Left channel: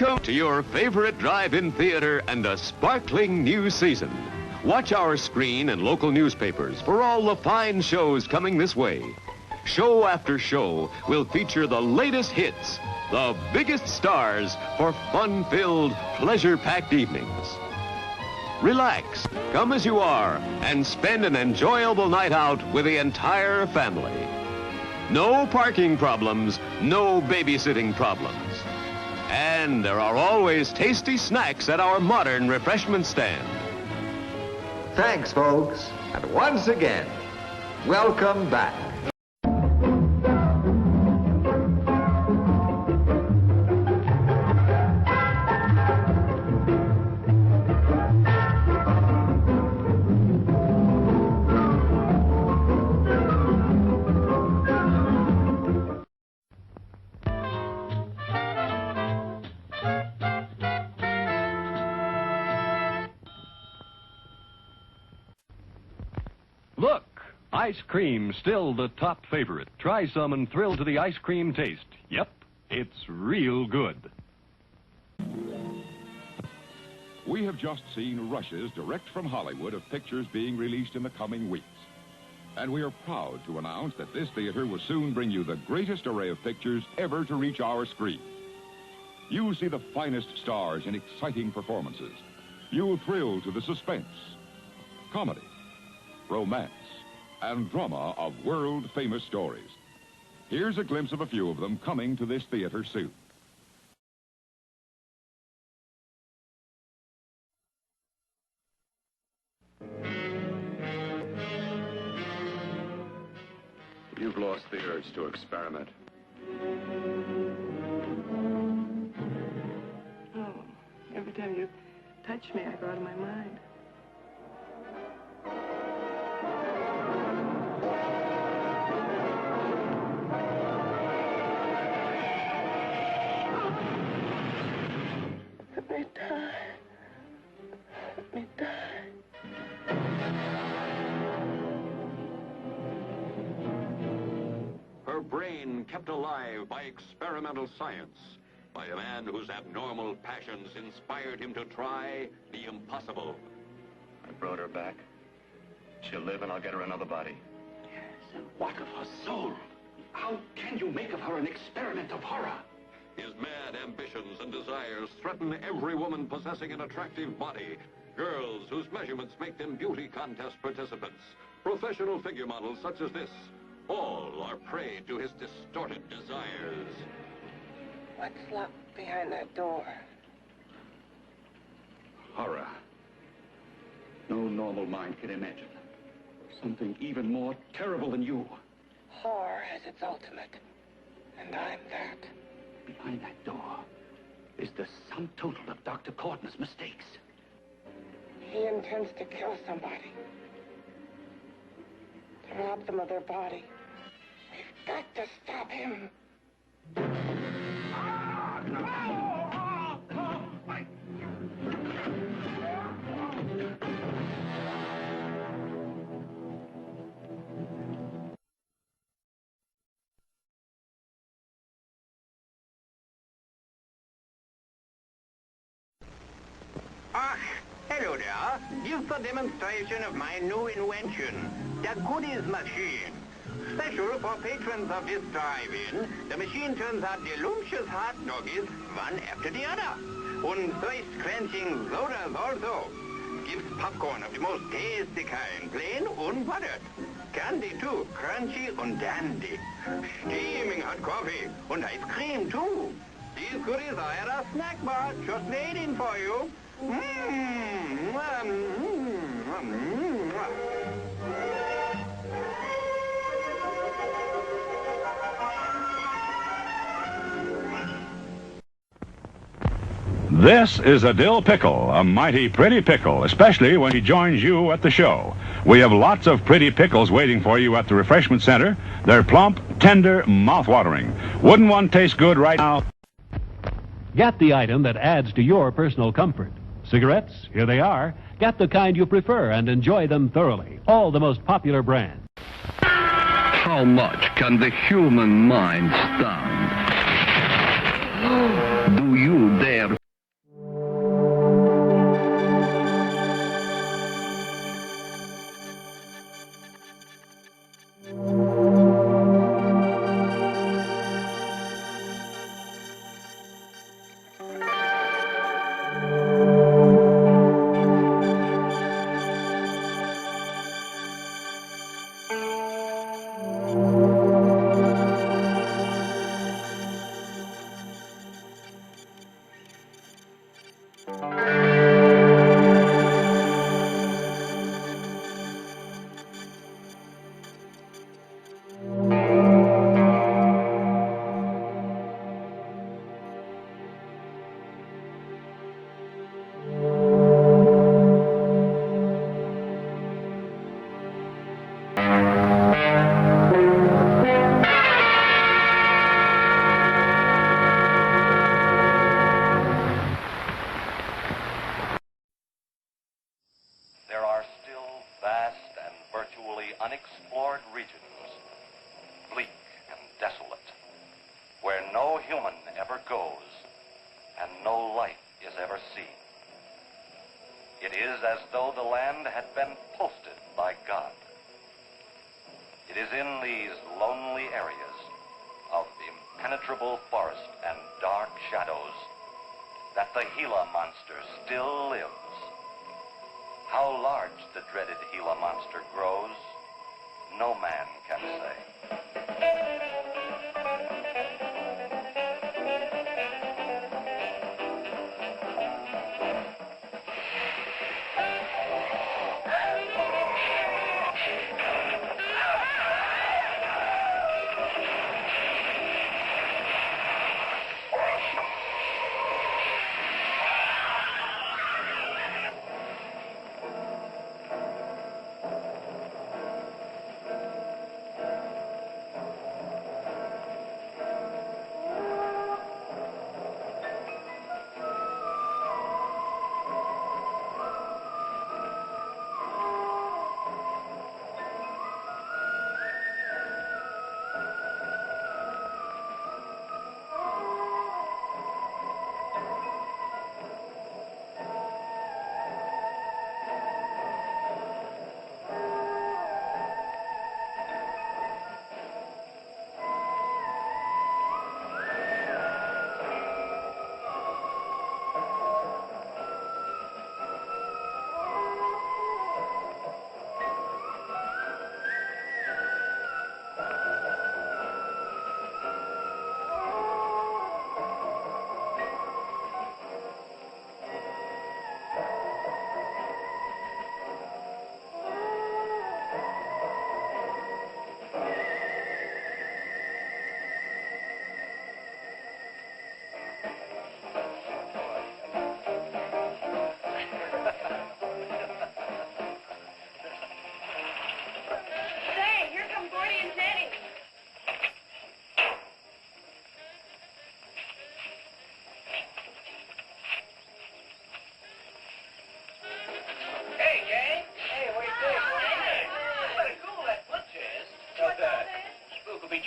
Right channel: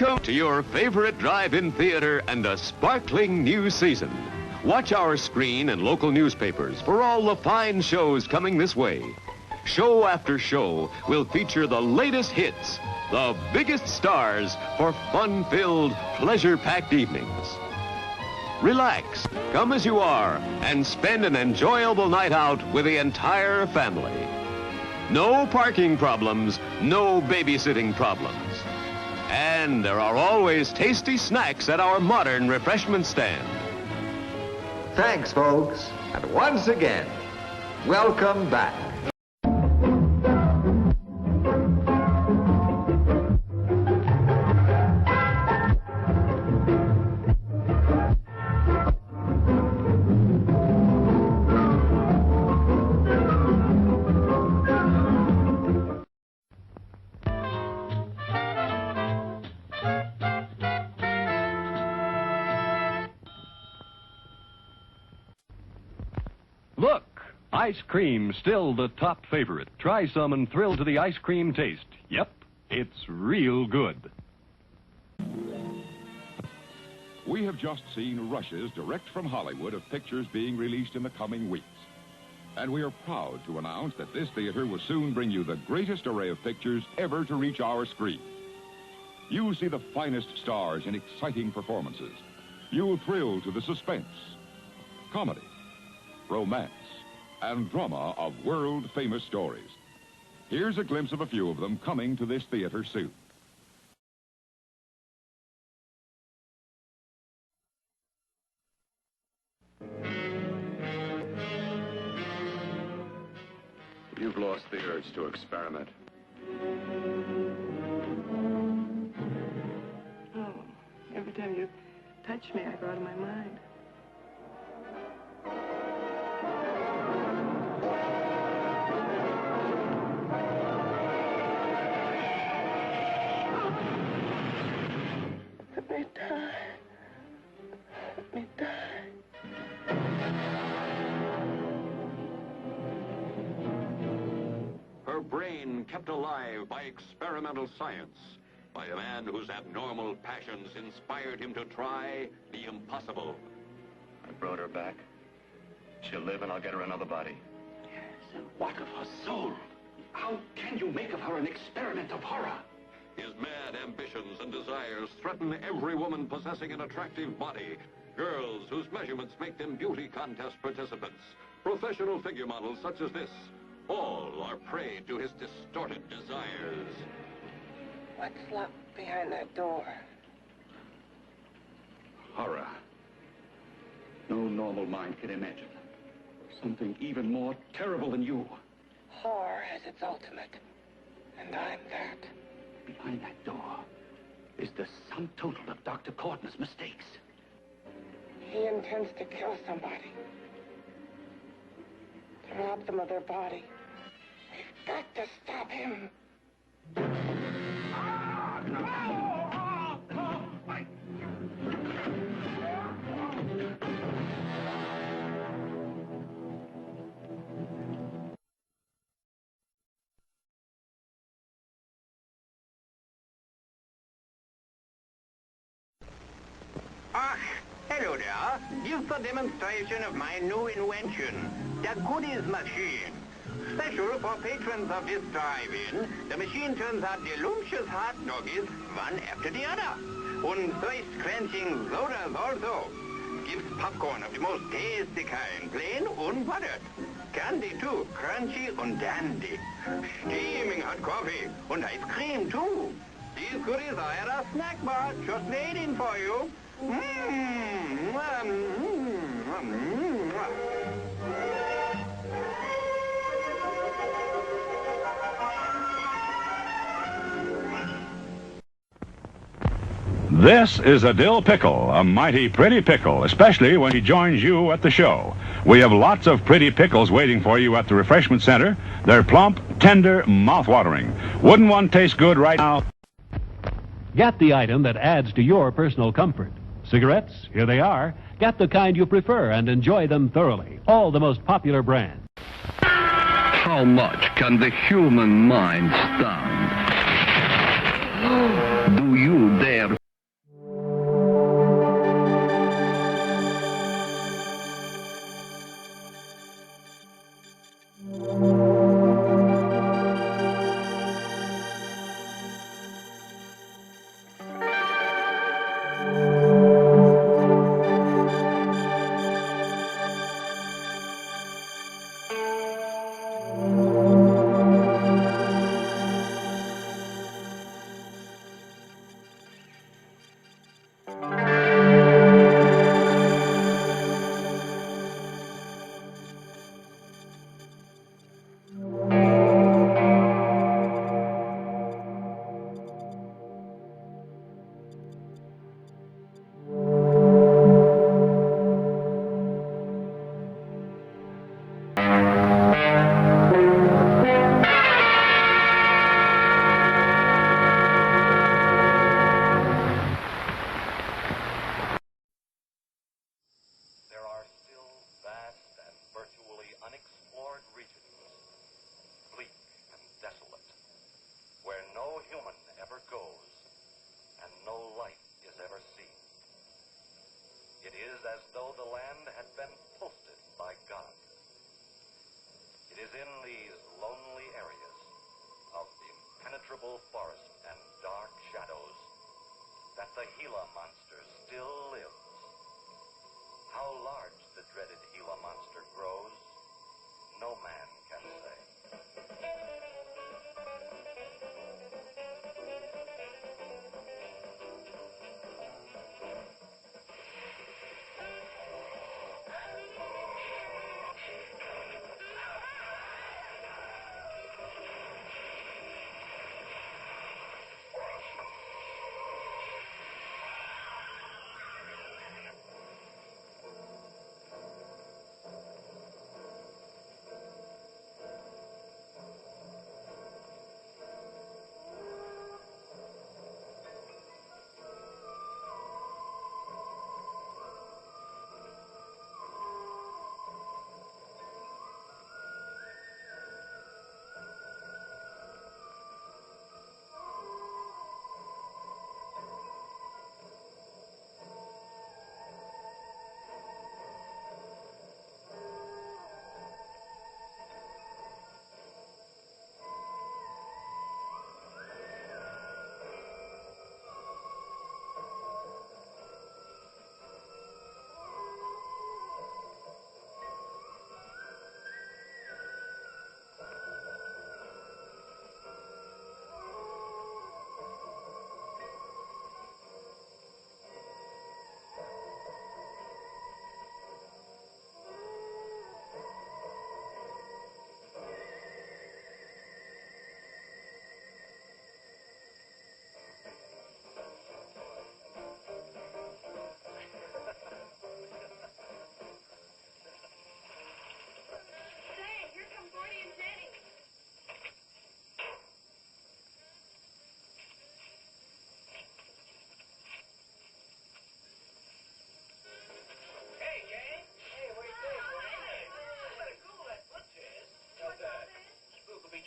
Welcome to your favorite drive-in theater and a sparkling new season. Watch our screen and local newspapers for all the fine shows coming this way. Show after show will feature the latest hits, the biggest stars for fun-filled, pleasure-packed evenings. Relax, come as you are, and spend an enjoyable night out with the entire family. No parking problems, no babysitting problems. And there are always tasty snacks at our modern refreshment stand. Thanks, folks. And once again, welcome back. Look, ice cream still the top favorite. Try some and thrill to the ice cream taste. Yep, it's real good. We have just seen rushes direct from Hollywood of pictures being released in the coming weeks. And we are proud to announce that this theater will soon bring you the greatest array of pictures ever to reach our screen. You'll see the finest stars in exciting performances. You'll thrill to the suspense, comedy, romance, and drama of world-famous stories. Here's a glimpse of a few of them coming to this theater soon. You've lost the urge to experiment. Oh, every time you touch me, I go out of my mind. Let me die. Let me die. Her brain kept alive by experimental science, by a man whose abnormal passions inspired him to try the impossible. I brought her back. She'll live and I'll get her another body. Yes, what of her soul? How can you make of her an experiment of horror? His mad ambitions and desires threaten every woman possessing an attractive body. Girls whose measurements make them beauty contest participants. Professional figure models such as this. All are prey to his distorted desires. What's locked behind that door? Horror. No normal mind can imagine. Something even more terrible than you. Horror has its ultimate, and I'm that. Behind that door is the sum total of Dr. Courtney's mistakes. He intends to kill somebody. To rob them of their body. We've got to stop him. Hello there. Give a demonstration of my new invention, the Goodies Machine. Special for patrons of this drive-in, the machine turns out delicious hot doggies one after the other. And thirst-quenching sodas also. Gives popcorn of the most tasty kind, plain unbuttered. Candy too, crunchy and dandy. Steaming hot coffee and ice cream too. These goodies are at a snack bar just waiting for you. This is a dill pickle, a mighty pretty pickle, especially when he joins you at the show. We have lots of pretty pickles waiting for you at the refreshment center. They're plump, tender, mouth-watering. Wouldn't one taste good right now? Get the item that adds to your personal comfort. Cigarettes, here they are. Get the kind you prefer and enjoy them thoroughly. All the most popular brands. How much can the human mind stand? Do you dare There are still vast and virtually unexplored regions, bleak and desolate, where no human ever goes and no life is ever seen. It is as though the land had been posted by God. It is in these lonely areas of impenetrable forest and dark shadows that the Gila monster still lives. How large the dreaded Gila monster grows, no man can say.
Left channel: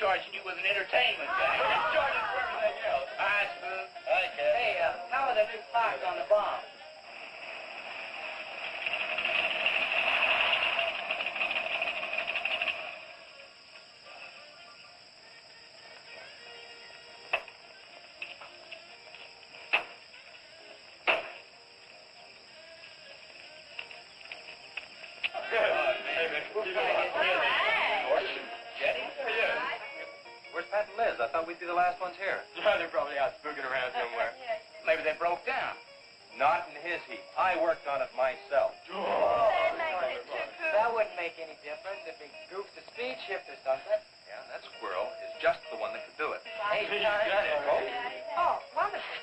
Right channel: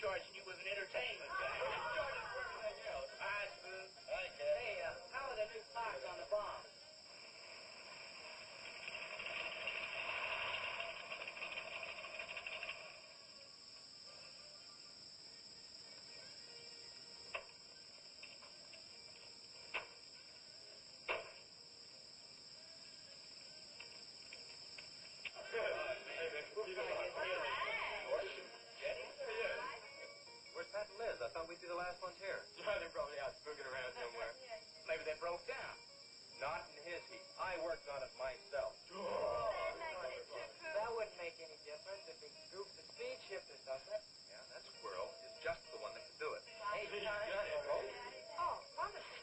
Charging you with an entertainment game. Charging for everything else. All right, Spoon. Okay. Hey, how are the new clocks on the bomb? I thought we'd be the last ones here. They're probably out spooking around somewhere. Maybe they broke down. Not in his heat. I worked on it myself. That wouldn't make any difference if he goofed the speed shift or something. Yeah, that squirrel is just the one that could do it. Hey, He's got it. Oh, wonderful.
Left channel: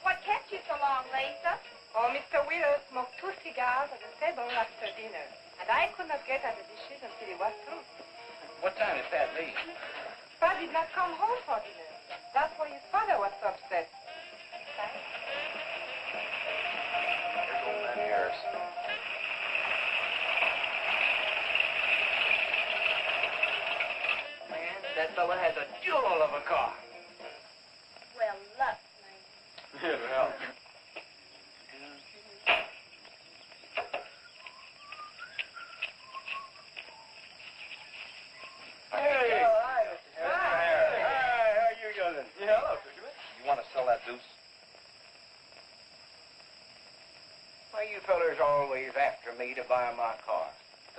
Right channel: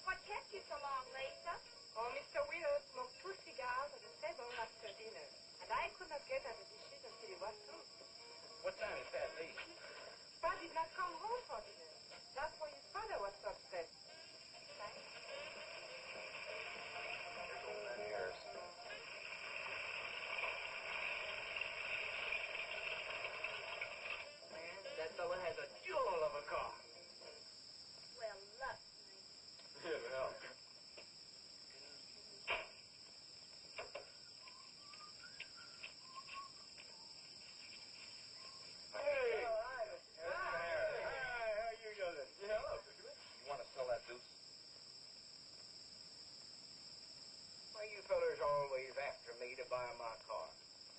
What kept you so long, Lisa? Oh, Mr. Wheeler smoked 2 cigars at the table after dinner, and I could not get at the dishes until he was through. What time did Pat leave? Pa did not come home for dinner. That's why his father was so upset. Here's old man Harris. Man, that fella has a jewel of a car. Well, look, Yeah, well. Hey! Hi, Mr. Hi, Harris. how you doing? Yeah, hello, fisherman. You want to sell that deuce? you fellers always after me to buy my car?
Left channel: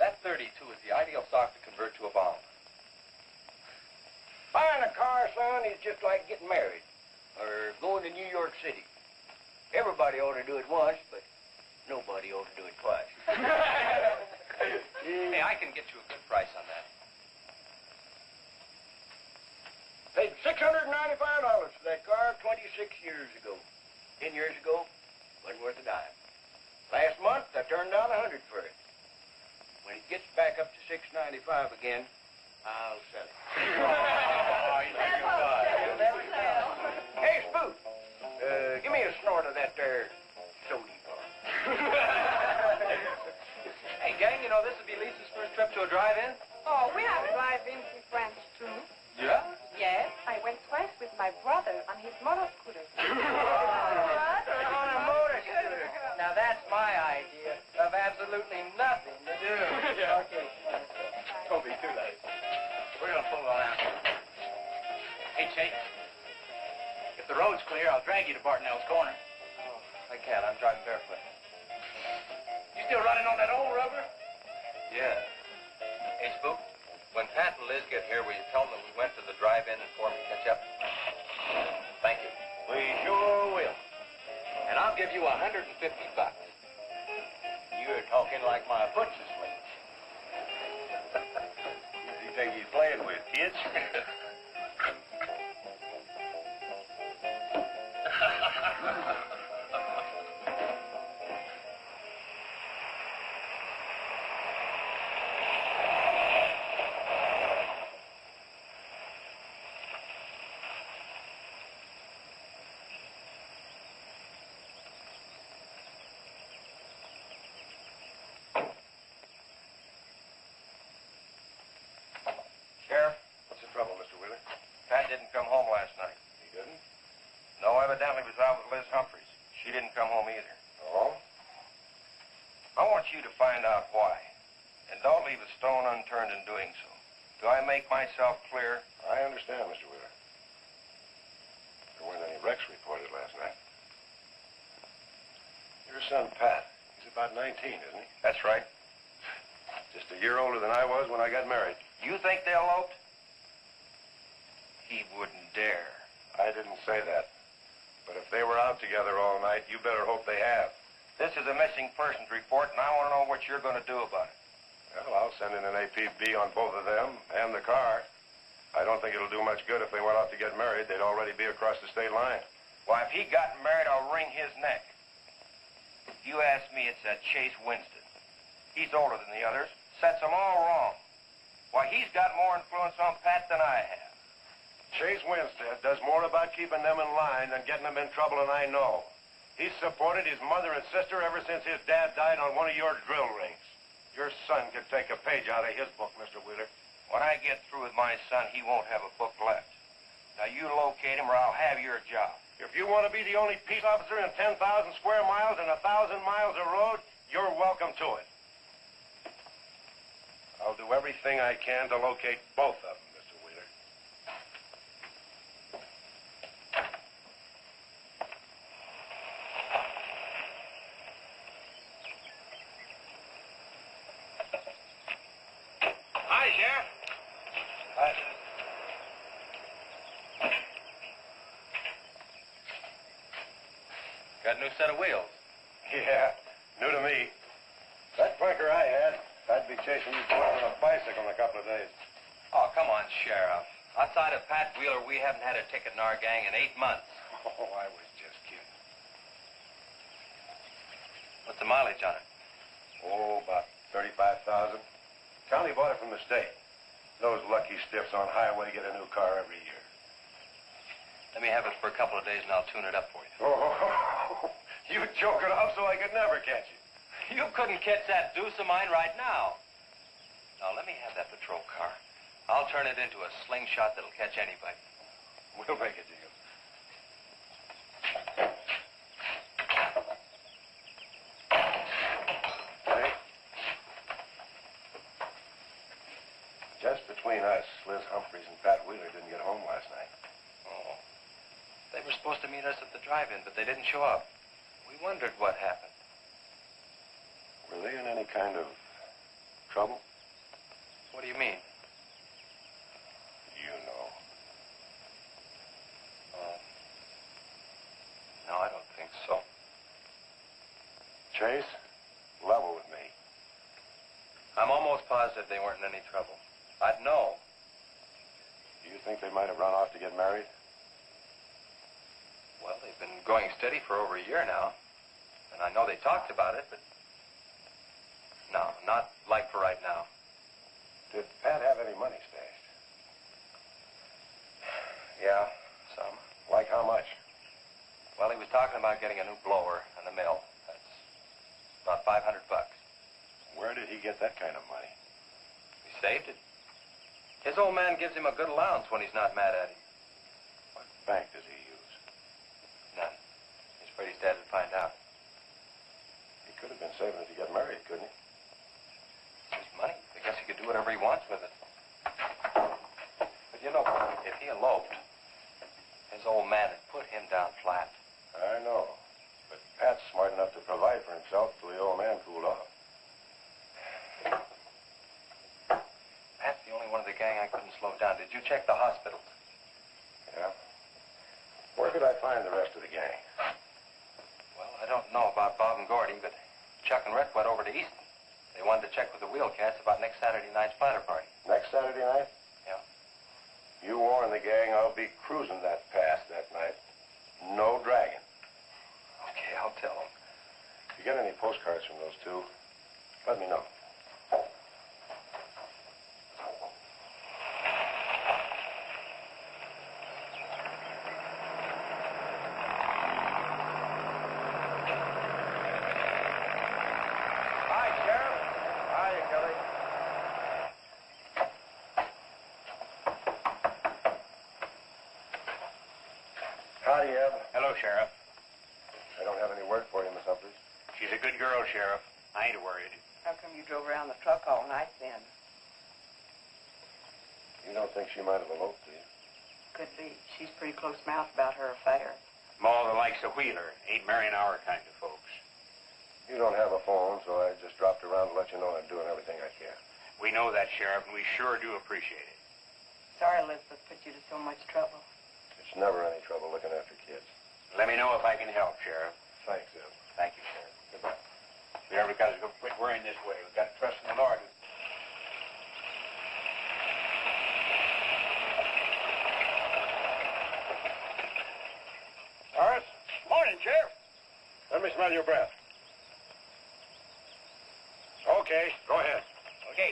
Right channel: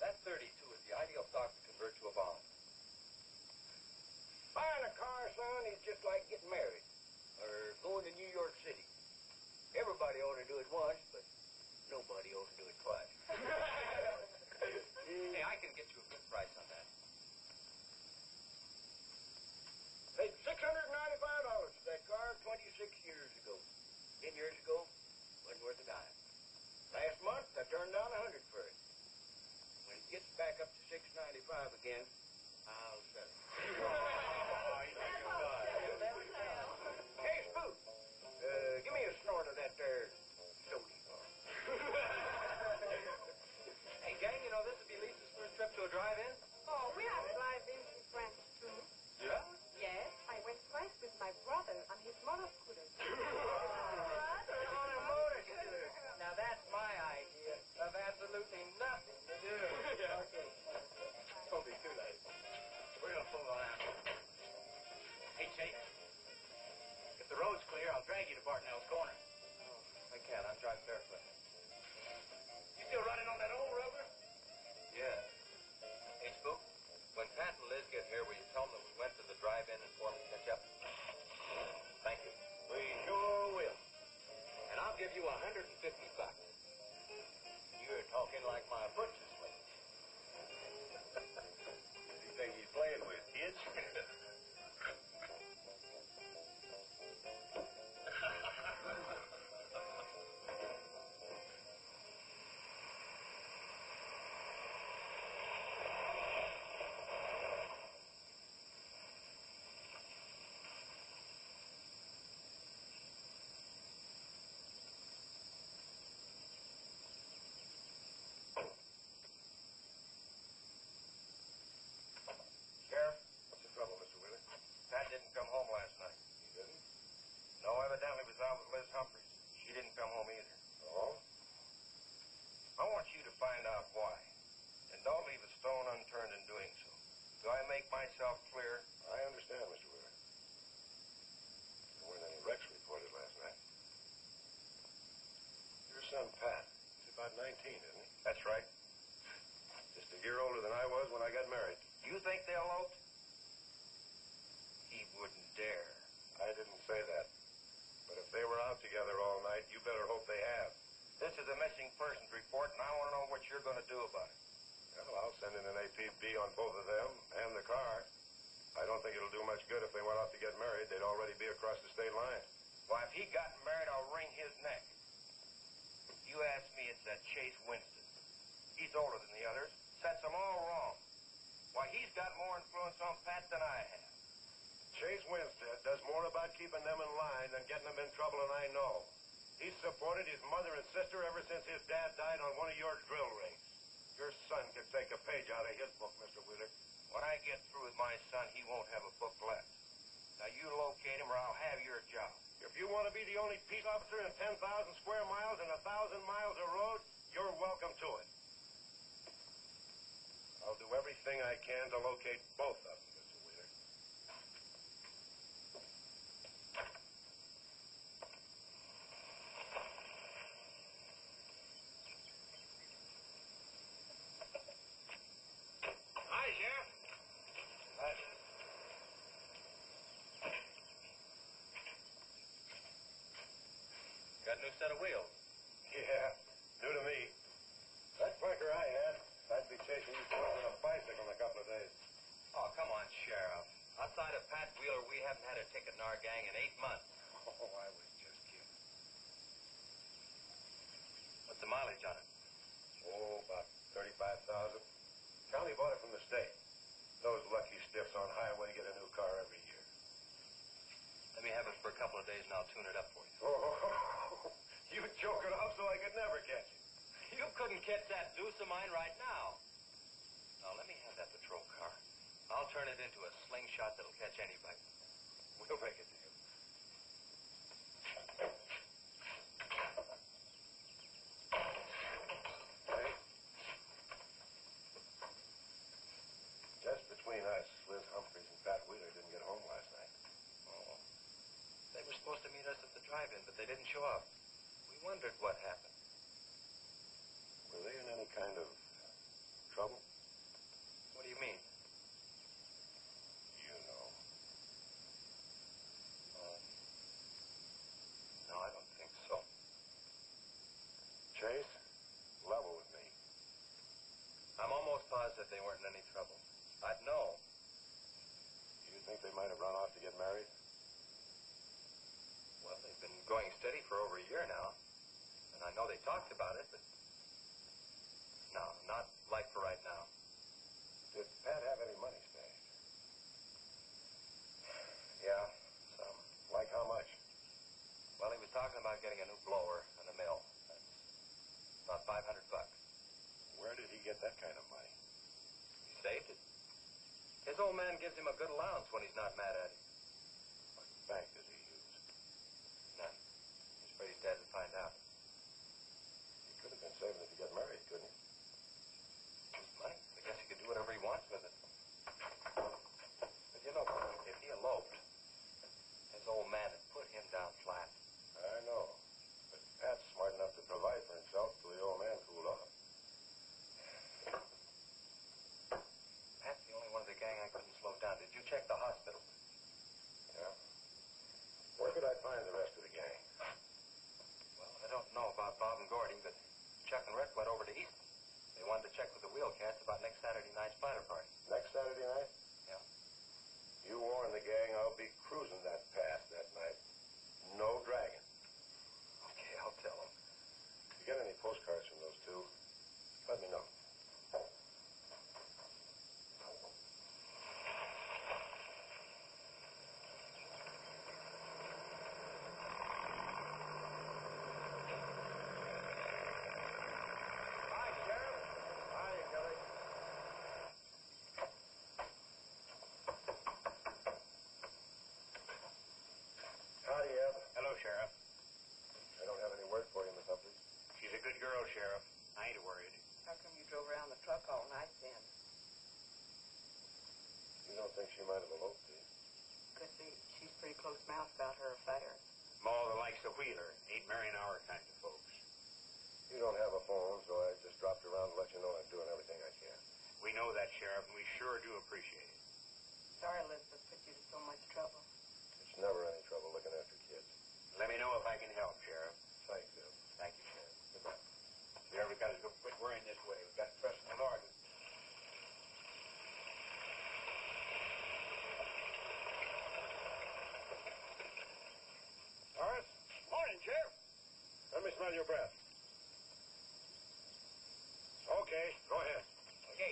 That 32 is the ideal stock to convert to a bomb. Buying a car, son, is just like getting married or going to New York City. Everybody ought to do it once, but nobody ought to do it twice. Hey, I can get you a good price on that. Paid $695 for that car 26 years ago. 10 years ago, wasn't worth a dime. Last month, I turned down $100 for it. When it gets back up to $695 again, I'll sell it. Hey, Spook, give me a snort of that there sody bar. Hey, gang, you know this will be Lisa's first trip to a drive-in? Oh, we have drive-ins in France, too. Yeah? Yes, I went twice with my brother on his motor scooter. On a motor scooter. Now that's my idea of absolutely nothing to do. Yeah. Okay. Don't be too late. We're gonna pull on out. Hey, Chase. If the road's clear, I'll drag you to Bartonell's corner. Oh, I can't. I'm driving barefoot. You still running on that old rubber? Yeah. Hey, Spook. When Pat and Liz get here, will you tell them that we went to the drive-in and for me catch up? Thank you. We sure will. And I'll give you $150. You're talking like my butcher slave. Who do you think he's playing with, kids? Sheriff? What's the trouble, Mr. Wheeler? Pat didn't come home last night. He didn't? No, evidently was out with Liz Humphreys. She didn't come home either. Oh? I want you to find out why. And don't leave a stone unturned in doing so. Do I make myself clear? I understand, Mr. Wheeler. There weren't any wrecks reported last night. Your son, Pat, he's about 19, isn't he? That's right. Just a year older than I was when I got married. You think they eloped? He wouldn't dare. I didn't say that. But if they were out together all night, you better hope they have. This is a missing persons report, and I want to know what you're going to do about it. Well, I'll send in an APB on both of them and the car. I don't think it'll do much good if they went out to get married. They'd already be across the state line. Why, if he got married, I'll wring his neck. If you ask me, it's that Chase Winston. He's older than the others. Sets them all wrong. Why, he's got more influence on Pat than I have. Chase Winstead does more about keeping them in line than getting them in trouble, and I know. He's supported his mother and sister ever since his dad died on one of your drill rigs. Your son could take a page out of his book, Mr. Wheeler. When I get through with my son, he won't have a book left. Now, you locate him or I'll have your job. If you want to be the only peace officer in 10,000 square miles and 1,000 miles of road, you're welcome to it. I'll do everything I can to locate both of them, Mr. Wheeler. Hi, Sheriff. Hi. Got a new set of wheels. Yeah, new to me. That clunker I had, I'd be chasing you boys on a bicycle in a couple of days. Oh, come on, Sheriff. Outside of Pat Wheeler, we haven't had a ticket in our gang in 8 months. Oh, I was just kidding. What's the mileage on it? Oh, about 35,000. County bought it from the state. Those lucky stiffs on highway get a new car every year. Let me have it for a couple of days and I'll tune it up for you. Oh, you joke it off so I could never catch you. You couldn't catch that deuce of mine right now. Now, let me have that patrol car. I'll turn it into a slingshot that'll catch anybody. We'll make a deal. Hey. Just between us, Liz Humphreys and Pat Wheeler didn't get home last night. Oh. They were supposed to meet us at the drive-in, but they didn't show up. We wondered what happened. Were they in any kind of trouble? What do you mean? You know. No, I don't think so. Chase, level with me. I'm almost positive they weren't in any trouble. I'd know. Do you think they might have run off to get married? Well, they've been going steady for over a year now. And I know they talked about it, but... No, not like for right now. Did Pat have any money stashed? Yeah, some. Like how much? Well, he was talking about getting a new blower and a mill. That's about $500. Where did he get that kind of money? He saved it. His old man gives him a good allowance when he's not mad at him. What bank does he use? None. He's afraid his dad would find out. He could have been saving it to get married, couldn't he? His money. I guess he could do whatever he wants with it. But you know, if he eloped, his old man had put him down flat. I know. But Pat's smart enough to provide for himself till the old man cooled off. Pat's the only one of the gang I couldn't slow down. Did you check the hospital? Yeah. Where could I find the rest of the gang? Well, I don't know about Bob and Gordy, but Chuck and Rhett went over to Easton. They wanted to check with the Wheelcats about next Saturday night's splatter party. Next Saturday night? Yeah. You warn the gang I'll be cruising that pass that night. No dragging. Okay, I'll tell them. If you get any postcards from those two, let me know. Hi, Sheriff. Hiya, Kelly. Howdy, Eb. Hello, Sheriff. I don't have any word for you, Miss Humphries. She's a good girl, Sheriff. I ain't worried. How come you drove around the truck all night then? You don't think she might have eloped, do you? Could be. She's pretty close-mouthed about her affair. More the likes of Wheeler. Ain't marrying our kind of folks. You don't have a phone, so I just dropped around to let you know I'm doing everything I can. We know that, Sheriff, and we sure do appreciate it. Sorry Elizabeth put you to so much trouble. It's never any trouble looking after kids. Let me know if I can help, Sheriff. Thanks, Eb. Thank you, Sheriff. Goodbye. There, because we'll quit worrying this way. We've got to trust in the Lord. Horace, Morning, Sheriff. let me smell your breath. Okay, go ahead. Okay.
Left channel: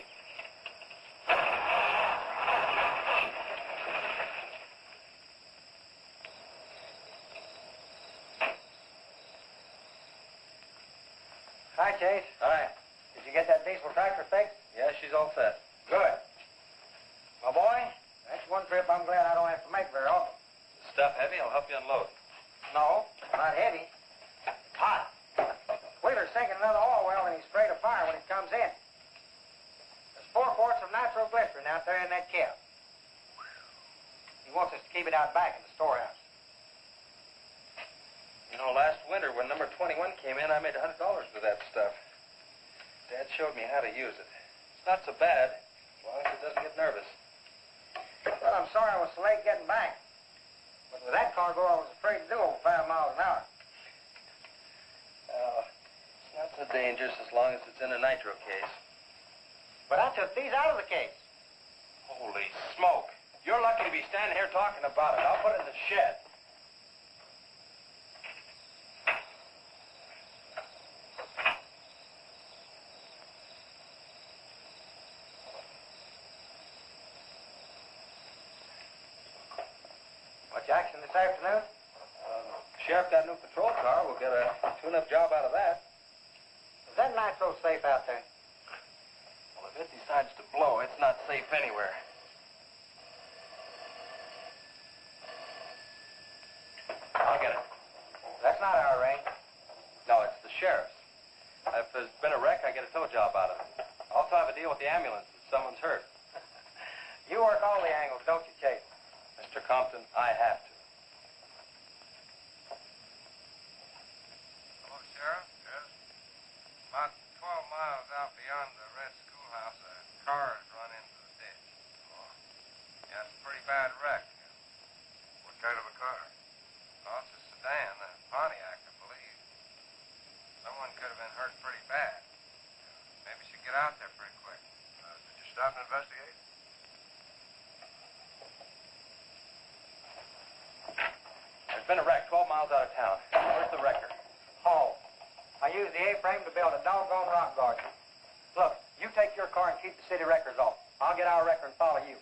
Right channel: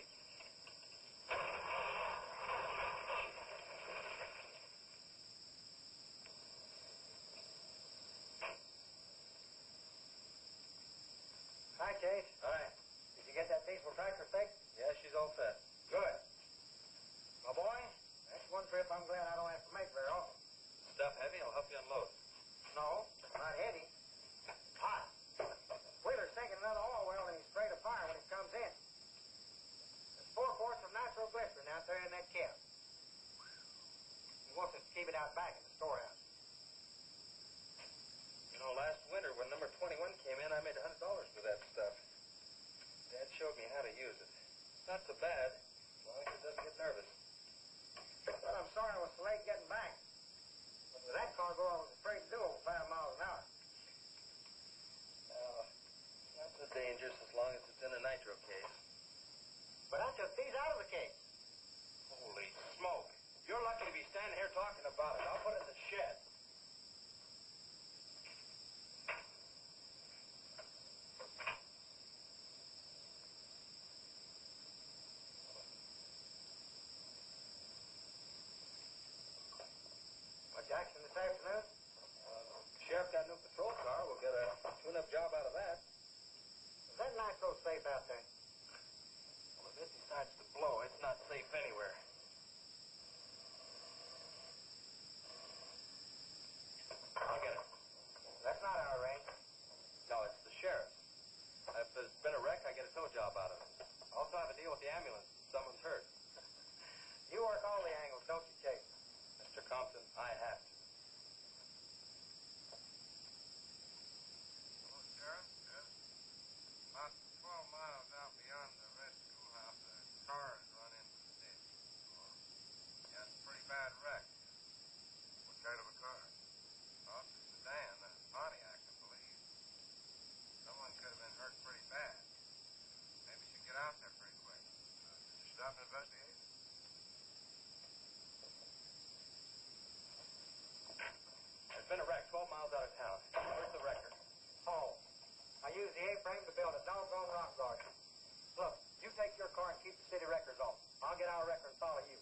Hi, Chase. Hi. Did you get that diesel tractor fixed? Yeah, she's all set. Good. My boy, that's one trip I'm glad I don't have to make very often. Stuff heavy, I'll help you unload. No, not heavy. It's hot. Wheeler's sinking another oil well and he's afraid of fire when it comes in. There's 4 quarts of nitroglycerin out there in that cap. He wants us to keep it out back in the storehouse. You know, last winter when number 21 came in, I made $100 with that stuff. Dad showed me how to use it. It's not so bad, as long as it doesn't get nervous. Well, I'm sorry I was so late getting back. But with that cargo, I was afraid to do over 5 miles an hour. It's not so dangerous as long as it's in a nitro case. But I took these out of the case. Holy smoke. You're lucky to be standing here talking about it. I'll put it in the shed. Much action this afternoon? Sheriff got a new patrol car. We'll get a tune-up job out of that. Is that nitro safe out there? Well, if it decides to blow, it's not safe anywhere. I'll get it. That's not our range. No, it's the sheriff's. If there's been a wreck, I get a tow job out of it. I also have a deal with the ambulance if someone's hurt. You work all the angles, don't you, Chase? Mr. Compton, I have to. Hello, Sheriff. Yes. About 12 the A-frame to build a doggone rock garden. Look, you take your car and keep the city records off. I'll get our record and follow you.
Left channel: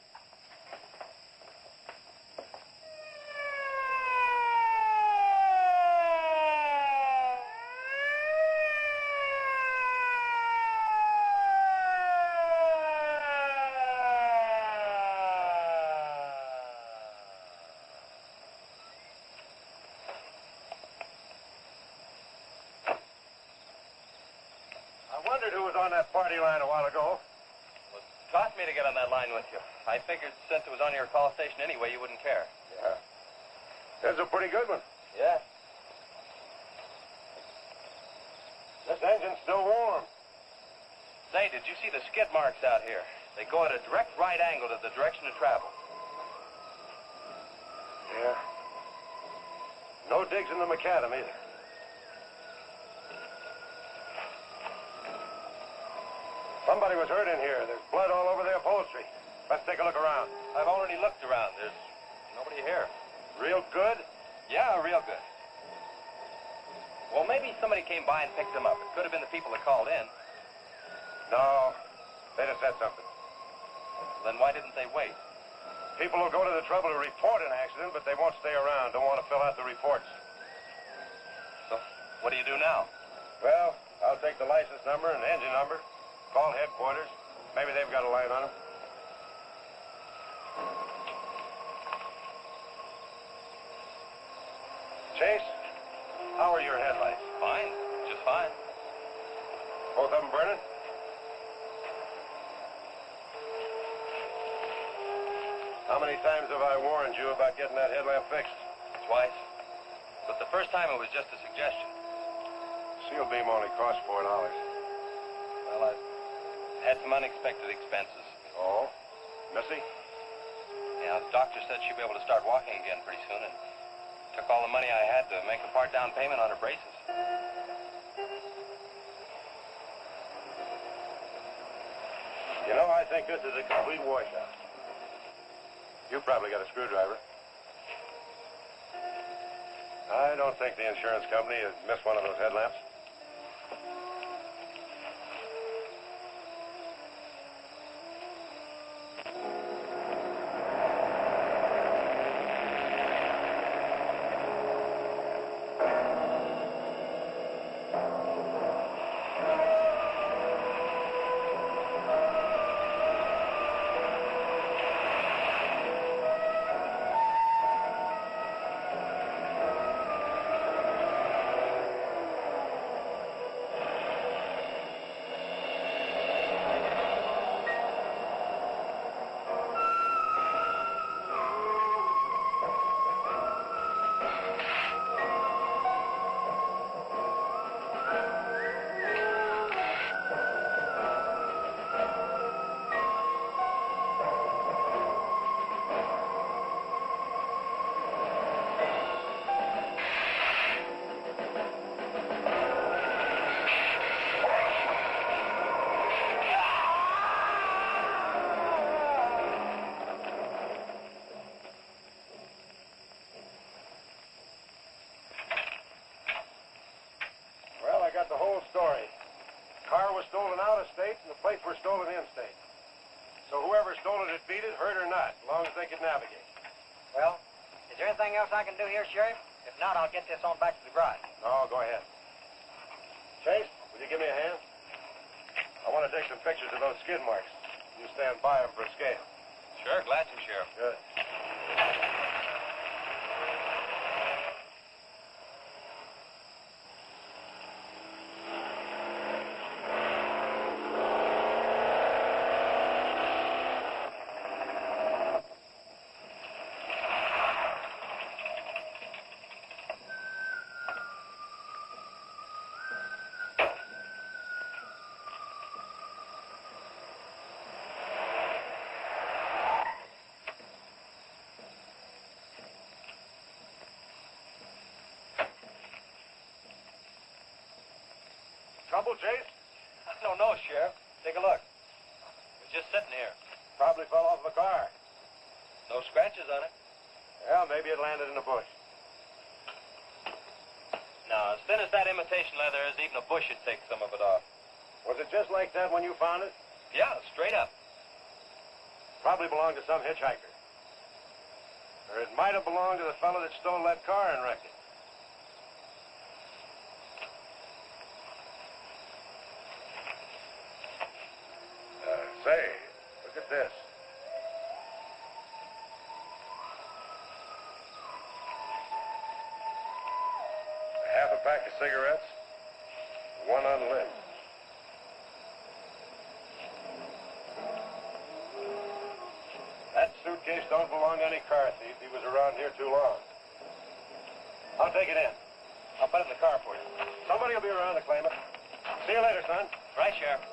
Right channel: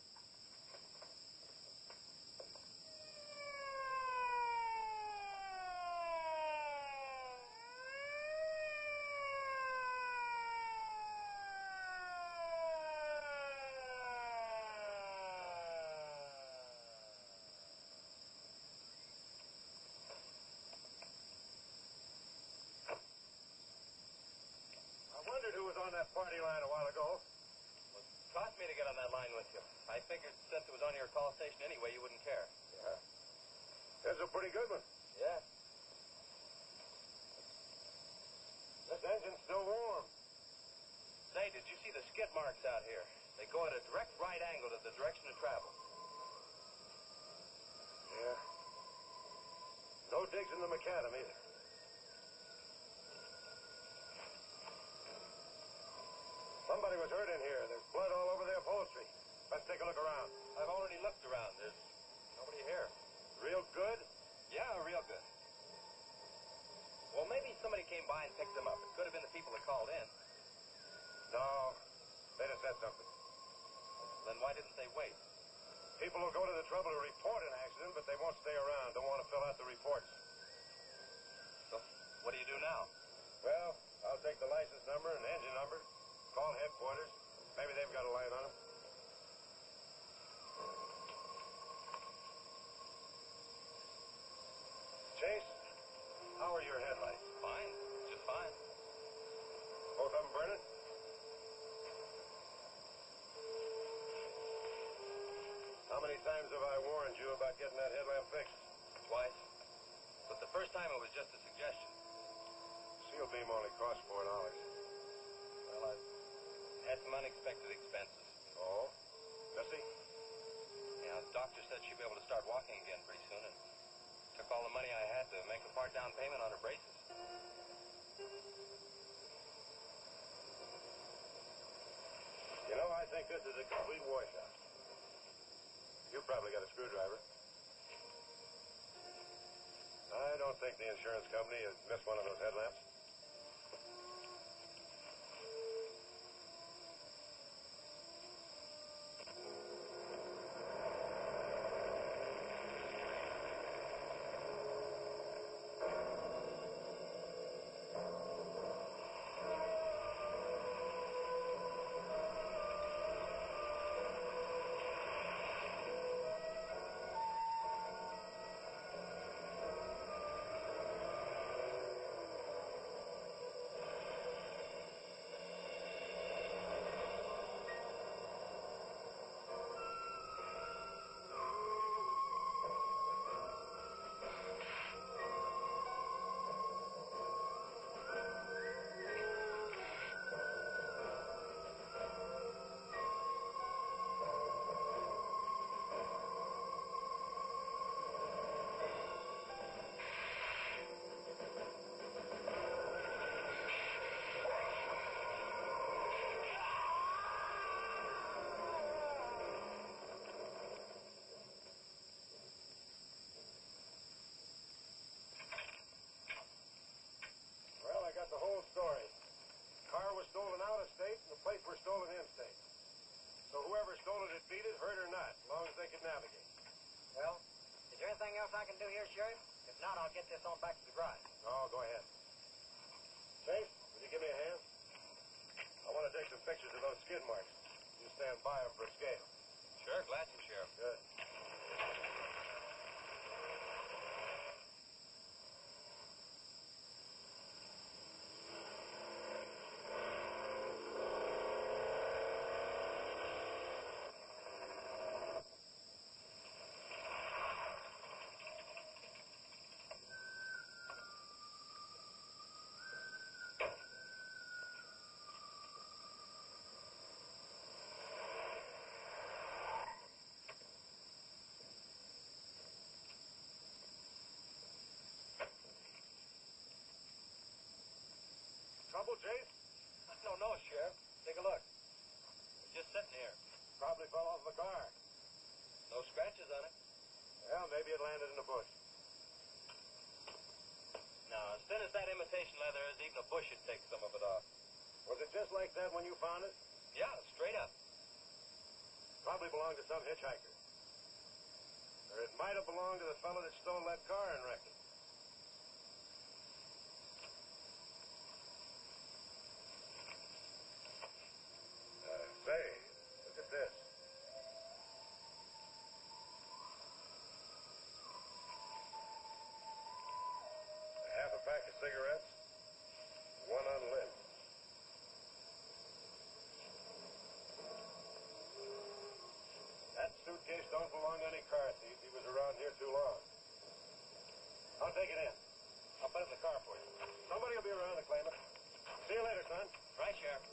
I wondered who was on that party line a while ago. Well, it cost me to get on that line with you. I figured since it was on your call station anyway, you wouldn't care. Yeah. That's a pretty good one. Yeah. This engine's still warm. Say, did you see the skid marks out here? They go at a direct right angle to the direction of travel. Yeah. No digs in the macadam either. Somebody was hurt in here. There's blood all over the upholstery. Let's take a look around. I've already looked around. There's nobody here. Real good? Yeah, real good. Well, maybe somebody came by and picked them up. It could have been the people that called in. No. They'd have said something. Then why didn't they wait? People will go to the trouble to report an accident, but they won't stay around. Don't want to fill out the reports. So, what do you do now? Well, I'll take the license number and engine number. Call headquarters. Maybe they've got a line on them. Chase, how are your headlights? Fine. Just fine. Both of them burning? How many times have I warned you about getting that headlamp fixed? Twice. But the first time it was just a suggestion. Seal beam only costs $4. Well, I had some unexpected expenses. Oh? Missy? Yeah, the doctor said she'd be able to start walking again pretty soon, and took all the money I had to make a part down payment on her braces. You know, I think this is a complete washout. You probably got a screwdriver. I don't think the insurance company has missed one of those headlamps. The whole story. Car was stolen out of state and the plates were stolen in state. So whoever stole it had beat it, hurt or not, as long as they could navigate. Well, is there anything else I can do here, Sheriff? If not, I'll get this on back to the garage. No, go ahead. Chase, will you give me a hand? I want to take some pictures of those skid marks. You stand by them for a scale. Sure, glad to, Sheriff. Good. Trouble, Chase? I don't know, Sheriff. Take a look. It's just sitting here. Probably fell off the car. No scratches on it. Well, maybe it landed in a bush. Now, as thin as that imitation leather is, even a bush should take some of it off. Was it just like that when you found it? Yeah, straight up. Probably belonged to some hitchhiker. Or it might have belonged to the fellow that stole that car and wrecked it. Say, look at this. Half a pack of cigarettes, one unlit. That suitcase don't belong to any car thief. He was around here too long. I'll take it in. I'll put it in the car for you. Somebody will be around to claim it. See you later, son. Right, Sheriff.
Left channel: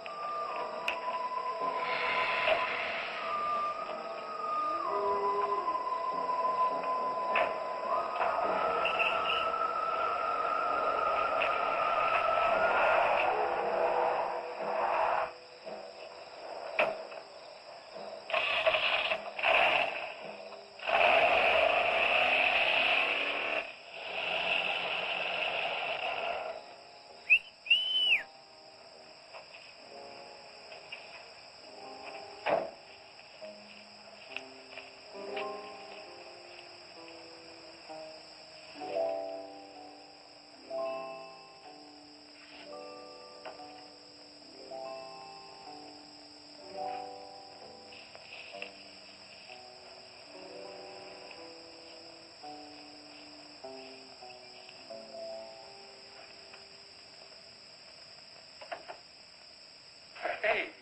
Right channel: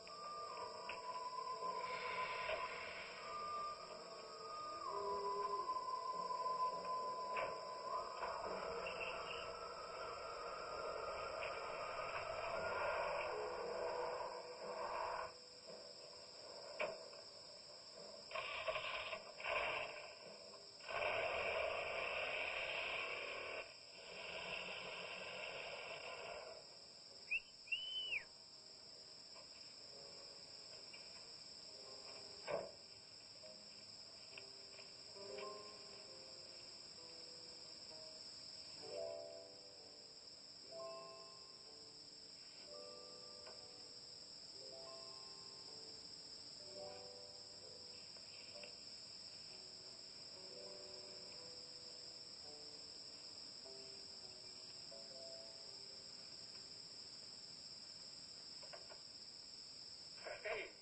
Hey,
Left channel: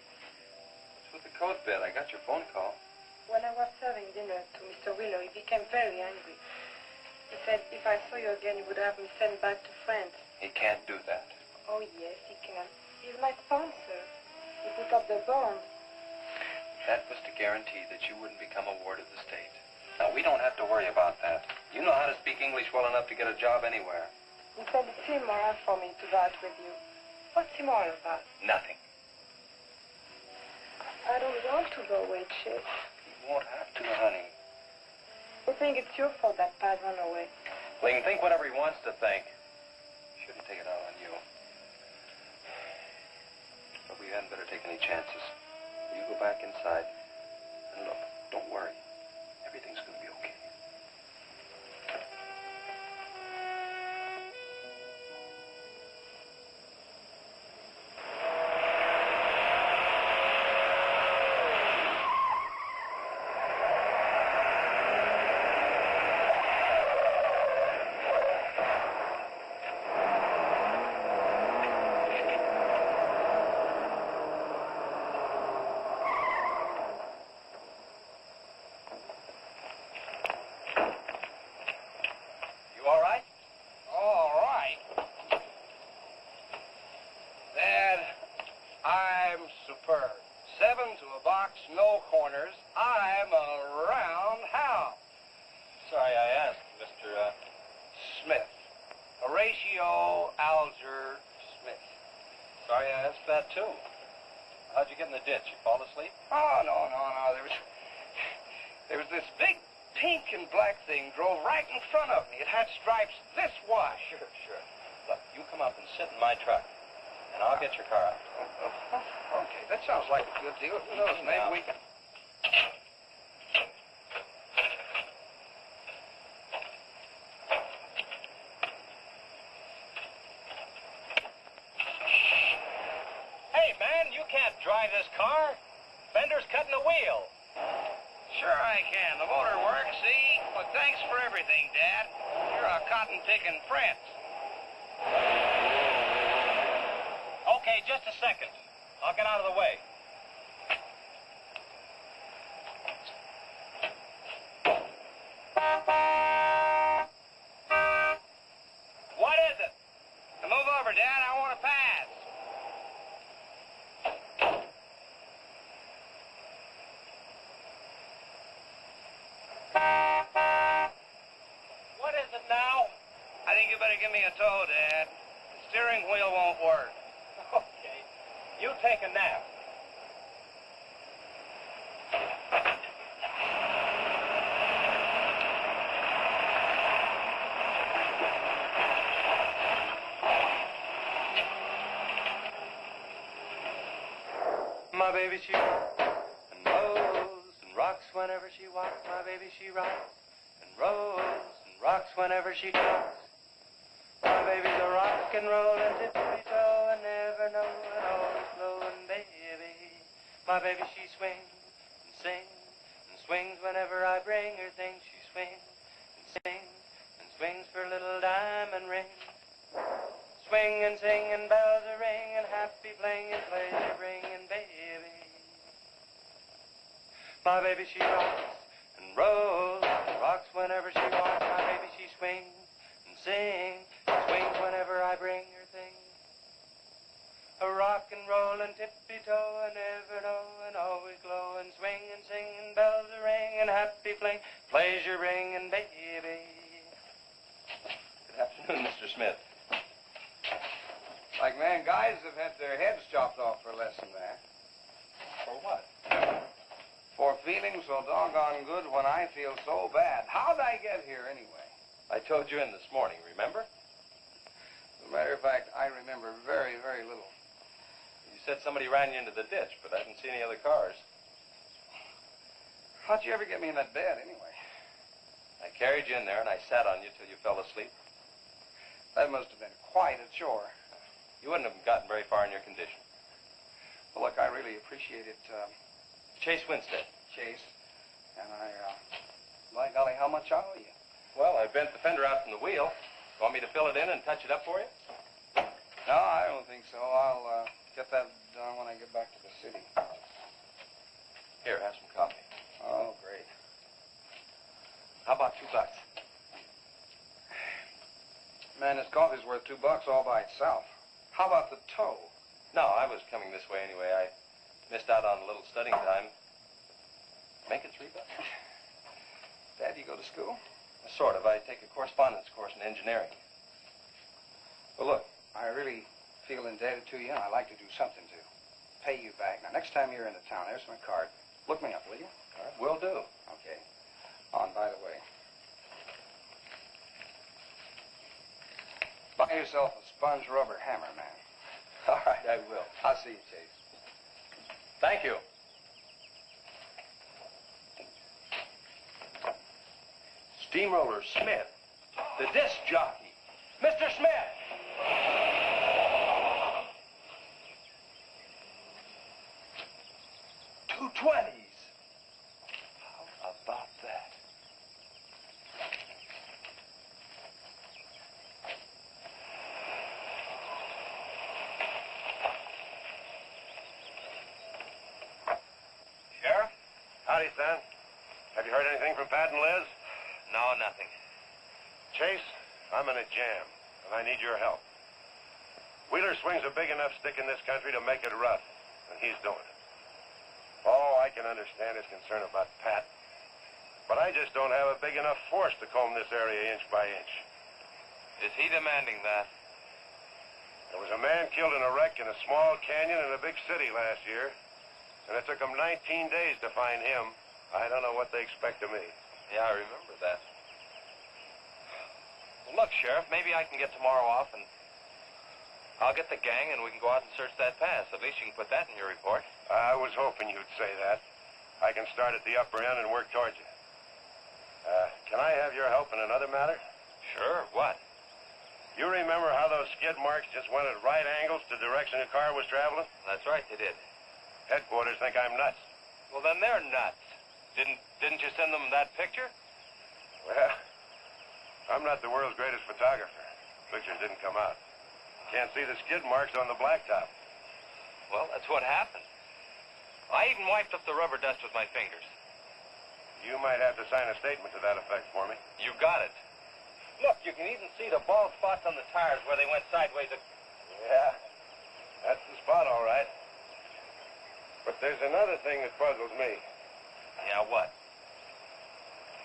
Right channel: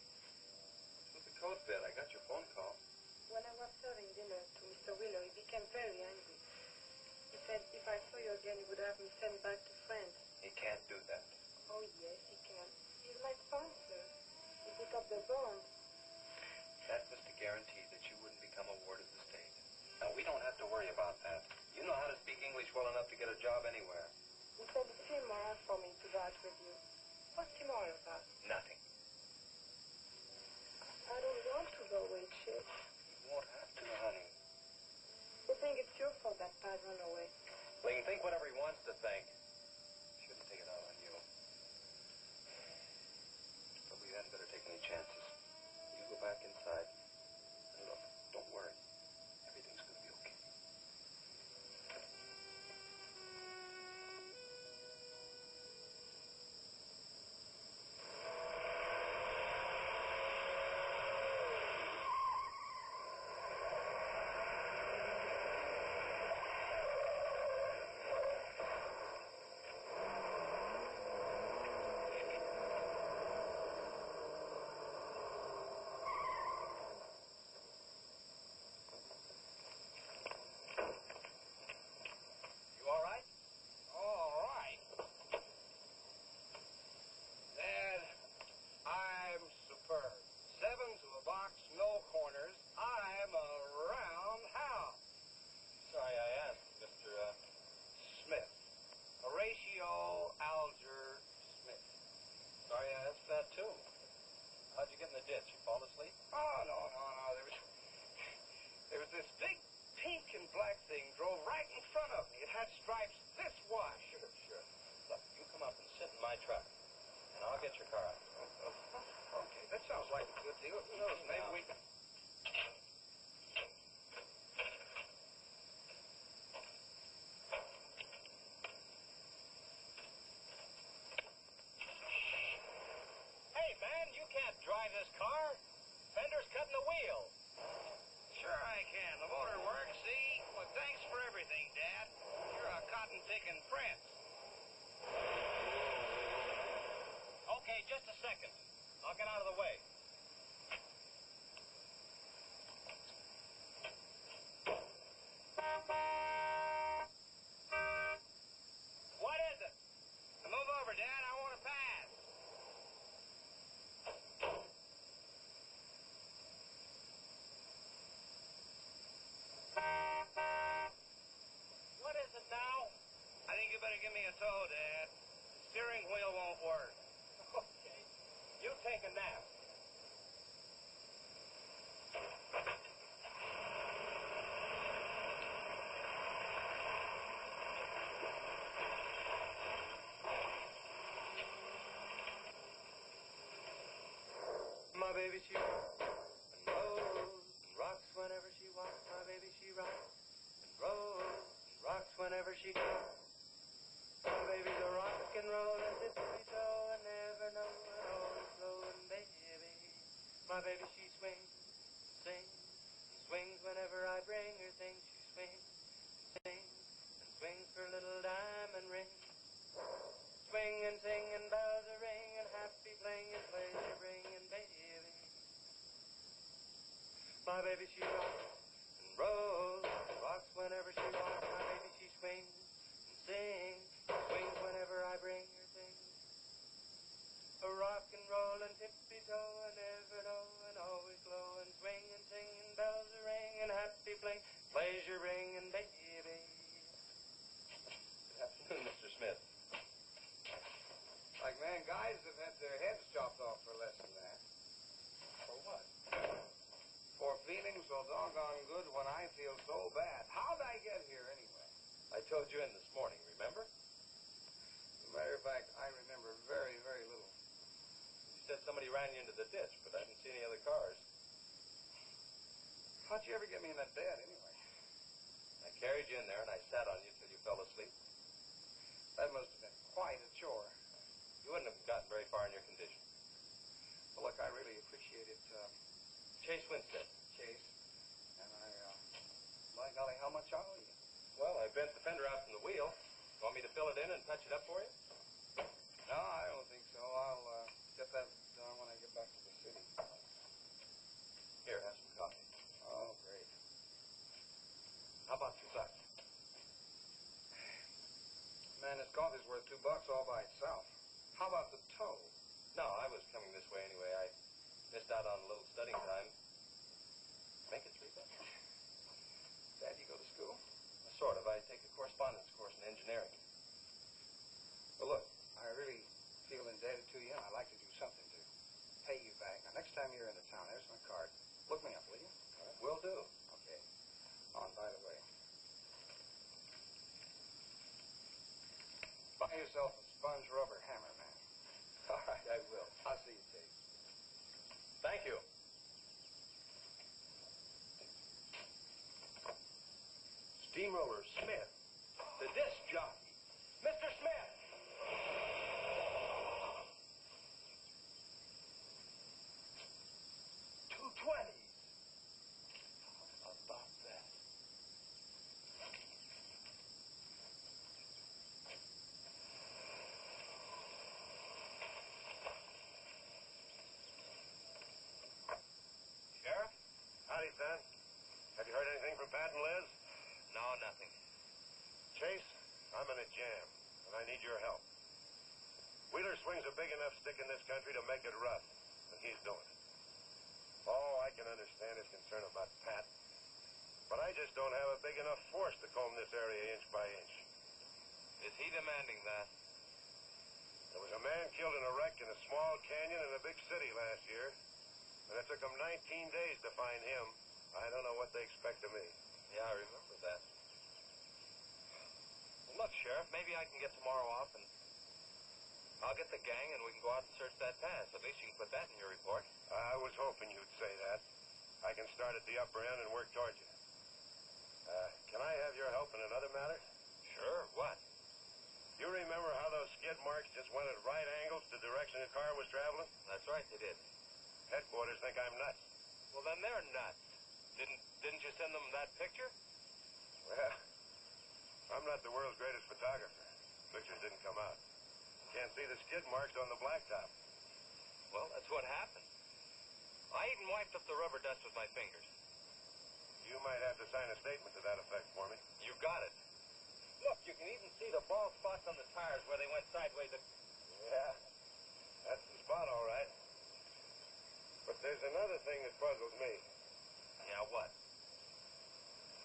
what's with the coat bed? I got your phone call. When I was serving dinner to Mr. Wheeler, he became very angry. He said if I saw you again, he would have me sent back to France. He can't do that. Oh, yes, he can. He's my sponsor. He put up the bond. That was to guarantee that you wouldn't become a ward of the state. Now, we don't have to worry about that. You know how to speak English well enough to get a job anywhere. He said it's immoral for me to go out with you. What's immoral about? Nothing. I don't want to go away, Chase. You won't have to, honey. You think it's your fault that Paz ran away? Well, he can think whatever he wants to think. Shouldn't take it out on you. But we hadn't better take any chances. You go back inside. And look, don't worry. Everything's going to be okay. Drive this car? Fender's cutting the wheel. Sure I can. The motor works, see? But thanks for everything, Dad. You're a cotton-picking friend. Okay, just a second. I'll get out of the way. What is it? Now move over, Dad. I want to pass. What is it now? I think you better give me a tow, Dad. The steering wheel won't work. Okay. You take a nap. My baby, she rocks and rolls and rocks whenever she walks. My baby, she rocks and rolls and rocks whenever she talks. My baby's a rock and rollin' tippy-toe and never know and always glowin' baby. My baby, she swings and sings and swings whenever I bring her things. She swings and sings and swings for a little diamond ring. Swing and sing and bells are ring and happy fling and pleasure bringing baby. My baby, she rocks and rolls and rocks whenever she walks. My baby, she swings and sings and swings whenever I bring her things. A rock and roll and tippy-toe and never know and always glow and swing and sing and bells are ring and happy fling, pleasure ringing baby. Good afternoon, Mr. Smith. Like man, guys have had their heads chopped off for less than that. For what? For feeling so doggone good when I feel so bad. How'd I get here anyway? I told you in this morning, remember? As a matter of fact, I remember very, very little. You said somebody ran you into the ditch, but I didn't see any other cars. How'd you ever get me in that bed anyway? I carried you in there and I sat on you till you fell asleep. That must have been quite a chore. You wouldn't have gotten very far in your condition. Well, look, I really appreciate it. Chase Winstead. Chase. And by golly, how much I owe you? Well, I bent the fender out from the wheel. Want me to fill it in and touch it up for you? No, I don't think so. I'll get that done when I get back to the city. Here, have some coffee. Oh, great. How about $2? Man, this coffee's worth $2 all by itself. How about the tow? No, I was coming this way anyway. I missed out on a little studying time. Make it $3. Dad, you go to school? Sort of. I take a correspondence course in engineering. Well, look, I really feel indebted to you, and I'd like to do something to pay you back. Now, next time you're in the town, there's my card. Look me up, will you? All right, will do. Okay. Oh, and by the way, buy yourself a sponge rubber hammer, man. All right, I will. I'll see you, Chase. Thank you. Steamroller Smith, the disc jockey. Mr. Smith! 220s. How about that? Sheriff? Howdy, son. Have you heard anything from Pat and Liz? No, nothing. Chase, I'm in a jam, and I need your help. Wheeler swings a big enough stick in this country to make it rough, and he's doing it. Oh, I can understand his concern about Pat, but I just don't have a big enough force to comb this area inch by inch. Is he demanding that? There was a man killed in a wreck in a small canyon in a big city last year, and it took them 19 days to find him. I don't know what they expect of me. Yeah, I remember that. Well, look, Sheriff, maybe I can get tomorrow off and I'll get the gang and we can go out and search that pass. At least you can put that in your report. I was hoping you'd say that. I can start at the upper end and work towards you. Can I have your help in another matter? Sure, what? You remember how those skid marks just went at right angles to the direction the car was traveling? That's right, they did. Headquarters think I'm nuts. Well, then they're nuts. Didn't you send them that picture? Well, I'm not the world's greatest photographer. Pictures didn't come out. Can't see the skid marks on the blacktop. Well, that's what happened. I even wiped up the rubber dust with my fingers. You might have to sign a statement to that effect for me. You got it. Look, you can even see the bald spots on the tires where they went sideways. Yeah, that's the spot, all right. But there's another thing that puzzles me. Yeah, what?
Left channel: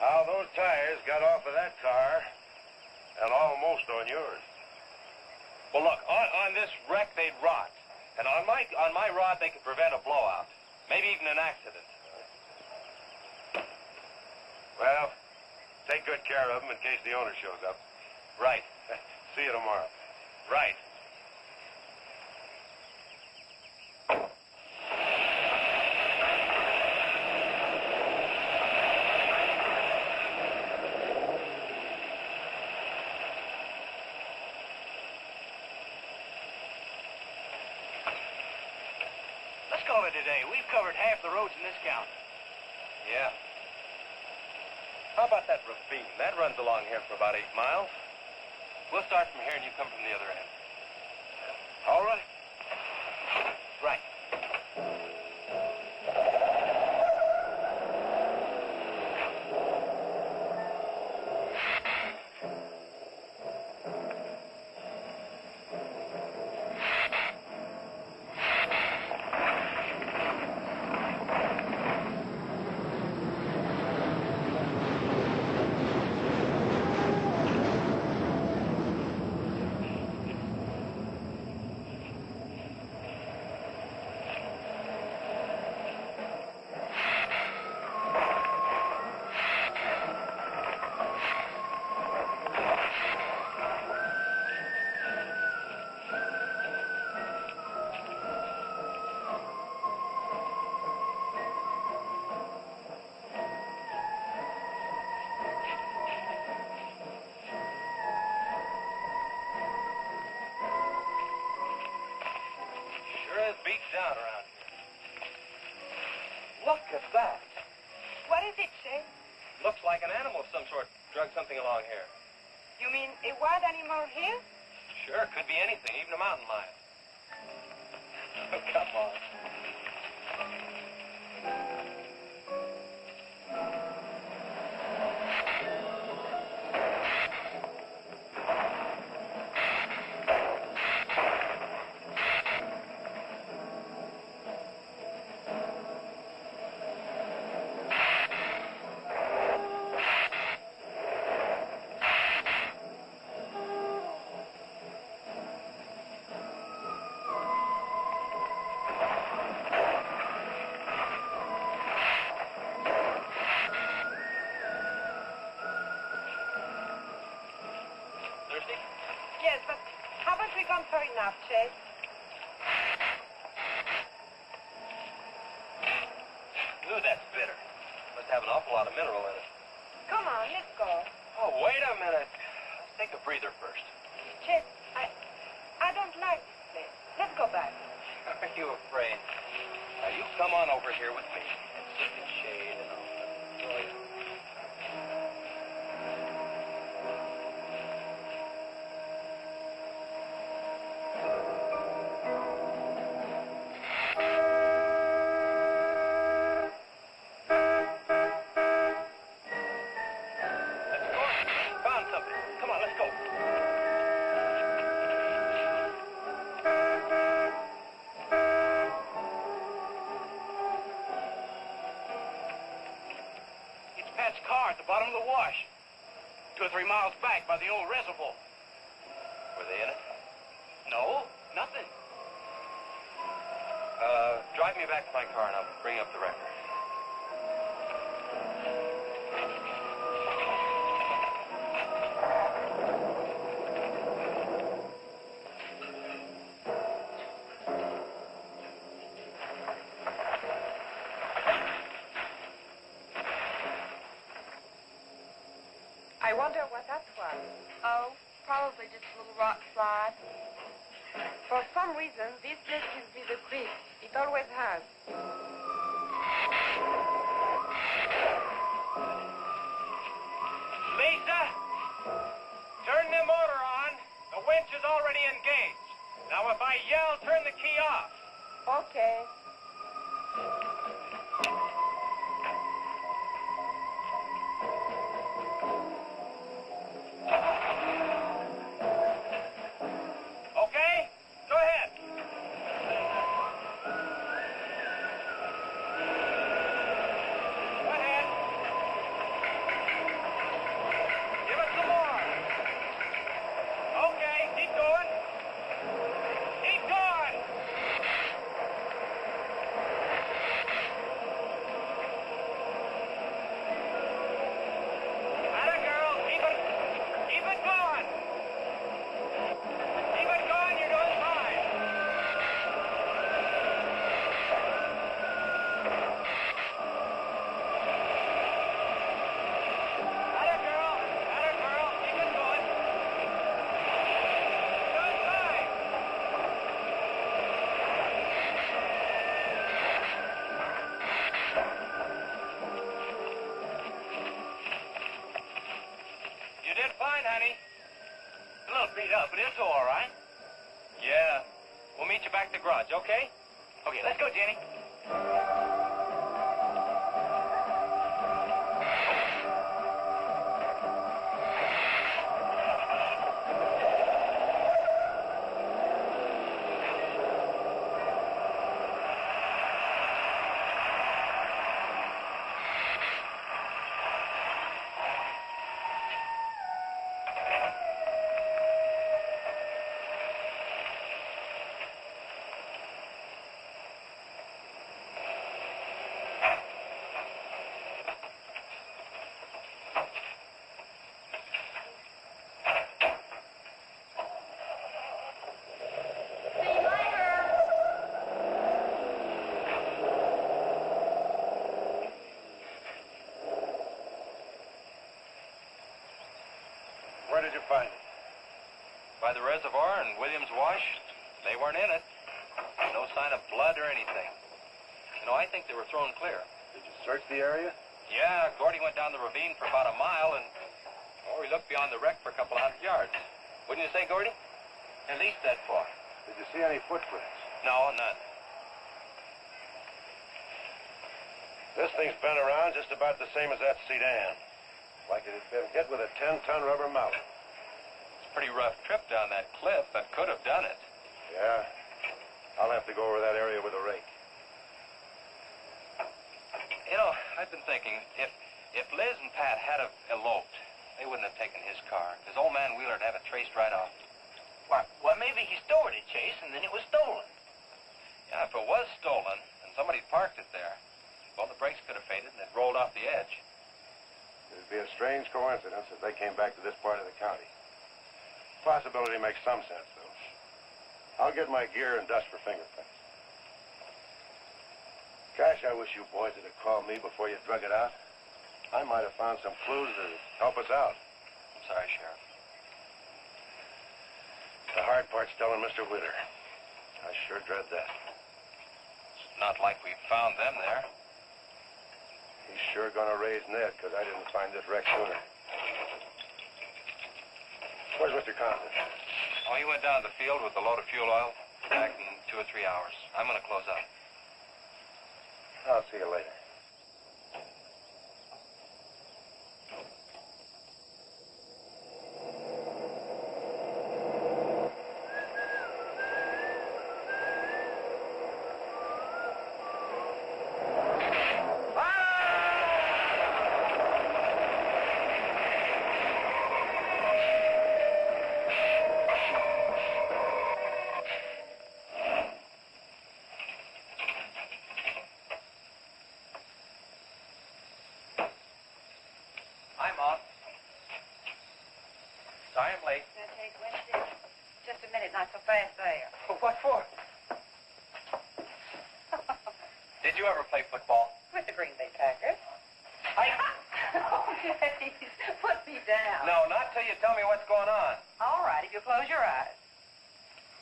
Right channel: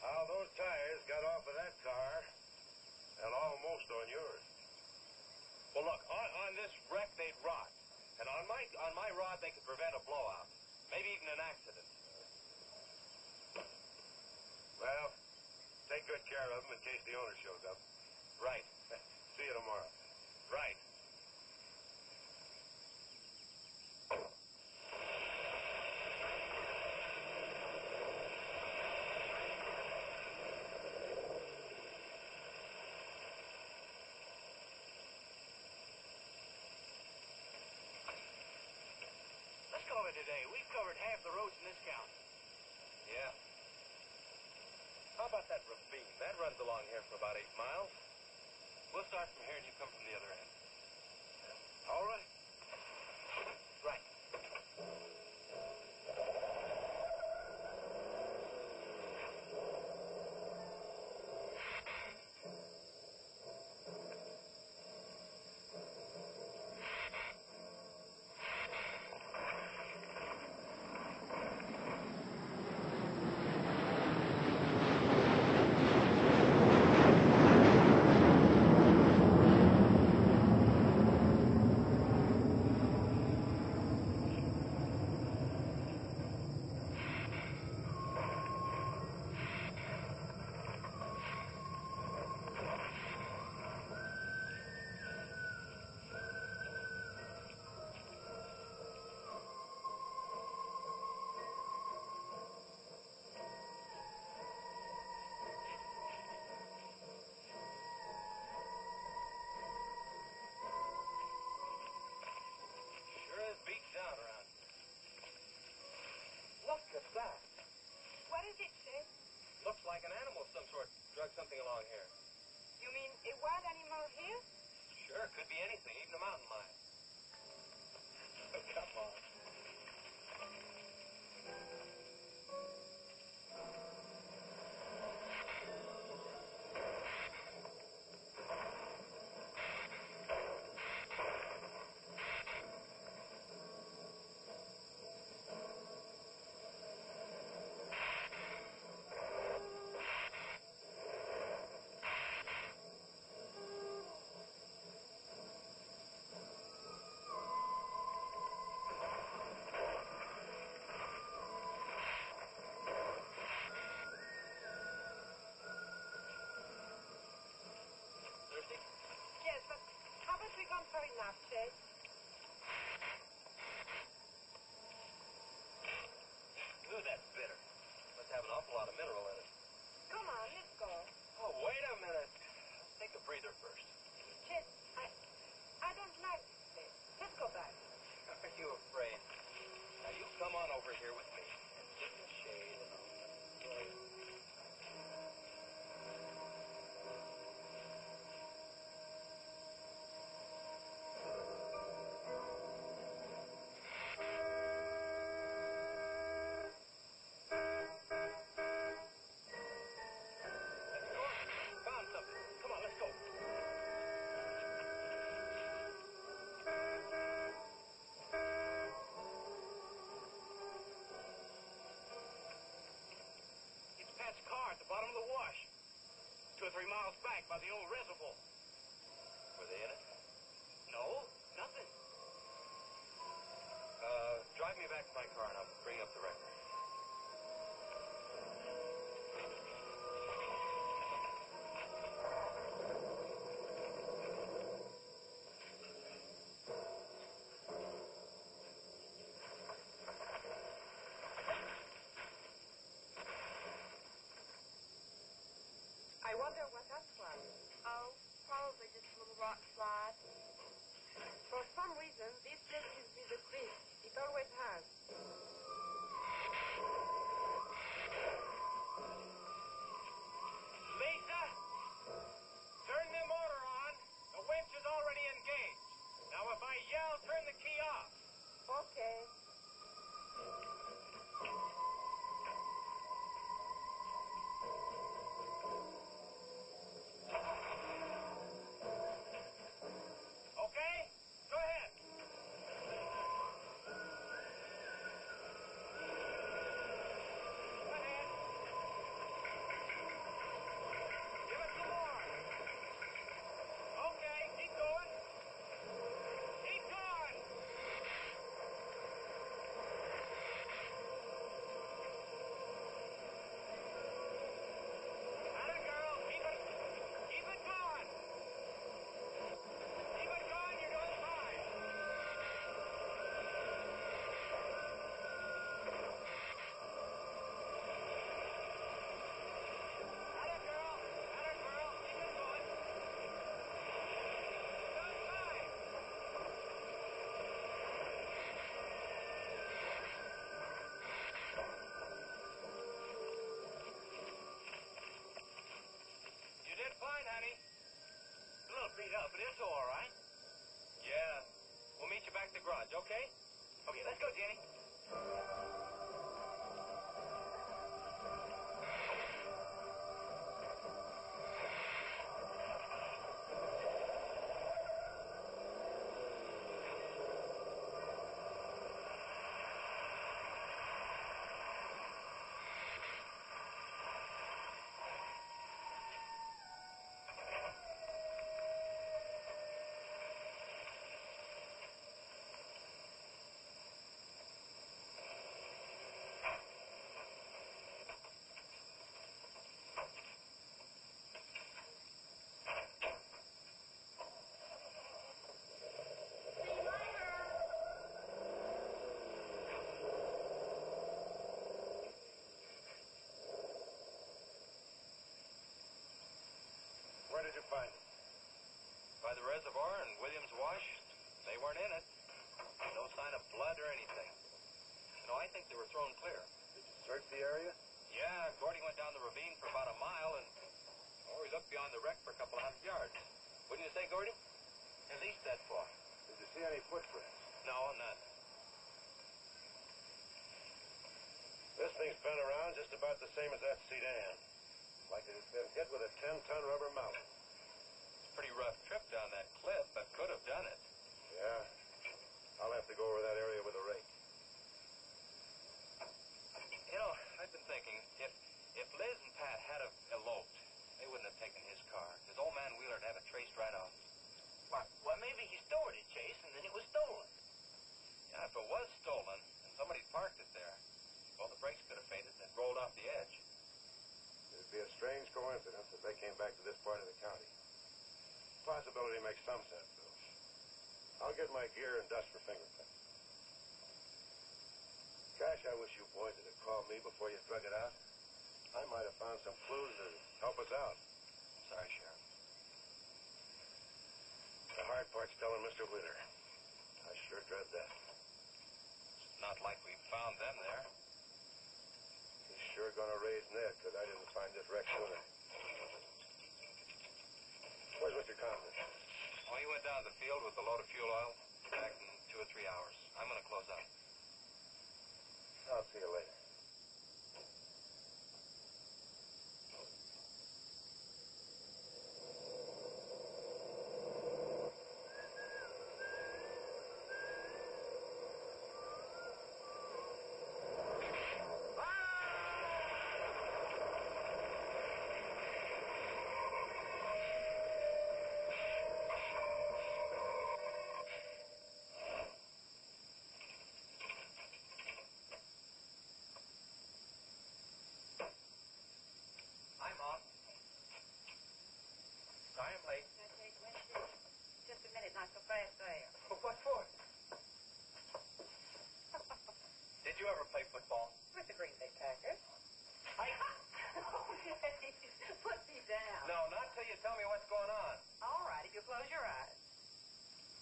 How those tires got off of that car and almost on yours. Well, look, on this wreck, they'd rot. And on my rod, they could prevent a blowout. Maybe even an accident. Well, take good care of them in case the owner shows up. Right. See you tomorrow. Right. of it today. We've covered half the roads in this county. Yeah. How about that ravine? That runs along here for about 8 miles. We'll start from here and you come from the other end. All right. Right. Beat down around here. Look at that. What is it, Shay? Looks like an animal of some sort drug something along here. You mean a wild animal here? Sure, could be anything, even a mountain lion. Oh, come on. Yes, but haven't we gone far enough, Shay? Ooh, that's bitter. Must have an awful lot of mineral in it. Come on, let's go. Oh, wait a minute. Let's take a breather first. Chet, I don't like this place. Let's go back. Are you afraid? Now, you come on over here with me and sit in shade and all that. Car at the bottom of the wash. 2 or 3 miles back by the old reservoir. Were they in it? No, nothing. Drive me back to my car and I'll bring up the record. I wonder what that was. Oh, probably just a little rock slide. For some reason, this place gives me the creeps. It always has. Lisa, turn the motor on. The winch is already engaged. Now, if I yell, turn the key off. Okay. Okay? Go ahead. Go ahead. Give it some more. Okay, keep going. Keep going. up, but it's all right. Yeah. We'll meet you back at the garage, okay? Okay, let's go, Jenny. Where did you find it? By the reservoir and Williams Wash. They weren't in it. No sign of blood or anything. You know, I think they were thrown clear. Did you search the area? Yeah, Gordy went down the ravine for about a mile and... Oh, he looked beyond the wreck for a couple hundred yards. Wouldn't you say, Gordy? At least that far. Did you see any footprints? No, none. This thing's been around just about the same as that sedan. Like it had been hit with a 10-ton rubber mallet. It's a pretty rough trip down that cliff. That could have done it. Yeah. I'll have to go over that area with a rake. You know, I've been thinking, if Liz and Pat had have eloped, they wouldn't have taken his car, because old man Wheeler'd have it traced right off. Well, maybe he stole it, Chase, and then it was stolen. Yeah, if it was stolen, and somebody parked it there, well, the brakes could have faded and it rolled off the edge. It'd be a strange coincidence if they came back to this part of the county. Possibility makes some sense, though. I'll get my gear and dust for fingerprints. Gosh, I wish you boys would have called me before you drug it out. I might have found some clues to help us out. I'm sorry, Sheriff. The hard part's telling Mr. Wheeler. I sure dread that. It's not like we found them there. He's sure gonna raise Ned, because I didn't find this wreck sooner. Where's Mr. Conklin? Oh, he went down to the field with a load of fuel oil. Back in 2 or 3 hours. I'm gonna close up. I'll see you later. I'm off. Sorry I'm late. Just a minute, not so fast there. What for? Did you ever play football? With the Green Bay Packers. Oh, please, put me down. No, not till you tell me what's going on. All right, if you close your eyes.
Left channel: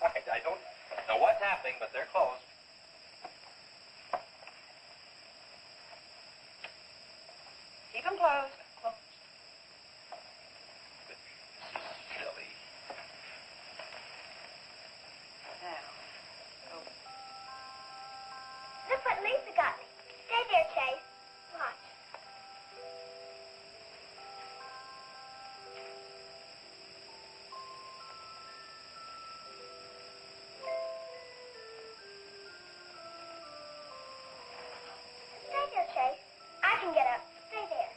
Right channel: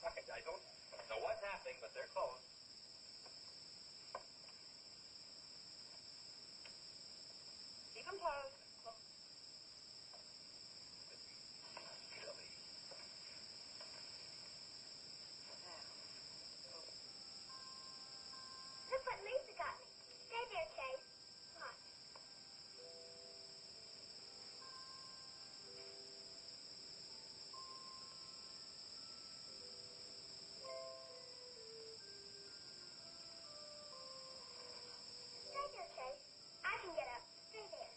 I don't know what's happening, but they're closed. Keep them closed. Silly. Now. Look what Lisa got me. Stay there, Chase. Watch. Stay there, Chase. I can get up. Stay there.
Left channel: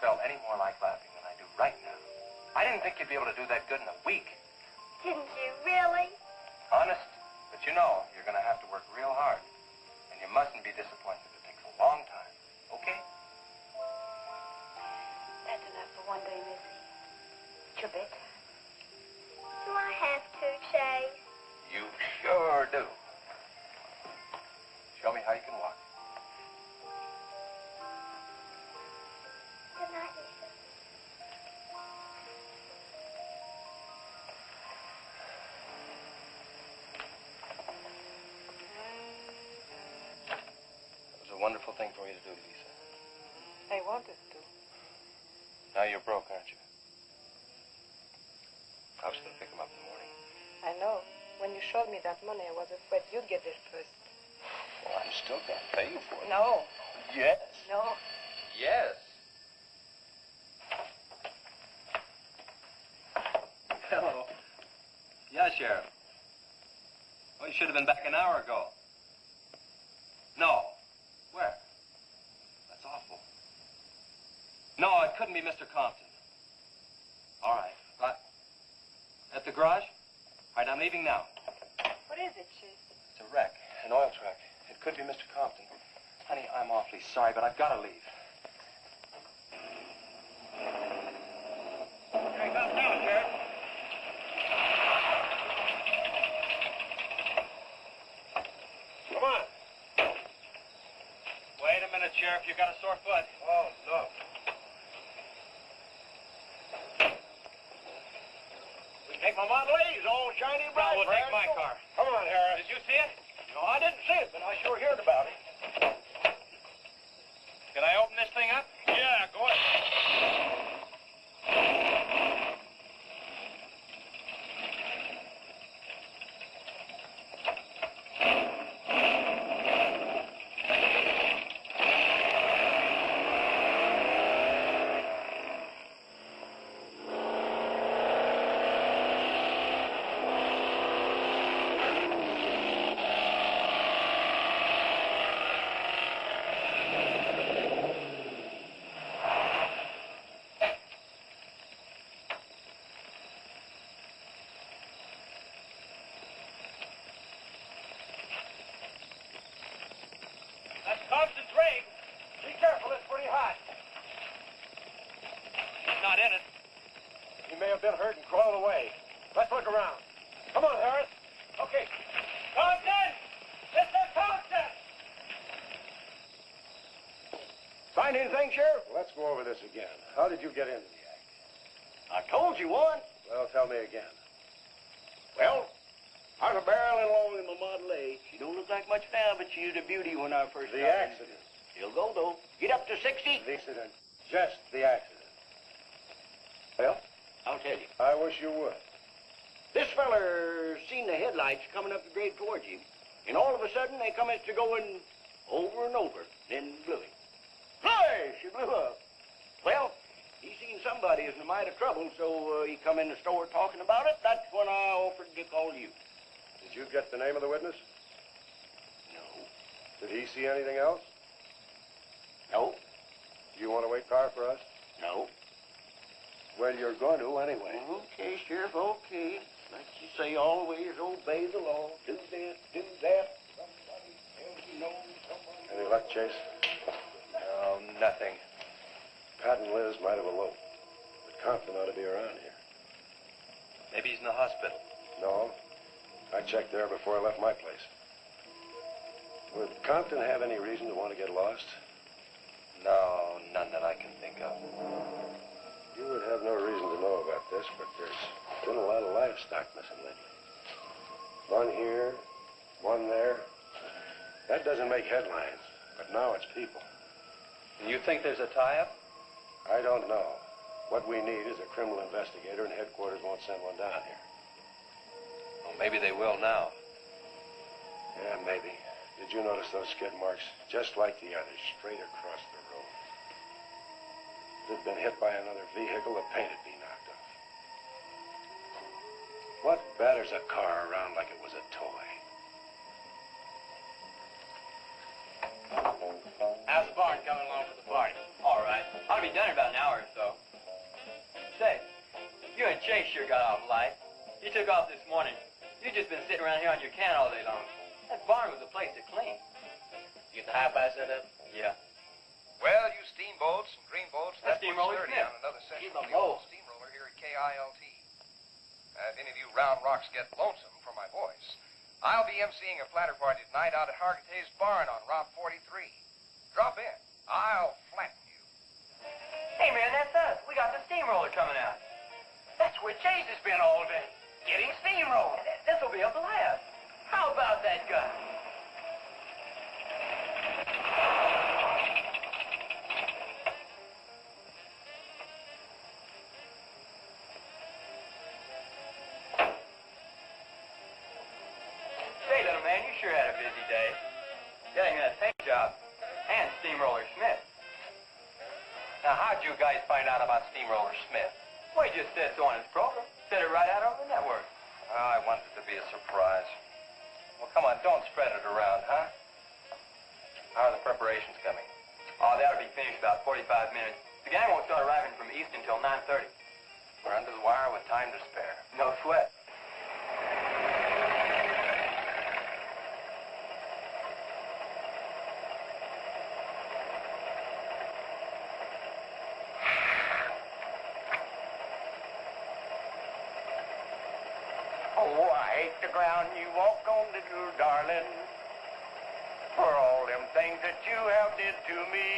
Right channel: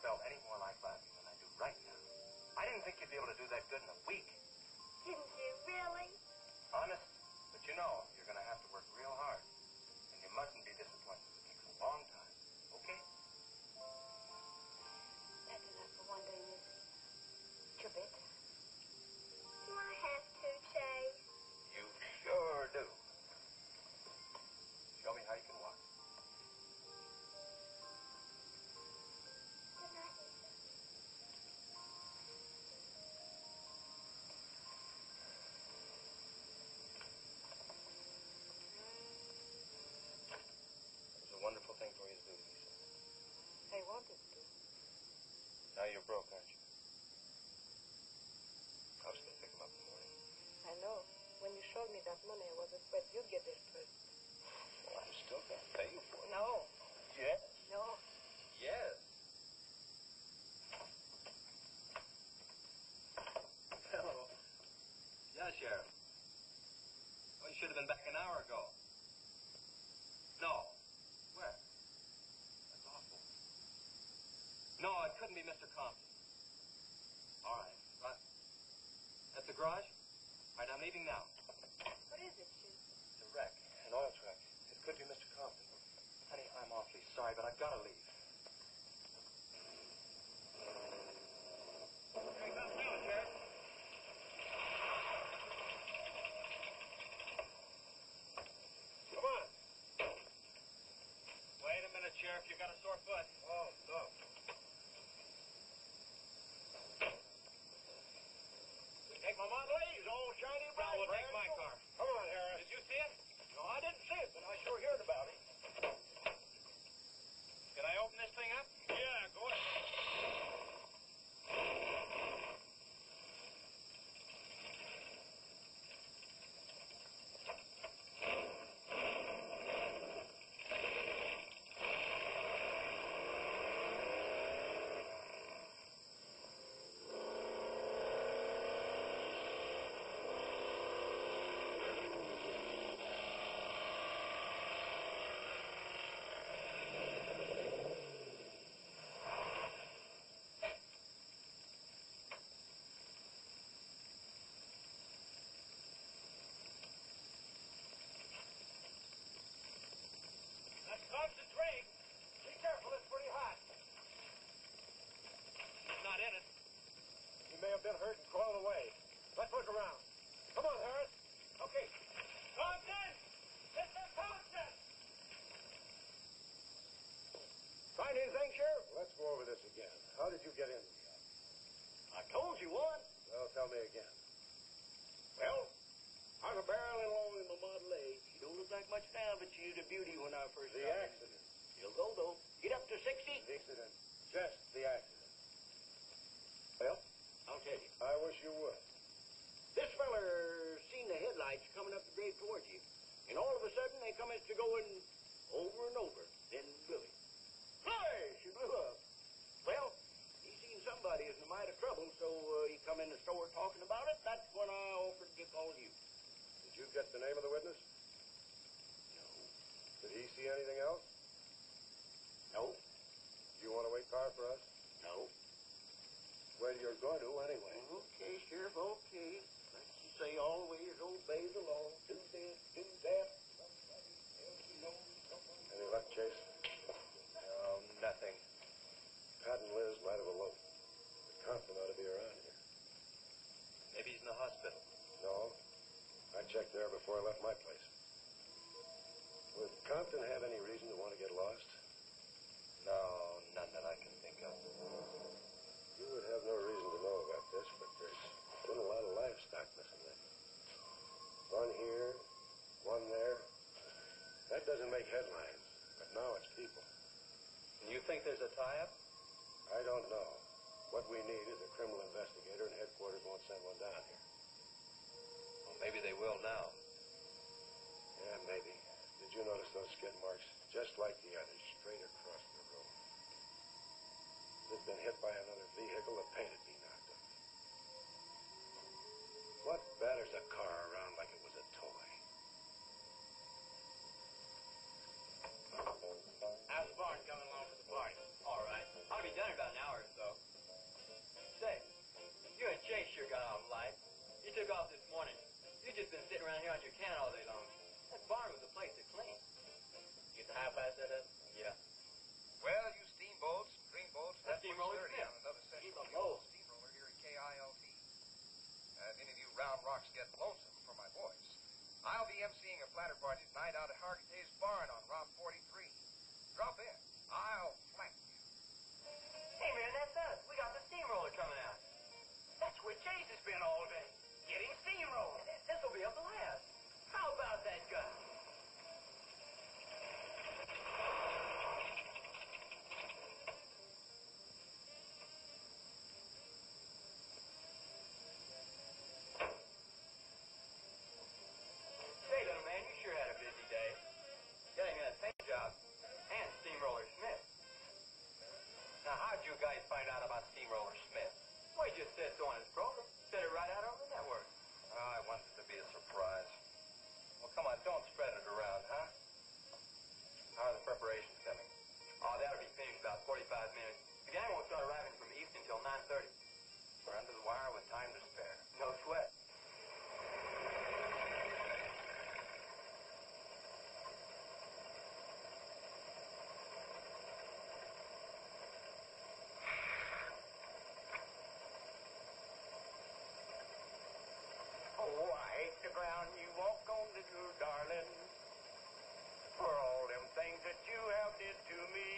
felt any more like laughing than I do right now. I didn't think you'd be able to do that good in a week. Didn't you really? Honest. But you know, you're going to have to work real hard. And you mustn't be disappointed. It takes a long time. Okay? That's enough for one day, Missy. It's your bedtime. Do I have to, Chase? You sure do. Show me how you can walk. Good night, Lisa. It was a wonderful thing for you to do, Lisa. I wanted to. Now you're broke, aren't you? I was going to pick him up in the morning. I know. When you showed me that money, I was afraid you'd get there first. Well, I'm still going to pay you for it. No. Yes. No. Yes. Hello. Yeah, Sheriff. Oh, you should have been back an hour ago. No. Where? That's awful. No, it couldn't be Mr. Compton. All right. At the garage? All right, I'm leaving now. What is it, Chase? It's a wreck, an oil truck. It could be Mr. Compton. Honey, I'm awfully sorry, but I've got to leave. Here he comes now, Sheriff. Come on. Wait a minute, Sheriff. You got a sore foot. Oh, no. Take my Model A's, all shiny bright. No, we'll take my car. Come on, Harris. Did you see it? No, I didn't see it, but I sure heard about it. Can I open this thing up? Yeah, go ahead. That's Compton's rig. Be careful, it's pretty hot. He's not in it. He may have been hurt and crawled away. Let's look around. Come on, Harris. Okay. Compton! Mr. Compton! Find anything, Sheriff? Let's go over this again. How did you get into the act? I told you once. Well, tell me again. Well, I was barreling along in my Model A. She don't look like much now, but she was a beauty when I first The started. accident. She'll go, though. Get up to 60. The accident. Just the accident. Well, I'll tell you. I wish you would. This feller seen the headlights coming up the grade towards him, and all of a sudden they come to going over and over, then blew him. Flash! She blew up. Well, he seen somebody was in a mite of trouble, so he come in the store talking about it. That's when I offered to call you. Did you get the name of the witness? No. Did he see anything else? No. Do you want to wait car for us? No. Well, you're going to anyway. Okay, Sheriff, okay. Like you say, always obey the law. Do this, do that. Somebody tells you no, somebody... Any luck, Chase? No, nothing. Pat and Liz might have eloped, but Compton ought to be around here. Maybe he's in the hospital. No. I checked there before I left my place. Would Compton have any reason to want to get lost? No, none that I can think of. You would have no reason to know about this, but there's been a lot of livestock missing lately. One here, one there. That doesn't make headlines, but now it's people. You think there's a tie-up? I don't know. What we need is a criminal investigator, and headquarters won't send one down here. Well, maybe they will now. Yeah, maybe. Did you notice those skid marks? Just like the others, straight across the road. If it'd been hit by another vehicle, the paint would be knocked off. What batters a car around like it was a toy? How's Bart coming along with the party? All right. Ought to be done in about an hour day sure got off light. You took off this morning. You've just been sitting around here on your can all day long. That barn was a place to clean. You get the hi-fi set up? Yeah. Well, you steamboats and greenboats, That's that puts Steamroller 30 Smith. on another session Keep of 'em the old both. steamroller here at KILT. If any of you round rocks get lonesome for my voice, I'll be emceeing a flatter party tonight out at Hargitay's barn on Route 43. Drop in. I'll flatten you. Hey, man, that's us. We got the steamroller coming out. That's where Chase has been all day, getting steamrolled. This will be a blast. How about that guy? Say, little man, you sure had a busy day. Getting that paint job and Steamroller Smith. Now, how'd you guys find out about Steamroller Smith? Well, he just said so on his program. Said it right out on the network. Oh, I wanted it to be a surprise. Well, come on, don't spread it around, huh? How are the preparations coming? Oh, that'll be finished about 45 minutes. The gang won't start arriving from East until 9:30. We're under the wire with time to spare. No sweat. Oh, I hate the ground you walk on, little darling, for all them things that you have did to me.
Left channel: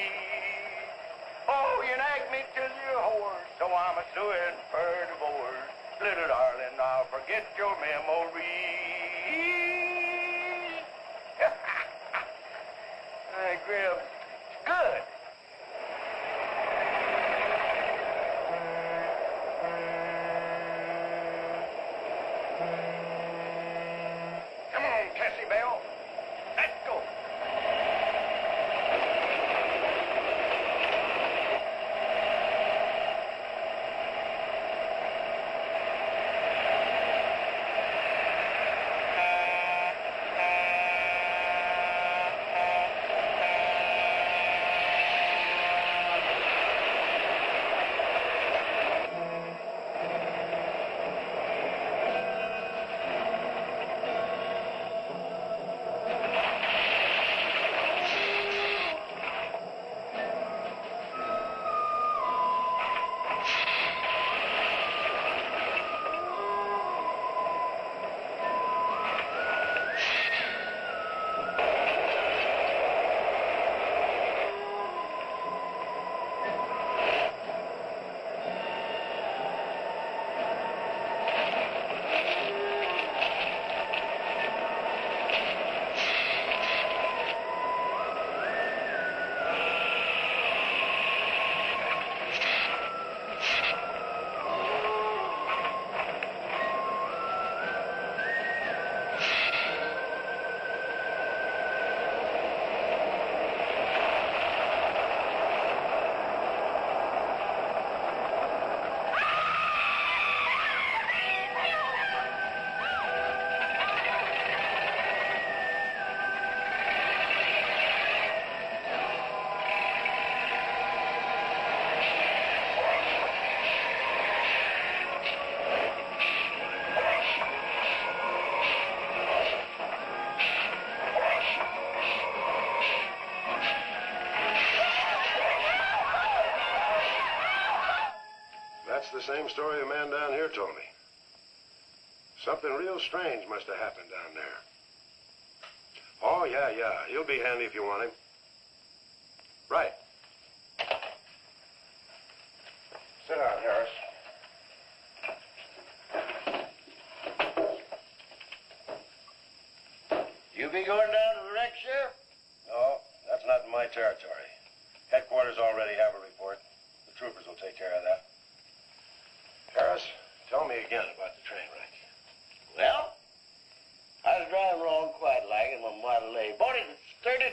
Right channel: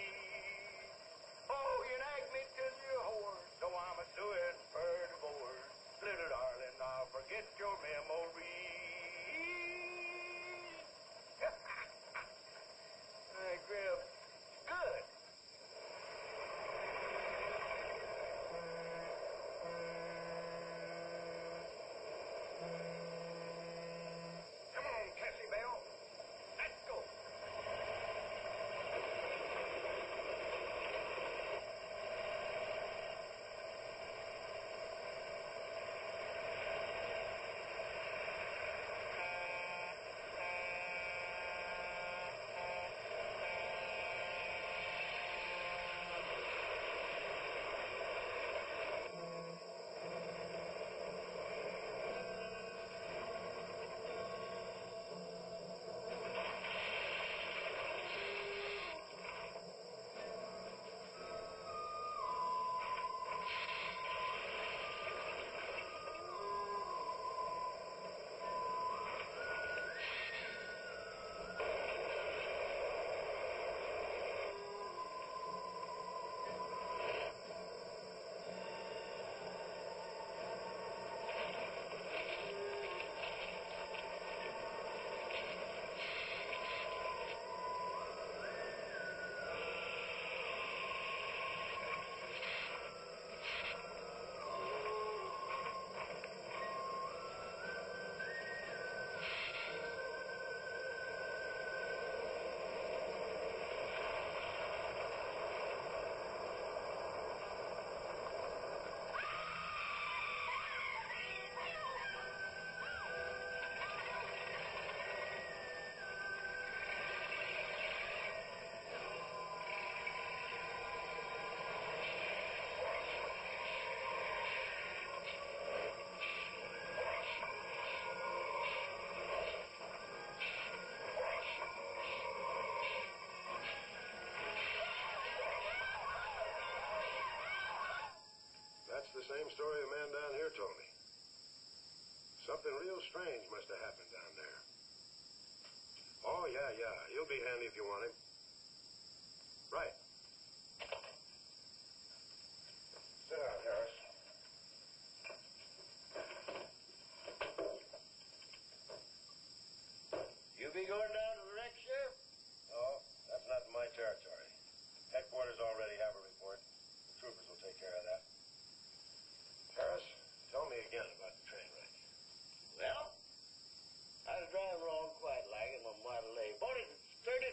Oh, you nag me till you're hoarse, so I'm a suing for divorce. Little darling, I'll forget your memory. Hey, Grim, good. Come on, Cassie Bell. Let's go. That's the same story the man down here told me. Something real strange must have happened down there. Oh, yeah. He'll be handy if you want him. Right. Sit down, Harris. You be going down to the wreck, Sheriff? No, that's not in my territory. Headquarters already have a report. The troopers will take care of that. Harris, tell me again about the train wreck. Well, I was driving along quite like in my Model A. Bought it at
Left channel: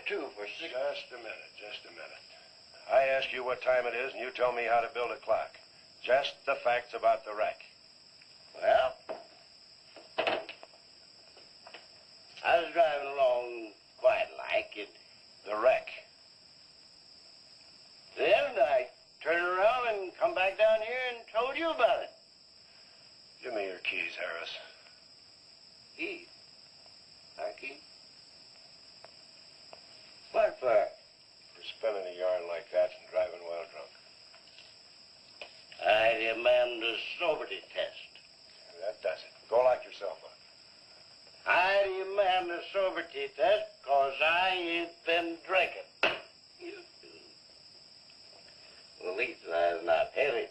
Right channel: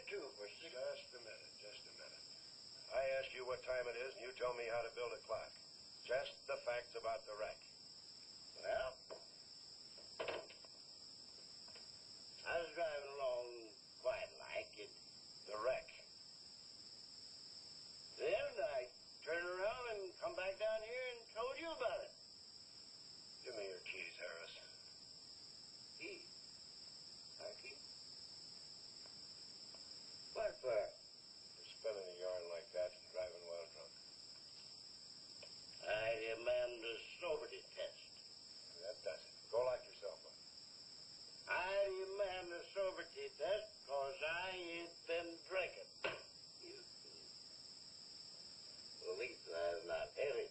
32 for $6. Just a minute. I ask you what time it is, and you tell me how to build a clock. Just the facts about the wreck. Well, I was driving along quite like it. The wreck. Then I turned around and come back down here and told you about it. Give me your keys, Harris. Keys? Our keys? What for? For spinning a yarn like that and driving well drunk. I demand a sobriety test. That does it. Go lock yourself up. I demand a sobriety test because I ain't been drinking. At least that's not heavy.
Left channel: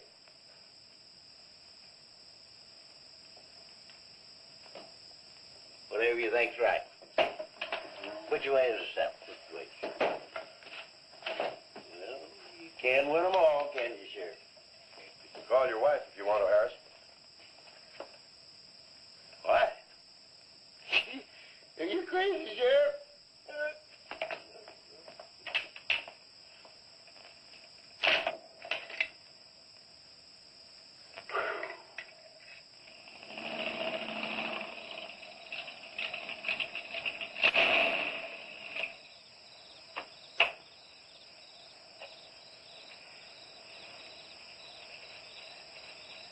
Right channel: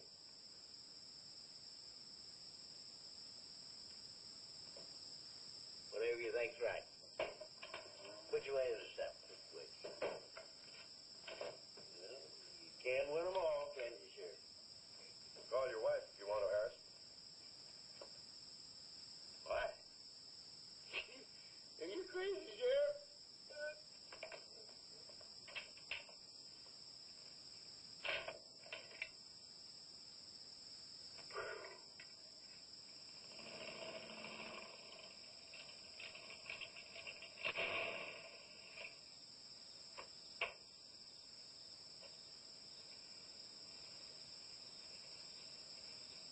Whatever you think's right. Which way is the step? Which way? Well, you can't win them all, can you, Sheriff? Call your wife if you want to, Harris. What? Are you crazy, Sheriff?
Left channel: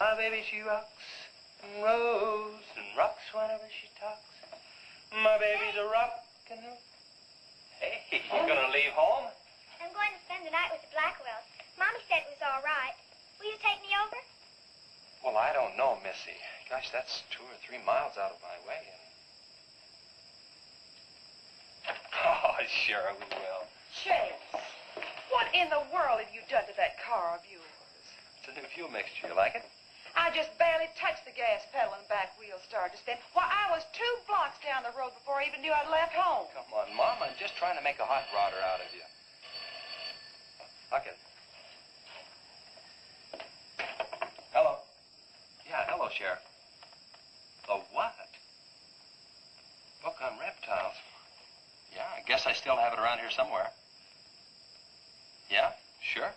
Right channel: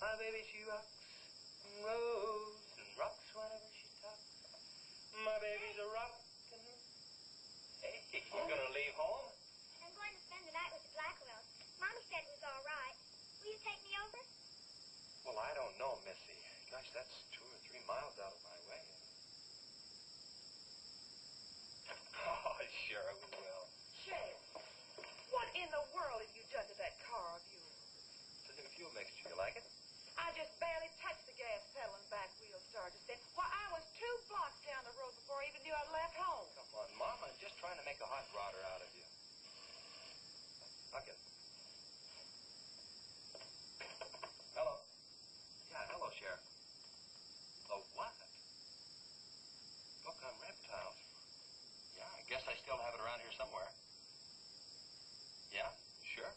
My baby, she rocks and rolls and rocks whenever she talks. My baby's a rockin'. Hey, you gonna leave home? I'm going to spend the night with the Blackwells. Mommy said it was all right. Will you take me over? Well, I don't know, Missy. Gosh, that's 2 or 3 miles out of my way. Oh, sure we will. Chase, what in the world have you done to that car of yours? It's a new fuel mixture. You like it? I just barely touched the gas pedal and back wheel started to stand. Why, I was 2 blocks down the road before I even knew I'd left home. Come on, Mom. I'm just trying to make a hot rodder out of you. Look it. Hello. Yeah, hello, Sheriff. The what? Book on reptiles. Yeah, I guess I still have it around here somewhere. Yeah, sure.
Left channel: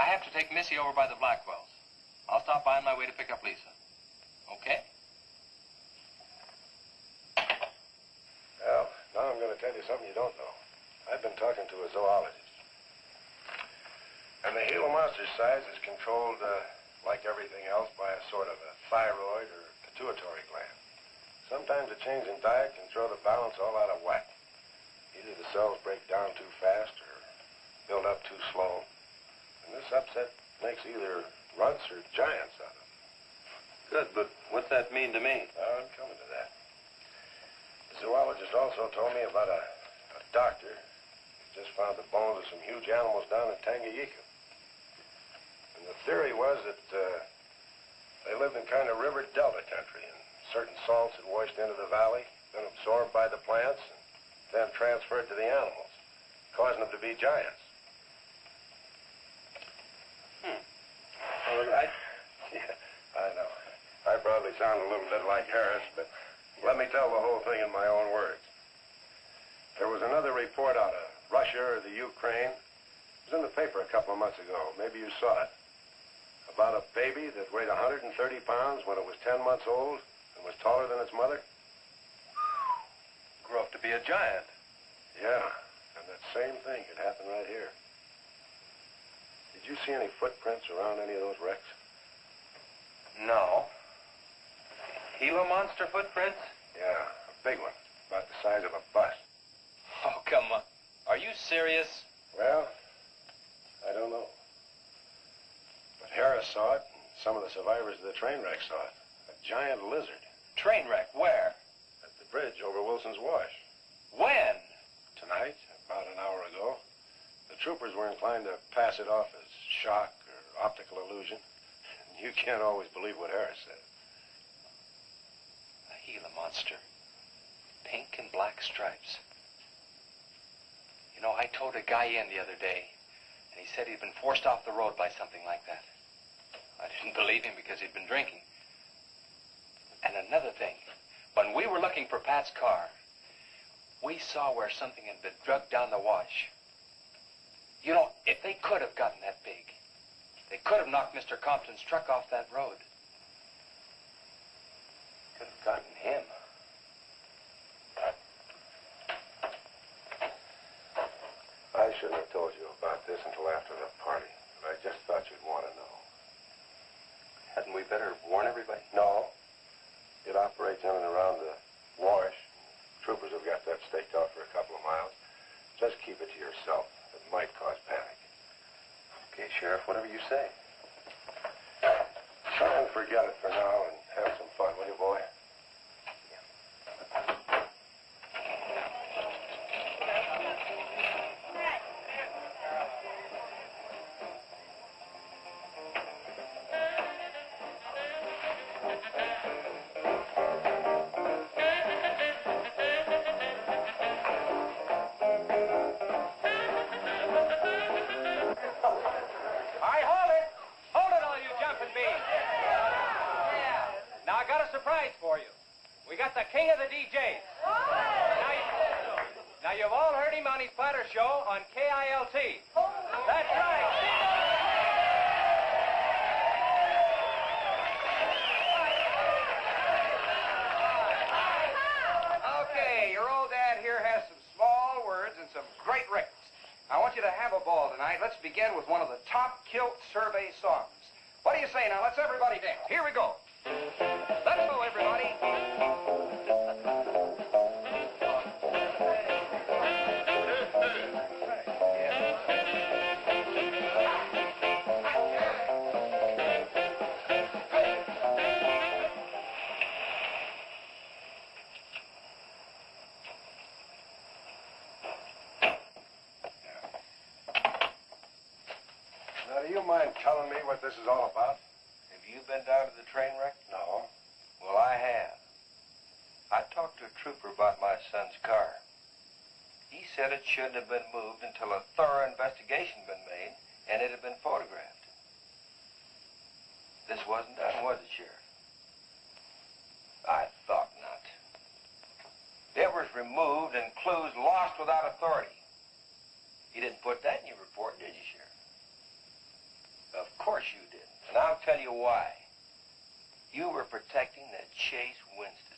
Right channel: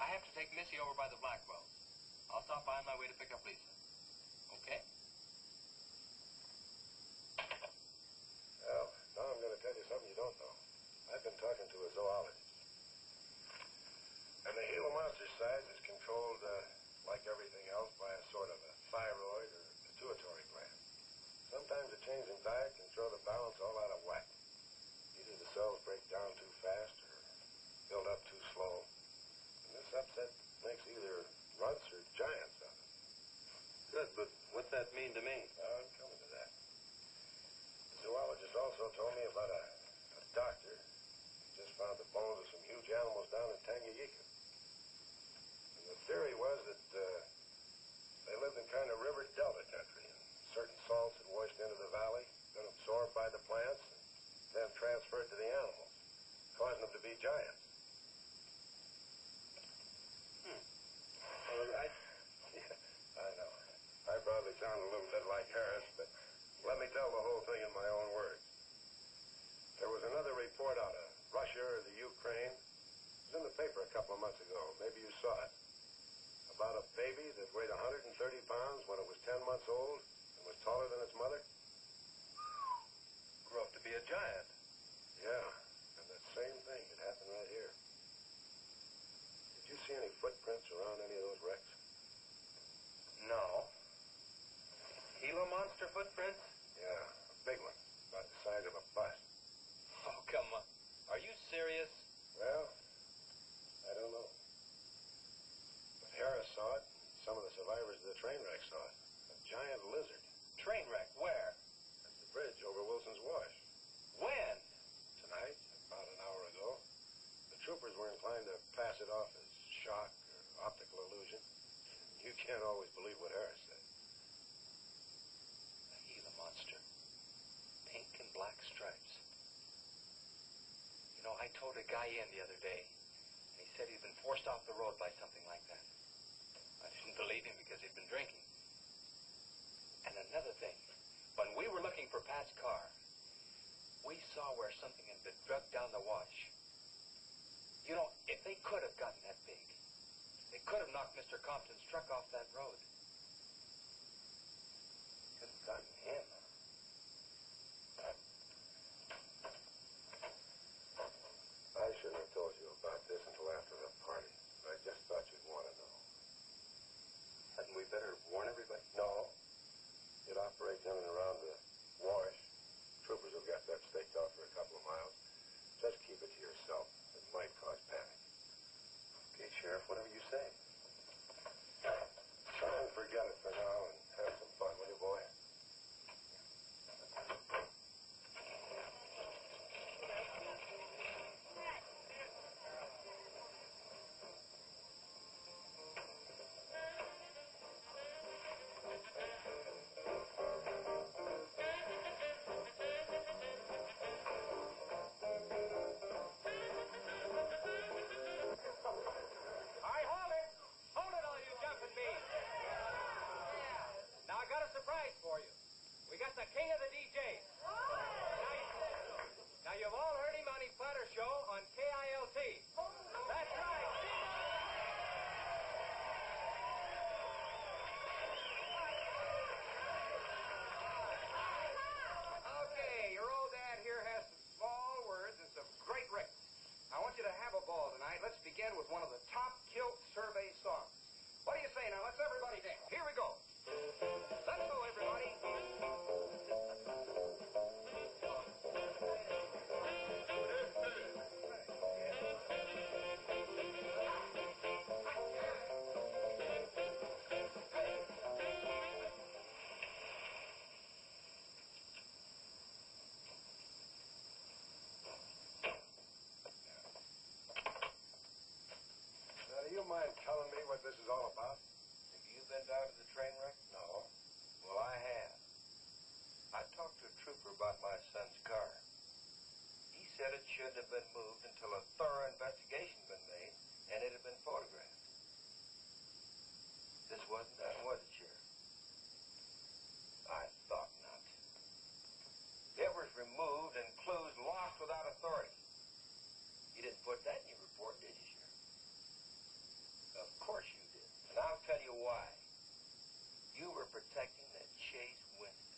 I have to take Missy over by the Blackwells. I'll stop by on my way to pick up Lisa. Okay? Well, now I'm going to tell you something you don't know. I've been talking to a zoologist. And the Gila monster size is controlled, like everything else, by a sort of a thyroid or pituitary gland. Sometimes a change in diet can throw the balance all out of whack. Either the cells break down too fast or build up too slow. And this upset makes either runts or giants out of them. Good, but what's that mean to me? I'm coming to that. The zoologist also told me about a doctor who just found the bones of some huge animals down in Tanganyika. And the theory was that they lived in kind of river delta country, and certain salts had washed into the valley, been absorbed by the plants, and then transferred to the animals, causing them to be giants. Yeah, I know. I probably sound a little bit like Harris, but let me tell the whole thing in my own words. There was another report out of Russia or the Ukraine. It was in the paper a couple of months ago. Maybe you saw it. About a baby that weighed 130 pounds when it was 10 months old and was taller than its mother. Grew up to be a giant. Yeah, and that same thing could happen right here. Did you see any footprints around any of those wrecks? No. Gila monster footprints? Yeah, a big one, about the size of a bus. Oh, come on. Are you serious? Well, I don't know. But Harris saw it, and some of the survivors of the train wreck saw it. A giant lizard. Train wreck? Where? At the bridge over Wilson's Wash. When? Tonight, about an hour ago. The troopers were inclined to pass it off as shock or optical illusion. You can't always believe what Harris said. A Gila monster. Pink and black stripes. You know, I towed a guy in the other day, and he said he'd been forced off the road by something like that. I didn't believe him because he'd been drinking. And another thing, when we were looking for Pat's car, we saw where something had been drugged down the wash. You know, if they could have gotten that big, they could have knocked Mr. Compton's truck off that road. Could have gotten him. I shouldn't have told you about this until after the party, but I just thought you'd want to know. Hadn't we better warn everybody? No, you say? Try and forget it for now and have some fun, will you, boy? All right, hold it. Hold it, all you jumping beans. Yeah. Now, I got a surprise for you. We got the king of the DJs. Now, you've all heard him on his platter show on KILT. That's right. Okay, your old dad here has some small words and some great records. I want you to have a ball tonight. Let's begin with one of the top kilt survey songs. What do you say now? Let's everybody dance. Here we go. Let's go, everybody. Now, do you mind telling me what this is all about? Have you been down to the train wreck? No. Well, I have. I talked to a trooper about my son's car. He said it shouldn't have been moved until a thorough investigation had been made and it had been photographed. This wasn't done, was it, Sheriff? I thought not. It was removed and clues lost without authority. You didn't put that in your report, did you, Sheriff? Of course you did. And I'll tell you why. You were protecting that Chase Winston.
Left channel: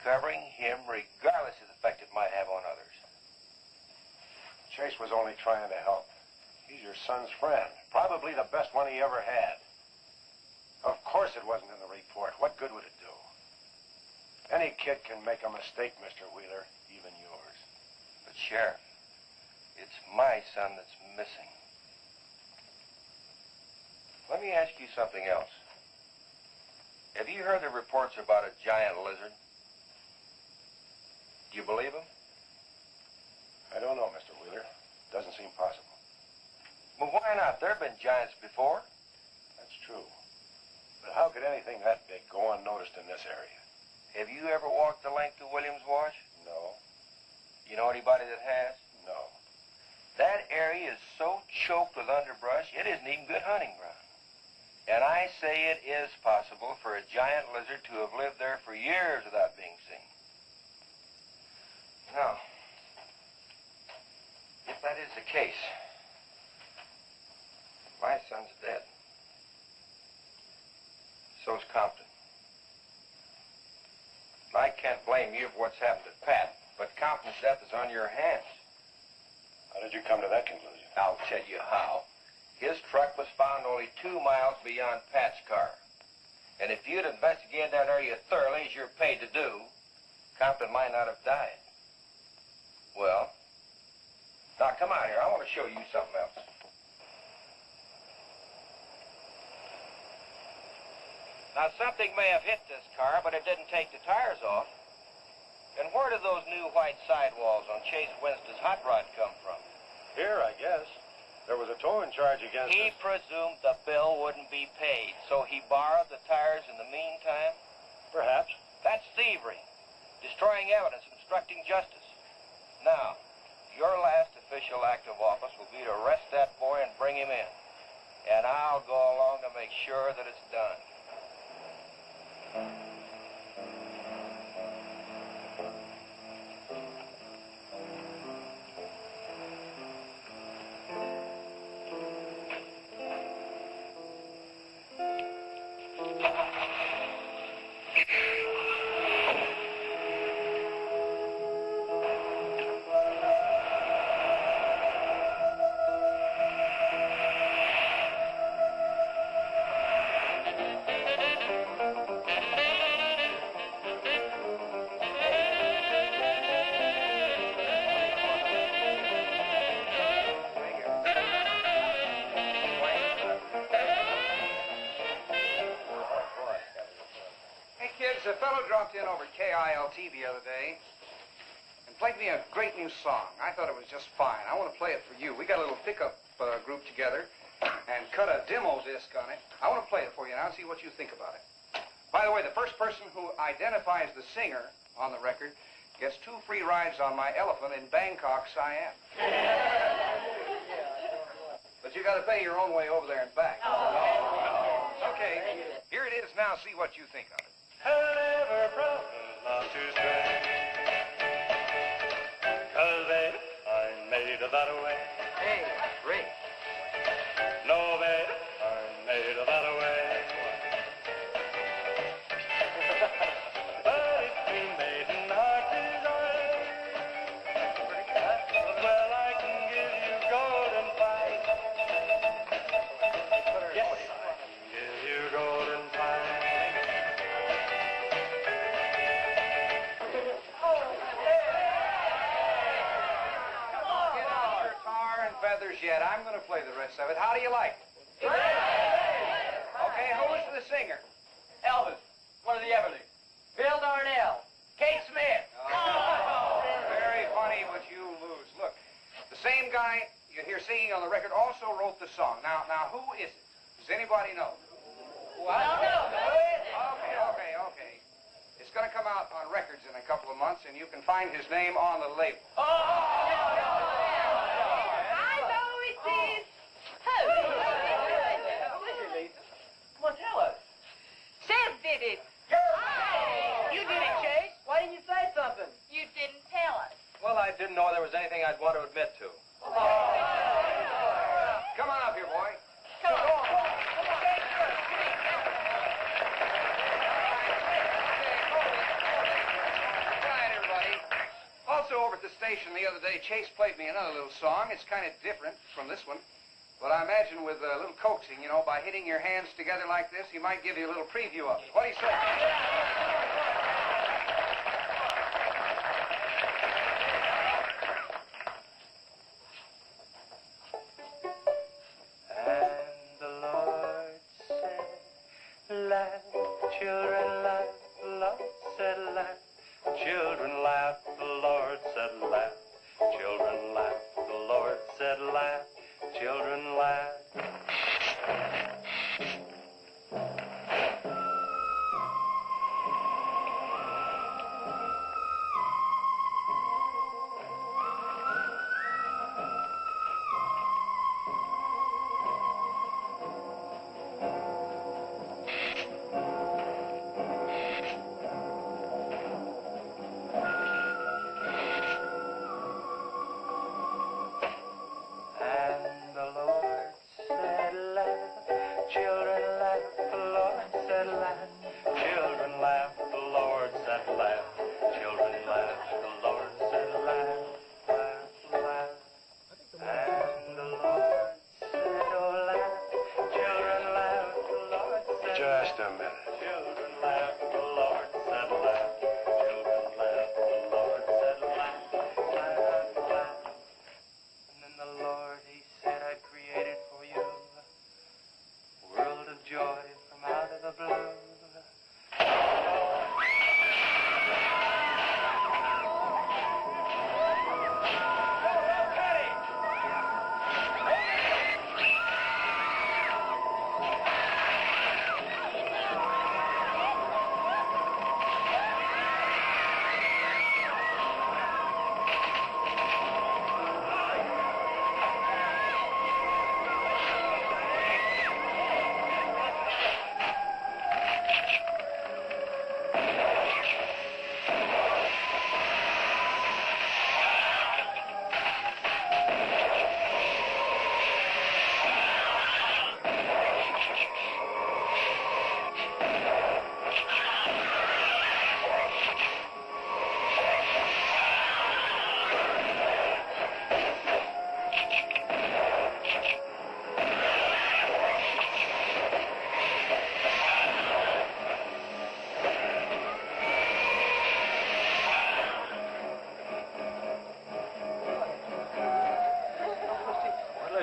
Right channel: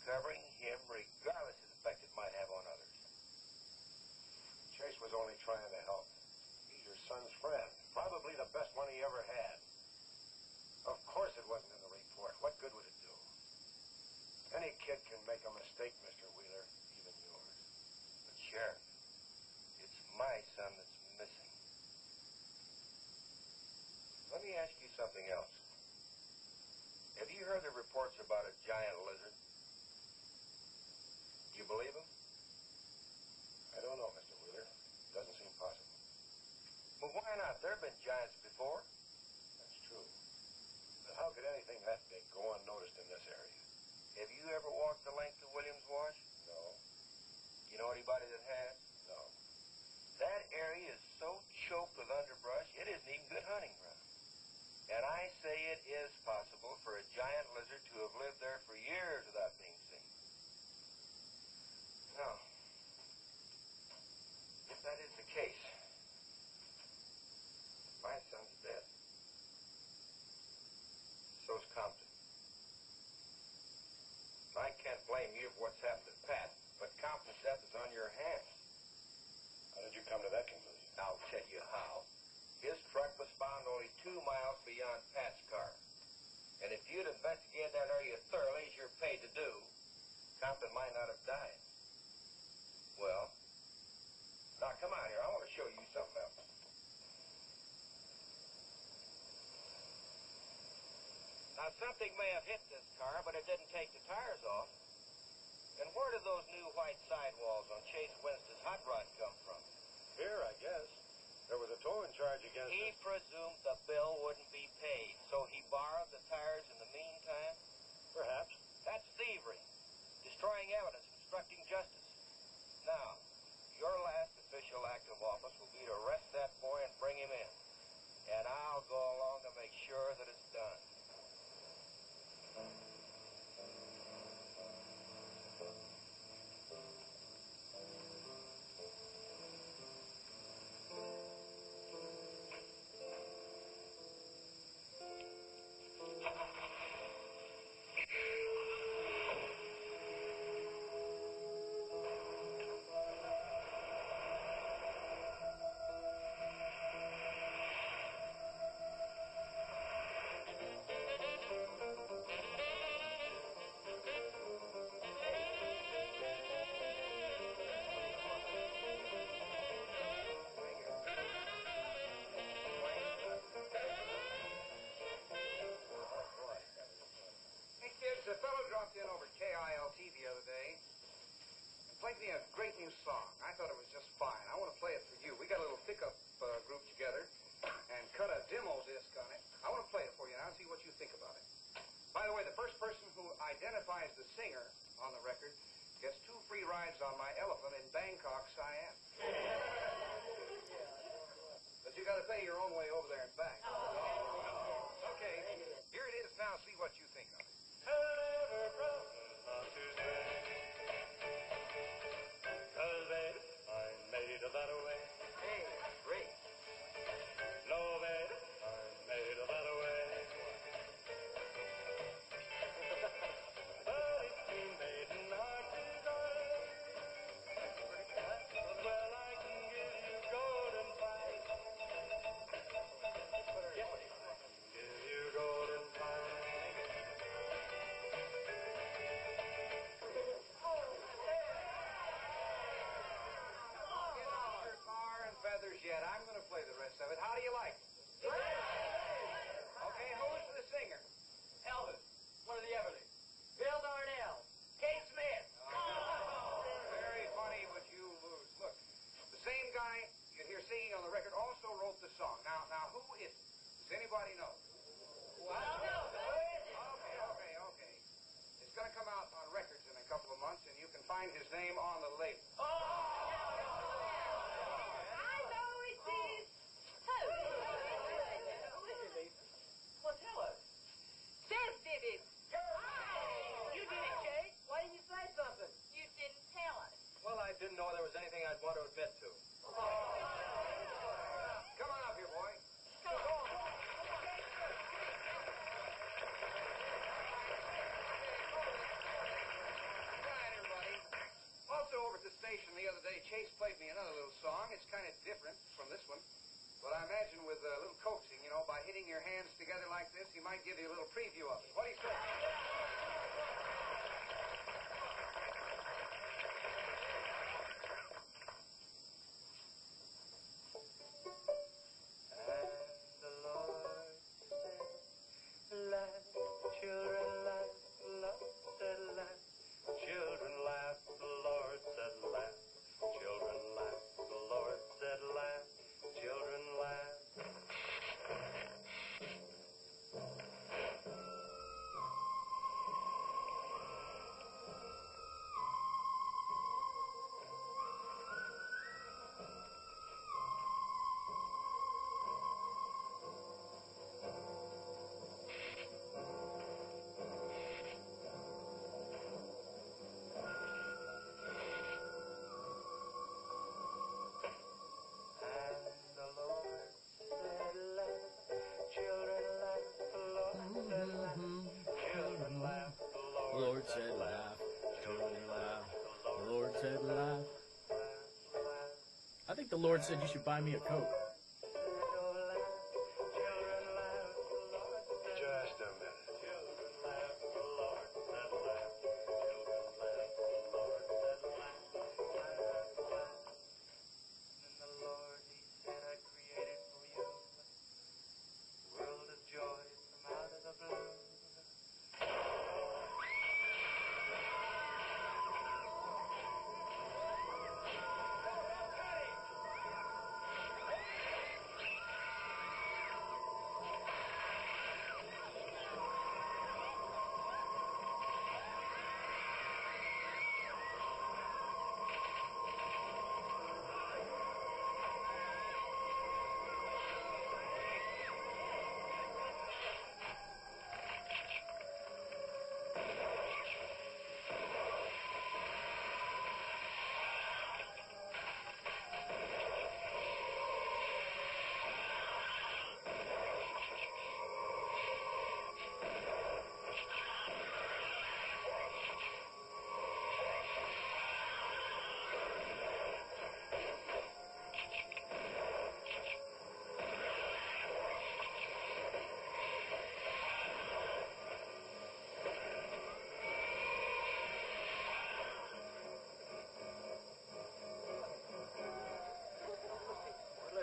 Covering him regardless of the effect it might have on others. Chase was only trying to help. He's your son's friend. Probably the best one he ever had. Of course it wasn't in the report. What good would it do? Any kid can make a mistake, Mr. Wheeler, even yours. But, Sheriff, it's my son that's missing. Let me ask you something else. Have you heard the reports about a giant lizard? Do you believe them? I don't know, Mr. Wheeler. Doesn't seem possible. Well, why not? There have been giants before. That's true. But how could anything that big go unnoticed in this area? Have you ever walked the length of Williams Wash? No. You know anybody that has? No. That area is so choked with underbrush, it isn't even good hunting ground. And I say it is possible for a giant lizard to have lived there for years without being seen. Now, if that is the case, my son's dead. So's Compton. I can't blame you for what's happened to Pat, but Compton's death is on your hands. How did you come to that conclusion? I'll tell you how. His truck was found only 2 miles beyond Pat's car. And if you'd investigated that area thoroughly, as you're paid to do, Compton might not have died. Well, now come out here. I want to show you something else. Now, something may have hit this car, but it didn't take the tires off. And where did those new white sidewalls on Chase Winston's hot rod come from? Here, I guess. There was a towing charge against He presumed the bill wouldn't be paid, so he borrowed the tires in the meantime? Perhaps. That's thievery, destroying evidence, obstructing justice. Now, your last official act of office will be to arrest that boy and bring him in. And I'll go along to make sure that it's done. a fellow dropped in over KILT the other day and played me a great new song. I thought it was just fine. I want to play it for you. We got a little pickup group together and cut a demo disc on it. I want to play it for you now and see what you think about it. By the way, the first person who identifies the singer on the record gets 2 free rides on my elephant in Bangkok, Siam. But you got to pay your own way over there and back. Okay, here it is now. See what you think of it. Never promise not to stray, 'cause babe, I'm made of that way. Hey, great. No, babe, I'm made of that way. But if you made an heart desire, well, I can give you golden fire. Yes, I can give you golden fire. Get out your tar and feathers yet. I'm going to play the rest of it. How do you like it? Okay, who is the singer? Elvis, one of the Everlys. Bill Darnell. Kate Smith. Very funny, but you lose. Look, the same guy you hear singing on the record also wrote the song. Now, who is it? Does anybody know? Well, I don't know. Okay. It's going to come out on records in a couple of months, and you can find his name on the label. I know it is. Come on, tell us. Seb did it. You did it, Chase. Why didn't you say something? You didn't tell us. Well, I didn't know there was anything I'd want to admit to. Come on up here, boy. Come on. Right, everybody. Also, over at the station the other day, Chase played me another little song. It's kind of different from this one. But I imagine with a little coaxing, by hitting your hands together like this, he might give you a little preview of it. What do you say? And the Lord said, laugh, children, laugh. The Lord said, laugh. Children laugh. The Lord said, laugh. Children laugh. The Lord said, laugh. Children laugh. And the Lord said, laugh. Children laugh. The Lord said, laugh. Children laugh. The Lord said, laugh. Children laugh. The Lord said, laugh. Laugh. I think the Lord said you should buy me a book. Children laugh. The Lord said, Just a minute. children laugh. The Lord said, laugh. Children laugh. The Lord said, laugh. Laugh. And then the Lord, he said, I created for you a world of joy from out of the blue.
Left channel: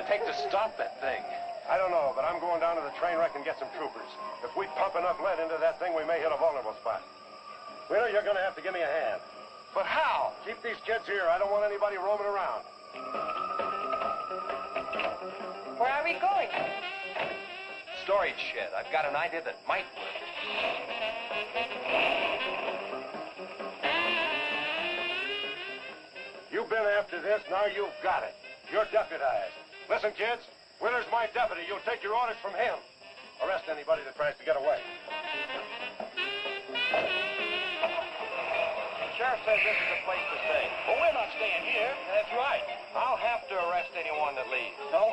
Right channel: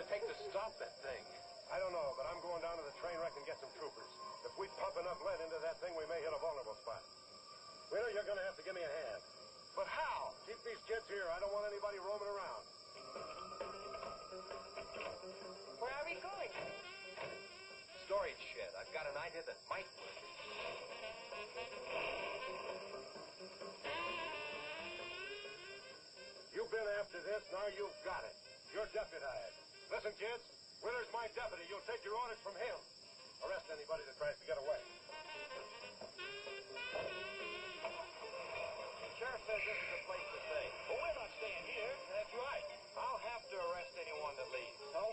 take to stop that thing? I don't know, but I'm going down to the train wreck and get some troopers. If we pump enough lead into that thing, we may hit a vulnerable spot. Wheeler, you're gonna have to give me a hand. But how? Keep these kids here. I don't want anybody roaming around. Where are we going? Storage shed. I've got an idea that might work. You've been after this, now you've got it. You're deputized. Listen, kids, Wheeler's my deputy. You'll take your orders from him. Arrest anybody that tries to get away. The sheriff says this is the place to stay. Well, we're not staying here. That's right. I'll have to arrest anyone that leaves. No,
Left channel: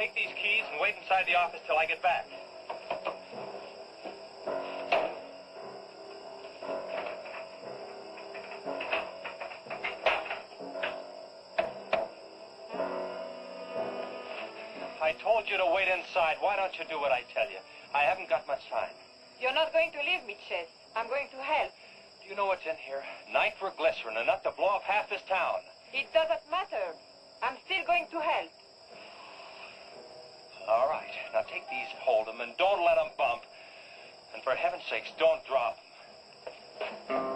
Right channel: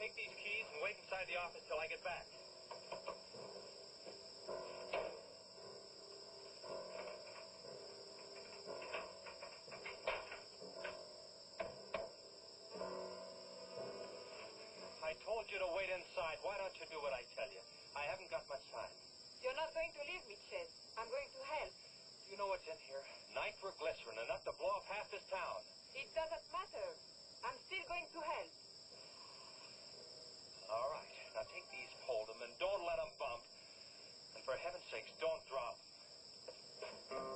Take these keys and wait inside the office till I get back. I told you to wait inside. Why don't you do what I tell you? I haven't got much time. You're not going to leave me, Chet. I'm going to help. Do you know what's in here? Nitroglycerin, enough to blow up half this town. It doesn't matter. I'm still going to help. All right. Now take these, hold them, and don't let them bump. And for heaven's sakes, don't drop them.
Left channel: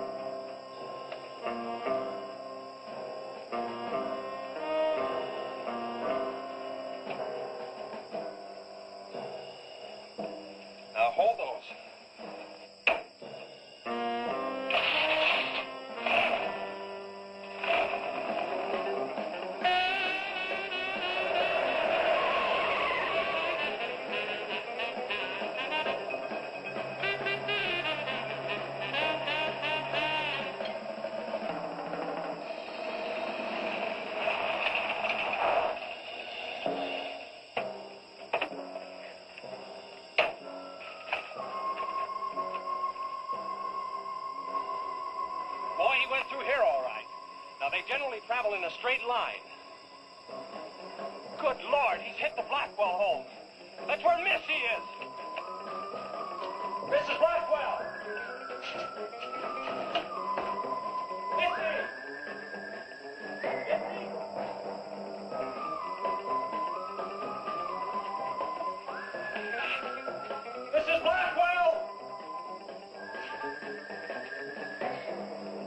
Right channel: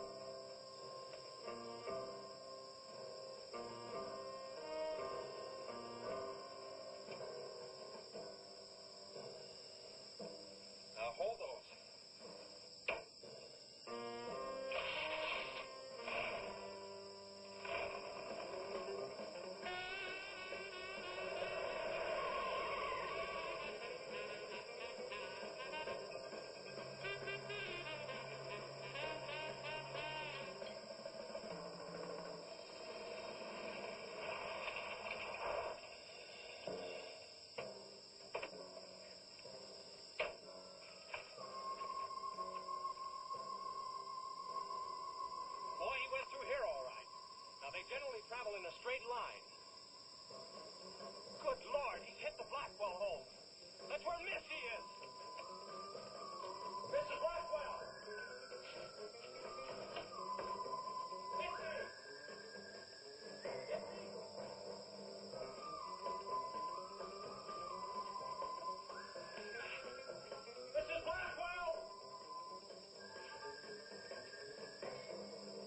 Now hold those. Boy, he went through here all right. Now, they generally travel in a straight line. Good Lord, he's hit the Blackwell home. That's where Missy is. Mrs. Blackwell! Missy! Mrs. Blackwell!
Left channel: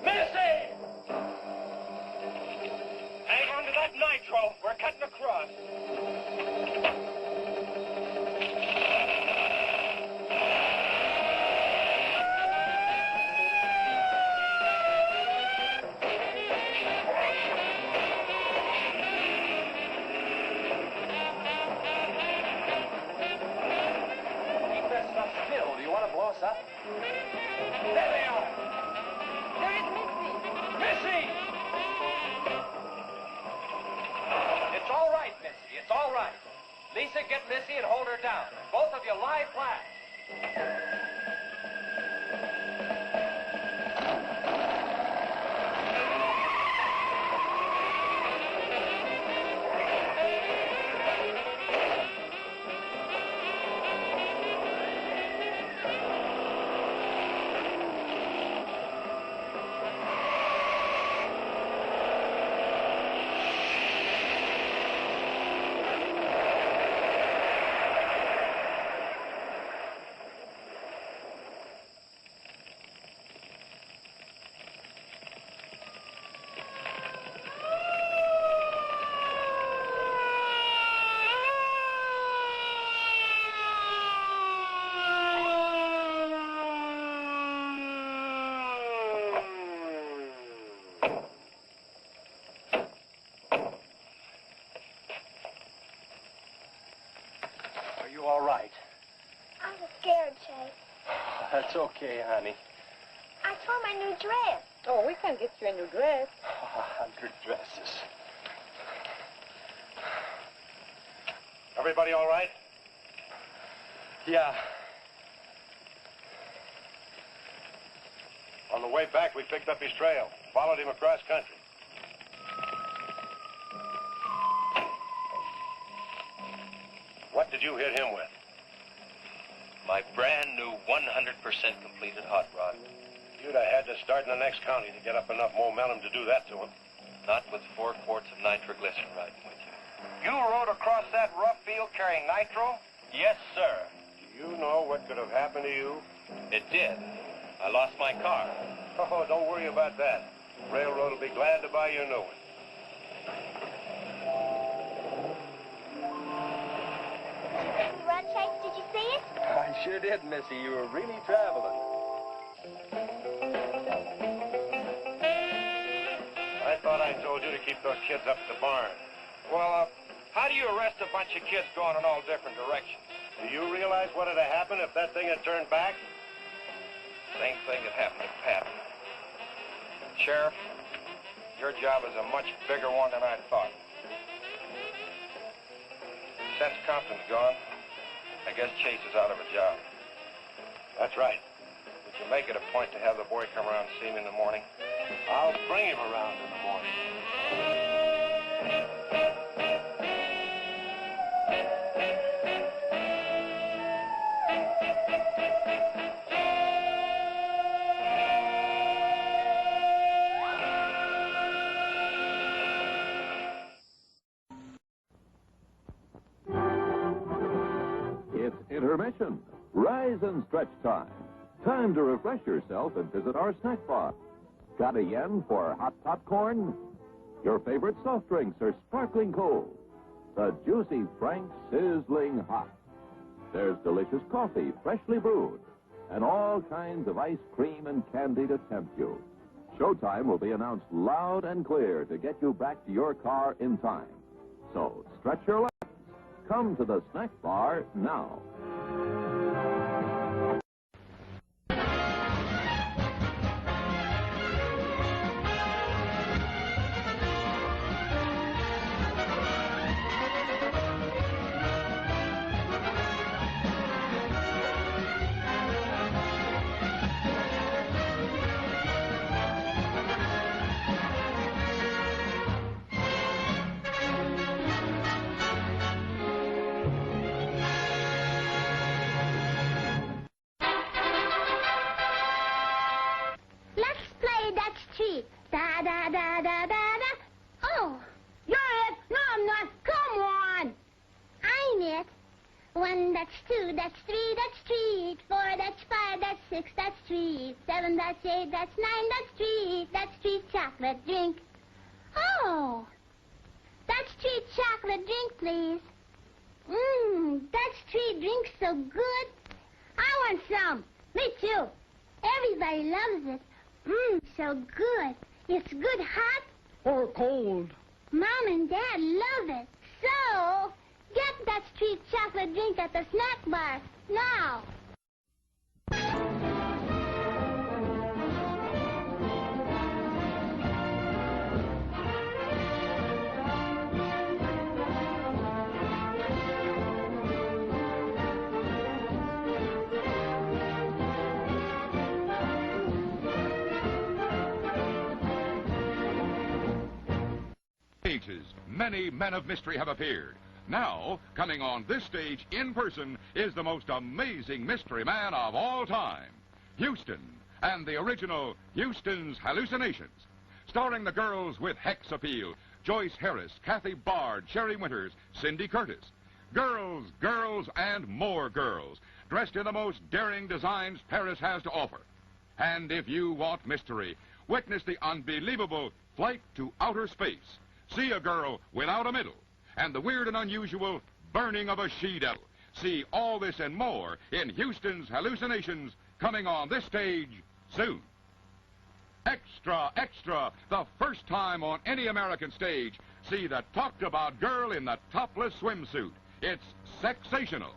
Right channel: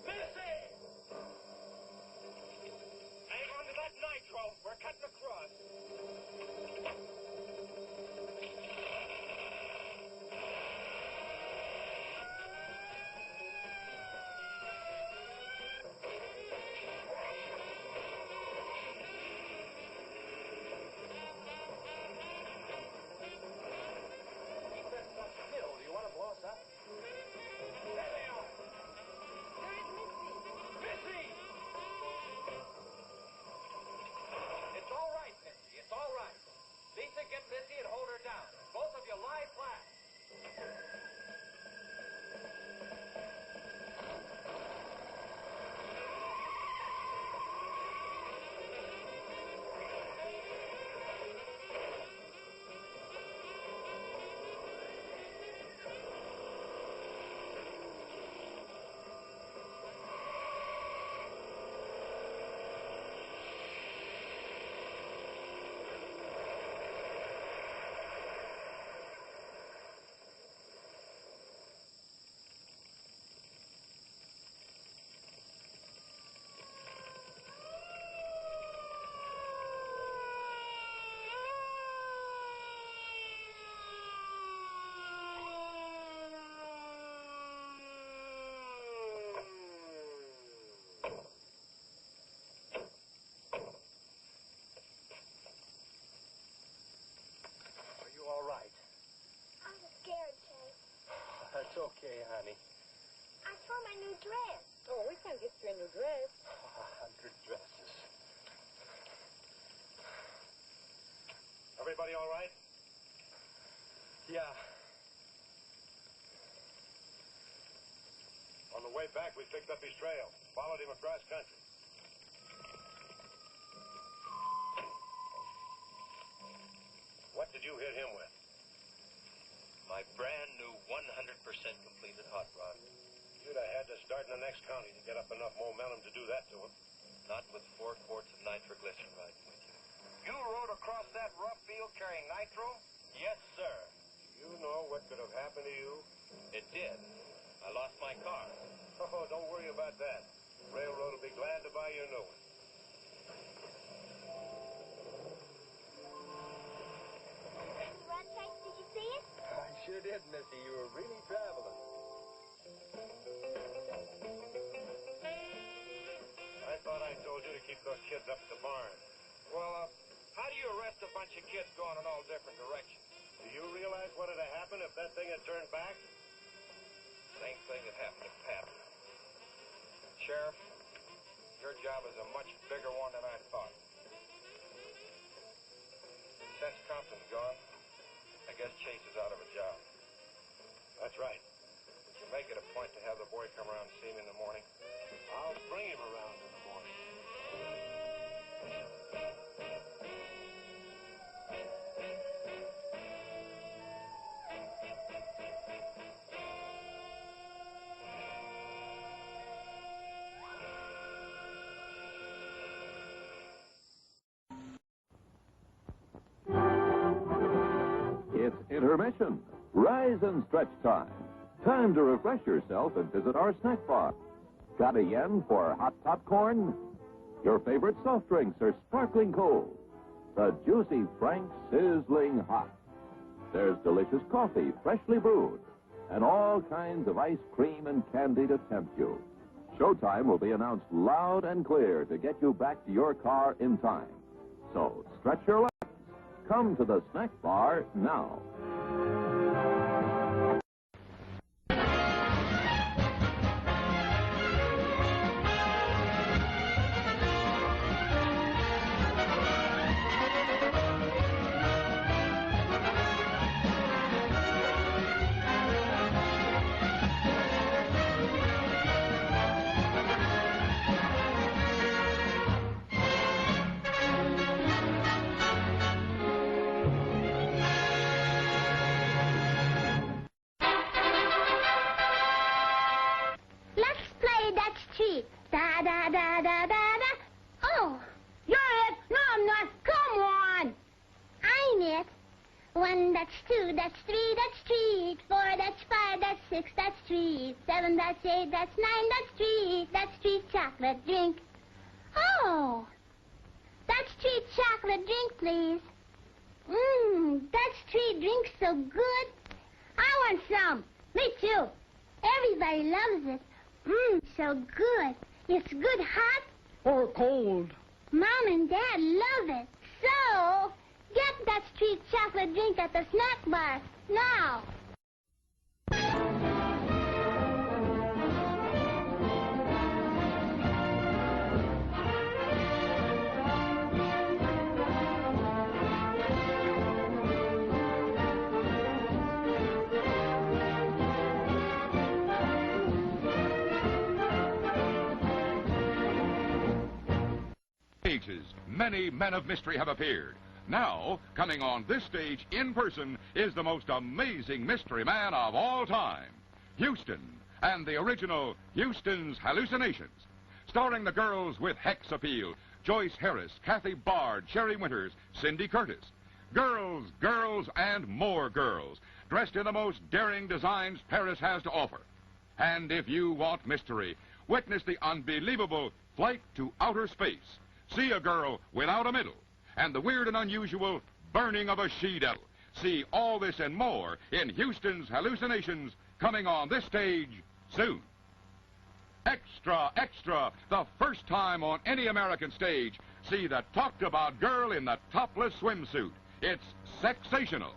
Missy! Hang on to that nitro. We're cutting across. Keep that stuff still. Do you want to blow us up? There they are. There is Missy. Missy! It's all right, Missy. It's all right. Lisa, get Missy and hold her down. Both of you lie flat. Are you all right? I'm scared, Chase. That's okay, honey. I tore my new dress. Oh, we can get you a new dress. 100 dresses. Everybody all right? Yeah. On the way back, we picked up his trail. Followed him across country. What did you hit him with? My brand new 100% completed hot rod. You'd have had to start in the next county to get up enough momentum to do that to him. Not with 4 quarts of nitroglycerin riding with you. You rode across that rough field carrying nitro? Yes, sir. Do you know what could have happened to you? It did. I lost my car. Oh, don't worry about that. Railroad will be glad to buy you a new one. Run chase, did you see it? I sure did, Missy. You were really traveling. I thought I told you to keep those kids up at the barn. Well, how do you arrest a bunch of kids going in all different directions? Do you realize what would have happened if that thing had turned back? Same thing that happened to Pat. Sheriff, your job is a much bigger one than I thought. Since Compton's gone, I guess Chase is out of a job. That's right. Would you make it a point to have the boy come around and see me in the morning? I'll bring him around in the morning. It's intermission. Rise and stretch time. Time to refresh yourself and visit our snack bar. Got a yen for hot popcorn? Your favorite soft drinks are sparkling cold. The juicy Frank sizzling hot. There's delicious coffee, freshly brewed. And all kinds of ice cream and candy to tempt you. Showtime will be announced loud and clear to get you back to your car in time. So stretch your legs. Come to the snack bar now. Da da da da da da. Oh, you're it. No, I'm not. Come on. I'm it. 1, that's 2, that's 3, that's treat. 4, that's 5, that's 6, that's treat. 7, that's 8, that's 9, that's treat. That's treat chocolate drink. Oh, that's treat chocolate drink, please. That's treat drink so good. I want some. Me too. Everybody loves it. So good. It's good hot. Or cold. Mom and Dad love it. So, get that treat chocolate drink at the snack bar now. Ages, many men of mystery have appeared. Now, coming on this stage in person is the most amazing mystery man of all time, Houston, and the original Houston's Hallucinations, starring the girls with Hex Appeal, Joyce Harris, Kathy Bard, Sherry Winters, Cindy Curtis. Girls, girls, and more girls, dressed in the most daring designs Paris has to offer. And if you want mystery, witness the unbelievable Flight to Outer Space. See a girl without a middle, and the weird and unusual burning of a she-devil. See all this and more in Houston's Hallucinations, coming on this stage soon. Extra, extra, the first time on any American stage, see the talked-about girl in the topless swimsuit. It's sexational.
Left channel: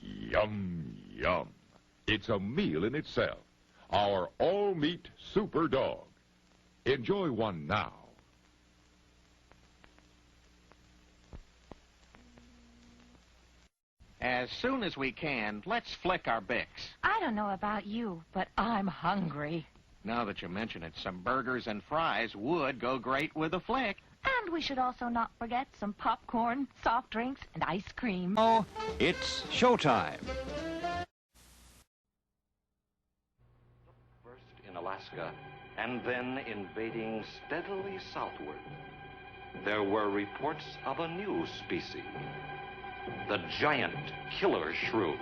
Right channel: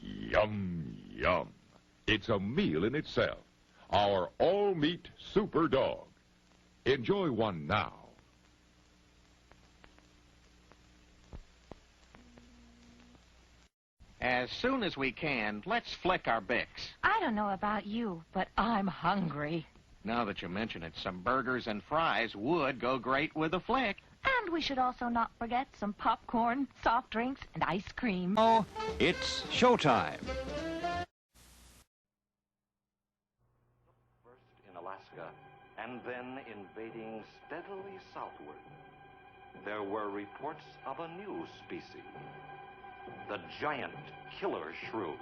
Yum, yum. It's a meal in itself. Our all-meat super dog. Enjoy one now. As soon as we can, let's flick our Bix. I don't know about you, but I'm hungry. Now that you mention it, some burgers and fries would go great with a flick. And we should also not forget some popcorn, soft drinks, and ice cream. Oh, it's showtime. First in Alaska, and then invading steadily southward, there were reports of a new species, the giant killer shrew.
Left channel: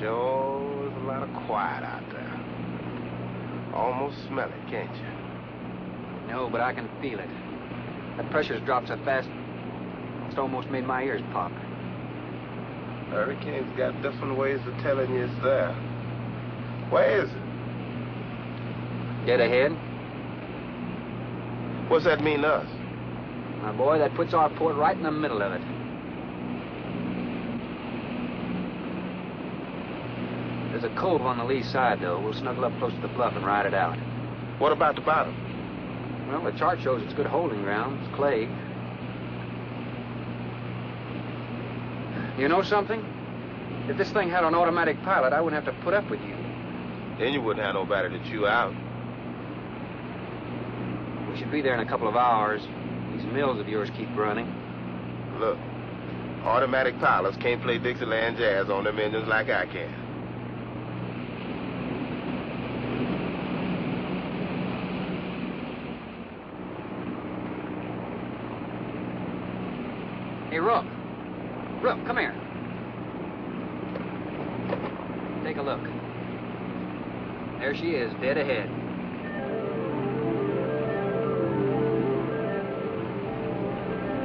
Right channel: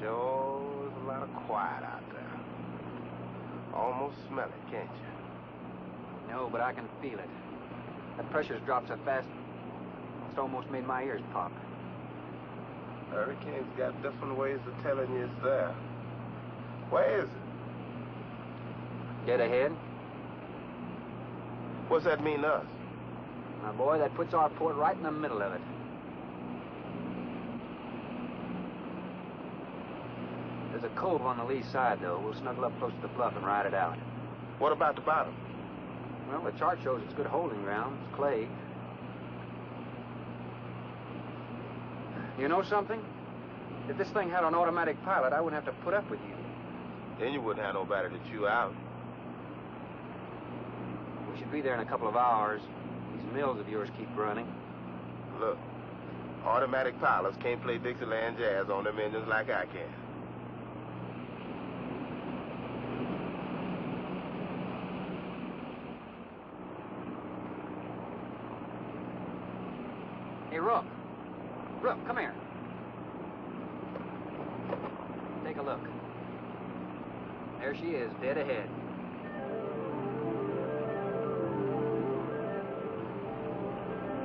Sure is a lot of quiet out there. Almost smell it, can't you? No, but I can feel it. That pressure's dropped so fast, it's almost made my ears pop. Hurricane's got different ways of telling you it's there. Where is it? Dead ahead. What's that mean to us? My boy, that puts our port right in the middle of it. There's a cove on the lee side, though. We'll snuggle up close to the bluff and ride it out. What about the bottom? Well, the chart shows it's good holding ground. It's clay. You know something? If this thing had an automatic pilot, I wouldn't have to put up with you. Then you wouldn't have nobody to chew out. We should be there in a couple of hours. These mills of yours keep running. Look, automatic pilots can't play Dixieland jazz on them engines like I can. Hey, Rook. Rook, come here. Take a look. There she is, dead ahead.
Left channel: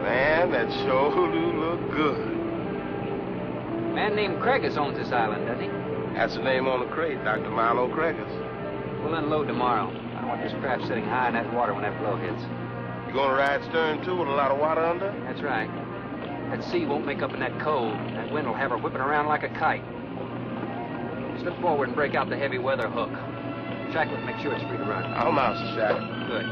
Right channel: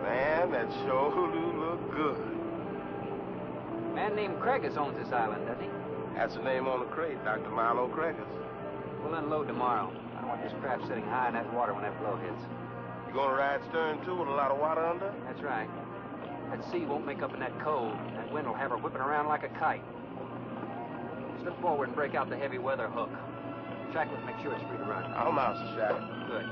Man, that sure do look good. A man named Craigus owns this island, doesn't he? That's the name on the crate, Dr. Milo Craigus. We'll unload tomorrow. I don't want this craft sitting high in that water when that blow hits. You gonna ride stern, too, with a lot of water under? That's right. That sea won't make up in that cove. That wind will have her whipping around like a kite. Slip forward and break out the heavy weather hook. Shackle it, make sure it's free to run. I'll mount the shackle. Good.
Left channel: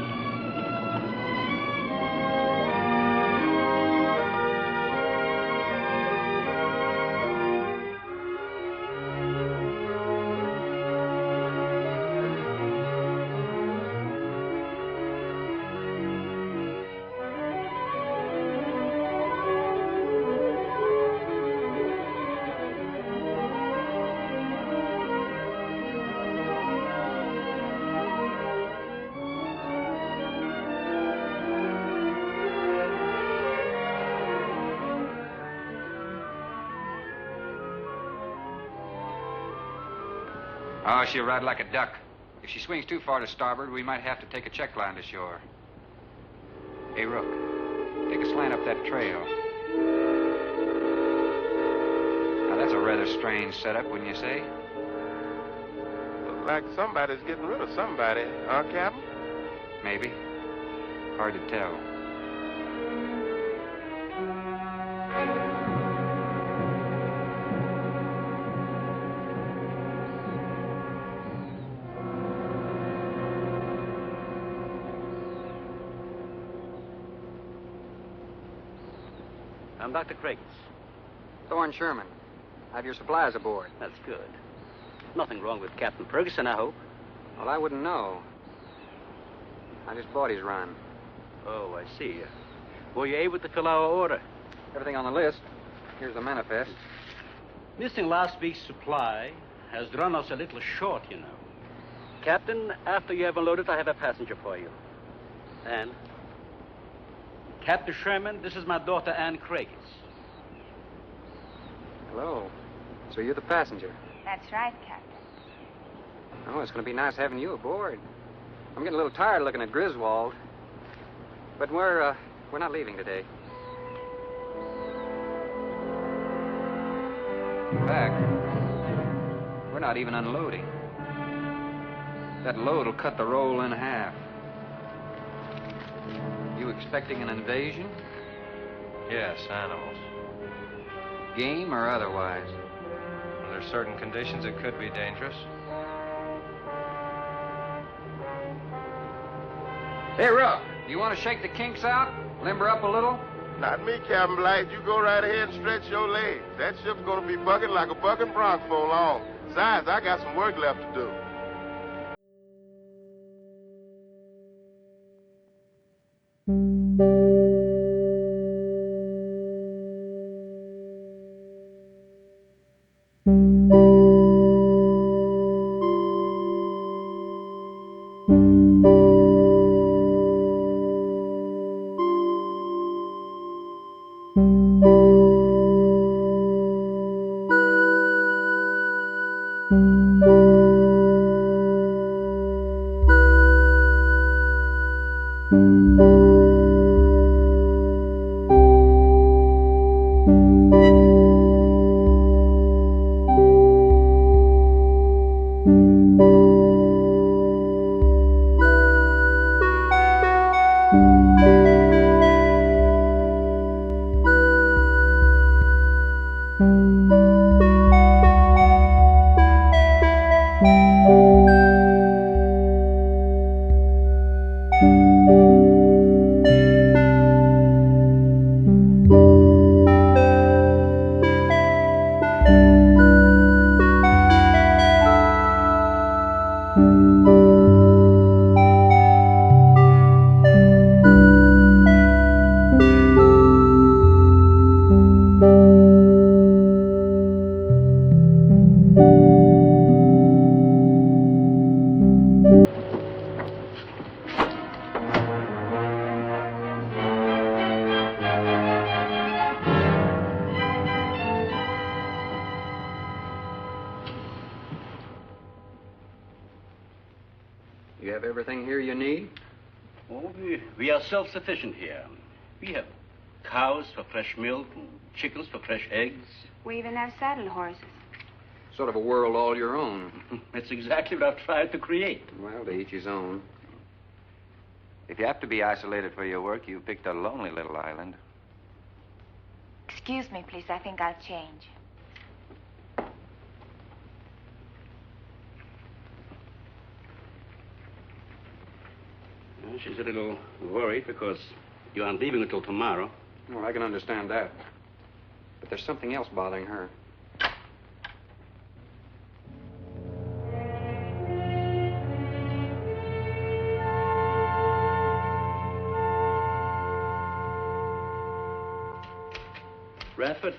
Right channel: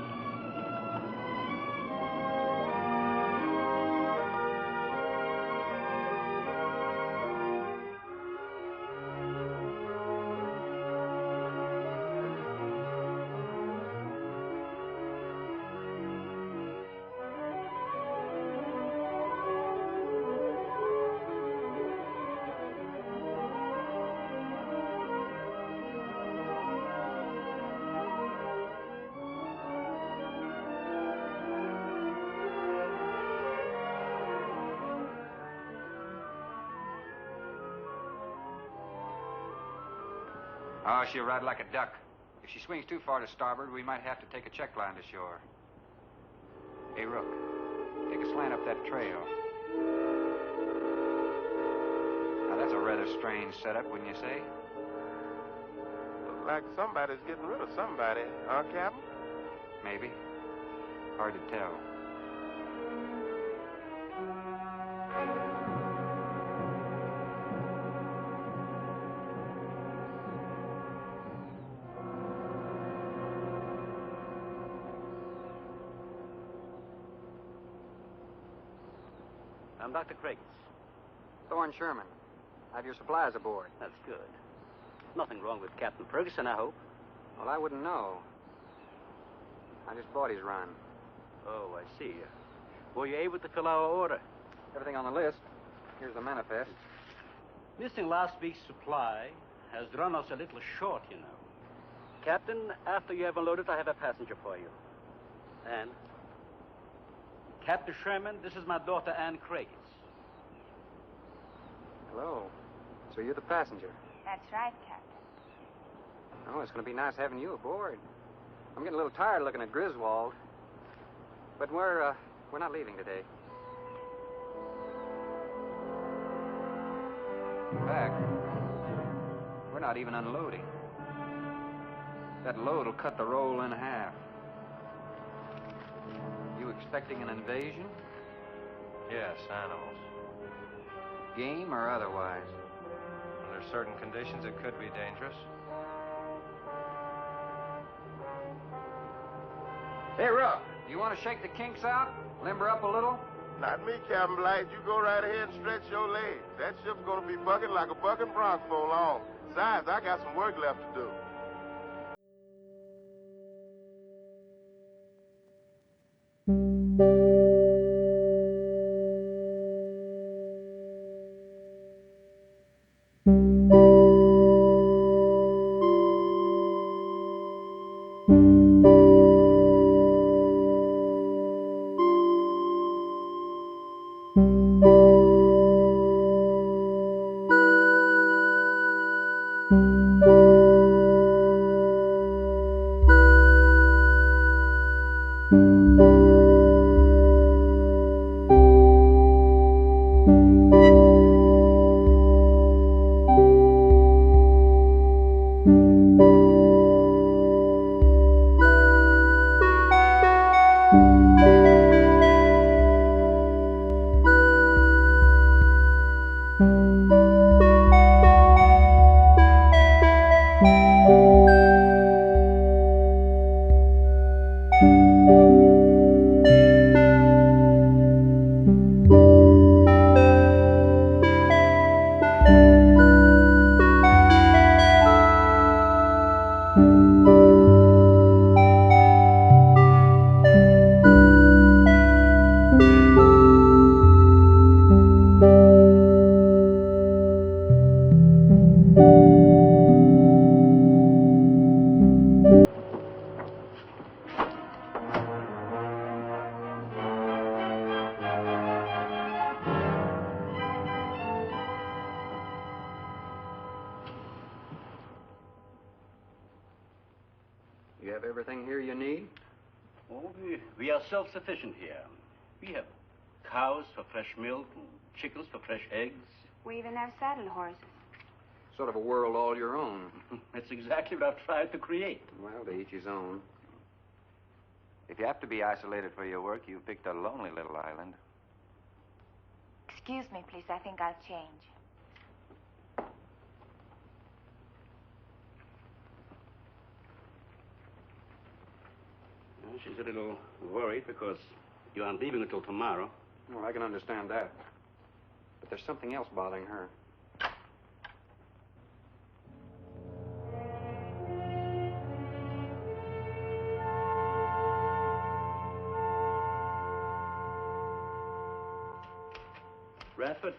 Oh, she'll ride like a duck. If she swings too far to starboard, we might have to take a check line to shore. Hey, Rook, take a slant up that trail. Now, that's a rather strange setup, wouldn't you say? Look like somebody's getting rid of somebody, huh, Captain? Maybe. Hard to tell. I'm Dr. Craigus. Thorne Sherman. Have your supplies aboard. That's good. Nothing wrong with Captain Ferguson, I hope. Well, I wouldn't know. I just bought his run. Oh, I see. Were you able to fill our order? Everything on the list. Here's the manifest. Missing last week's supply has run us a little short, you know. Captain, after you have unloaded, I have a passenger for you. Anne. Captain Sherman, this is my daughter, Anne Craigs. Hello. So you're the passenger? That's right, Captain. Oh, it's going to be nice having you aboard. I'm getting a little tired looking at Griswold. But we're not leaving today. In fact, we're not even unloading. That load will cut the roll in half. You expecting an invasion? Yes, animals. Game or otherwise? Under certain conditions, it could be dangerous. Hey, Ruff, do you want to shake the kinks out? Limber up a little? Not me, Captain Black. You go right ahead and stretch your legs. That ship's gonna be bucking like a bucking bronc for long. Besides, I got some work left to do. You have everything here you need? Oh, we are self-sufficient here. We have cows for fresh milk and chickens for fresh eggs. We even have saddle horses. Sort of a world all your own. That's exactly what I've tried to create. Well, to each his own. If you have to be isolated for your work, you picked a lonely little island. Excuse me, please. I think I'll change. Well, she's a little worried because you aren't leaving until tomorrow. Well, I can understand that. But there's something else bothering her. Radford?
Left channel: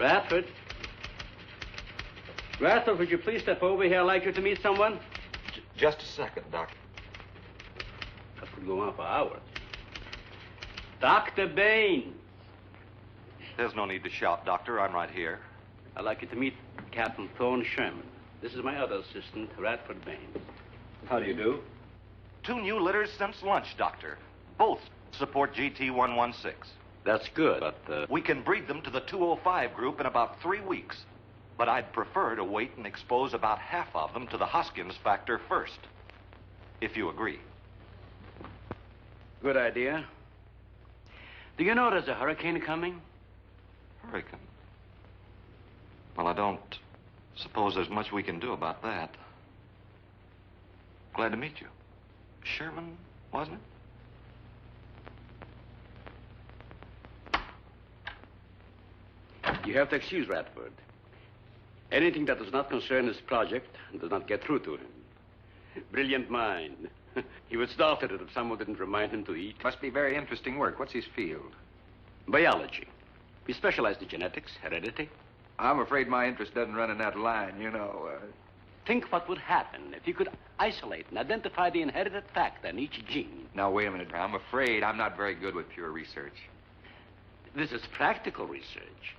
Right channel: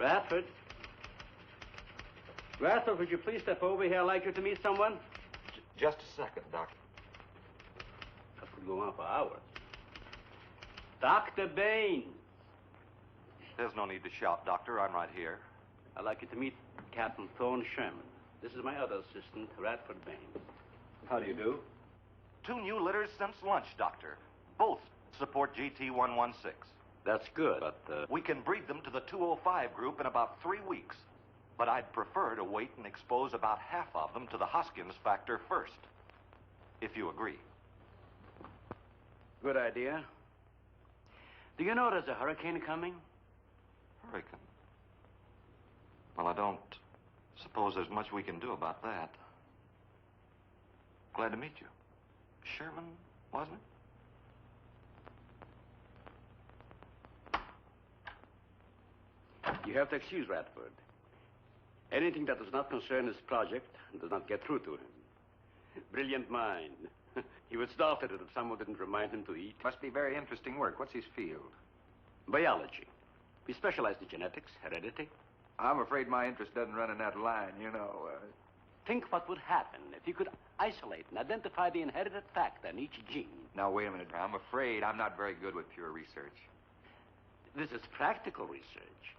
Radford? Radford, would you please step over here? I'd like you to meet someone. Just a second, Doc. That could go on for hours. Dr. Bain. There's no need to shout, Doctor. I'm right here. I'd like you to meet Captain Thorne Sherman. This is my other assistant, Radford Bain. How do you do? 2 new litters since lunch, Doctor. Both support GT116. That's good, but... We can breed them to the 205 group in about 3 weeks. But I'd prefer to wait and expose about half of them to the Hoskins factor first. If you agree. Good idea. Do you know there's a hurricane coming? Hurricane? Well, I don't suppose there's much we can do about that. Glad to meet you. Sherman, wasn't it? You have to excuse Radford. Anything that does not concern his project does not get through to him. Brilliant mind. He would start at it if someone didn't remind him to eat. Must be very interesting work. What's his field? Biology. We specialize in genetics, heredity. I'm afraid my interest doesn't run in that line, you know. Think what would happen if you could isolate and identify the inherited factor in each gene. Now, wait a minute. I'm afraid I'm not very good with pure research. This is practical research.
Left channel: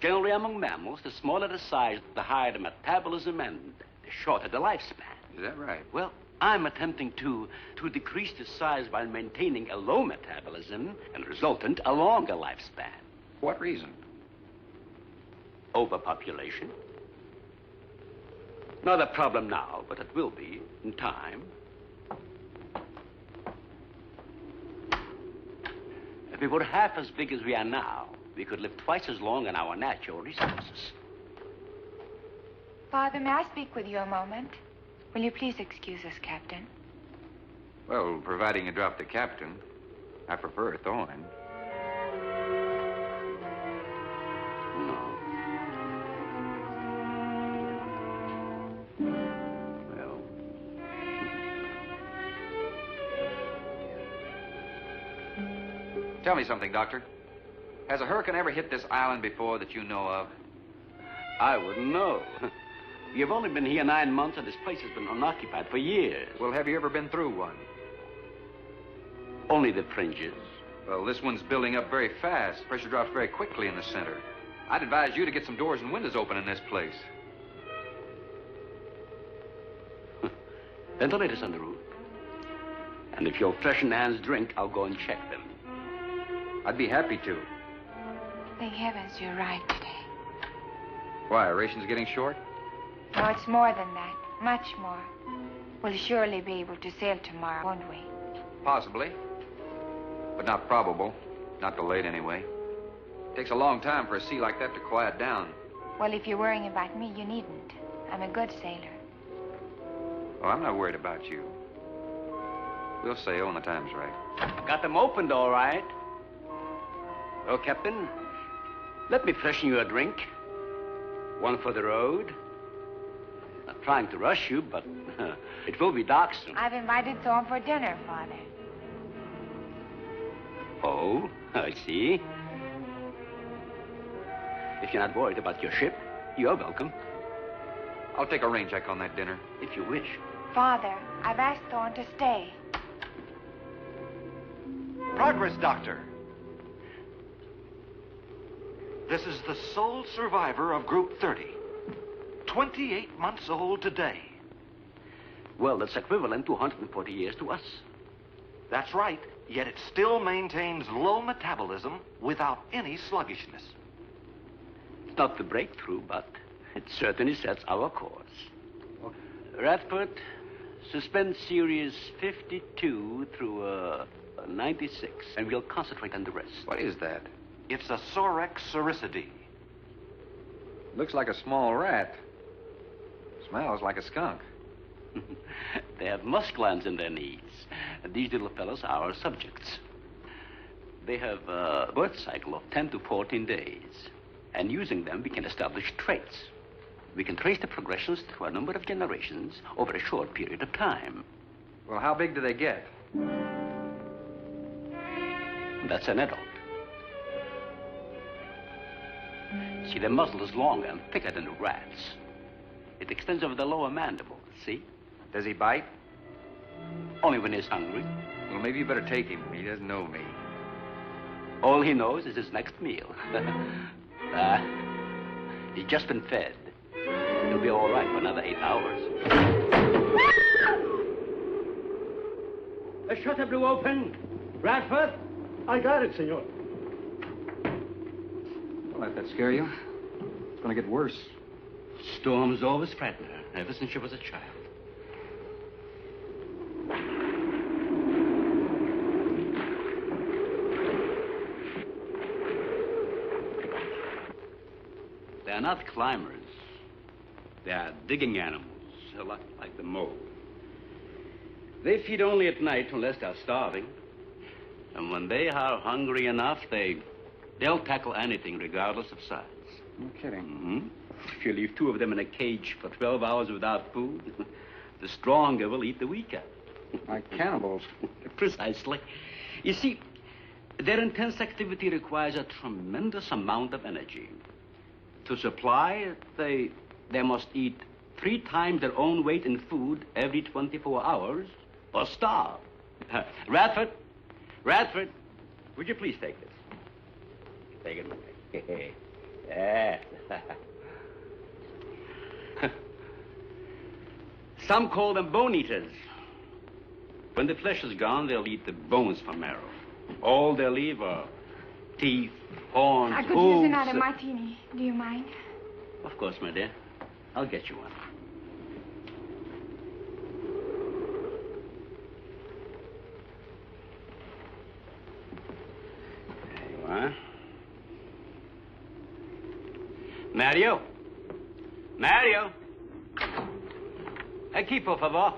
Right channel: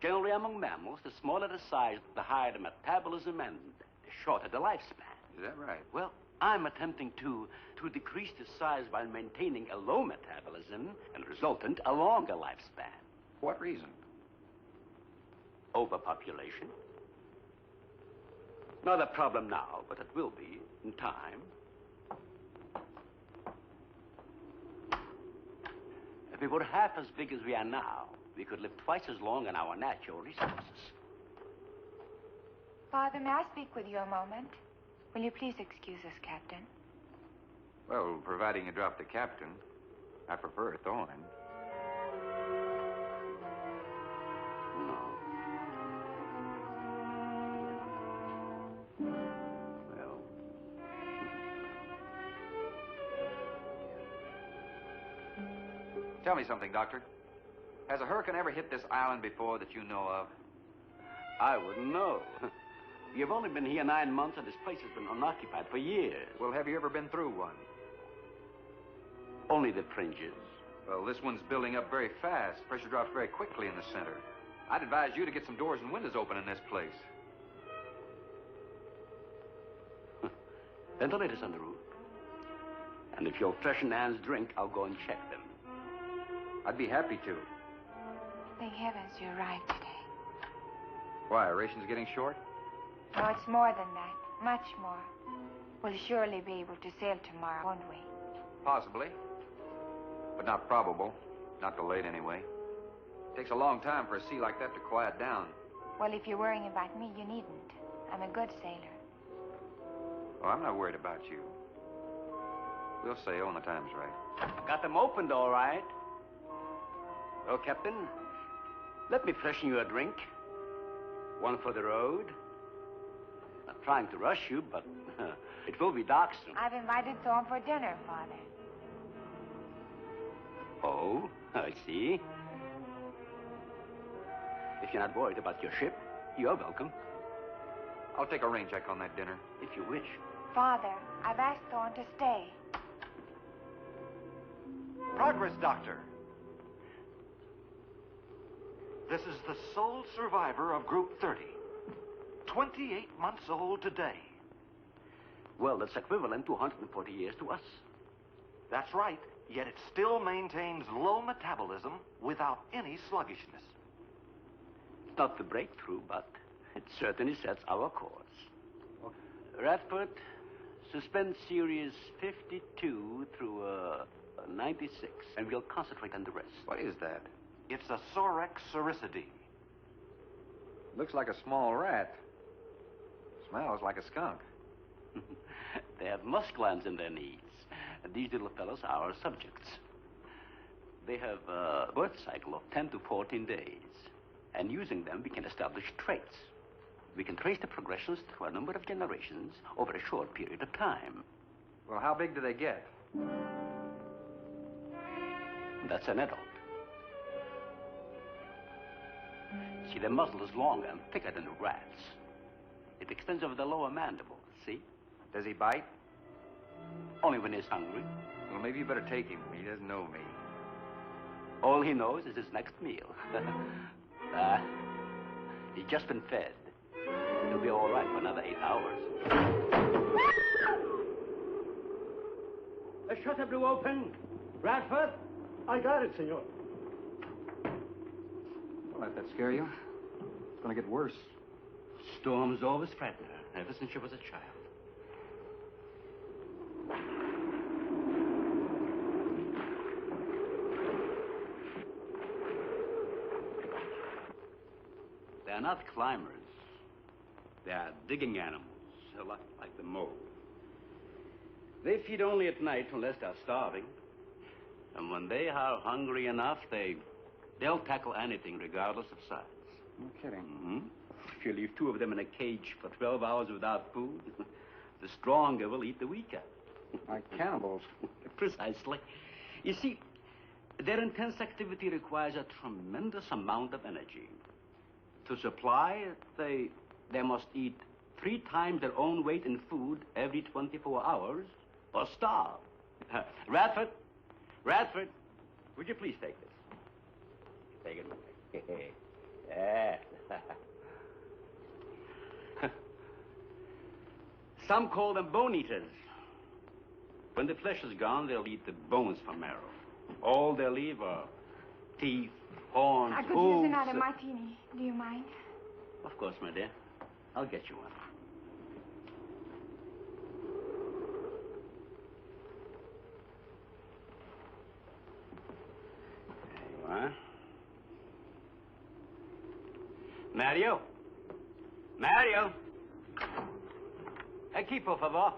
Generally, among mammals, the smaller the size, the higher the metabolism and the shorter the lifespan. Is that right? Well, I'm attempting to decrease the size by maintaining a low metabolism and resultant a longer lifespan. For what reason? Overpopulation. Not a problem now, but it will be in time. If we were half as big as we are now, we could live twice as long on our natural resources. Father, may I speak with you a moment? Will you please excuse us, Captain? Well, providing you drop the captain, I prefer a thorn. No. Well. Tell me something, Doctor. Has a hurricane ever hit this island before that you know of? I wouldn't know. You've only been here 9 months, and this place has been unoccupied for years. Well, have you ever been through one? Only the fringes. Well, this one's building up very fast. Pressure drops very quickly in the center. I'd advise you to get some doors and windows open in this place. Ventilators on the roof. And if you'll freshen Anne's drink, I'll go and check them. I'd be happy to. Thank heavens you're right today. Why, are rations getting short? No, it's more than that. Much more. We'll surely be able to sail tomorrow, won't we? Possibly. But not probable. Not delayed, anyway. It takes a long time for a sea like that to quiet down. Well, if you're worrying about me, you needn't. I'm a good sailor. Oh, I'm not worried about you. We'll sail when the time's right. Got them opened, all right. Well, Captain, let me freshen you a drink. One for the road. Not trying to rush you, but it will be dark soon. I've invited Thorne for dinner, Father. Oh, I see. If you're not worried about your ship, you're welcome. I'll take a rain check on that dinner. If you wish. Father, I've asked Thorne to stay. Progress, Doctor. This is the sole survivor of Group 30. 28 months old today. Well, that's equivalent to 140 years to us. That's right, yet it still maintains low metabolism without any sluggishness. It's not the breakthrough, but it certainly sets our course. Radford, suspend series 52 through 96, and we'll concentrate on the rest. What is that? It's a Sorex cericidae. Looks like a small rat. Smells like a skunk. They have musk glands in their knees. These little fellows are our subjects. They have a birth cycle of 10 to 14 days. And using them, we can establish traits. We can trace the progressions through a number of generations over a short period of time. Well, how big do they get? That's an adult. See, their muzzle is longer and thicker than a rat's. It extends over the lower mandible, see? Does he bite? Only when he's hungry. Well, maybe you better take him. He doesn't know me. All he knows is his next meal. He's just been fed. He'll be all right for another 8 hours. The shutter blew open. Radford? I got it, senor. Don't let that scare you. It's going to get worse. Storms always frighten her, ever since she was a child. They're not climbers. They are digging animals, a lot like the mole. They feed only at night unless they're starving. And when they are hungry enough, they'll tackle anything regardless of size. No kidding. Mm-hmm. If you leave 2 of them in a cage for 12 hours without food, the stronger will eat the weaker. Like cannibals. Precisely. You see, their intense activity requires a tremendous amount of energy. To supply it, they must eat 3 times their own weight in food every 24 hours or starve. Radford, would you please take this? Take it. Yeah. Some call them bone eaters. When the flesh is gone, they'll eat the bones for marrow. All they'll leave are teeth, horns, I could hooves. use another martini. Do you mind? Of course, my dear. I'll get you one. There you are. Mario! Aquí, por favor.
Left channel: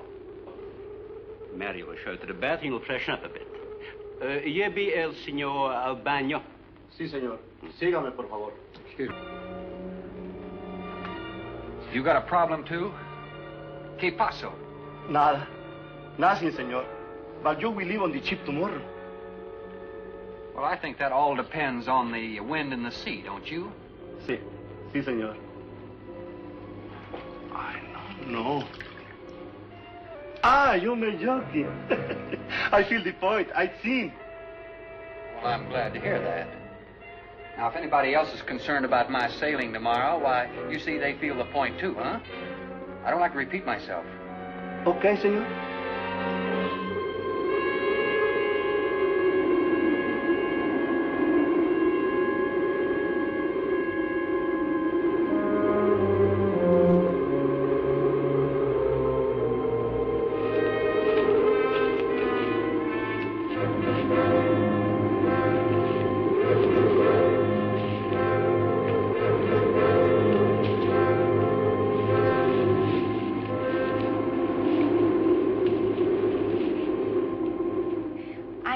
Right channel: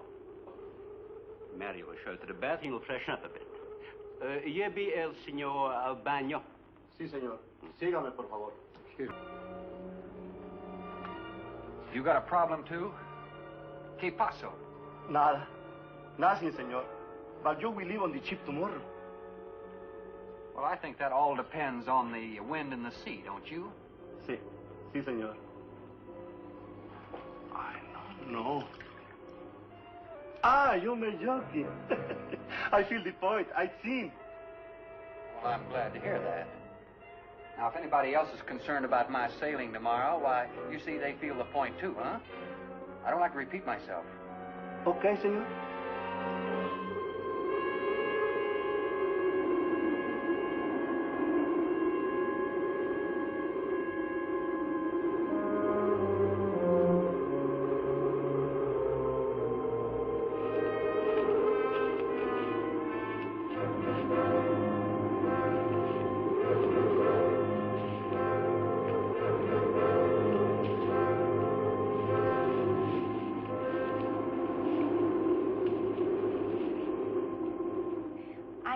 Mario will show you to the bath and you'll freshen up a bit. Lleve el señor al baño. Sí, señor. Sígame, por favor. Excuse me. You got a problem, too? ¿Qué pasó? Nada. Nothing, señor. But you will leave on the ship tomorrow. Well, I think that all depends on the wind and the sea, don't you? Sí. Sí, señor. No. Ah, you're joking. I feel the point. I seen. Well, I'm glad to hear that. Now, if anybody else is concerned about my sailing tomorrow, why, you see, they feel the point, too, huh? I don't like to repeat myself. Okay, senor.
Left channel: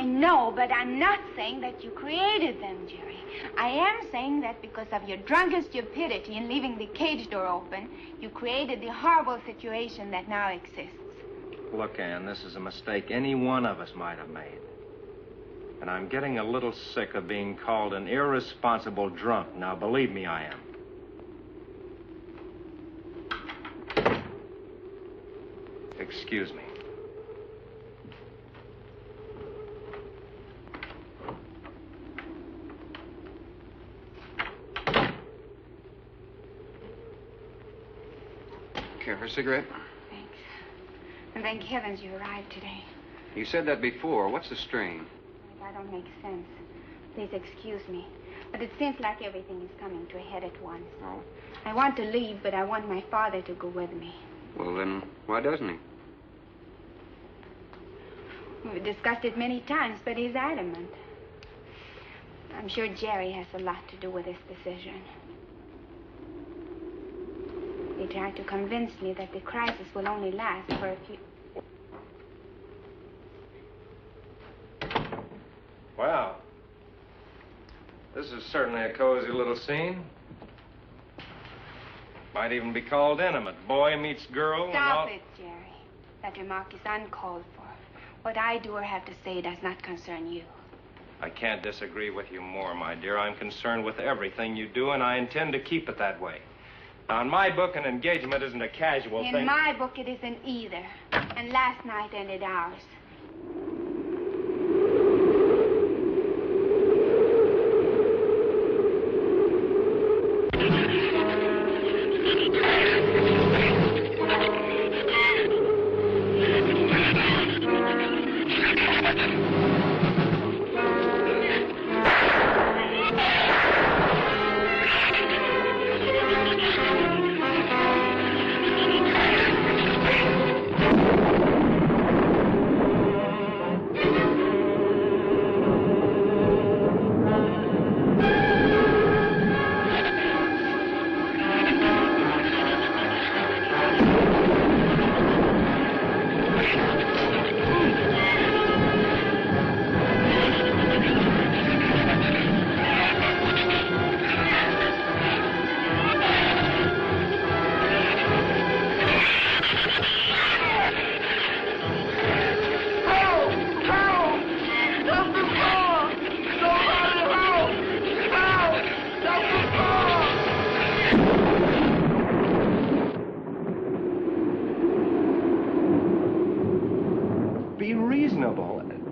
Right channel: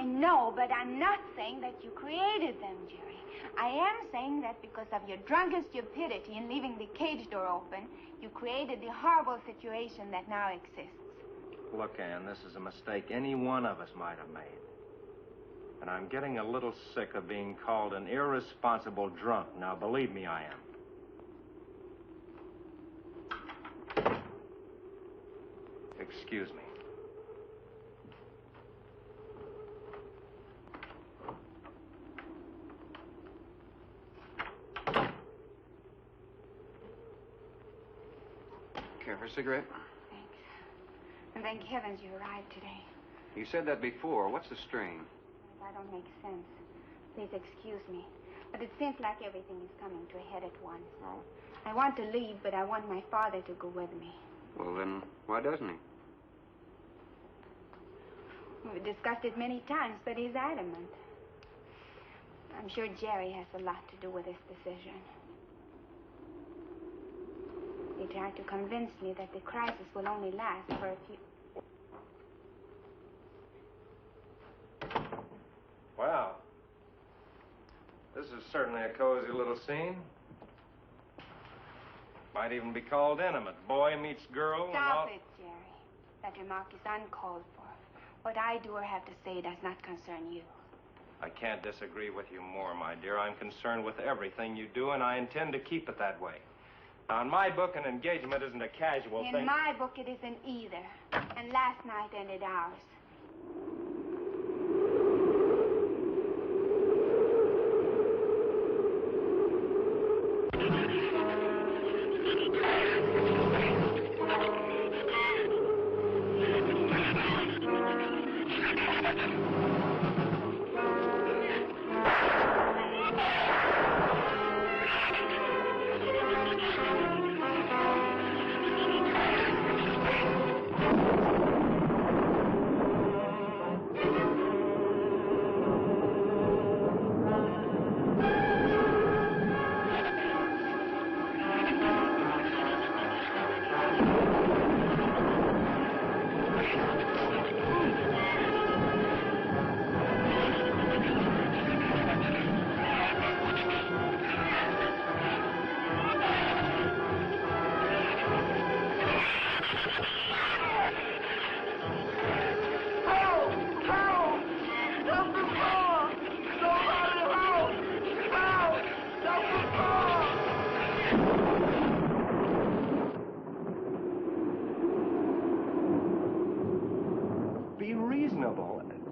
No, but I'm not saying that you created them, Jerry. I am saying that because of your drunken stupidity in leaving the cage door open, you created the horrible situation that now exists. Look, Ann, this is a mistake any one of us might have made. And I'm getting a little sick of being called an irresponsible drunk. Now, believe me, I am. Excuse me. Care for a cigarette? Thanks. And thank heavens you arrived today. You said that before. What's the strain? That don't make sense. Please excuse me. But it seems like everything is coming to a head at once. Oh. I want to leave, but I want my father to go with me. Well, then, why doesn't he? We've discussed it many times, but he's adamant. I'm sure Jerry has a lot to do with this decision. He tried to convince me that the crisis will only last for a few... Well, this is certainly a cozy little scene. Might even be called intimate. Boy meets girl. Stop it, Jerry. That remark is uncalled for. What I do or have to say does not concern you. I can't disagree with you more, my dear. I'm concerned with everything you do, and I intend to keep it that way. Now, in my book, an engagement isn't a casual thing. In my book, it isn't either. And last night ended ours.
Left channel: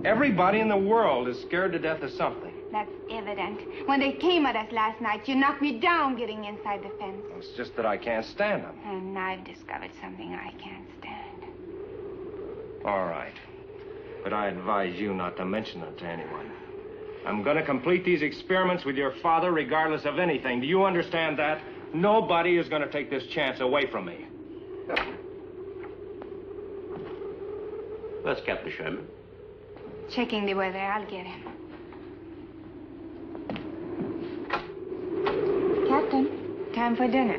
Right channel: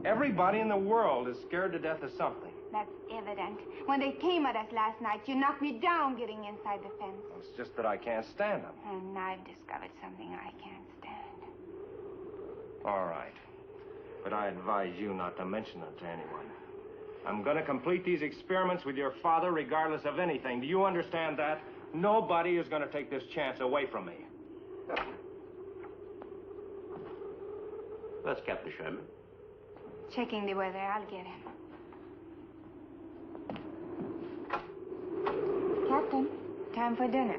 Everybody in the world is scared to death of something. That's evident. When they came at us last night, you knocked me down getting inside the fence. It's just that I can't stand them. And I've discovered something I can't stand. All right. But I advise you not to mention it to anyone. I'm going to complete these experiments with your father regardless of anything. Do you understand that? Nobody is going to take this chance away from me. Where's Captain Sherman? Checking the weather. I'll get him. Captain, time for dinner.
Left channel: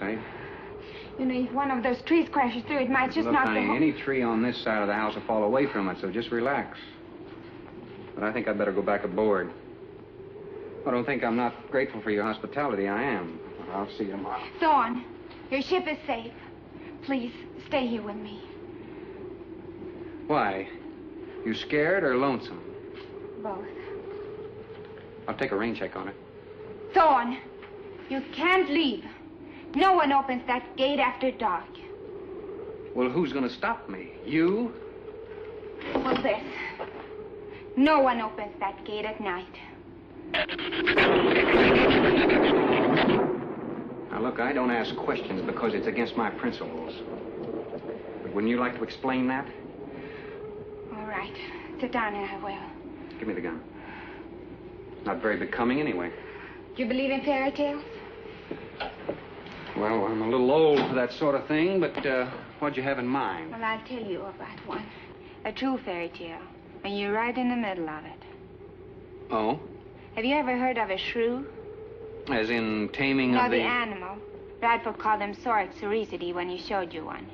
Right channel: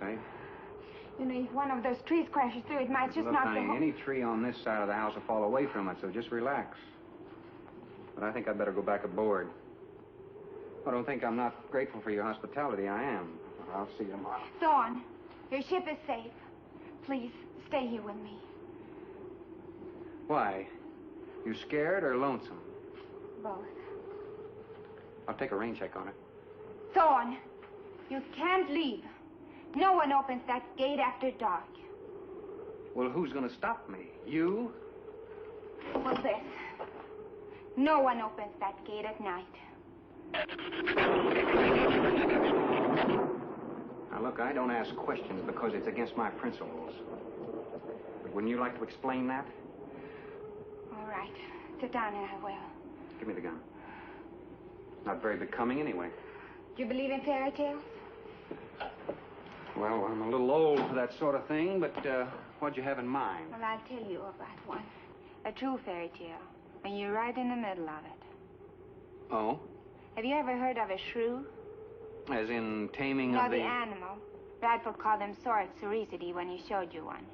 Say. You know, if one of those trees crashes through, it might just knock the whole... Any tree on this side of the house will fall away from it, so just relax. But I think I'd better go back aboard. I don't think I'm not grateful for your hospitality. I am. I'll see you tomorrow. Thorne, your ship is safe. Please, stay here with me. Why? You scared or lonesome? Both. I'll take a rain check on it. Thorne, you can't leave. No one opens that gate after dark. Well, who's going to stop me? You? Well, this. No one opens that gate at night. Now, look, I don't ask questions because it's against my principles. But wouldn't you like to explain that? All right. Sit down and I will. Give me the gun. It's not very becoming anyway. Do you believe in fairy tales? Well, I'm a little old for that sort of thing, but what'd you have in mind? Well, I'll tell you about one. A true fairy tale. And you're right in the middle of it. Oh? Have you ever heard of a shrew? As in taming of the animal. Bradford called them Sorixoricity when he showed you one.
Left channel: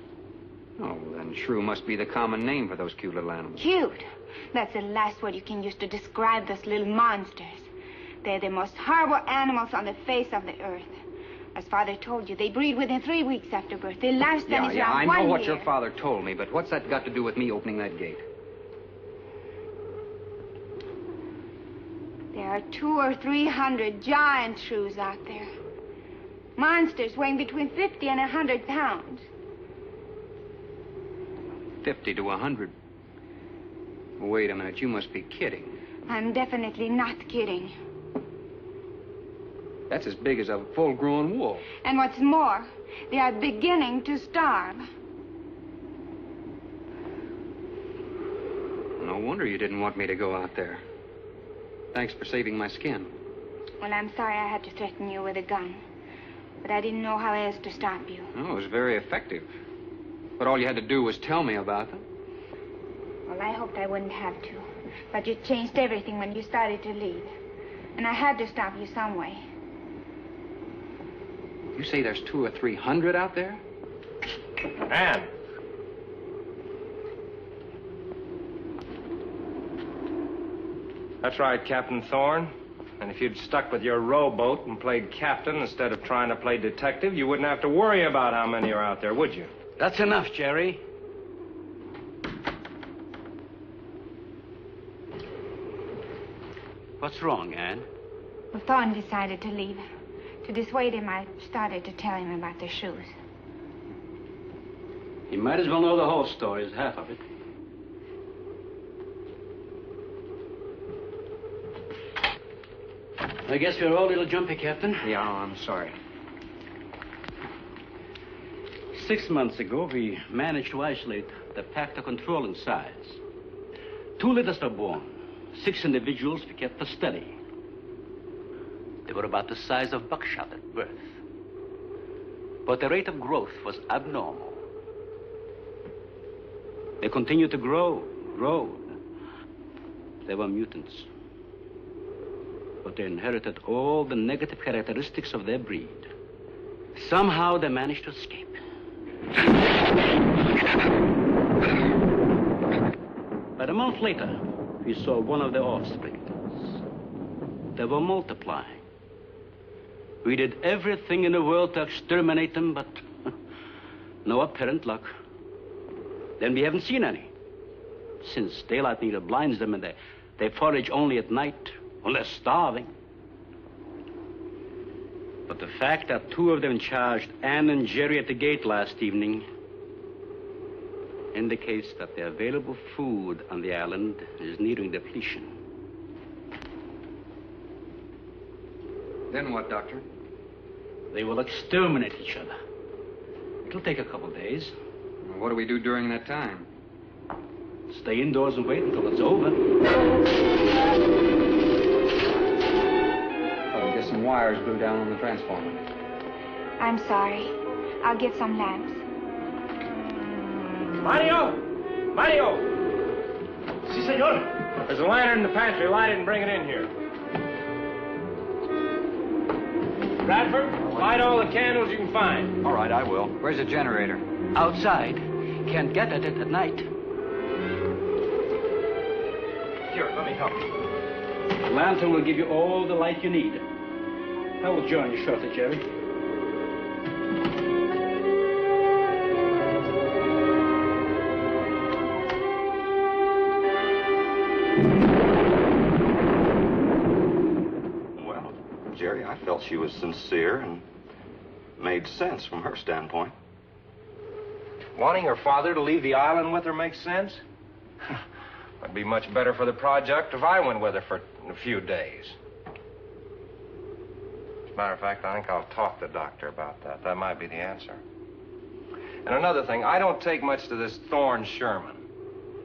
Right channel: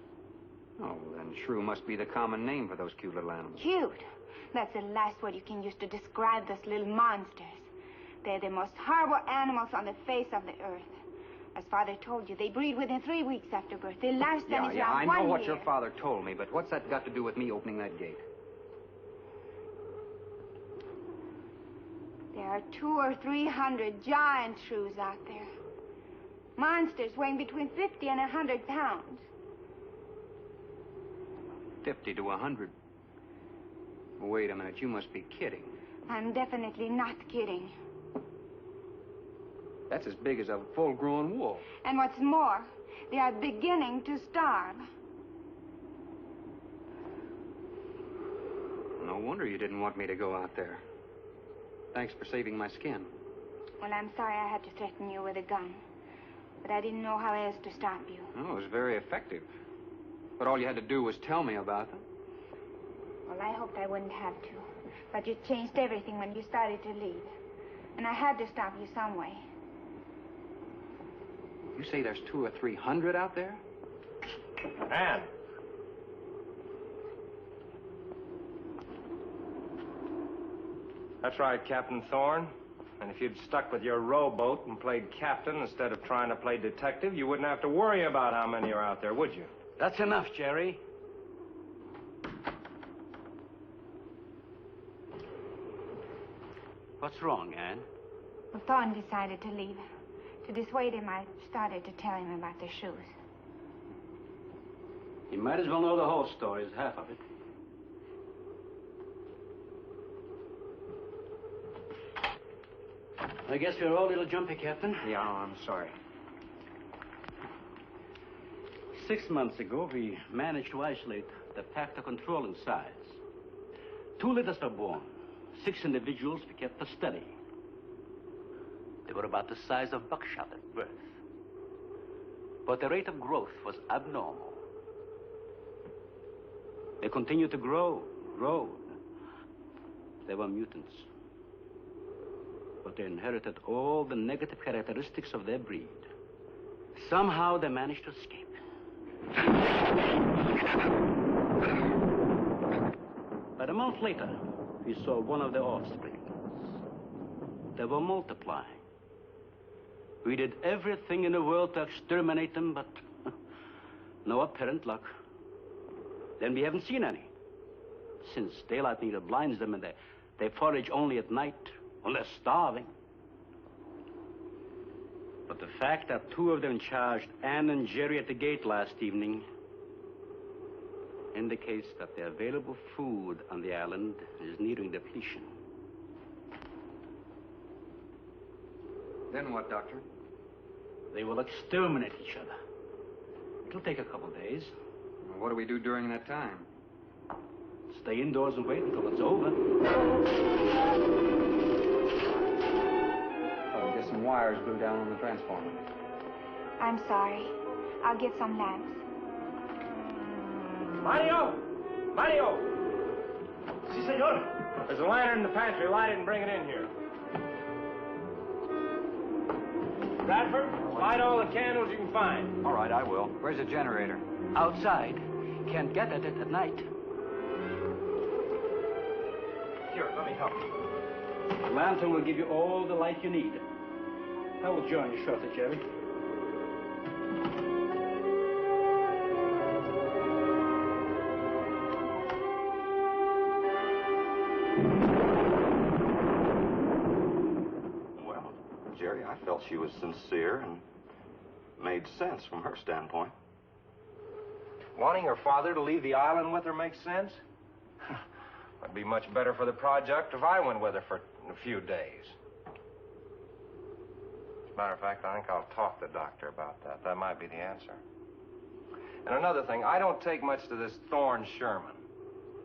Oh, then shrew must be the common name for those cute little animals. Cute? That's the last word you can use to describe those little monsters. They're the most horrible animals on the face of the earth. As Father told you, they breed within 3 weeks after birth. Their lifespan is around 1 year. I know what your father told me, but what's that got to do with me opening that gate? There are 200 or 300 giant shrews out there. Monsters weighing between 50 and 100 pounds. 50 to 100? Wait a minute, you must be kidding. I'm definitely not kidding. That's as big as a full-grown wolf. And what's more, they are beginning to starve. No wonder you didn't want me to go out there. Thanks for saving my skin. Well, I'm sorry I had to threaten you with a gun. But I didn't know how else to stop you. No, it was very effective. But all you had to do was tell me about them. Well, I hoped I wouldn't have to. But you changed everything when you started to leave. And I had to stop you some way. You say there's 200 or 300 out there? Anne. That's right, Captain Thorne. And if you'd stuck with your rowboat and played captain instead of trying to play detective, you wouldn't have to worry about how many are out there, would you? That's enough, Jerry. What's wrong, Anne? Well, Thorne decided to leave. To dissuade him, I started to tell him about the shoes. You might as well know the whole story as half of it. I guess we're all a little jumpy, Captain. Yeah, I'm sorry. 6 months ago, we managed to isolate the pack to control in size. 2 litters were born. 6 individuals we kept for study. They were about the size of buckshot at birth. But the rate of growth was abnormal. They continued to grow. They were mutants. But they inherited all the negative characteristics of their breed. Somehow they managed to escape. But a month later, we saw one of their offspring. They were multiplying. We did everything in the world to exterminate them, but no apparent luck. Then we haven't seen any. Since daylight neither blinds them and they forage only at night, unless starving. But the fact that 2 of them charged Anne and Jerry at the gate last evening indicates that the available food on the island is nearing depletion. Then what, Doctor? They will exterminate each other. It'll take a couple days. What do we do during that time? Stay indoors and wait until it's over. I'll get some wires glued down on the transformer. I'm sorry. I'll get some lamps. Mario! Mario! Si, senor. There's a lantern in the pantry. Light it and bring it in here. Bradford, light all the candles you can find. All right, I will. Where's the generator? Outside. Can't get at it at night. Here, let me help you. The lantern will give you all the light you need. I will join you shortly, Jerry. Well, Jerry, I felt she was sincere and made sense from her standpoint. Wanting her father to leave the island with her makes sense? It'd be much better for the project if I went with her for a few days. As a matter of fact, I think I'll talk to the doctor about that. That might be the answer. And another thing, I don't take much to this Thorne Sherman.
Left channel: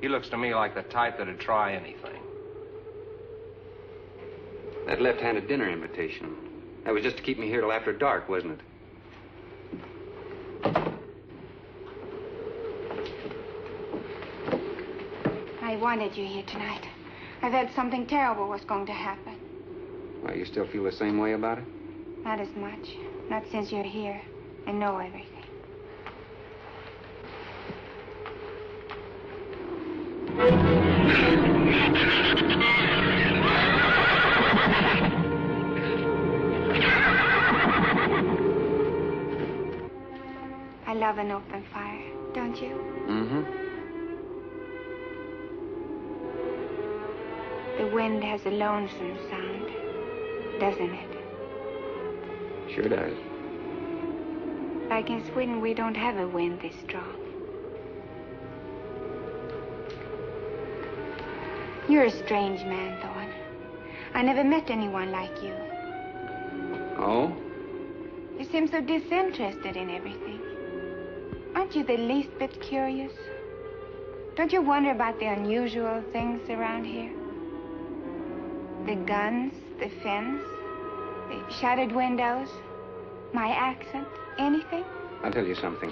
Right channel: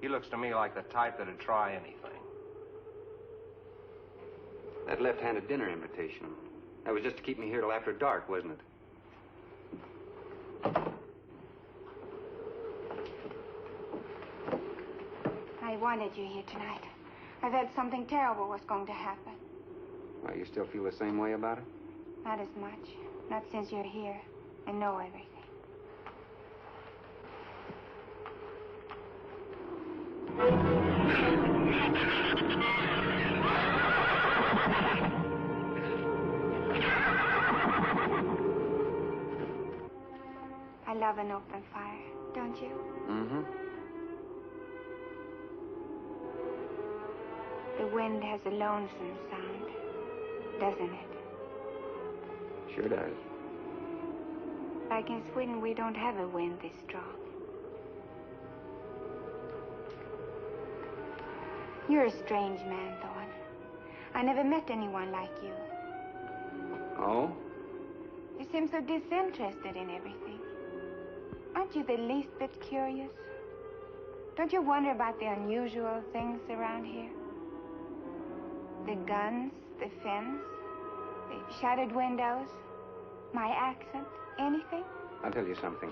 He looks to me like the type that'd try anything. That left-handed dinner invitation. That was just to keep me here till after dark, wasn't it? I wanted you here tonight. I thought something terrible was going to happen. Well, you still feel the same way about it? Not as much. Not since you're here and know everything. I love an open fire, don't you? Mm-hmm. The wind has a lonesome sound, doesn't it? Sure does. Like in Sweden, we don't have a wind this strong. You're a strange man, Thorne. I never met anyone like you. Oh? You seem so disinterested in everything. Aren't you the least bit curious? Don't you wonder about the unusual things around here? The guns, the fence, the shuttered windows, my accent, anything? I'll tell you something.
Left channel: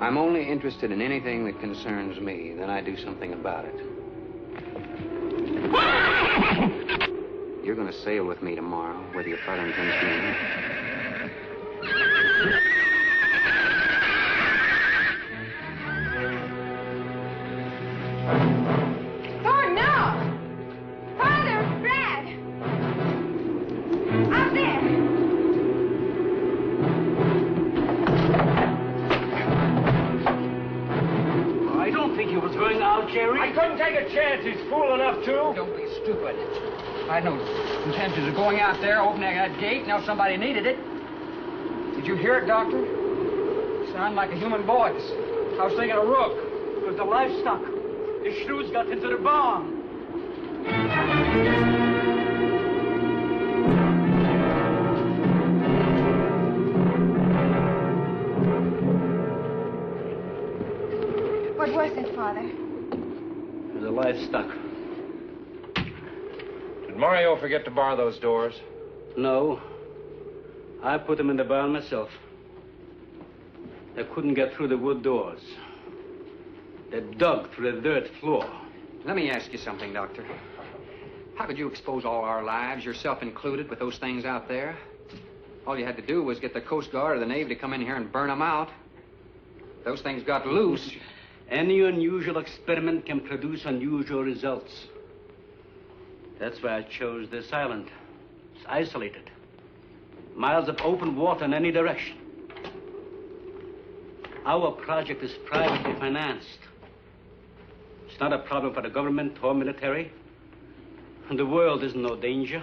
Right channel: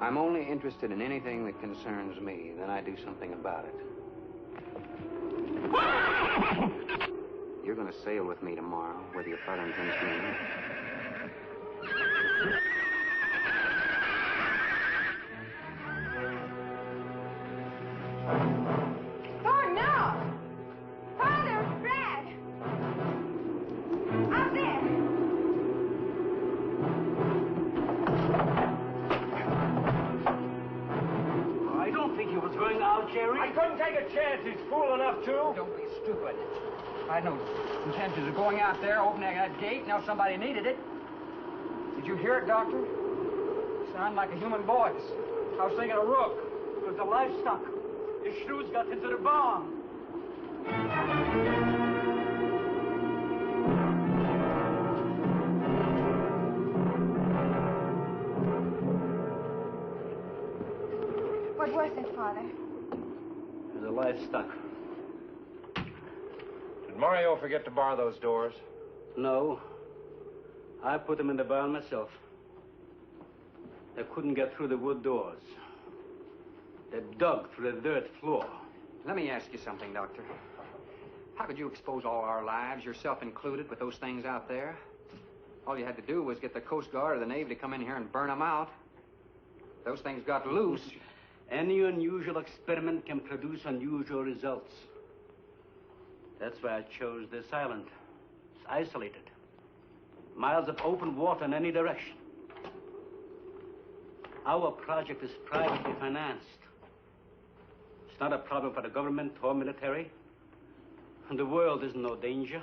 I'm only interested in anything that concerns me, then I do something about it. You're going to sail with me tomorrow, whether your father intends to or not. Thorne, no! Father, Brad! Out there! I don't think he was going out, Jerry. I couldn't take a chance. He's fool enough to. Don't be stupid. I had no intentions of going out there, opening that gate, now somebody needed it. Did you hear it, Doctor? It sounded like a human voice. I was thinking a rook. It was the livestock. The shrews got into the barn. What was it, Father? It was the livestock. Did Mario forget to bar those doors? No. I put them in the barn myself. They couldn't get through the wood doors. They dug through the dirt floor. Let me ask you something, Doctor. How could you expose all our lives, yourself included, with those things out there? All you had to do was get the Coast Guard or the Navy to come in here and burn them out. Those things got loose. Any unusual experiment can produce unusual results. That's why I chose this island. It's isolated. Miles of open water in any direction. Our project is privately financed. It's not a problem for the government or military. And the world is in no danger.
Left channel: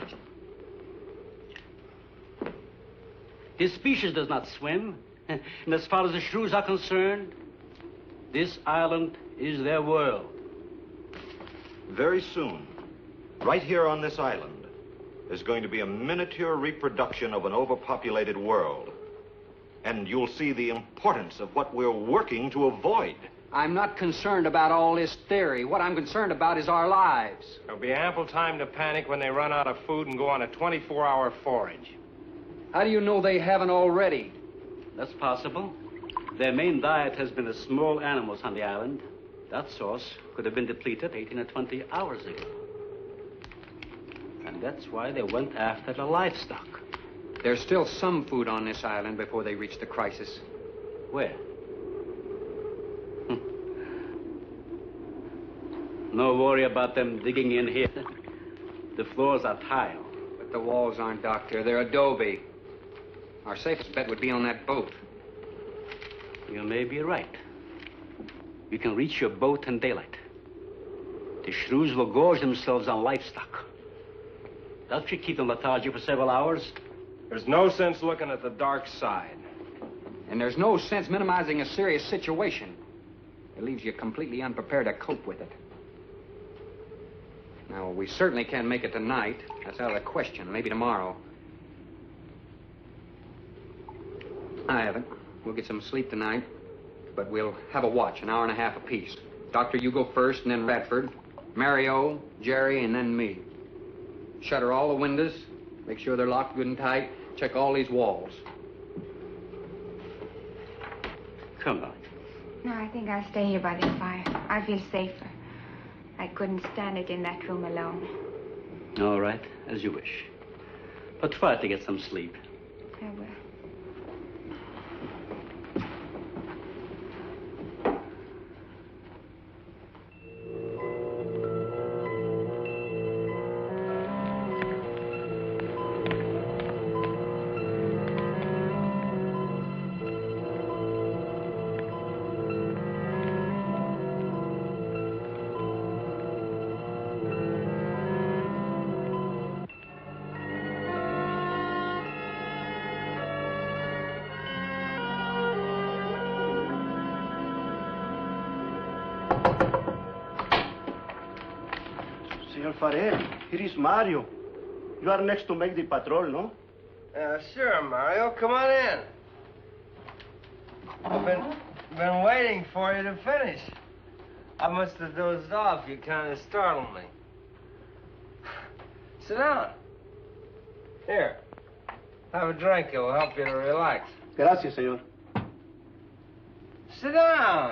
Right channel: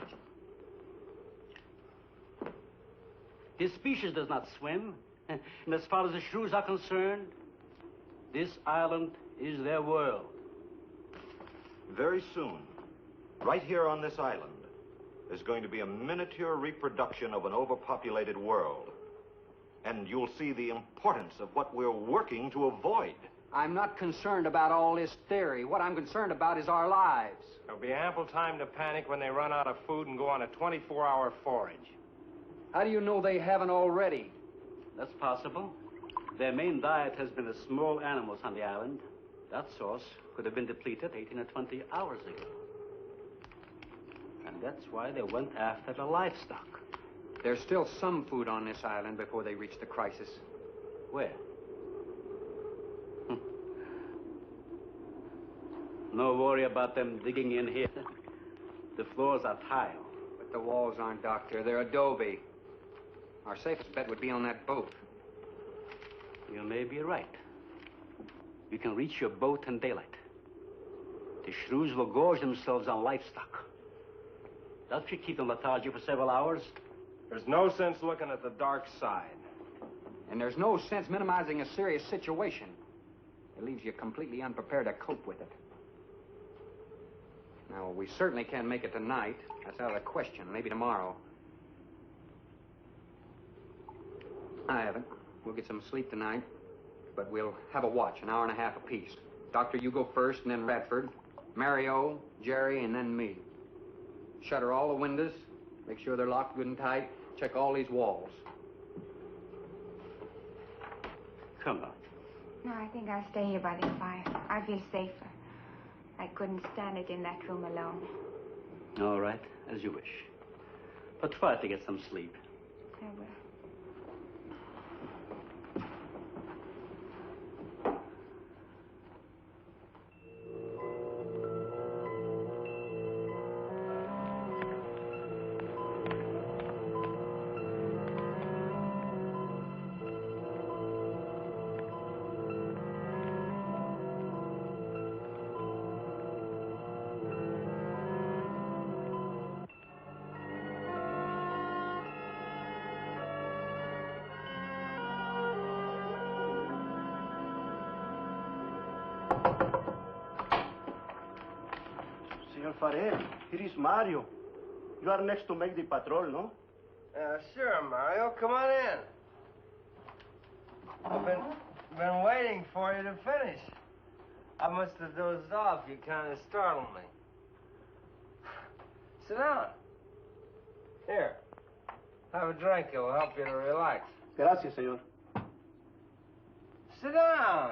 This species does not swim. And as far as the shrews are concerned, this island is their world. Very soon, right here on this island, there's going to be a miniature reproduction of an overpopulated world. And you'll see the importance of what we're working to avoid. I'm not concerned about all this theory. What I'm concerned about is our lives. There'll be ample time to panic when they run out of food and go on a 24-hour forage. How do you know they haven't already? That's possible. Their main diet has been the small animals on the island. That source could have been depleted 18 or 20 hours ago. And that's why they went after the livestock. There's still some food on this island before they reach the crisis. Where? No worry about them digging in here. The floors are tile. But the walls aren't, Doctor. They're adobe. Our safest bet would be on that boat. You may be right. You can reach your boat in daylight. The shrews will gorge themselves on livestock. That should keep them lethargic for several hours. There's no sense looking at the dark side. And there's no sense minimizing a serious situation. It leaves you completely unprepared to cope with it. Now, we certainly can't make it tonight. That's out of the question. Maybe tomorrow. I haven't. We'll get some sleep tonight, but we'll have a watch, an hour and a half apiece. Doctor, you go first, and then Radford, Mario, Jerry, and then me. Shutter all the windows, make sure they're locked good and tight, check all these walls. Come on. No, I think I'll stay here by the fire. I feel safer. I couldn't stand it in that room alone. All right, as you wish. But try to get some sleep. I will. Senor Farrell, here is Mario. You are next to make the patrol, no? Sure, Mario. Come on in. I've been waiting for you to finish. I must have dozed off. You kind of startled me. Sit down. Here. Have a drink. It will help you to relax. Gracias, señor. Sit down.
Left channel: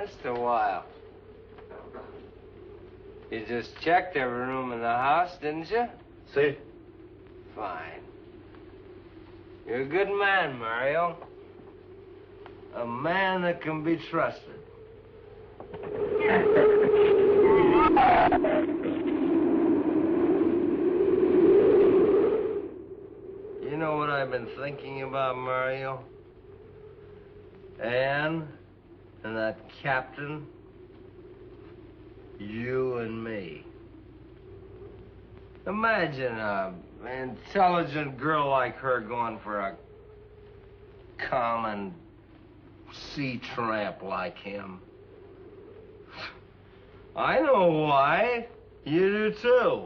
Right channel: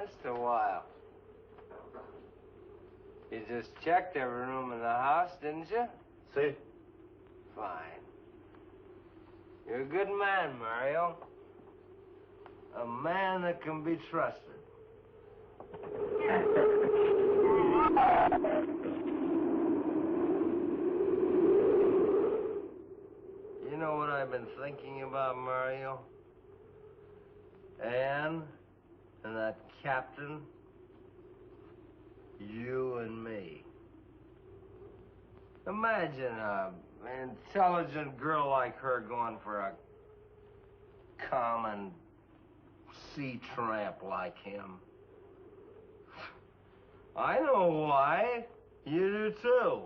Just a while. You just checked every room in the house, didn't you? Si. Fine. You're a good man, Mario. A man that can be trusted. You know what I've been thinking about, Mario? Anne and that captain. You and me. Imagine an intelligent girl like her going for a common sea tramp like him. I know why. You do too.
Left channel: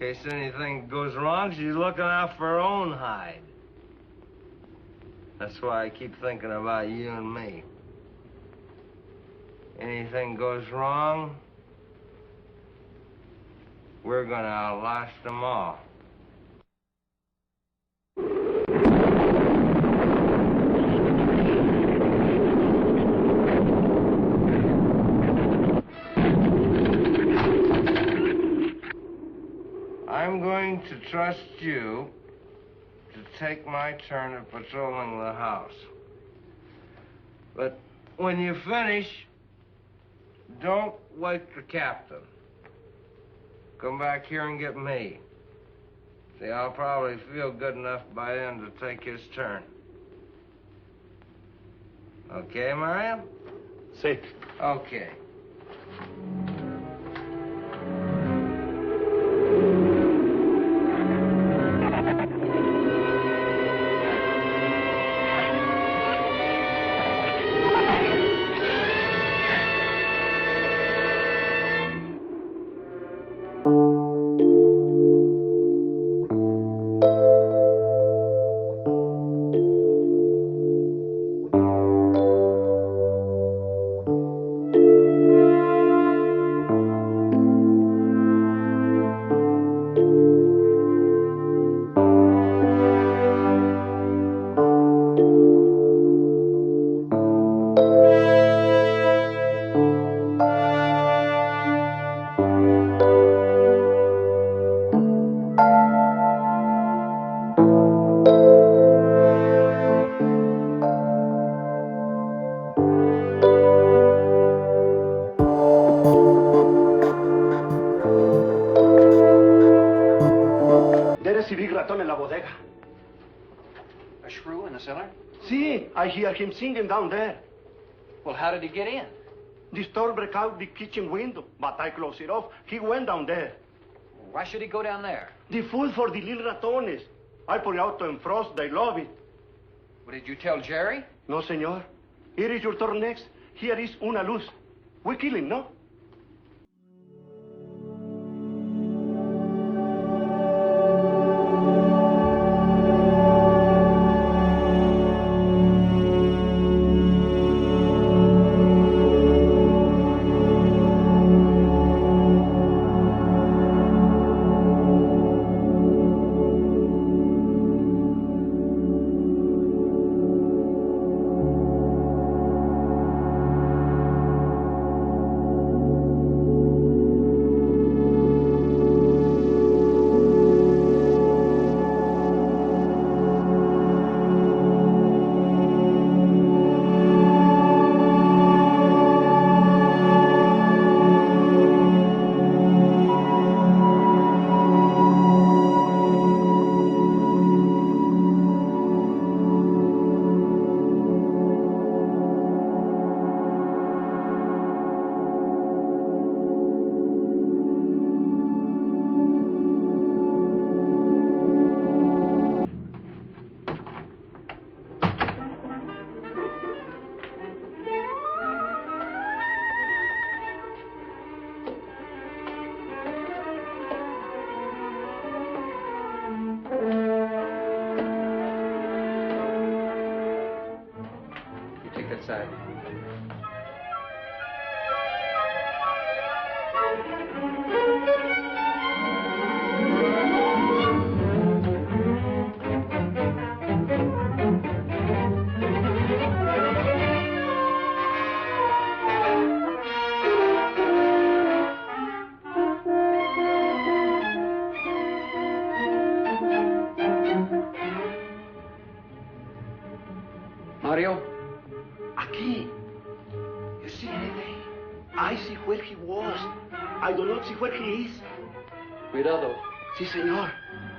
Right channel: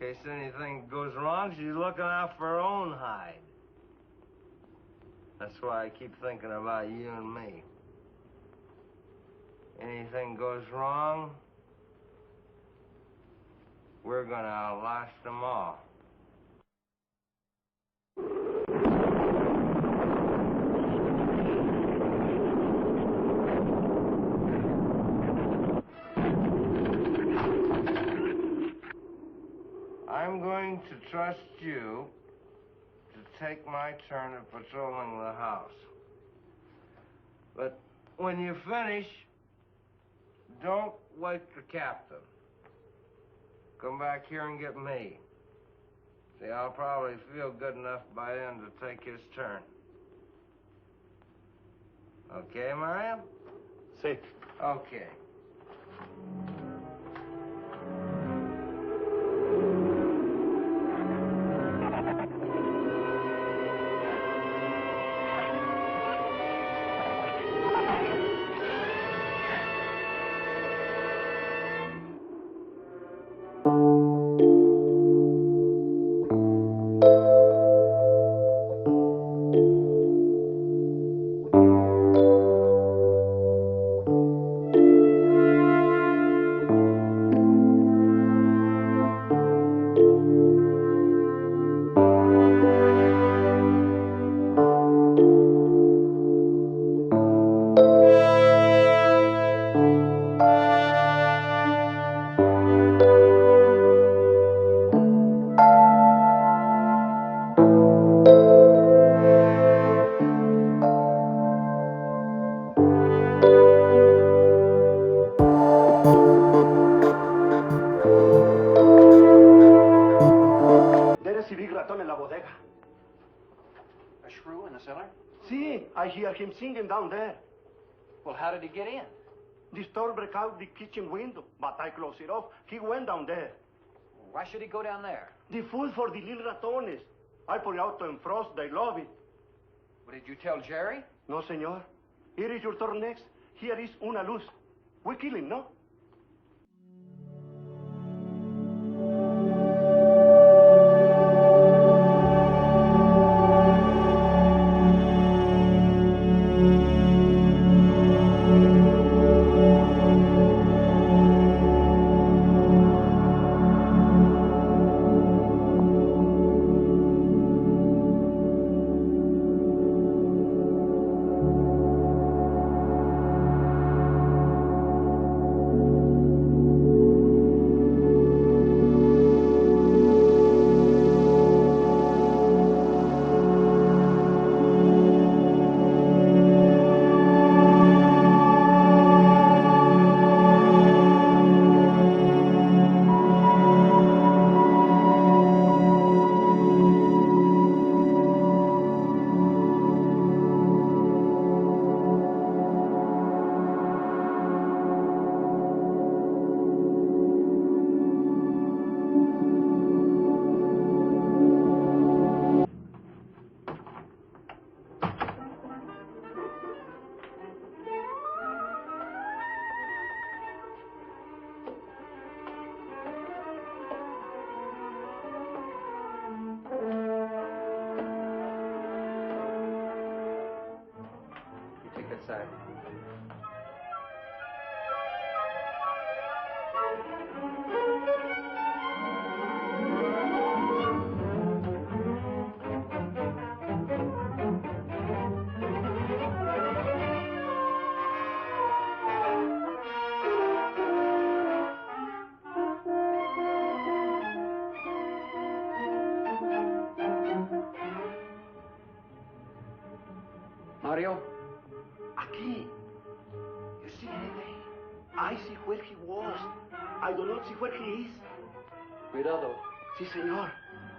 In case anything goes wrong, she's looking out for her own hide. That's why I keep thinking about you and me. Anything goes wrong, we're gonna outlast them all. I'm going to trust you to take my turn at patrolling the house. But when you finish, don't wake the captain. Come back here and get me. See, I'll probably feel good enough by then to take his turn. Okay, Mario? Sí. Okay. There is a big raton in la bodega. A shrew in the cellar? See, I hear him singing down there. Well, how did he get in? The store break out the kitchen window, but I close it off. He went down there. Why should he go down there? The food for the little ratones. I put it out to defrost. They love it. What, did you tell Jerry? No, senor. Here is your turn next. Here is una luz. We kill him, no? Side. Mario? Aquí. You see anything? I see where he was. I do not see where he is. Cuidado. Sí, senor.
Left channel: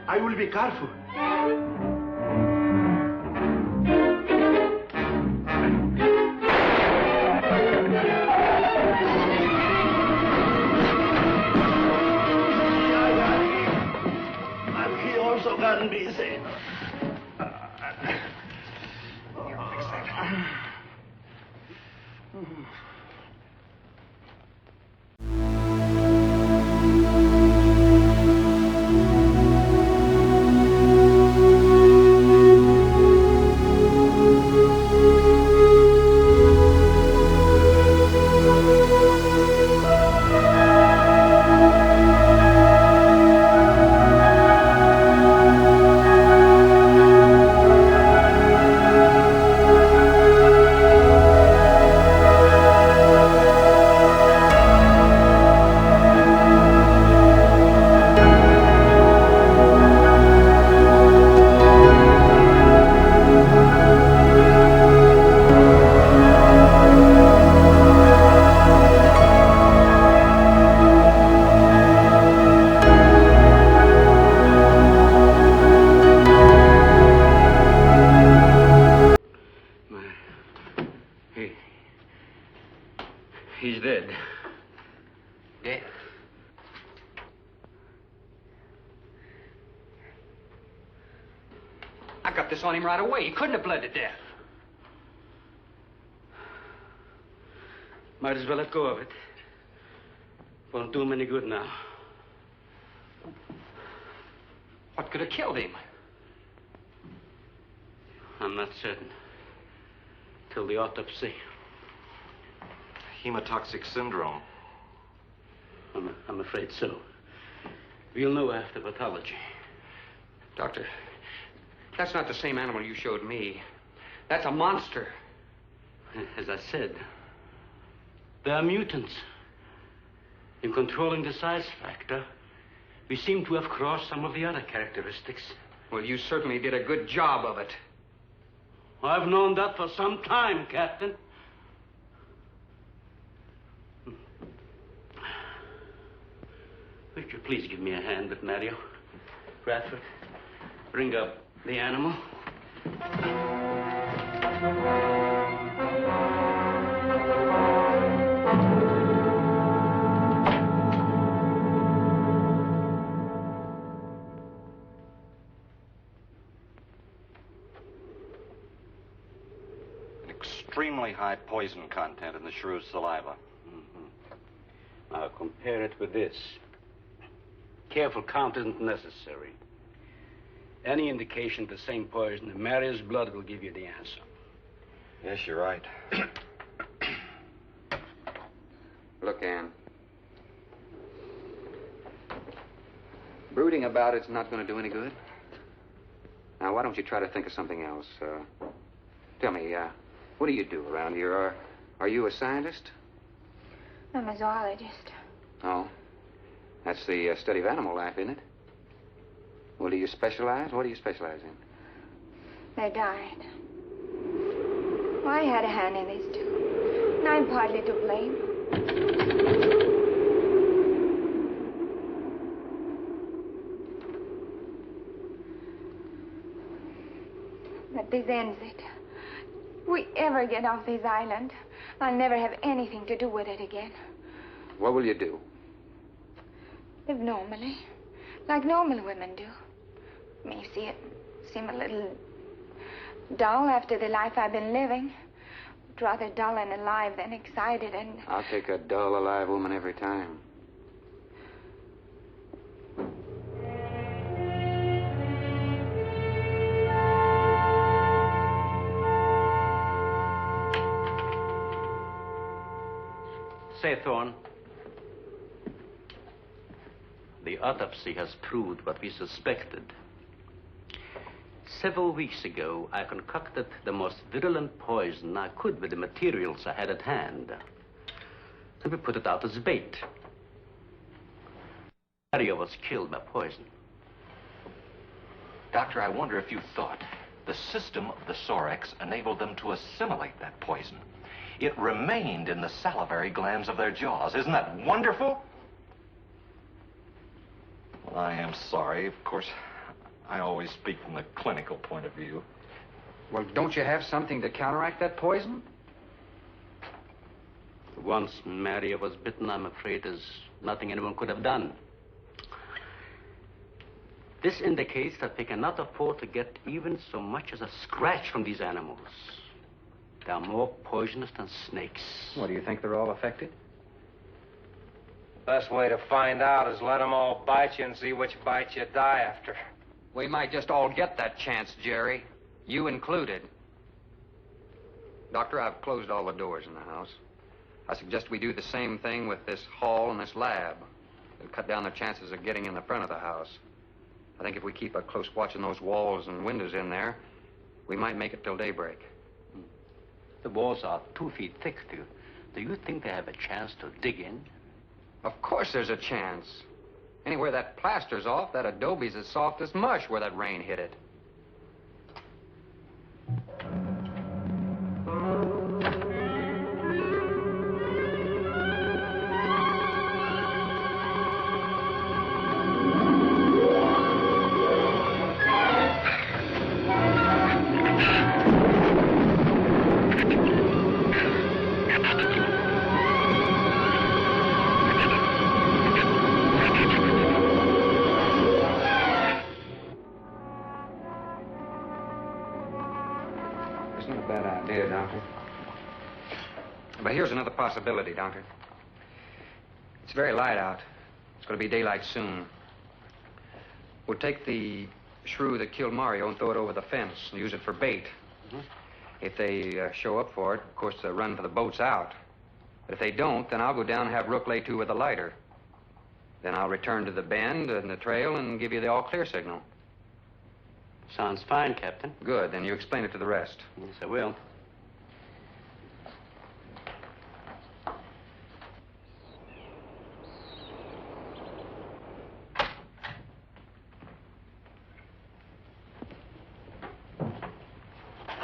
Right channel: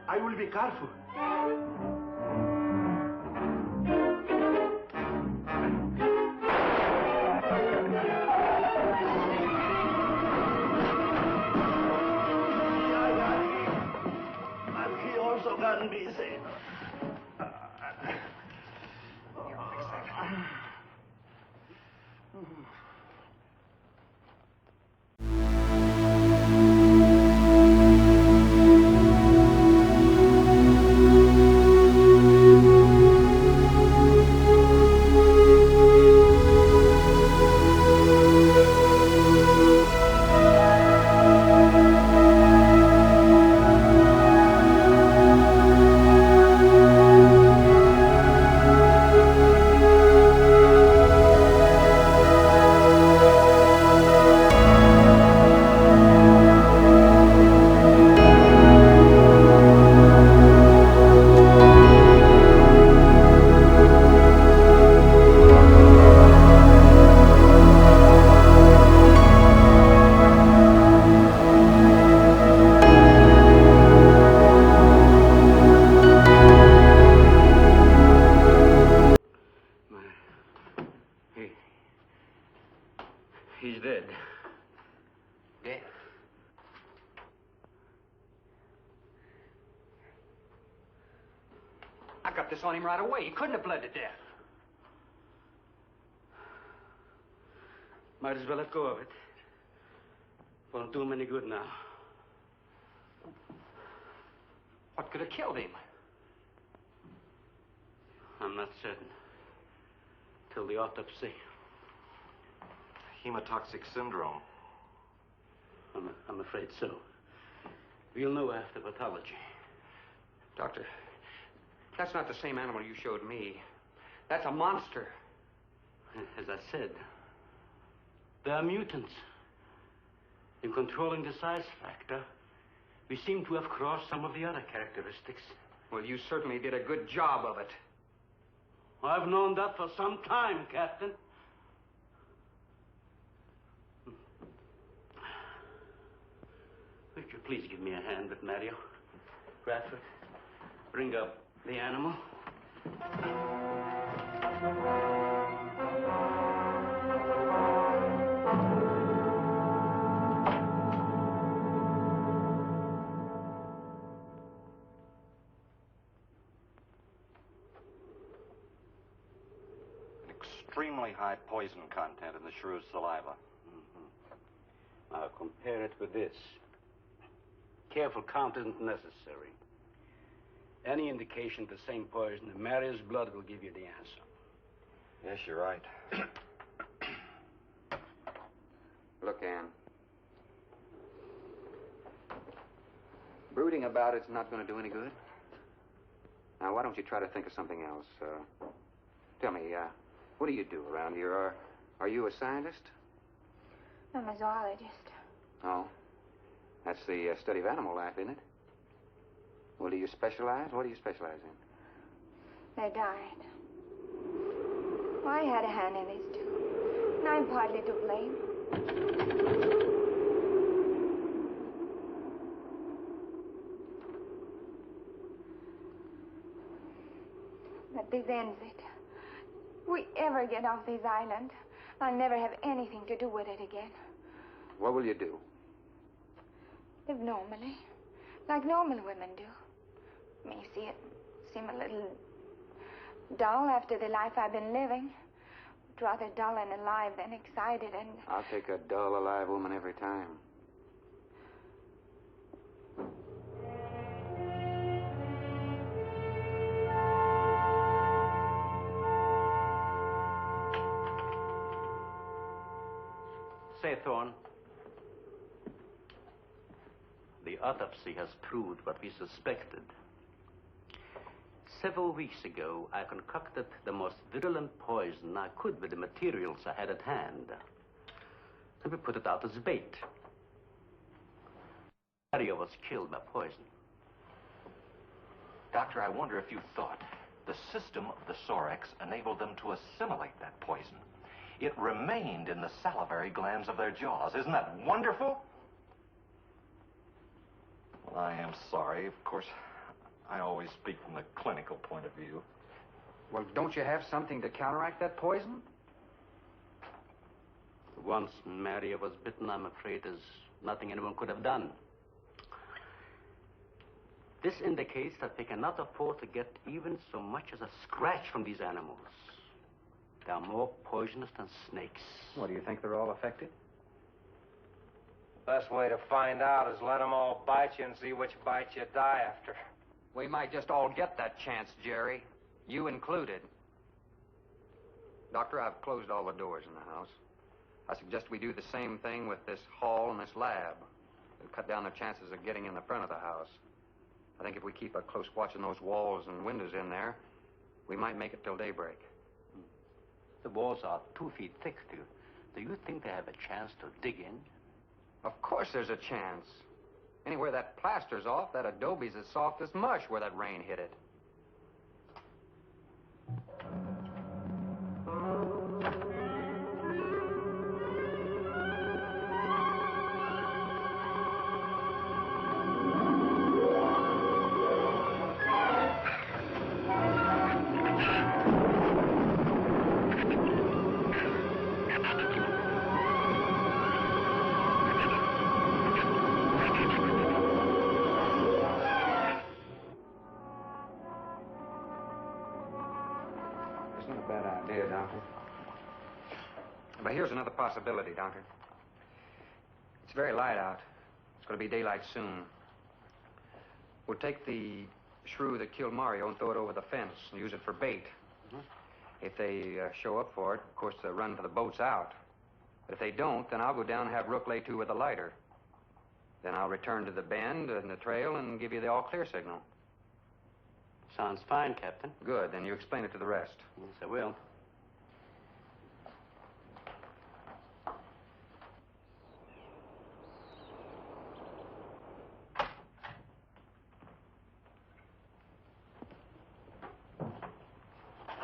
I will be careful. And he also got busy. He's dead. Dead? I got this on him right away. He couldn't have bled to death. Might as well let go of it. Won't do him any good now. What could have killed him? I'm not certain. Till the autopsy. Hemotoxic syndrome. I'm afraid so. We'll know after pathology. Doctor, that's not the same animal you showed me. That's a monster. As I said, they are mutants. In controlling the size factor, we seem to have crossed some of the other characteristics. Well, you certainly did a good job of it. I've known that for some time, Captain. Would you please give me a hand with Mario? Bradford, bring up the animal. Extremely high poison content in the shrew's saliva. Now compare it with this. Careful count isn't necessary. Any indication of the same poison in Mario's blood will give you the answer. Yes, you're right. Look, Ann. Brooding about it's not going to do any good. Now, why don't you try to think of something else? Tell me, what do you do around here? Are you a scientist? I'm a zoologist. Oh. That's the study of animal life, isn't it? Well, do you specialize? What do you specialize in? They died. Well, I had a hand in this, too. And I'm partly to blame. But this ends it. If we ever get off this island, I'll never have anything to do with it again. What will you do? Live normally, like normal women do. May see it seem a little dull after the life I've been living. But rather dull and alive than excited and... I'll take a dull, alive woman every time. Say, Thorne, the autopsy has proved what we suspected. Several weeks ago, I concocted the most virulent poison I could with the materials I had at hand. And we put it out as bait. Mario was killed by poison. Doctor, I wonder if you thought the system of the Sorex enabled them to assimilate that poison. It remained in the salivary glands of their jaws. Isn't that wonderful? Well, I am sorry. Of course, I always speak from the clinical point of view. Well, don't you have something to counteract that poison? Once Mario was bitten, I'm afraid there's nothing anyone could have done. This indicates that we cannot afford to get even so much as a scratch from these animals. They are more poisonous than snakes. What, do you think they're all affected? Best way to find out is let them all bite you and see which bite you die after. We might just all get that chance, Jerry. You included. Doctor, I've closed all the doors in the house. I suggest we do the same thing with this hall and this lab. It'll cut down the chances of getting in the front of the house. I think if we keep a close watch on those walls and windows in there, we might make it till daybreak. The walls are 2 feet thick. Do you think they have a chance to dig in? Of course there's a chance. Anywhere that plaster's off, that adobe's as soft as mush where that rain hit it. Doctor. But here's another possibility, Doctor. It's very light out. It's going to be daylight soon. We'll take the shrew that killed Mario and throw it over the fence and use it for bait. If they show up for it, of course, they'll run for the boats out. But if they don't, then I'll go down and have Rook lay to with a lighter. Then I'll return to the bend and the trail and give you the all-clear signal. Sounds fine, Captain. Good. Then you explain it to the rest. Yes, I will.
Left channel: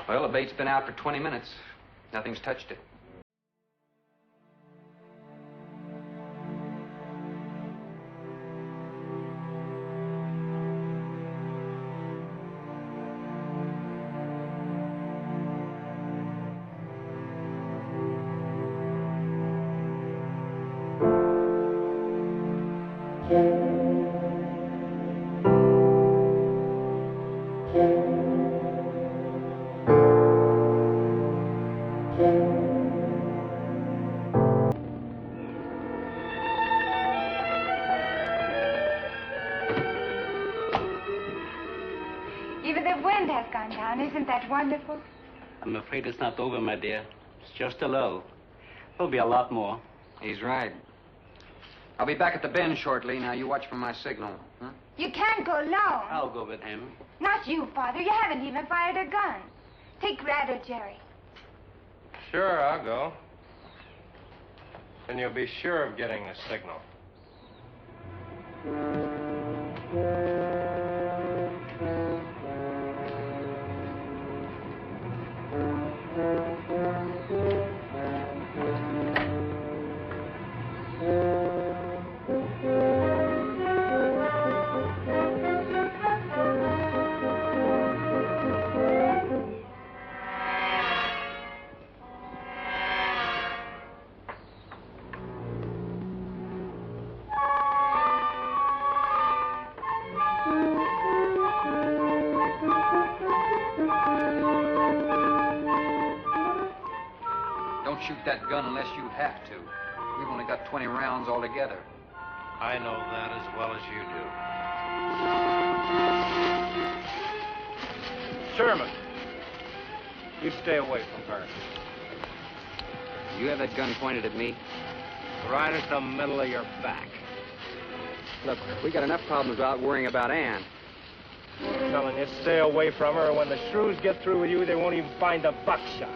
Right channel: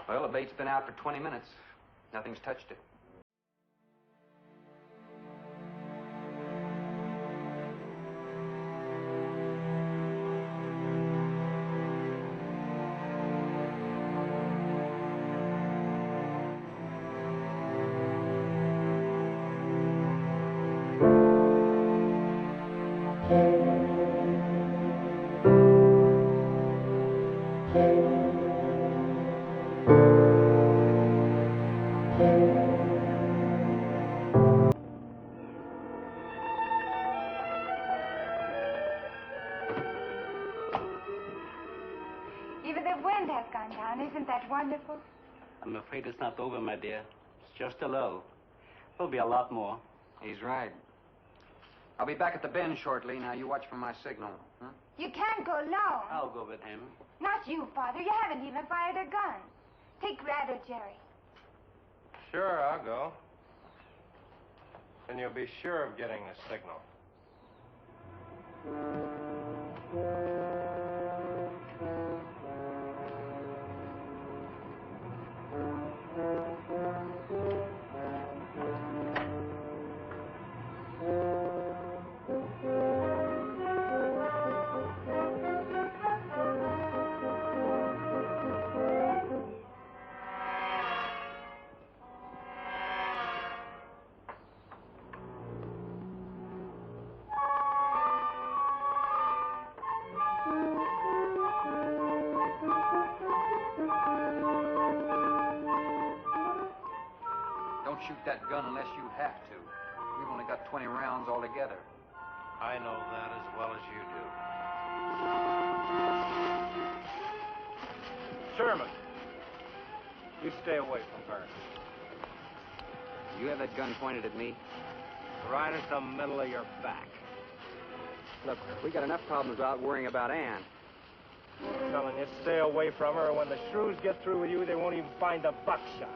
Well, the bait's been out for 20 minutes. Nothing's touched it. Even the wind has gone down. Isn't that wonderful? I'm afraid it's not over, my dear. It's just a lull. There'll be a lot more. He's right. I'll be back at the bend shortly. Now, you watch for my signal. Huh? You can't go alone. I'll go with him. Not you, Father. You haven't even fired a gun. Take Rat or Jerry. Sure, I'll go. And you'll be sure of getting a signal. Don't shoot that gun unless you have to. We've only got 20 rounds altogether. I know that as well as you do. Sherman, you stay away from her. You have that gun pointed at me? Right at the middle of your back. Look, we got enough problems without worrying about Ann. I'm telling you, stay away from her, or when the shrews get through with you, they won't even find the buckshot.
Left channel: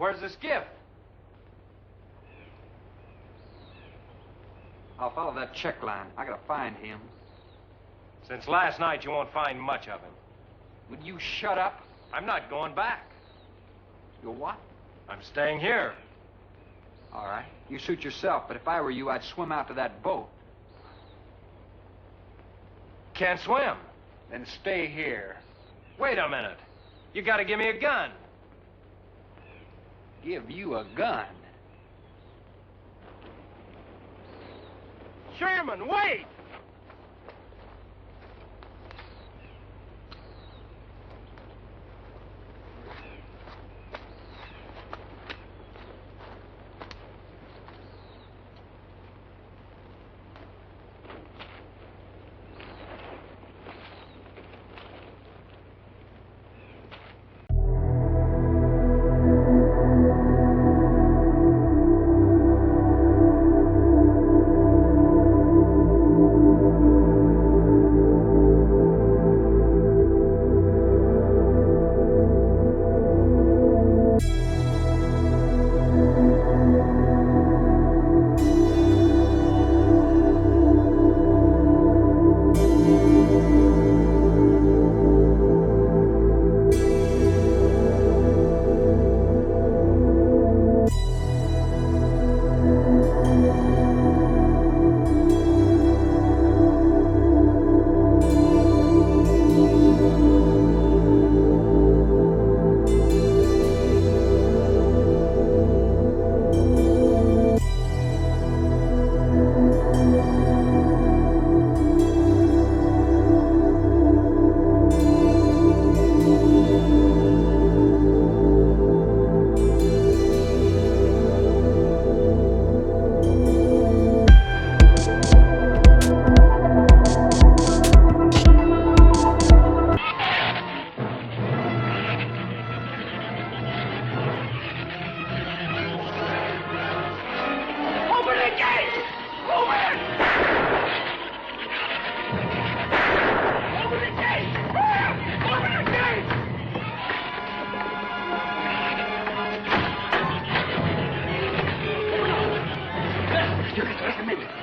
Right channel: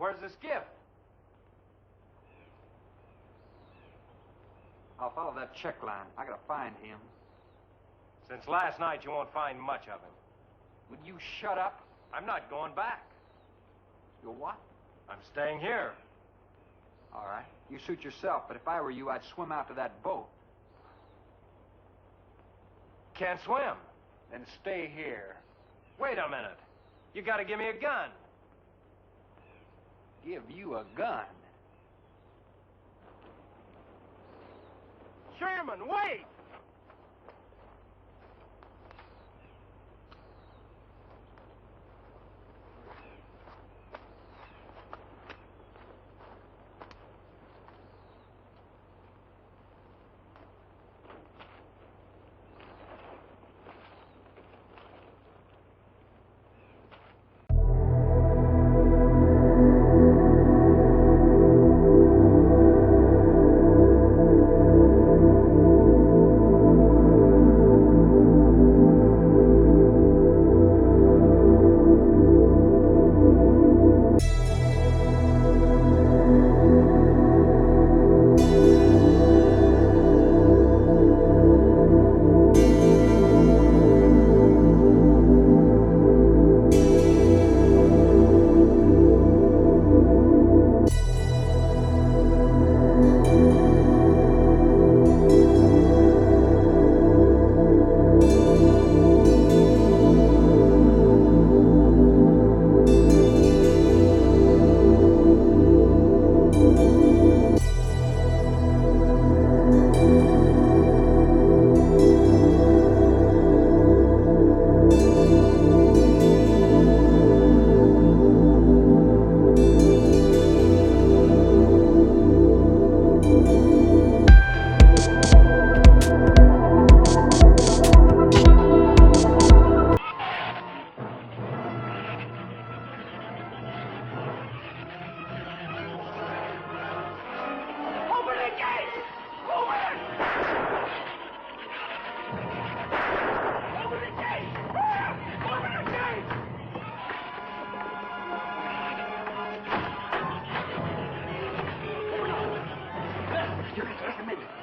Where's the skiff? I'll follow that check line. I gotta find him. Since last night, you won't find much of him. Would you shut up? I'm not going back. You what? I'm staying here. All right. You suit yourself, but if I were you, I'd swim out to that boat. Can't swim. Then stay here. Wait a minute. You gotta give me a gun. Give you a gun? Sherman, wait!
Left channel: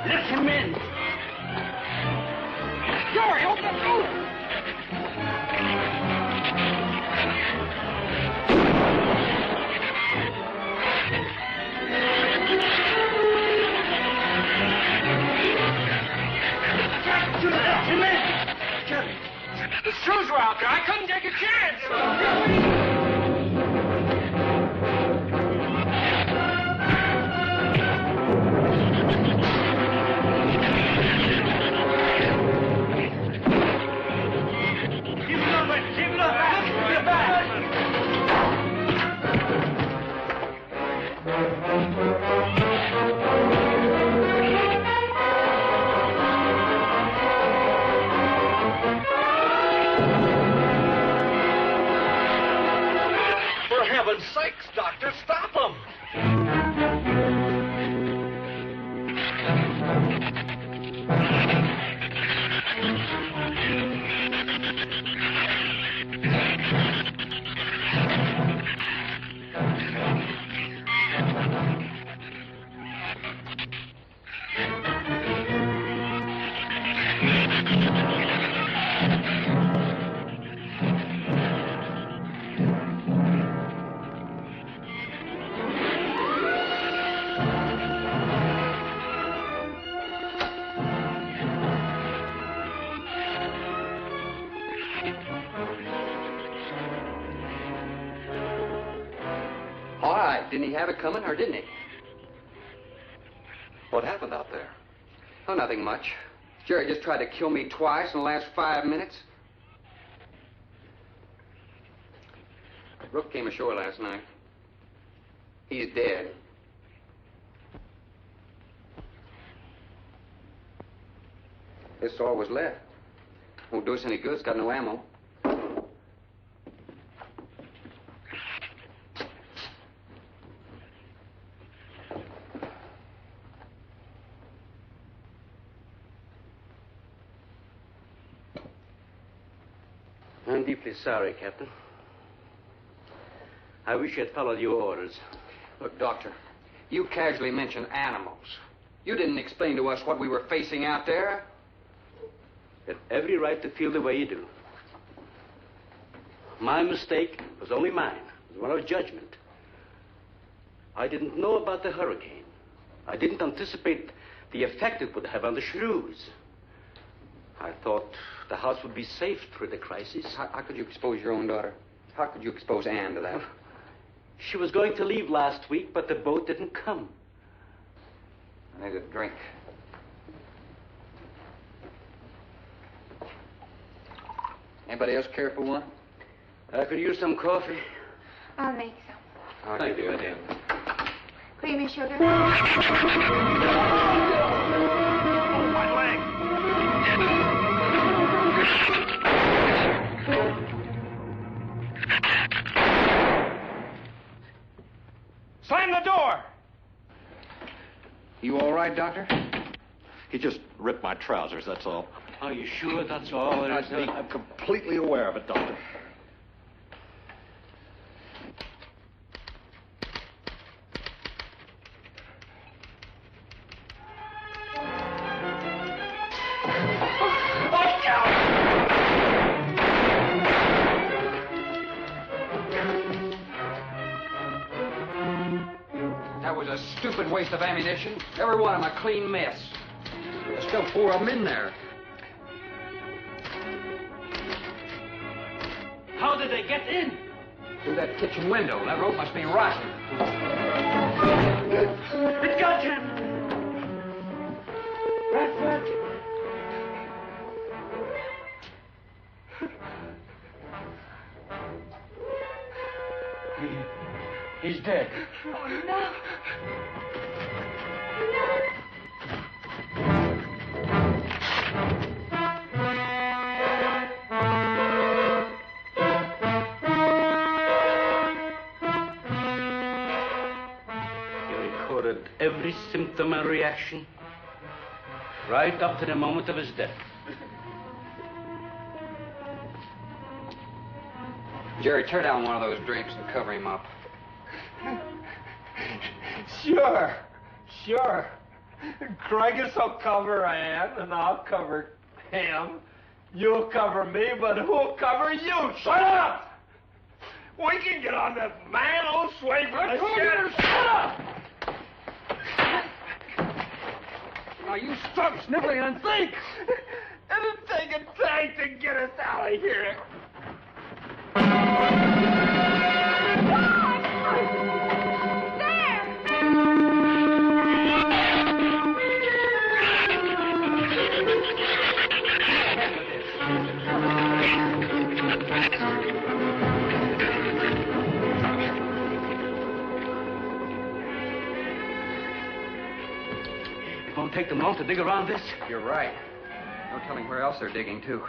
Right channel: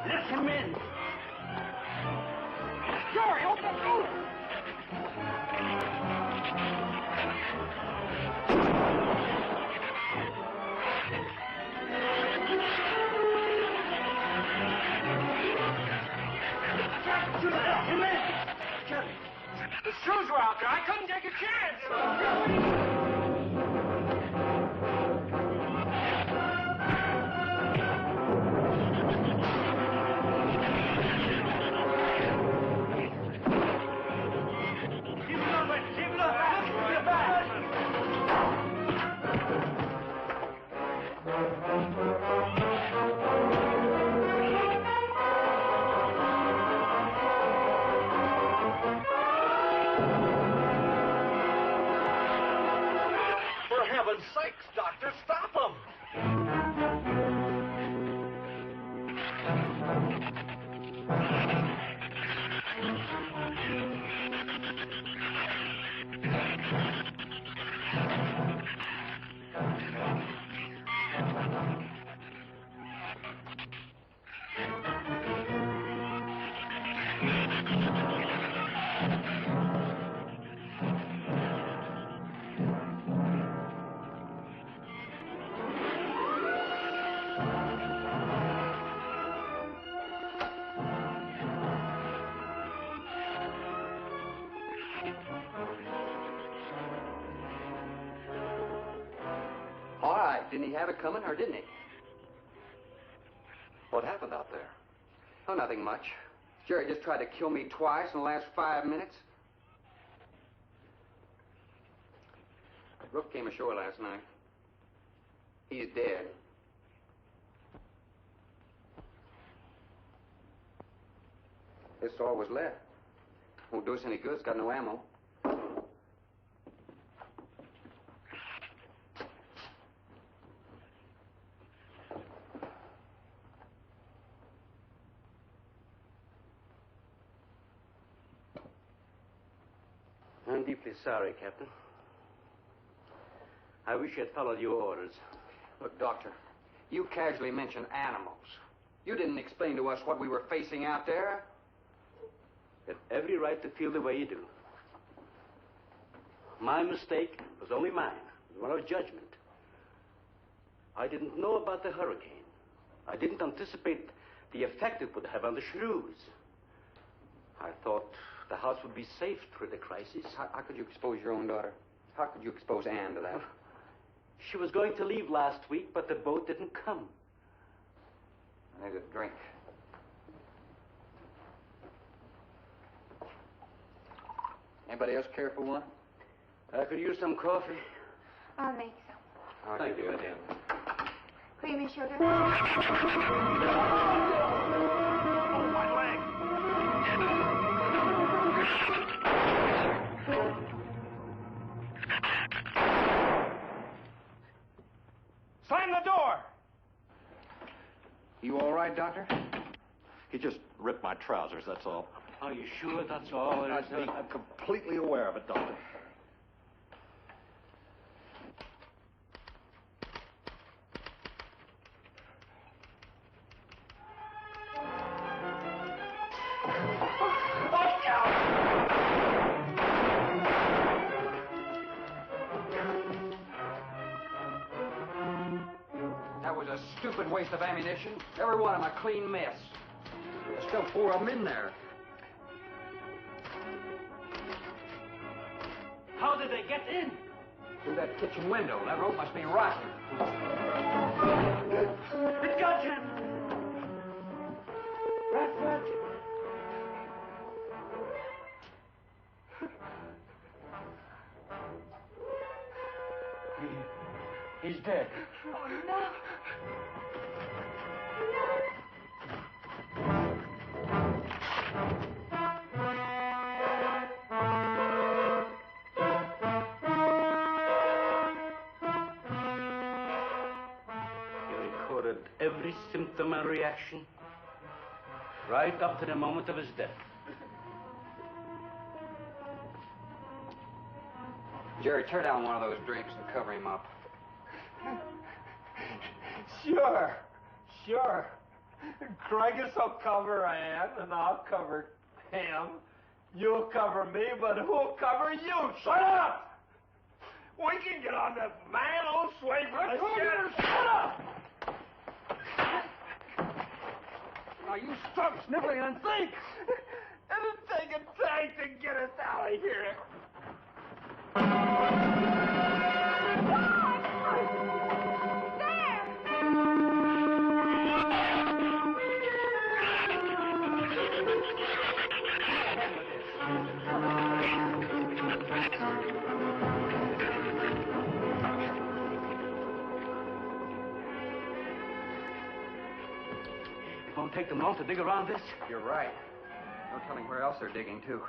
Let him in. Jerry, open the door. Let him in. The shoes were out there. I couldn't take a chance. For heaven's sakes, Doctor, stop him! All right. Didn't he have it coming, or didn't he? What happened out there? Oh, nothing much. Jerry just tried to kill me twice in the last 5 minutes. Brooke came ashore last night. He's dead. This all was left. Won't do us any good. It's got no ammo. I'm deeply sorry, Captain. I wish I'd followed your orders. Look, Doctor, you casually mentioned animals. You didn't explain to us what we were facing out there. You have every right to feel the way you do. My mistake was only mine. It was one of judgment. I didn't know about the hurricane. I didn't anticipate the effect it would have on the shrews. I thought the house would be safe through the crisis. How could you expose your own daughter? How could you expose Anne to that? She was going to leave last week, but the boat didn't come. I need a drink. Anybody else care for one? I could use some coffee. I'll make some. Oh, Thank you, dear. Creamy sugar. My leg! Slam the door! You all right, Doctor? He just ripped my trousers, that's all. Are you sure that's all there is to it? I'm completely aware of it, Doctor. That was a stupid waste of ammunition. Every one of them a clean mess. There's still 4 of them in there. How did they get in? Through that kitchen window. That rope must be rotten. It got him! Bradford. He's dead. Oh, no. He recorded every symptom and reaction, right up to the moment of his death. Jerry, tear down one of those drapes and cover him up. Sure. Sure. Craigus will cover Ann, and I'll cover him. You'll cover me, but who'll cover you? Shut up! We can get on that man old slave. Let's shut up! Now you stop sniveling and think! It'll take a tank to get us out of here. It won't take them long to dig around this. You're right. No telling where else they're digging, too.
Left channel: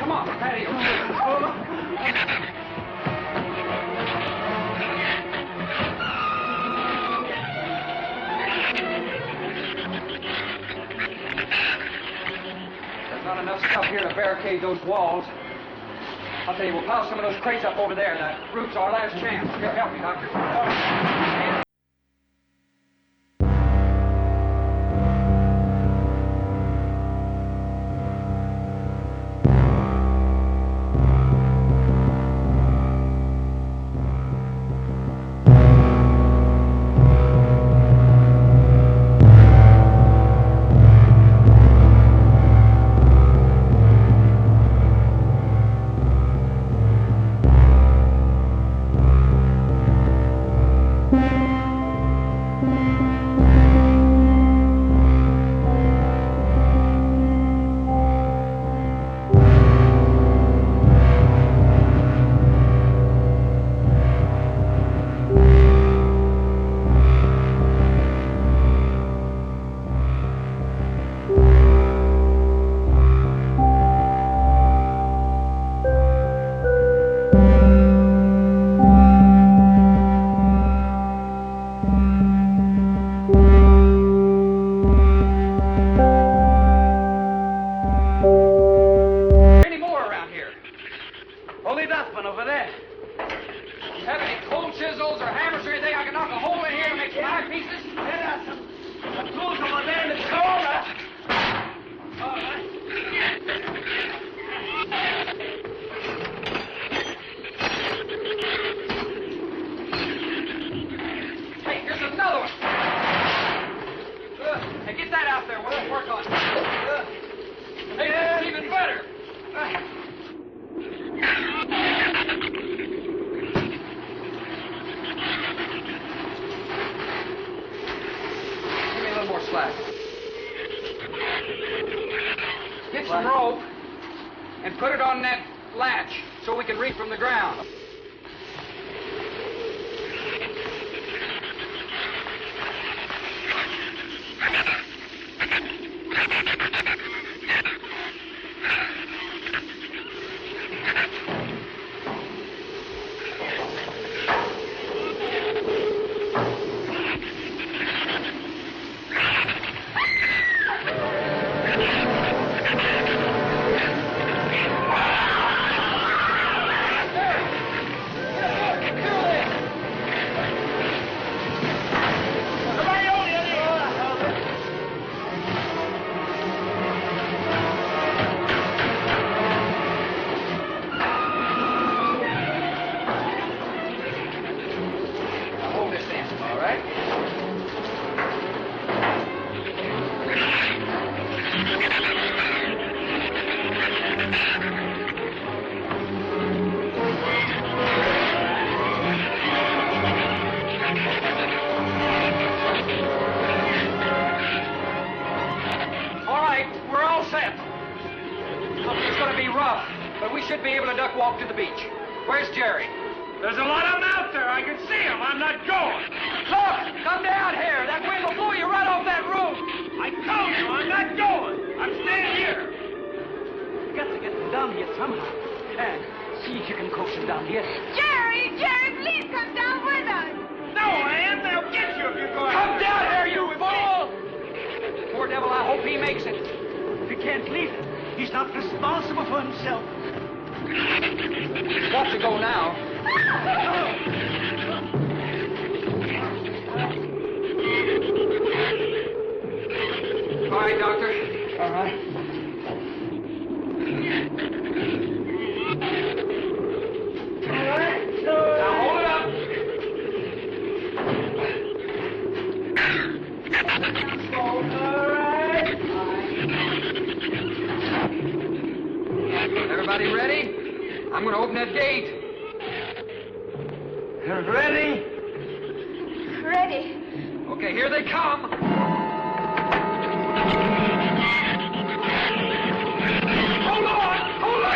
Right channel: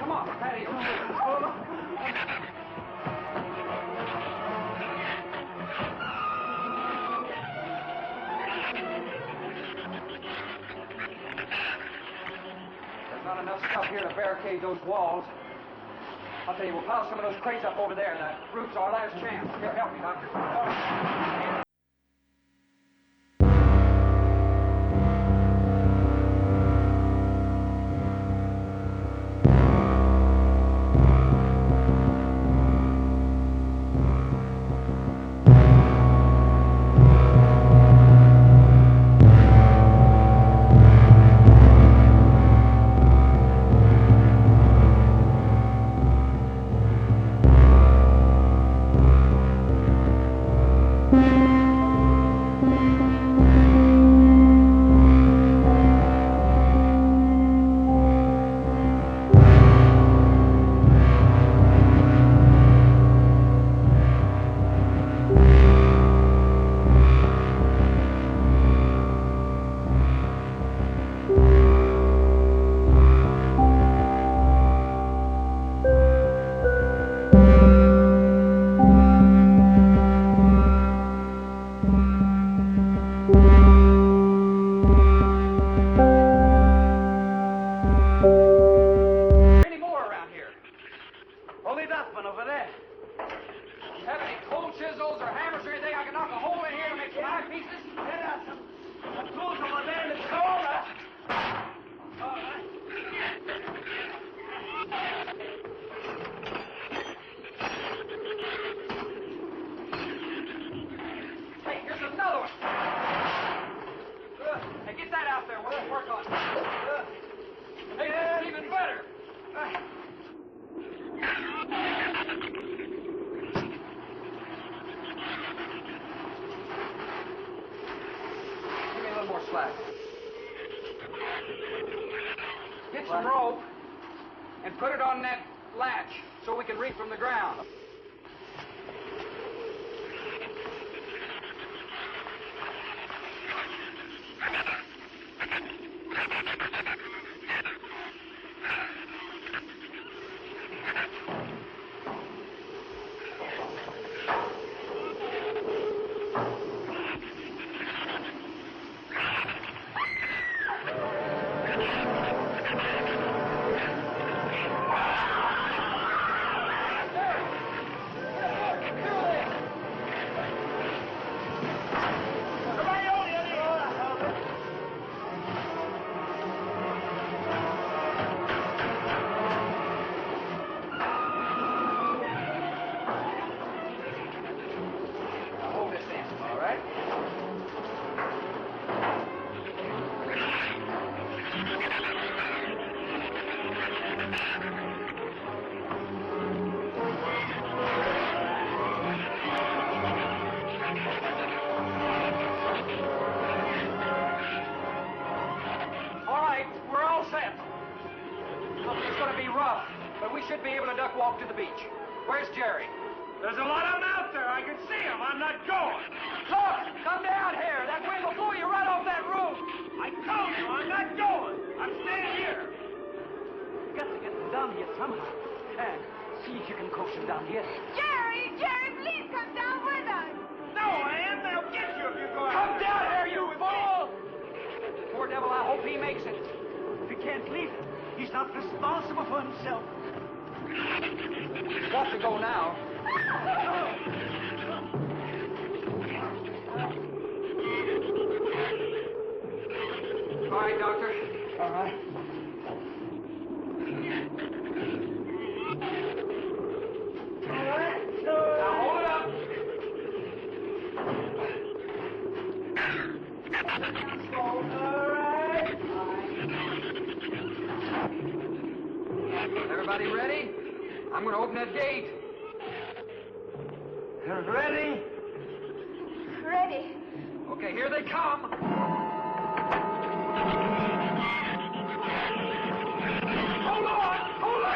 Come on, patio. There's not enough stuff here to barricade those walls. I'll tell you, we'll pile some of those crates up over there. The roof's our last chance. Here, help me, Doctor. Get some rope and put it on that latch so we can reach from the ground. Walk to the beach. Where's Jerry? There's a lot of them out there. I can see them. I'm not going. Look! Come down here. That wind will blow you right off that roof. I told you I'm not going. I'm staying here. You got to get them down here somehow. And see if you can coax him down here. Jerry, please come down with us. No, Ann, they'll get you if you go out. Come down here, you fool! Poor devil, I hope he makes it. If he can't leave, he's not responsible for himself. Got to go now. All right, Doctor. All right. Now hold it up. Everybody ready? I'm going to open that gate. Ready? Ready. Okay, here they come. Hold on! Hold on!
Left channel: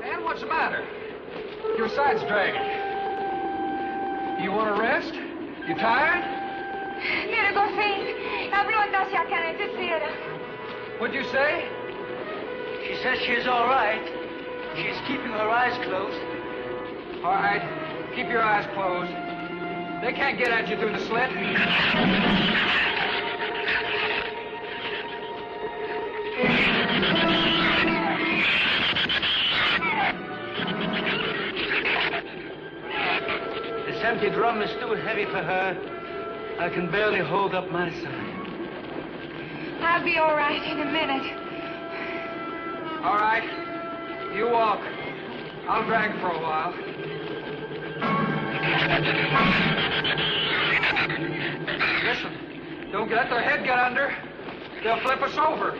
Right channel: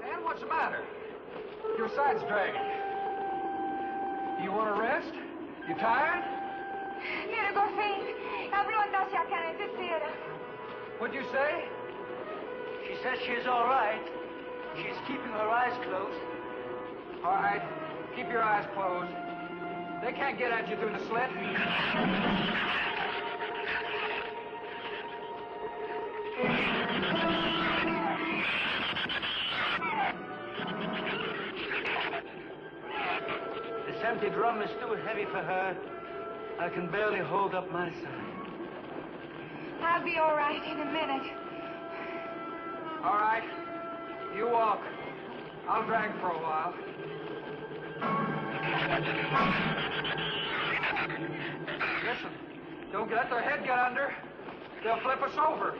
Man, what's the matter? Your side's dragging. You want to rest? You tired? Mira, Goffin, habló hacia acá en esta sierra. What'd you say? She says she's all right. She's keeping her eyes closed. All right, keep your eyes closed. They can't get at you through the slit. This empty drum is too heavy for her. I can barely hold up my side. I'll be all right in a minute. All right, you walk. I'll drag for a while. Listen, don't let their head get under. They'll flip us over.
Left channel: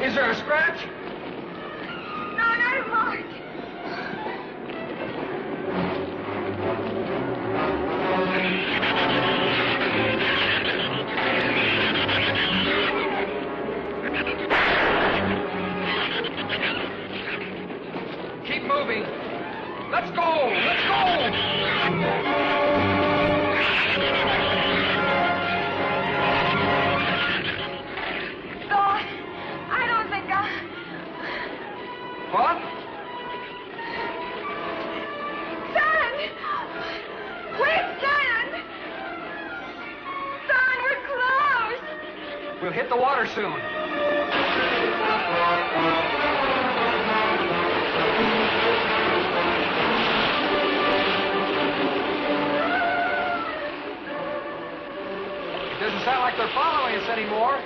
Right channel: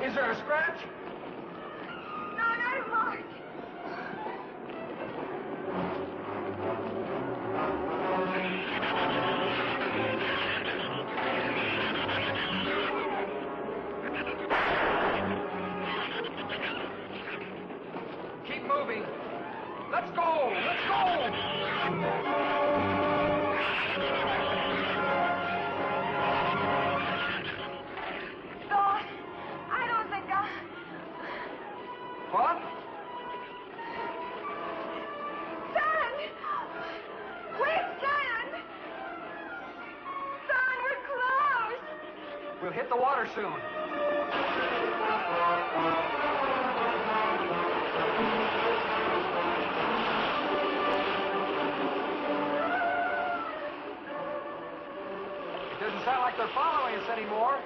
Is there a scratch? No, not a mark. Keep moving. Let's go! Let's go! What? Son! Quick, son! Son, we're close! We'll hit the water soon. Doesn't sound like they're following us anymore.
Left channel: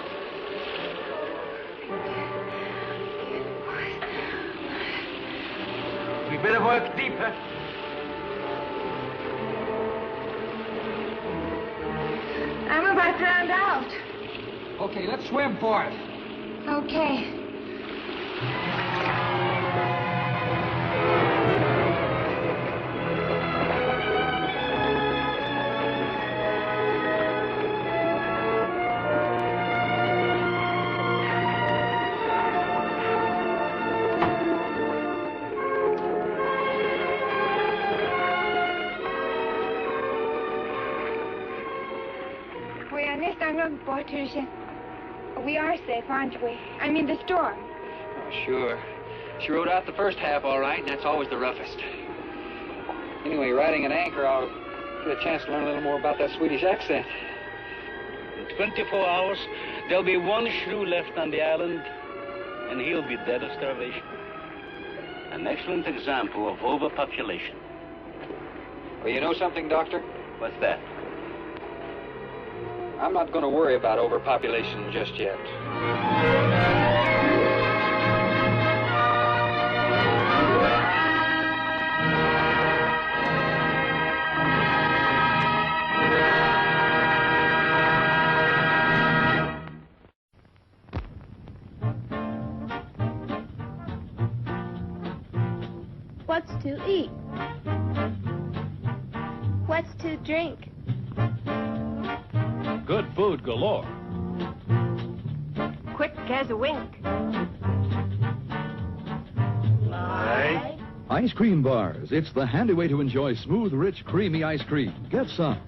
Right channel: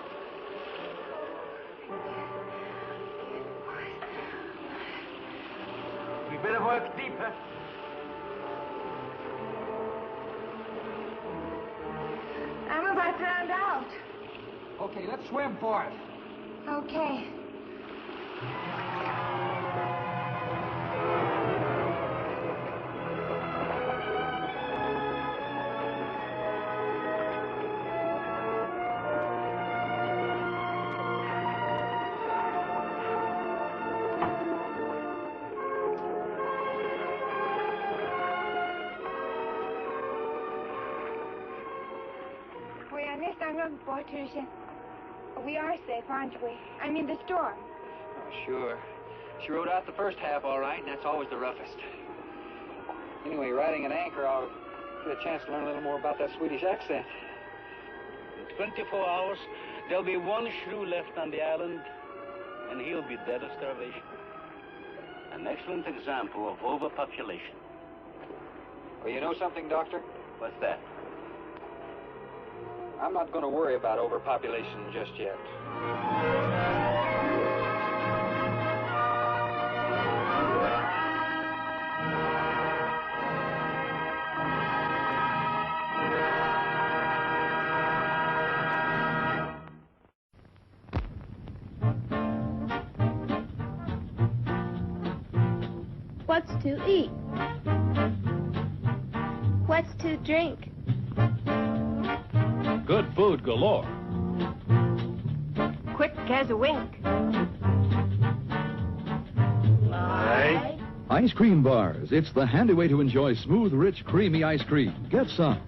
We better work deeper. I'm about drowned out. Okay, let's swim for it. Okay. We are next on road, Patricia. We are safe, aren't we? I mean, the storm. Sure. She rode out the first half all right, and that's always the roughest. Anyway, riding at anchor, I'll get a chance to learn a little more about that Swedish accent. In 24 hours, there'll be one shrew left on the island, and he'll be dead of starvation. An excellent example of overpopulation. Well, you know something, Doctor? What's that? I'm not going to worry about overpopulation just yet. What's to eat? What's to drink? Good food galore. Quick as a wink. Ice cream bars. It's the handy way to enjoy smooth, rich, creamy ice cream. Get some.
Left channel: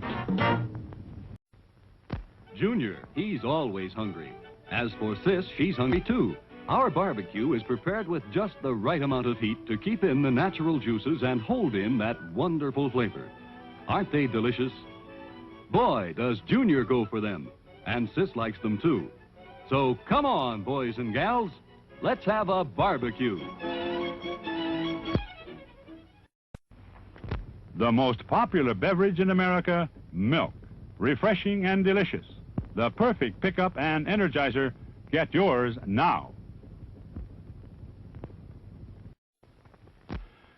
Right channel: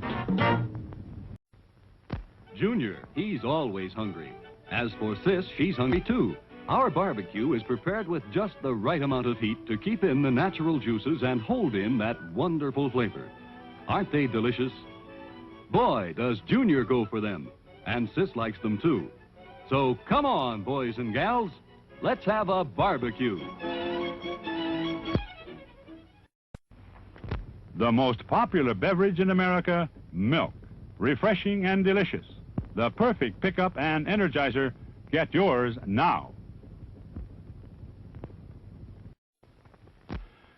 Junior, he's always hungry. As for Sis, she's hungry too. Our barbecue is prepared with just the right amount of heat to keep in the natural juices and hold in that wonderful flavor. Aren't they delicious? Boy, does Junior go for them. And Sis likes them too. So come on, boys and gals. Let's have a barbecue. The most popular beverage in America, milk. Refreshing and delicious. The perfect pickup and energizer. Get yours now.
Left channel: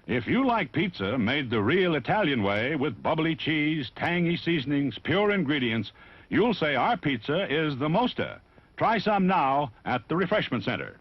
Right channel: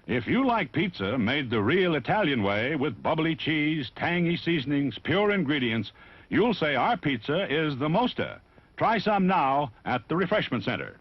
If you like pizza made the real Italian way with bubbly cheese, tangy seasonings, pure ingredients, you'll say our pizza is the mosta. Try some now at the Refreshment Center.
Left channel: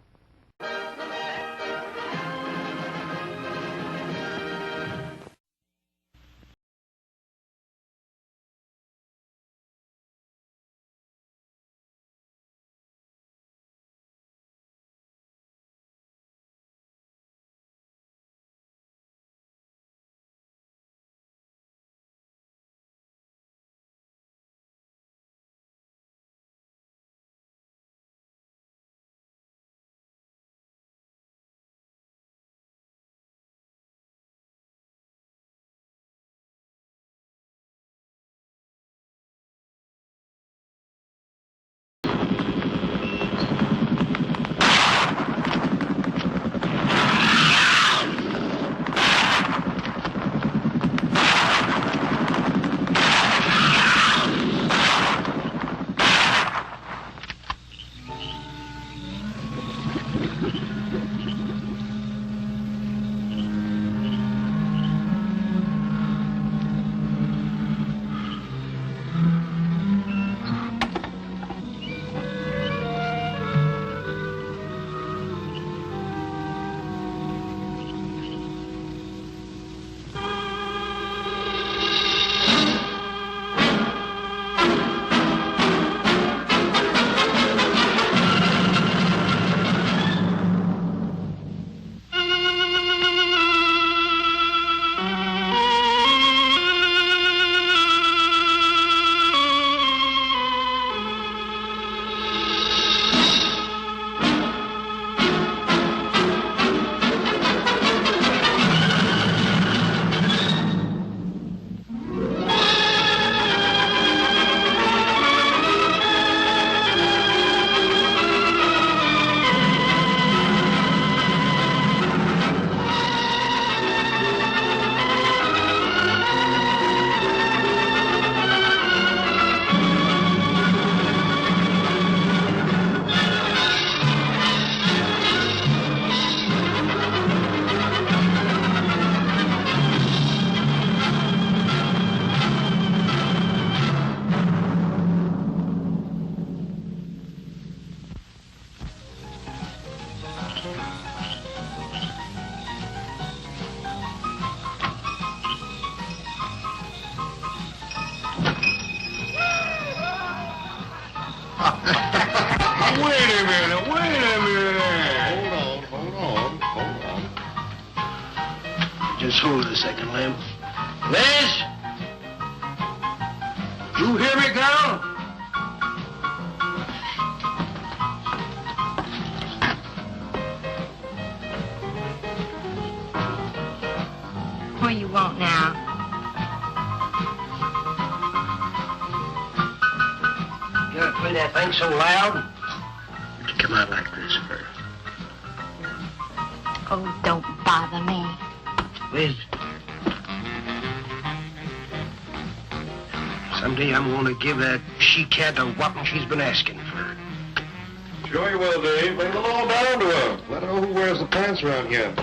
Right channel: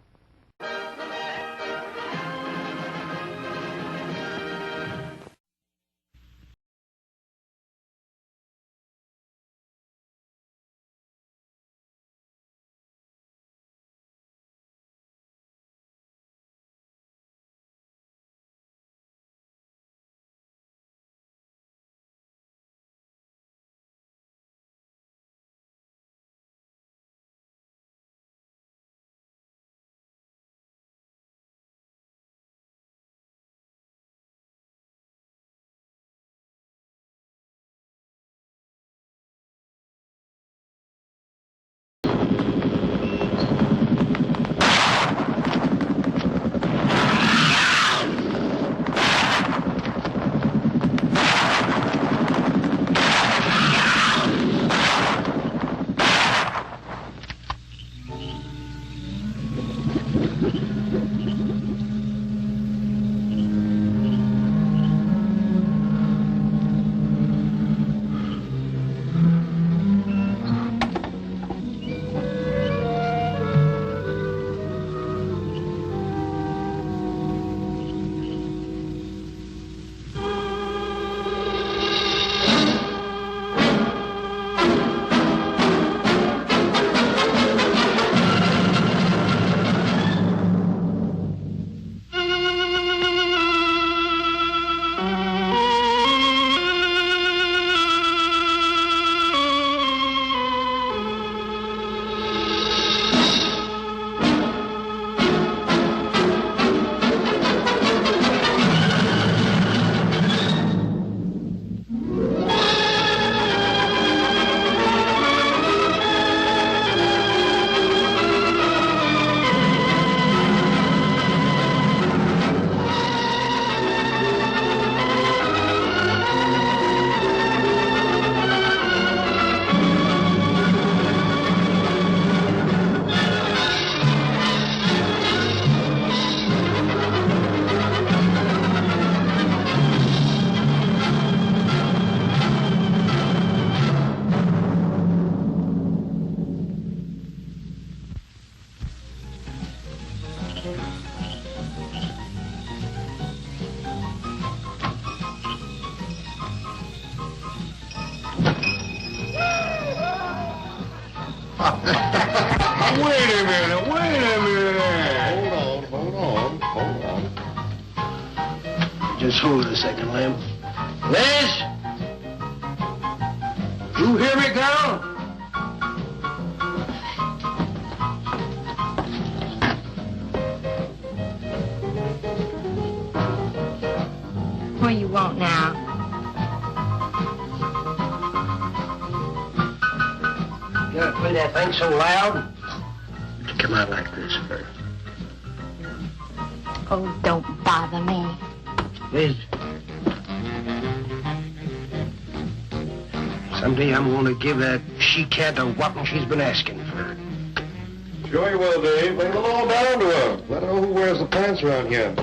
Just hold it a second, Lem. Liz? You hear me, girl? What do you want now? You gotta play that thing so loud. It come out like this first. Oh, don't bother me. Liz. Someday I'm gonna give that she-cat a whopping she's been asking for. Sure you will, Dave. Bring the law down to her. Let her know who wears the pants around here.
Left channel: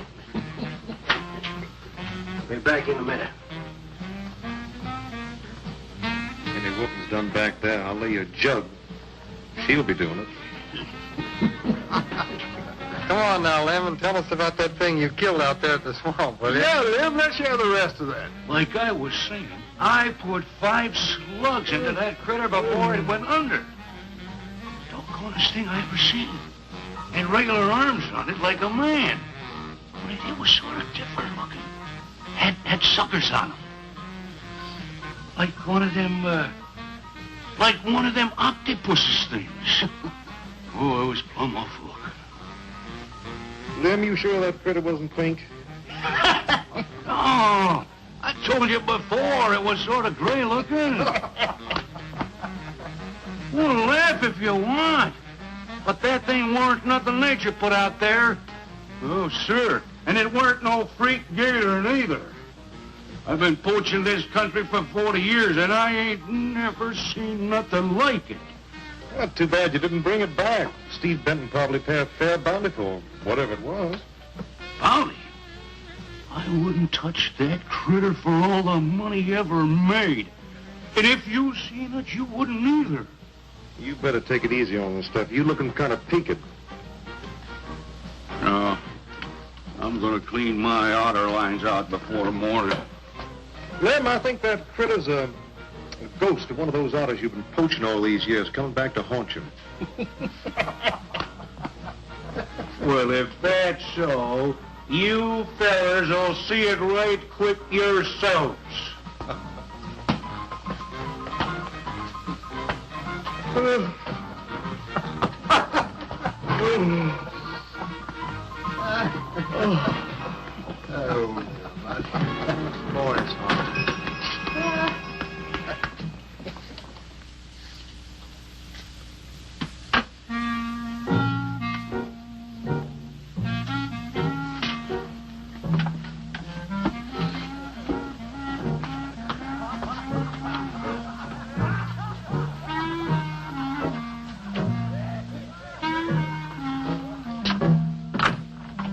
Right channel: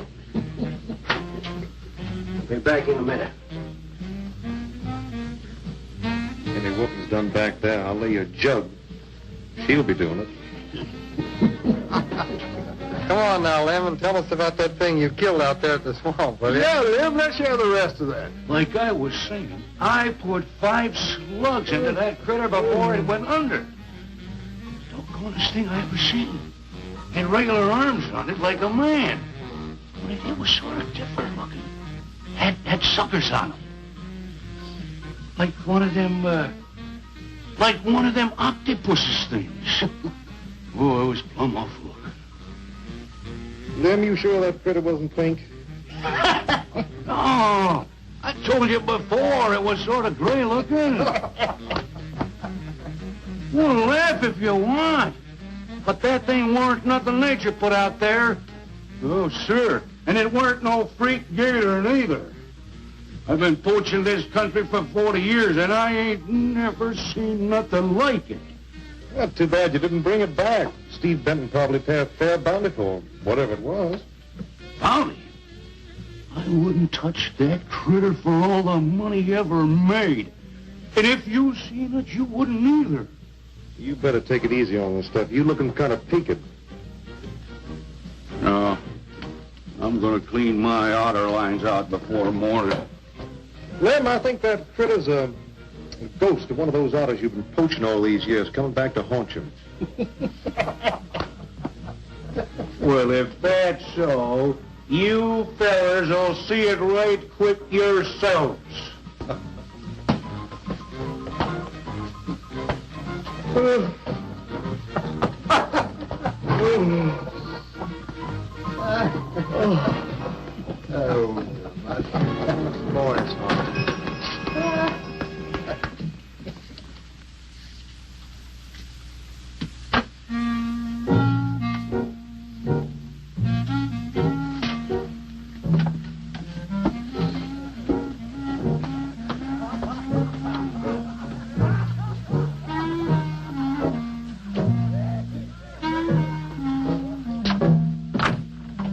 Be back in a minute. Any whooping's done back there, I'll lay you a jug. She'll be doing it. Come on now, Lem, and tell us about that thing you killed out there at the swamp, will you? Yeah, Lem, let's hear the rest of that. Like I was saying, I put 5 slugs into that critter before it went under. Doggonest thing I ever seen. Had regular arms on it like a man. But it was sort of different looking. Had suckers on them. Like one of them octopuses things. Oh, it was plumb awful. Lem, you sure that critter wasn't pink? Oh, I told you before it was sort of gray looking. Well, laugh if you want. But that thing weren't nothing nature put out there. Oh, sir. And it weren't no freak gator neither. I've been poaching this country for 40 years, and I ain't never seen nothing like it. Well, too bad you didn't bring it back. Steve Benton probably paid a fair bounty for whatever it was. Bounty? I wouldn't touch that critter for all the money ever made. And if you seen it, you wouldn't either. You better take it easy on this stuff. You looking kind of peaked. No. I'm gonna clean my otter lines out before morning. Lem, I think that critter's a ghost of one of those otters you've been poaching all these years, coming back to haunt you. Well, if that's so, you fellers will see it right quick yourselves.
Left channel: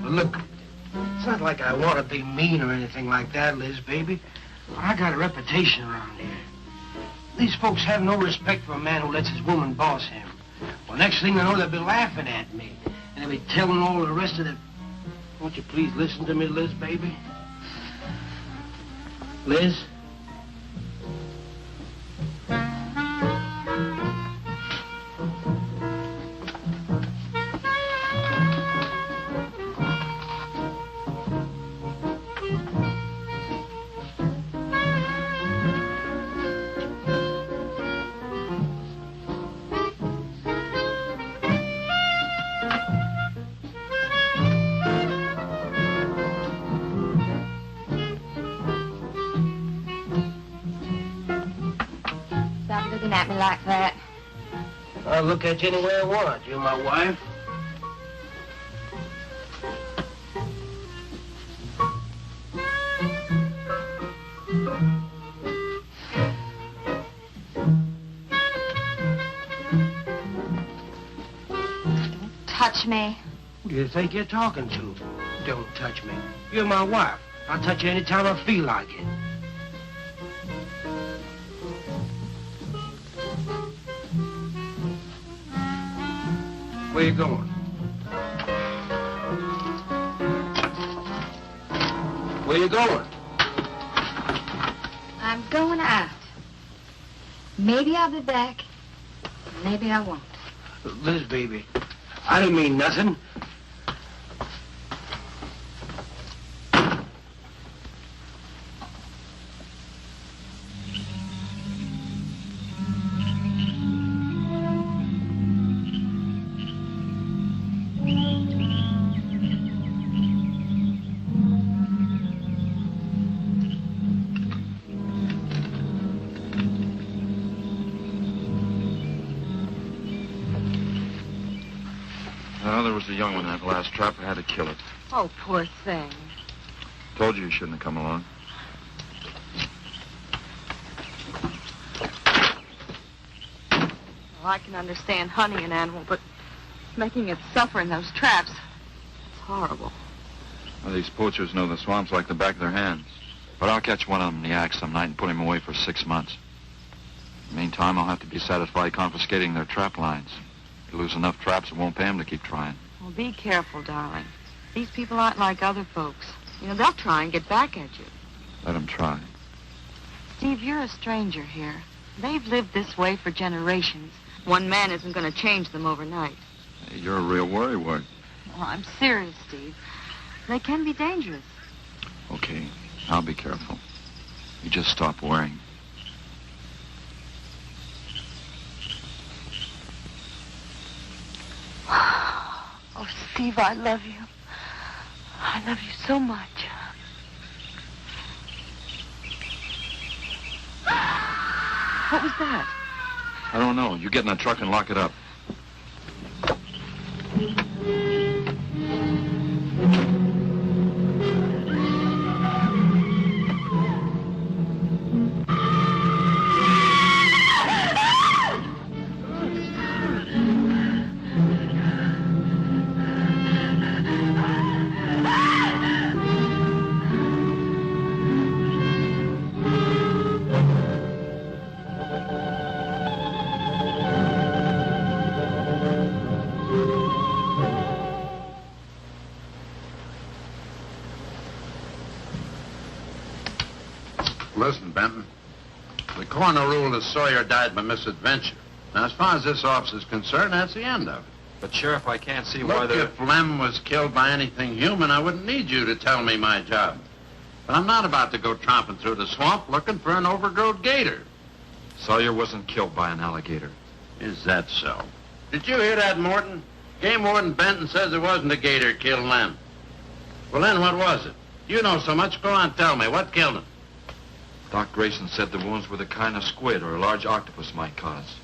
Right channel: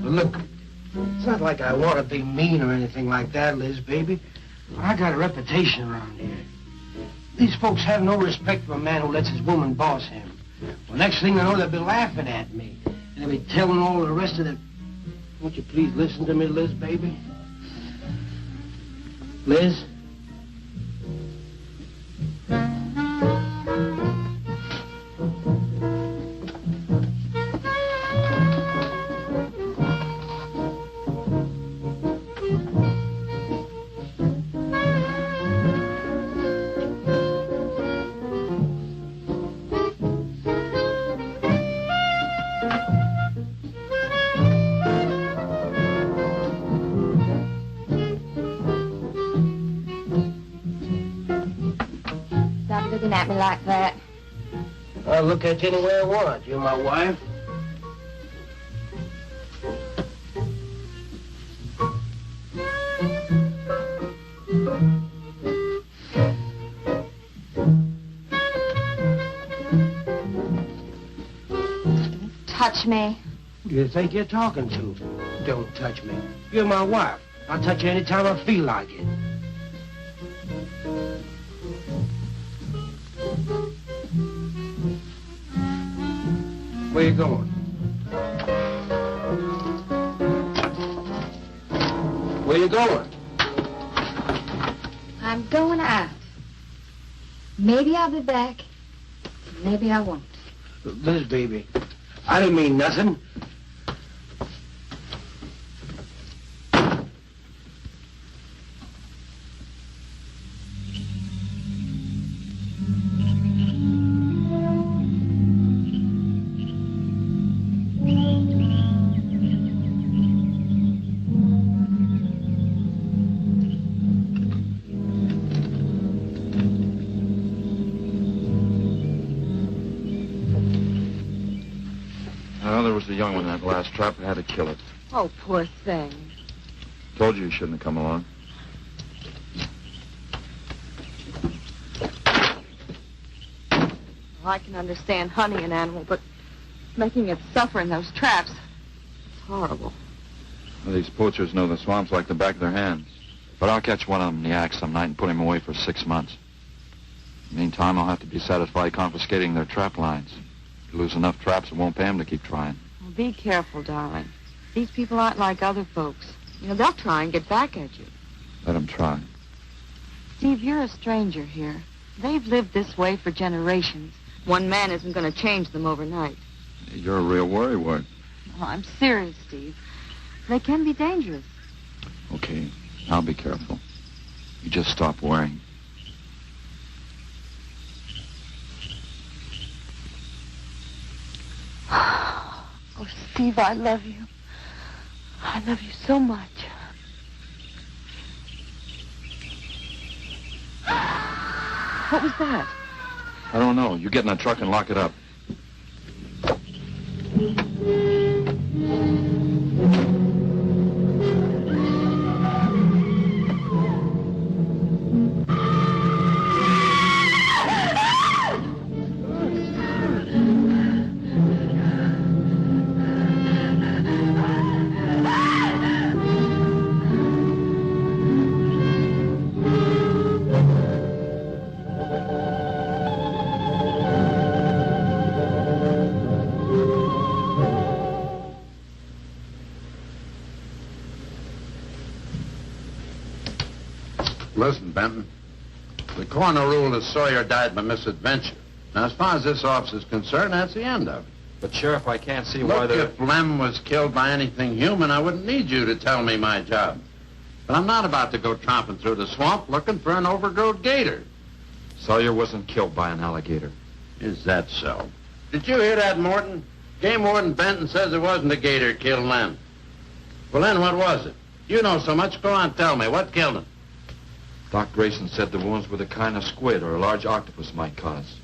Look, it's not like I want to be mean or anything like that, Liz, baby. But I got a reputation around here. These folks have no respect for a man who lets his woman boss him. Well, next thing I know, they'll be laughing at me. And they'll be telling all the rest of the... Won't you please listen to me, Liz, baby? Liz? Stop looking at me like that. I'll look at you any way I want. You're my wife. Touch me. Who do you think you're talking to? Don't touch me. You're my wife. I'll touch you anytime I feel like it. Where you going? Where you going? I'm going out. Maybe I'll be back. Maybe I won't. Liz, baby, I didn't mean nothing. young one in that last trap. I had to kill it. Oh, poor thing. Told you shouldn't have come along. Well, I can understand hunting an animal, but making it suffer in those traps, it's horrible. Well, these poachers know the swamps like the back of their hands. But I'll catch one of them in the act some night and put him away for 6 months. Meantime, I'll have to be satisfied confiscating their trap lines. If you lose enough traps, it won't pay them to keep trying. Well, be careful, darling. These people aren't like other folks. You know, they'll try and get back at you. Let them try. Steve, you're a stranger here. They've lived this way for generations. One man isn't going to change them overnight. You're a real worrywart. Oh, I'm serious, Steve. They can be dangerous. Okay, I'll be careful. You just stop worrying. Oh, Steve, I love you. I love you so much. What was that? I don't know. You get in the truck and lock it up. Listen, Benton. The coroner ruled that Sawyer died by misadventure. Now, as far as this officer's concerned, that's the end of it. But, Sheriff, I can't see why Look, if Lem was killed by anything human, I wouldn't need you to tell me my job. But I'm not about to go tromping through the swamp looking for an overgrown gator. Sawyer wasn't killed by an alligator. Is that so? Did you hear that, Morton? Game Warden Benton says it wasn't a gator killed Lem. Well, then what was it? You know so much. Go on, tell me. What killed him? Doc Grayson said the wounds were the kind of squid or a large octopus might cause.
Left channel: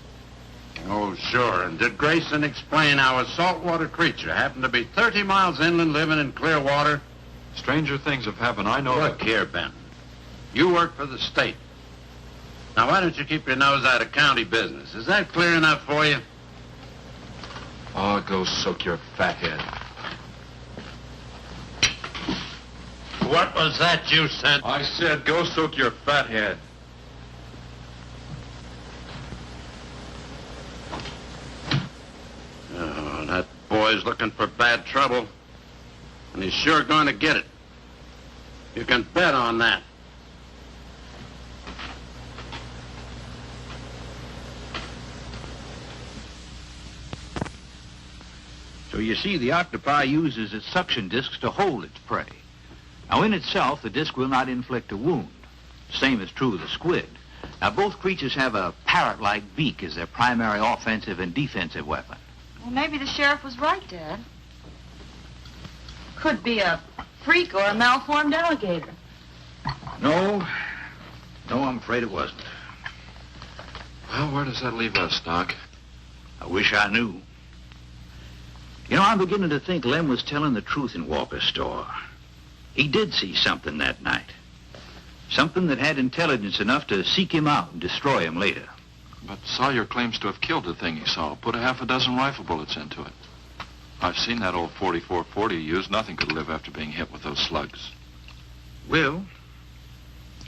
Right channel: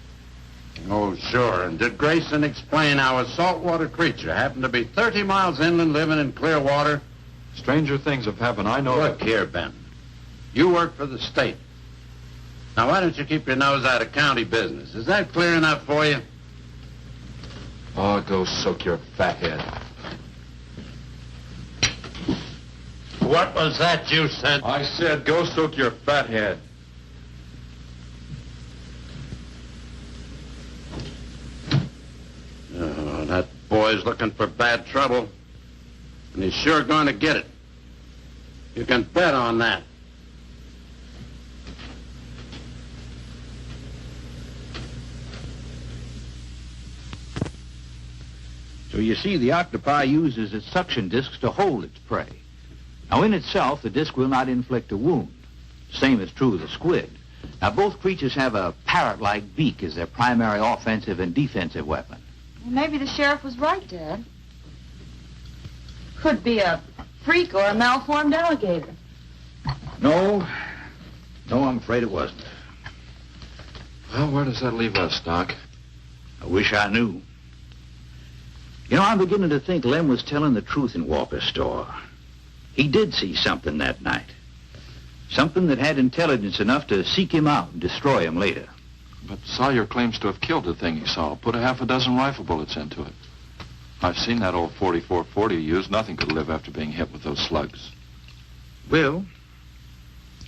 Oh, sure. And did Grayson explain how a saltwater creature happened to be 30 miles inland living in clear water? Stranger things have happened. I know. Look here, Benton. You work for the state. Now, why don't you keep your nose out of county business? Is that clear enough for you? Oh, go soak your fat head. What was that you said? I said go soak your fat head. Oh, that boy's looking for bad trouble. And he's sure going to get it. You can bet on that. So you see, the octopi uses its suction discs to hold its prey. Now, in itself, the disc will not inflict a wound. Same is true of the squid. Now, both creatures have a parrot-like beak as their primary offensive and defensive weapon. Well, maybe the sheriff was right, Dad. Could be a freak or a malformed alligator. No, I'm afraid it wasn't. Well, where does that leave us, Doc? I wish I knew. You know, I'm beginning to think Lem was telling the truth in Walker's store. He did see something that night. Something that had intelligence enough to seek him out and destroy him later. But Sawyer claims to have killed the thing he saw. Put a half a dozen rifle bullets into it. I've seen that old 44-40 used. Nothing could live after being hit with those slugs. Well,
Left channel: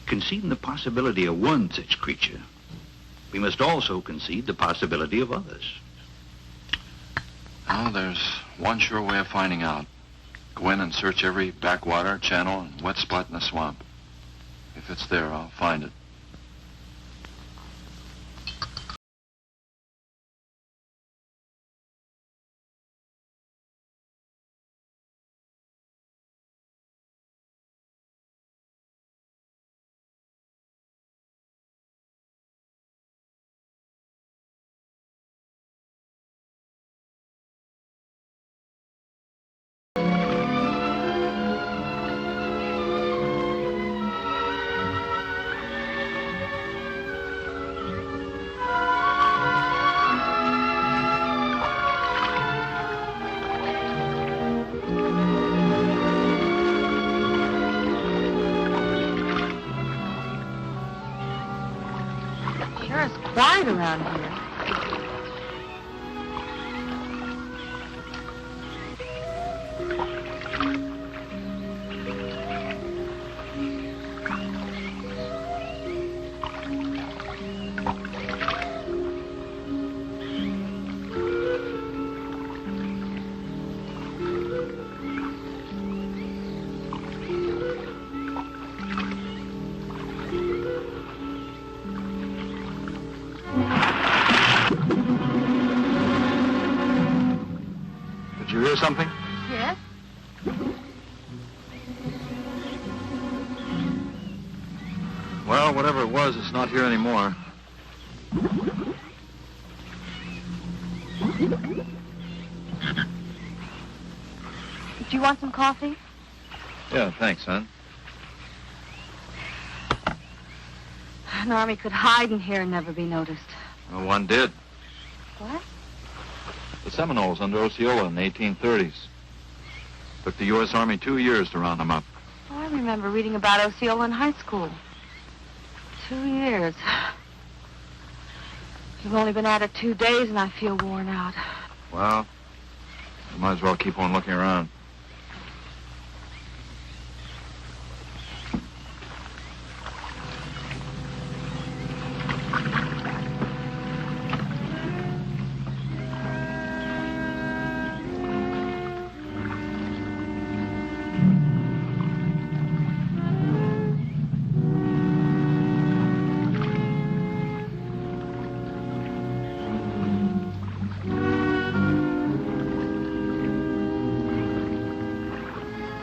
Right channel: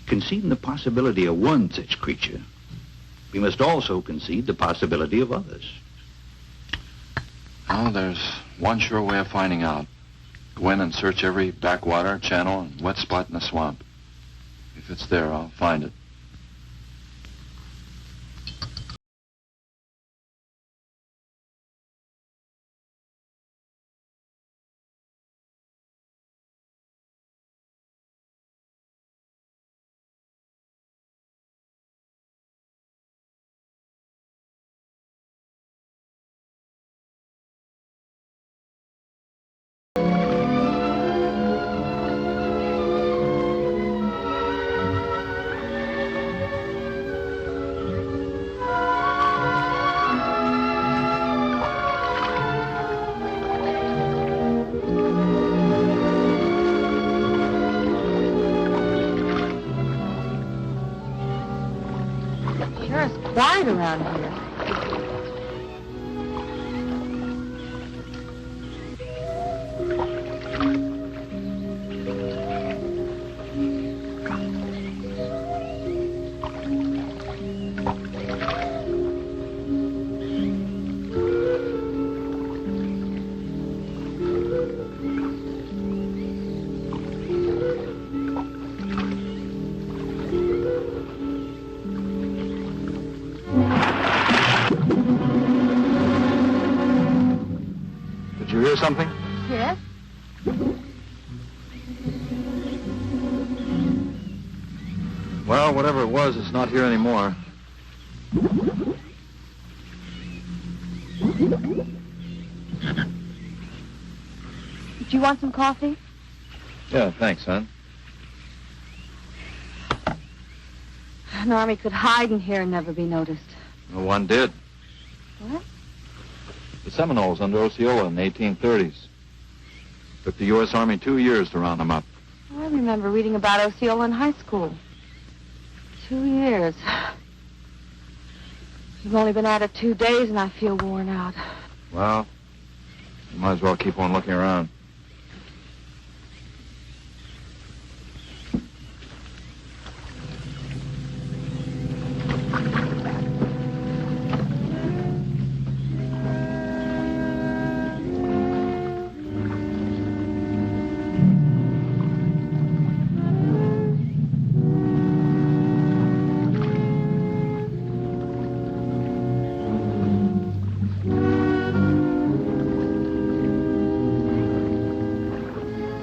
conceding the possibility of one such creature, we must also concede the possibility of others. Well, there's one sure way of finding out. Go in and search every backwater, channel, and wet spot in the swamp. If it's there, I'll find it. quiet around here. Did you hear something? Yes? Well, whatever it was, it's not here anymore. Did you want some coffee? Yeah, thanks, son. An army could hide in here and never be noticed. Well, one did. What? The Seminoles under Osceola in the 1830s. Took the U.S. Army 2 years to round them up. Oh, I remember reading about Osceola in high school. 2 years. You've only been at it 2 days and I feel worn out. Well, you might as well keep on looking around.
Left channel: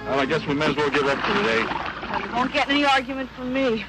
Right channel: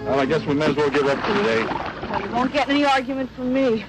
Well, I guess we may as well give up for today. Well, you won't get any argument from me.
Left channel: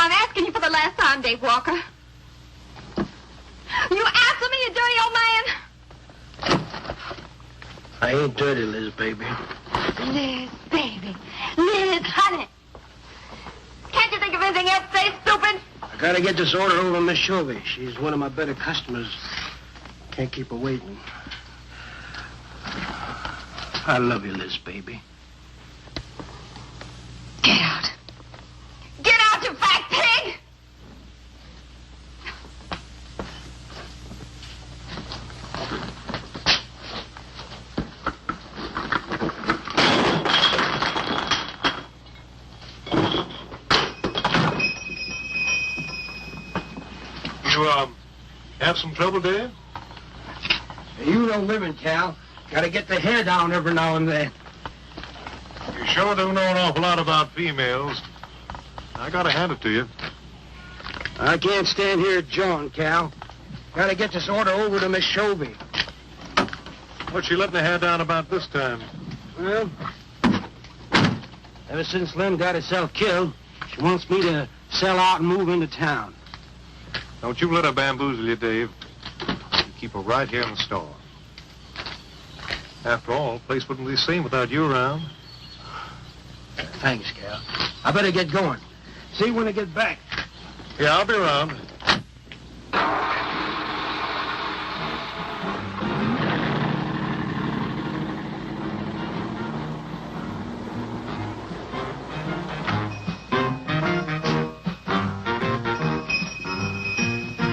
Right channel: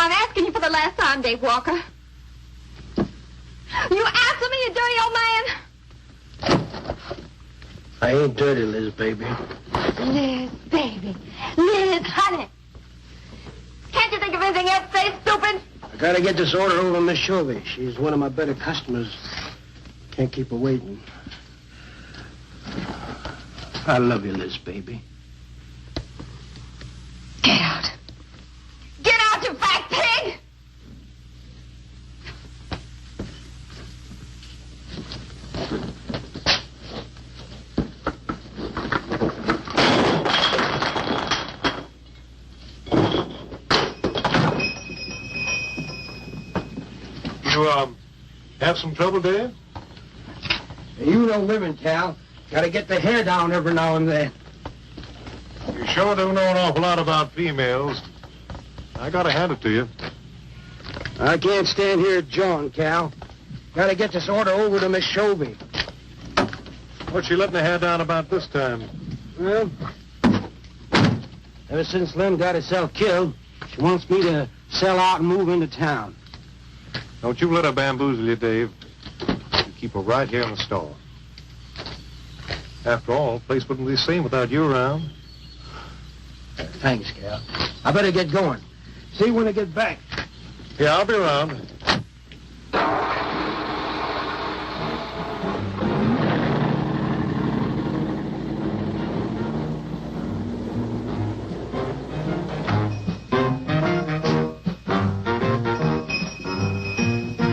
I'm asking you for the last time, Dave Walker. You answer me, you dirty old man. I ain't dirty, Liz, baby. Liz, baby. Liz, honey. Can't you think of anything else to say, stupid? I gotta get this order over to Miss Shovey. She's one of my better customers. Can't keep her waiting. I love you, Liz, baby. Get out. Get out, you fat pig! You, have some trouble, Dave? You know living, Cal. Gotta get the hair down every now and then. You sure do know an awful lot about females. I gotta hand it to you. I can't stand here jawing, Cal. Gotta get this order over to Miss Shovey. What's she letting the hair down about this time? Well, ever since Lem got herself killed, she wants me to sell out and move into town. Don't you let her bamboozle you, Dave. You keep her right here in the store. After all, the place wouldn't be the same without you around. Thanks, Cal. I better get going. See you when I get back. Yeah, I'll be around.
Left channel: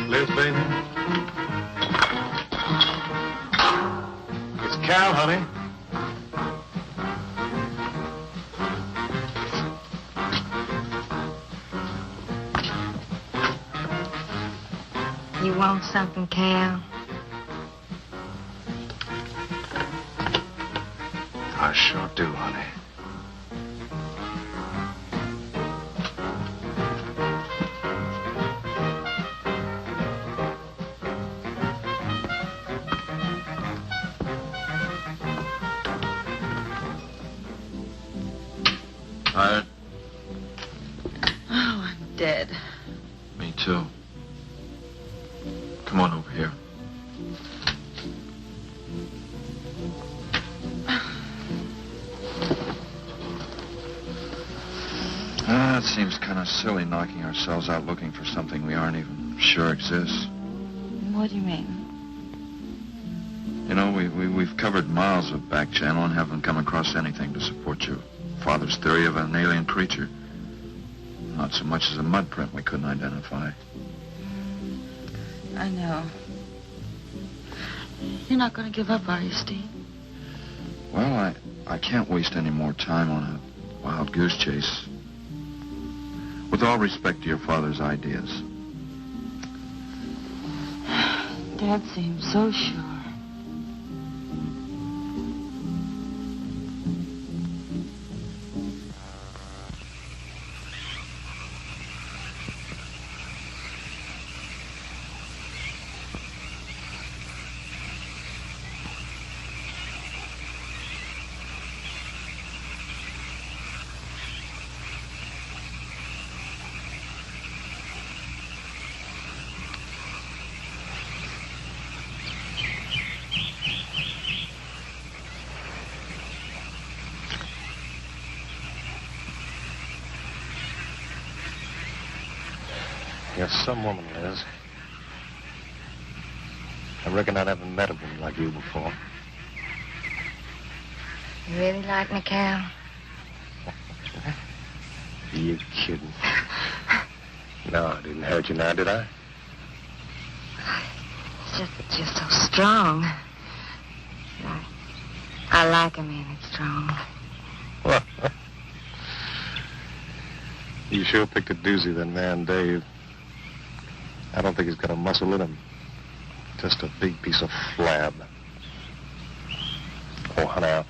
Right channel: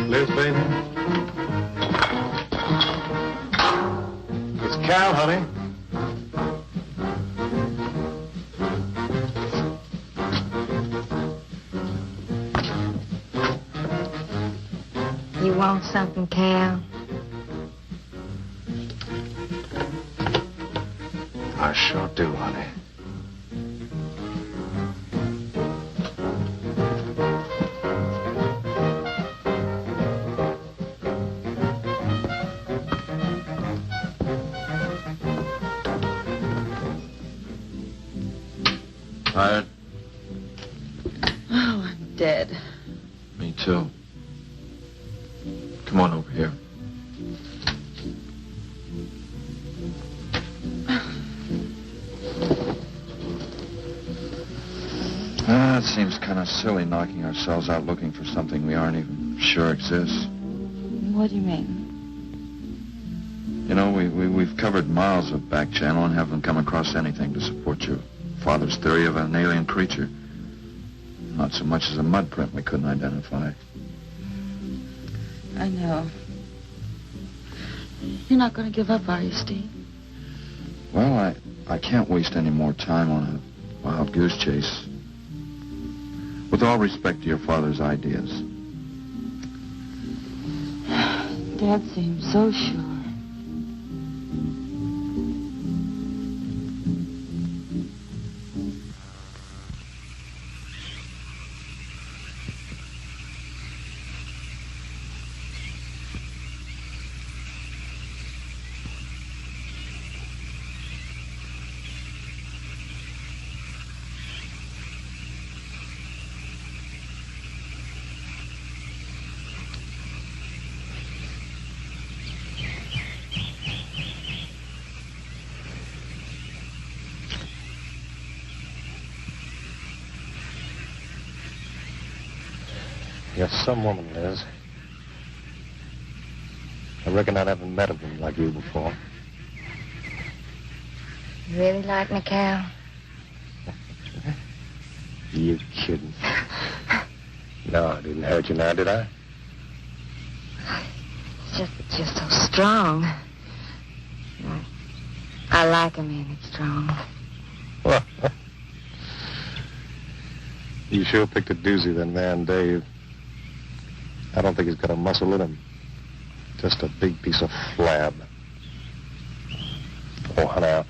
Liz, baby. It's Cal, honey. You want something, Cal? I sure do, honey. Tired? Oh, I'm dead. Me too. Come on over here. It seems kind of silly knocking ourselves out looking for something we aren't even sure exists. What do you mean? You know, we've covered miles of back channel and haven't come across anything to support your father's theory of an alien creature. Not so much as a mud print we couldn't identify. I know. You're not going to give up, are you, Steve? Well, I can't waste any more time on a wild goose chase. With all respect to your father's ideas. Dad seems so sure. You're some woman, Liz. I reckon I never met a woman like you before. You really like me, Cal? You kidding? No, I didn't hurt you now, did I? It's just that you're so strong. I like a man that's strong. Well, you sure picked a doozy, that man, Dave. I don't think he's got a muscle in him. Just a big piece of flab. Oh, honey,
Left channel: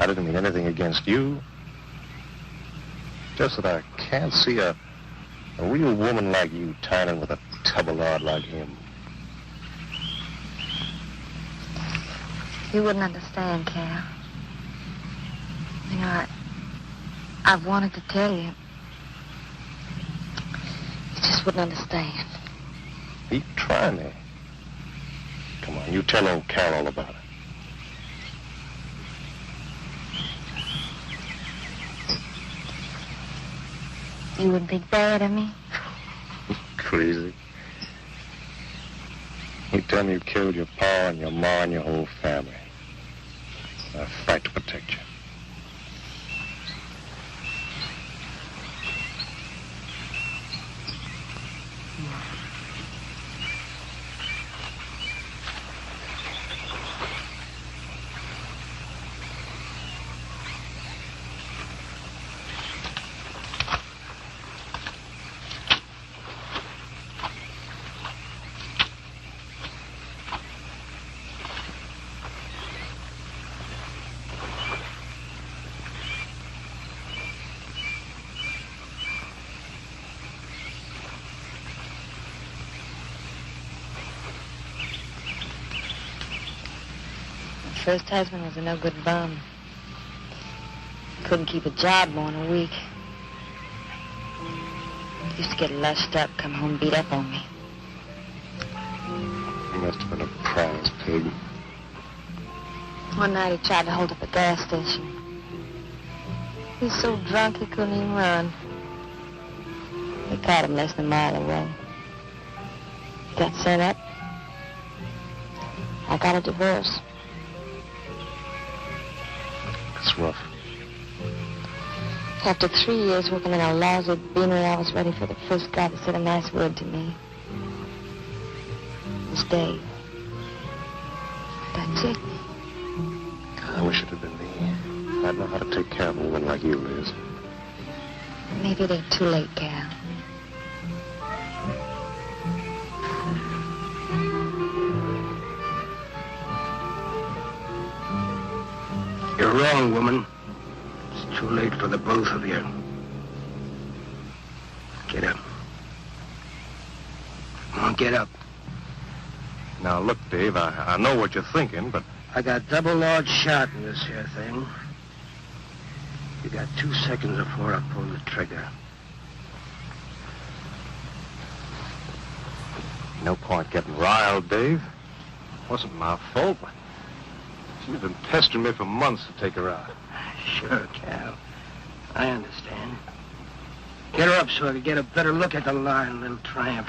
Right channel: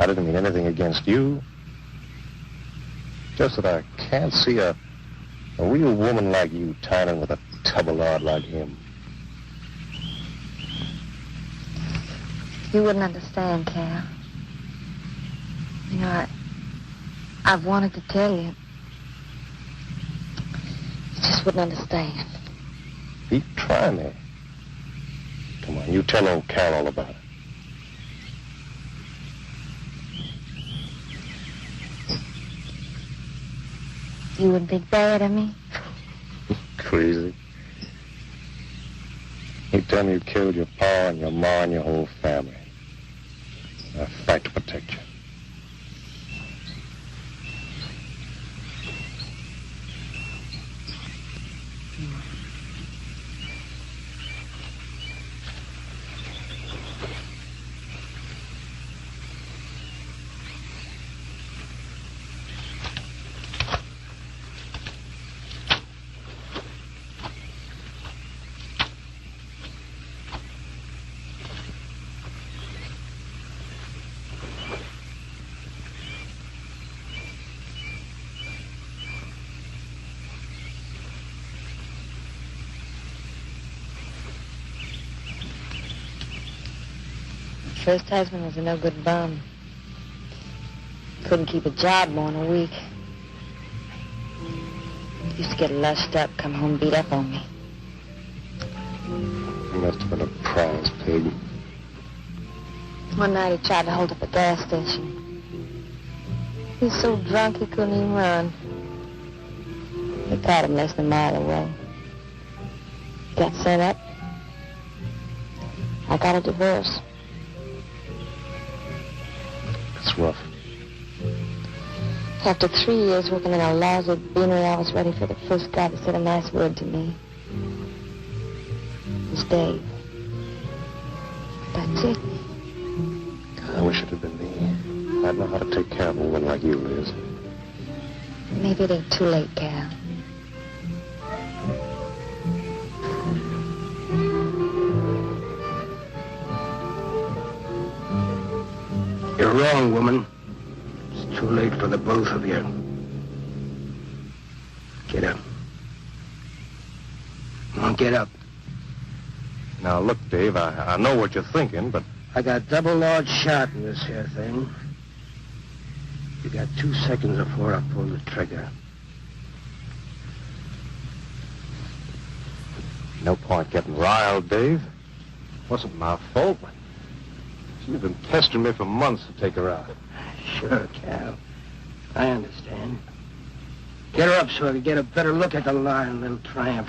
I didn't mean anything against you. Just that I can't see a real woman like you tying in with a tubby-lard like him. You wouldn't understand, Cal. You know, I've wanted to tell you. You just wouldn't understand. He try me. Come on, you tell old Cal all about it. You wouldn't think bad of me? Crazy. You tell me you killed your pa and your ma and your whole family. I fight to protect you. First husband was a no-good bum. Couldn't keep a job more than a week. Used to get lushed up, come home beat up on me. He must have been a prize pig. One night he tried to hold up a gas station. He was so drunk he couldn't even run. They caught him less than a mile away. Got sent up. I got a divorce. It's rough. After 3 years working in a lousy beanery, I was ready for the first guy that said a nice word to me. It was Dave. That's it. I wish it had been me. I'd know how to take care of a woman like you, Liz. Maybe it ain't too late, Cal. You're wrong, woman. It's too late for the both of you. Get up. Come on, get up. Now, look, Dave, I know what you're thinking, but... I got double large shot in this here thing. You got 2 seconds before I pull the trigger. No point getting riled, Dave. Wasn't my fault. She's been pestering me for months to take her out. Sure, Cal. I understand. Get her up so I can get a better look at the line, little tramp.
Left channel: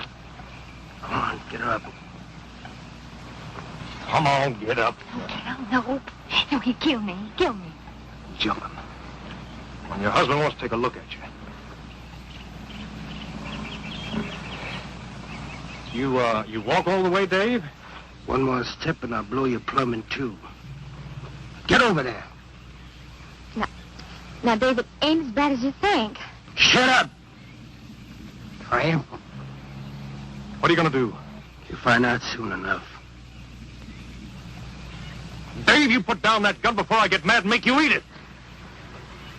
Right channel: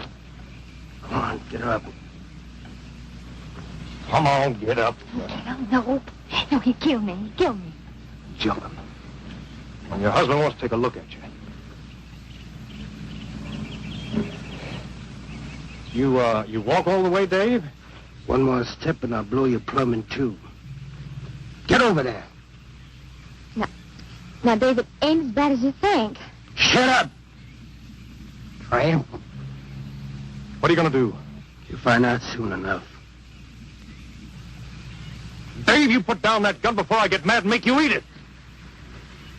Come on, get her up. Come on, get up. Cal, no. No, he'd kill me. He'd kill me. Jumping. When your husband wants to take a look at you. You walk all the way, Dave? One more step and I'll blow you plumb in two. Get over there. Now, Dave, it ain't as bad as you think. Shut up! Tramp. What are you going to do? You'll find out soon enough. Dave, you put down that gun before I get mad and make you eat it.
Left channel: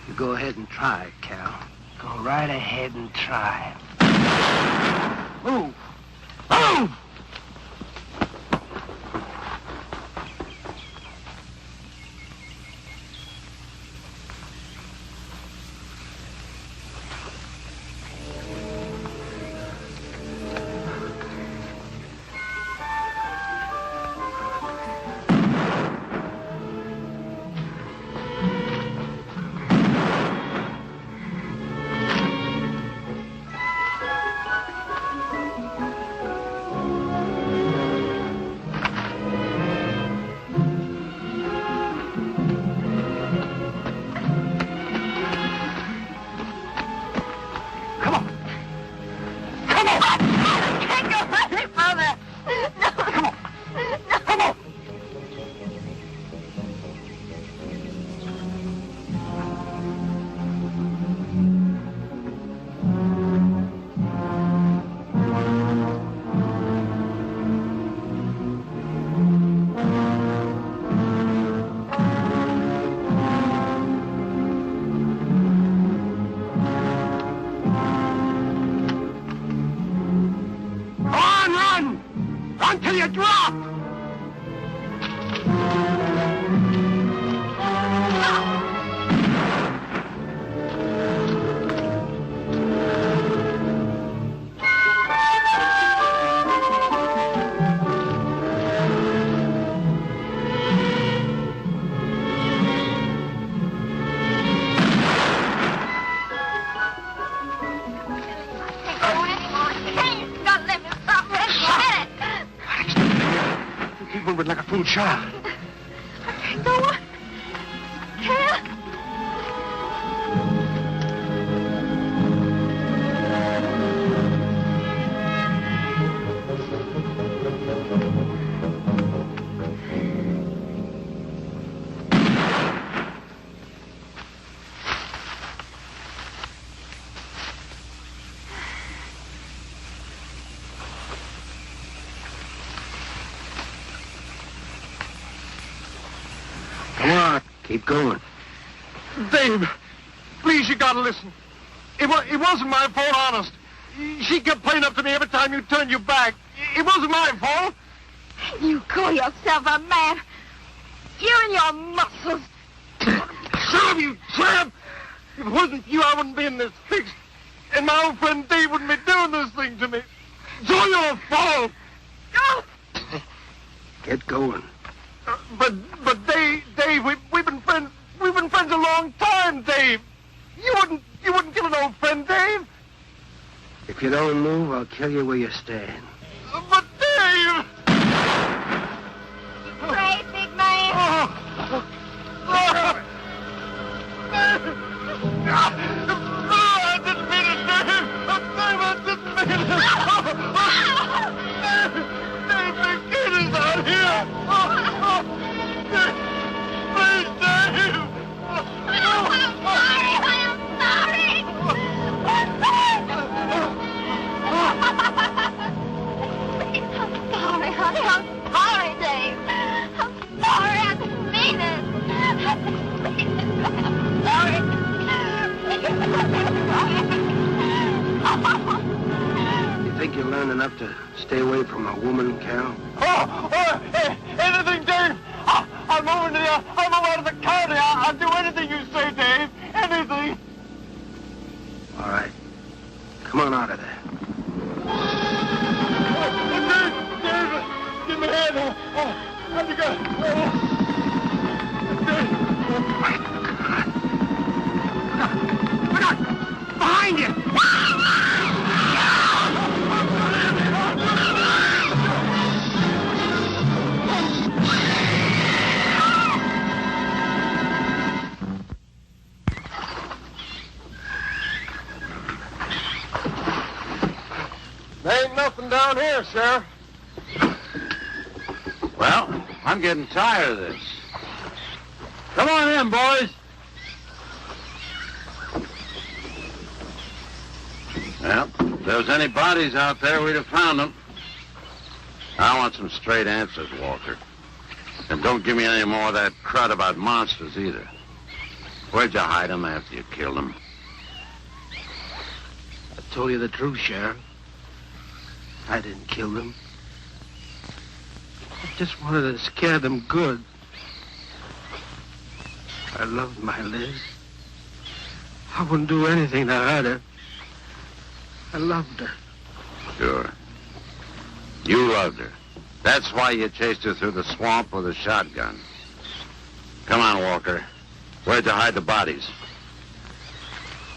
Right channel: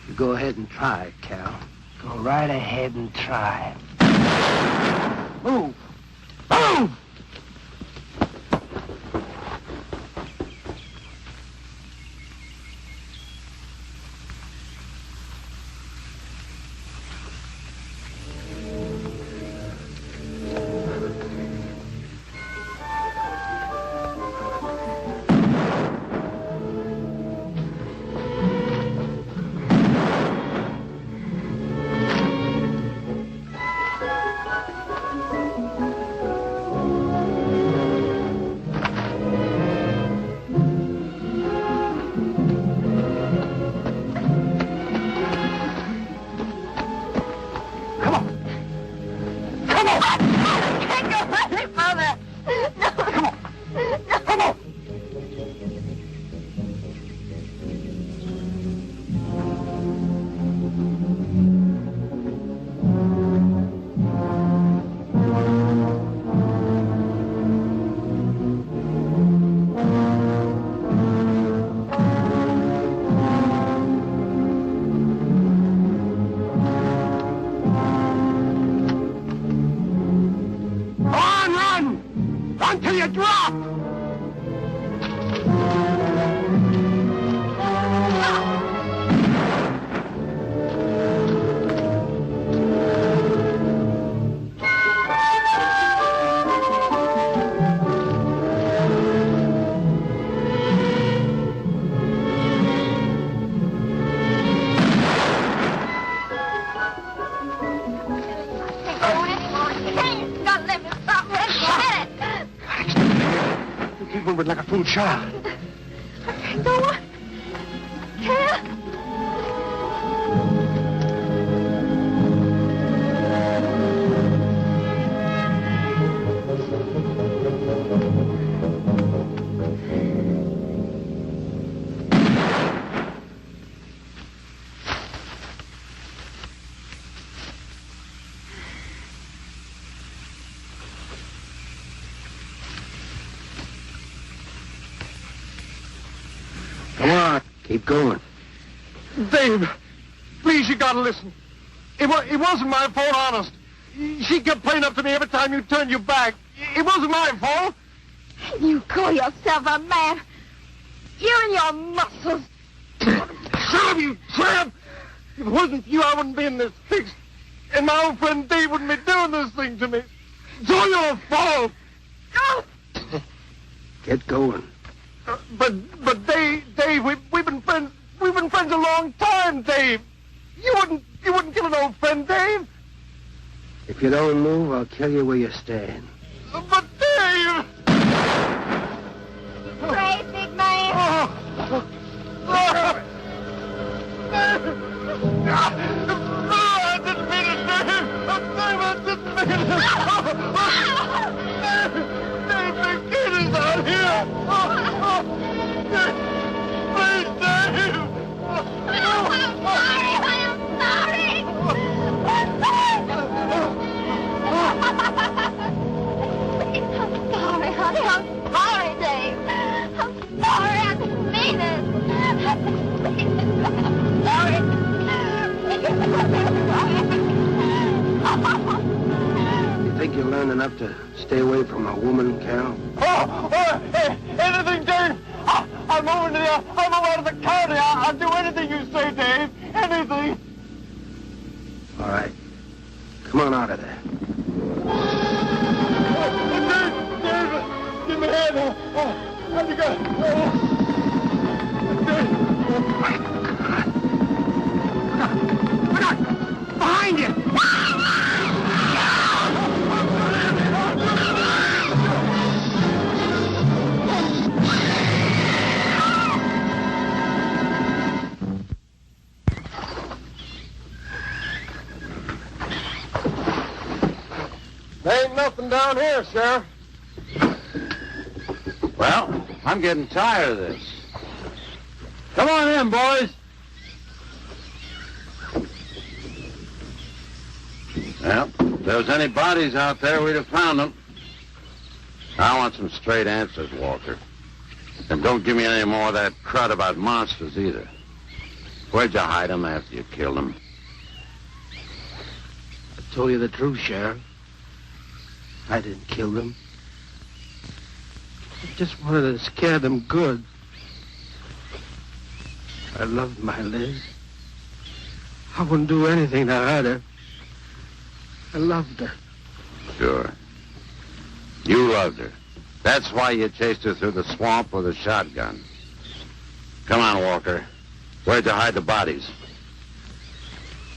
You go ahead and try, Cal. Go right ahead and try. Move! Move! Until you drop! Like a fool child. Go on. Cal. Come on, keep going. Dave, please, you gotta listen. It wasn't my fault, honest. She kept playing up to me every time you turned your back. It wasn't my fault. You call yourself a man. You and your muscles. Shut up, you tramp! If it wasn't for you, I wouldn't be in this fix. And my old friend Dave wouldn't be doing this thing to me. It's all your fault. Get going. But Dave, we've been friends. We've been friends a long time, Dave. You wouldn't kill an old friend, Dave. If you don't move, I'll kill you where you stand. But Dave! Pray, big man. I didn't mean it, Dave. Dave, I didn't mean it. Dave, the kid is out here. Please, Dave. I'm sorry. I'm sorry, honey. I'm sorry, Dave. I'm sorry. I didn't mean it. I'm sorry. You think you learned enough to stay away from a woman, Cal? Hey, anything, Dave. I'll move out of the county. I'll do anything you say, Dave. anything. All right. Come on out of there. Give me a hand. How'd you go? Behind you! There ain't nothing down here, Sheriff. Well, I'm getting tired of this. Come on in, boys. Well, if there was any bodies out there, we'd have found them. I want some straight answers, Walker. And don't give me any more of that crud about monsters either. Where'd you hide them after you killed them? I told you the truth, Sheriff. I didn't kill them. I just wanted to scare them good. I loved my Liz. I wouldn't do anything to hurt her. I loved her. Sure. You loved her. That's why you chased her through the swamp with a shotgun. Come on, Walker. Where'd you hide the bodies?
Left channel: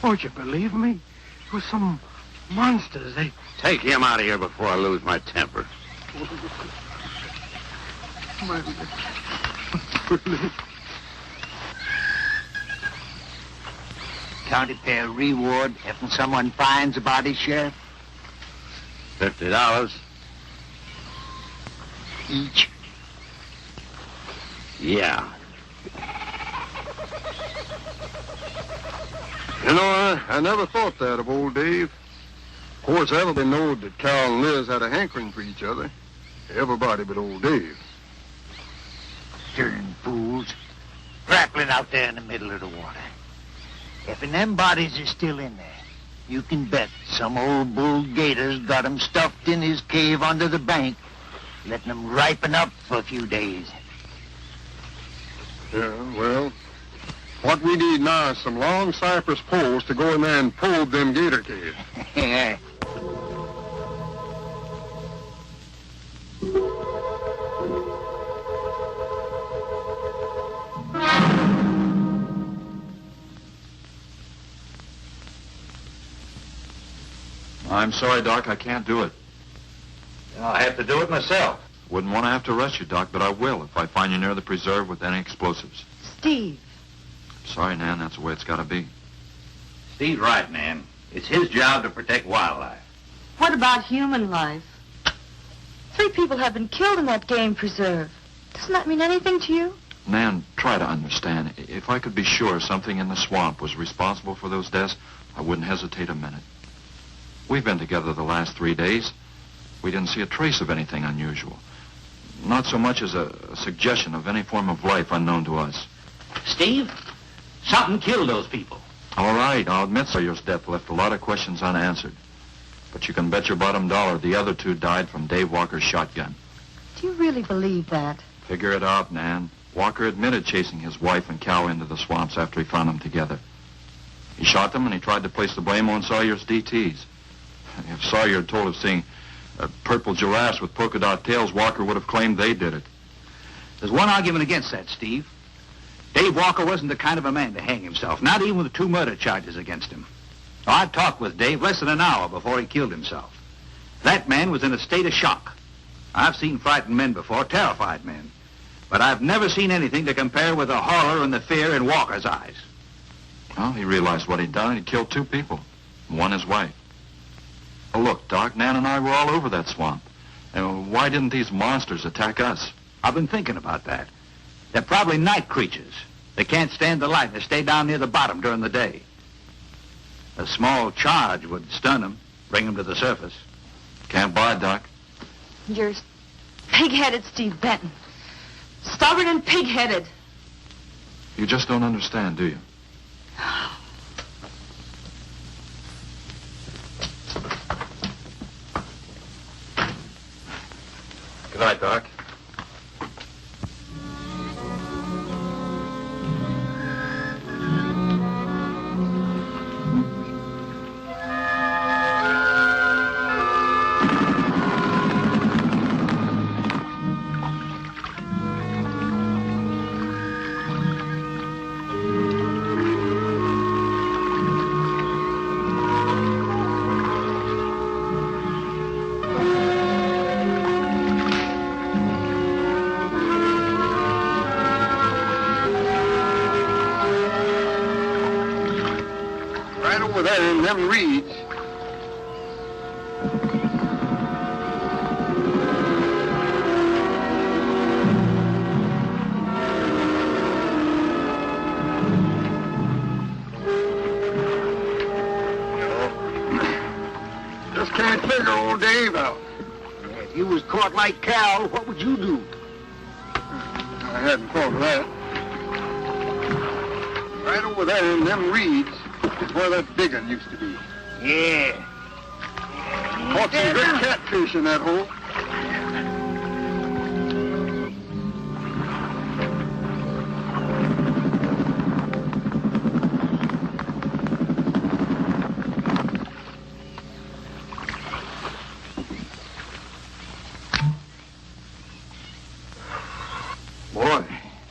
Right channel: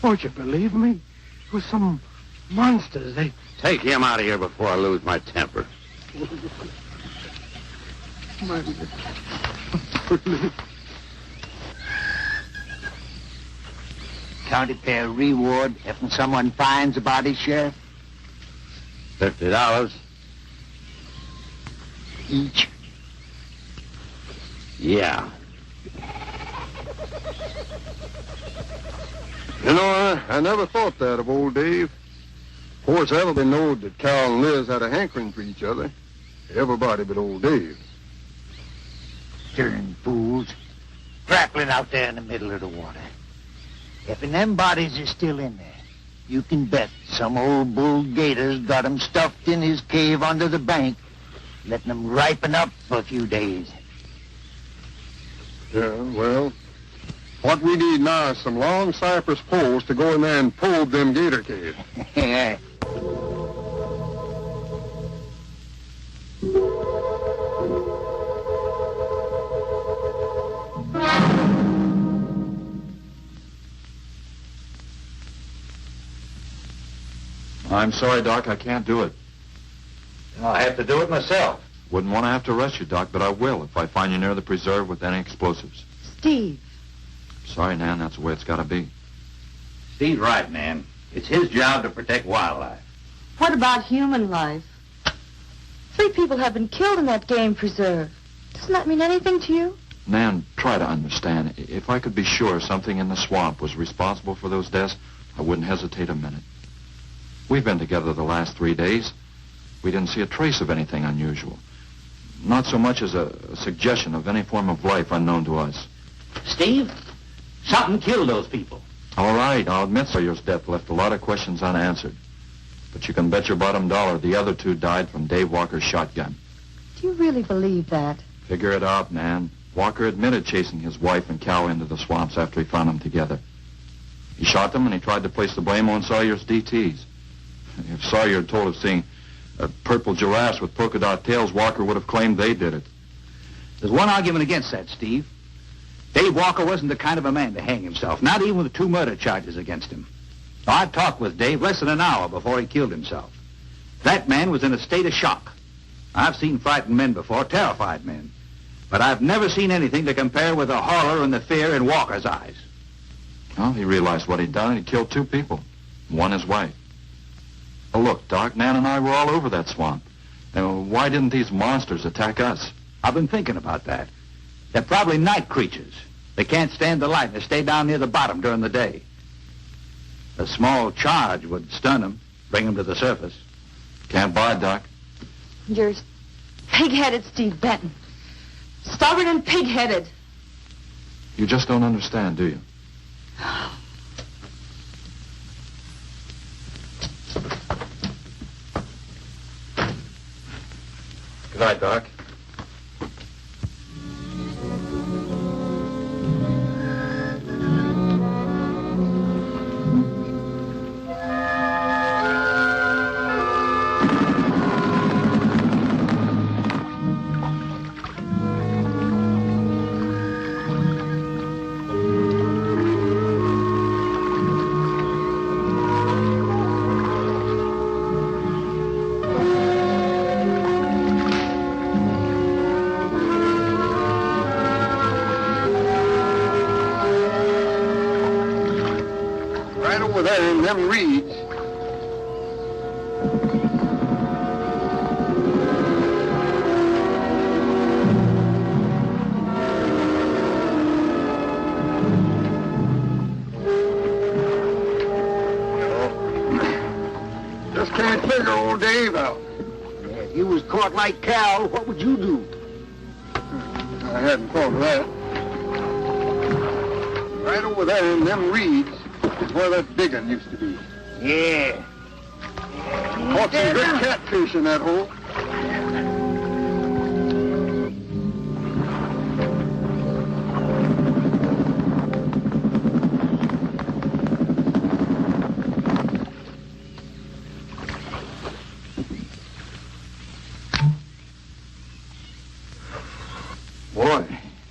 Won't you believe me? It was some monsters. They... Take him out of here before I lose my temper. County fair reward if someone finds a body, Sheriff? $50. Each? Yeah. You know, I never thought that of old Dave. Of course, everybody knowed that Carol and Liz had a hankering for each other. Everybody but old Dave. Darn fools. Grappling out there in the middle of the water. If them bodies are still in there, you can bet some old bull gator's got 'em stuffed in his cave under the bank, letting 'em ripen up for a few days. Yeah, well, what we need now is some long cypress poles to go in there and probe them gator caves. I'm sorry, Doc, I can't do it. I'll have to do it myself. Wouldn't want to have to arrest you, Doc, but I will if I find you near the preserve with any explosives. Steve. Sorry, Nan, that's the way it's got to be. Steve's right, Nan. It's his job to protect wildlife. What about human life? 3 people have been killed in that game preserve. Doesn't that mean anything to you? Nan, try to understand. If I could be sure something in the swamp was responsible for those deaths, I wouldn't hesitate a minute. We've been together the last 3 days. We didn't see a trace of anything unusual. Not so much as a suggestion of any form of life unknown to us. Steve, something killed those people. All right, I'll admit Sawyer's death left a lot of questions unanswered. But you can bet your bottom dollar the other 2 died from Dave Walker's shotgun. Do you really believe that? Figure it out, Nan. Walker admitted chasing his wife and cow into the swamps after he found them together. He shot them and he tried to place the blame on Sawyer's DTs. If Sawyer had told of seeing purple giraffes with polka dot tails, Walker would have claimed they did it. There's one argument against that, Steve. Dave Walker wasn't the kind of a man to hang himself, not even with 2 murder charges against him. I talked with Dave less than an hour before he killed himself. That man was in a state of shock. I've seen frightened men before, terrified men. But I've never seen anything to compare with the horror and the fear in Walker's eyes. Well, he realized what he'd done. He killed 2 people, one his wife. Oh, look, Doc, Nan and I were all over that swamp. And why didn't these monsters attack us? I've been thinking about that. They're probably night creatures. They can't stand the light and they stay down near the bottom during the day. A small charge would stun them, bring them to the surface. Can't buy, Doc. You're pig-headed, Steve Benton. Stubborn and pig-headed. You just don't understand, do you? Good night, Doc. over there in them reeds. Just can't figure old Dave out. If you was caught like Cal, what would you do? I hadn't thought of that. Right over there in them reeds is where that big one used to be. Yeah. Caught some good catfish in that hole. Boy,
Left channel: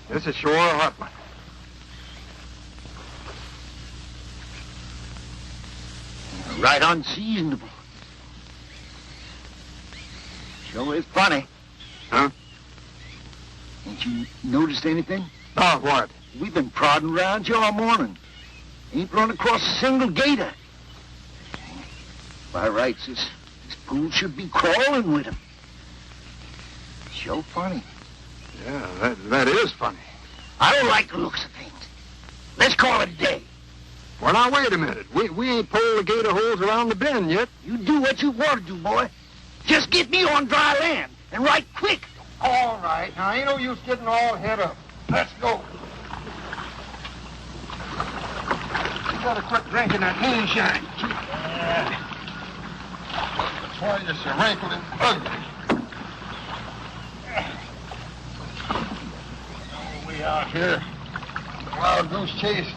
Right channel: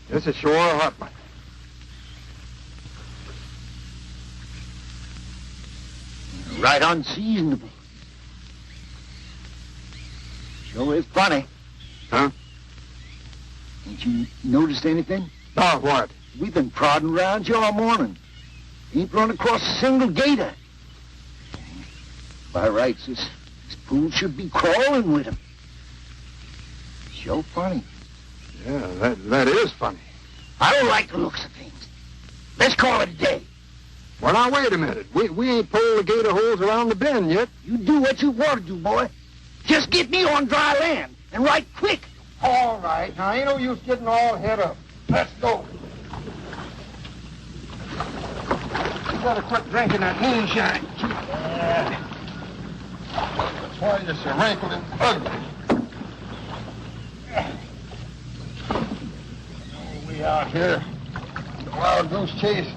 this is sure a hot one. Right unseasonable. Sure is funny. Huh? Ain't you noticed anything? Oh, what? We've been prodding around here all morning. Ain't run across a single gator. By rights, this pool should be crawling with him. Sure funny. Yeah, that is funny. I don't like the looks of things. Let's call it a day. Well, now, wait a minute. We ain't pulled the gator holes around the bend yet. You do what you want to do, boy. Just get me on dry land, and right quick. All right. Now, ain't no use getting all head up. Let's go. You gotta quit drinking that moonshine. That's why you're so wrinkled and ugly. We out here. Wild goose chase.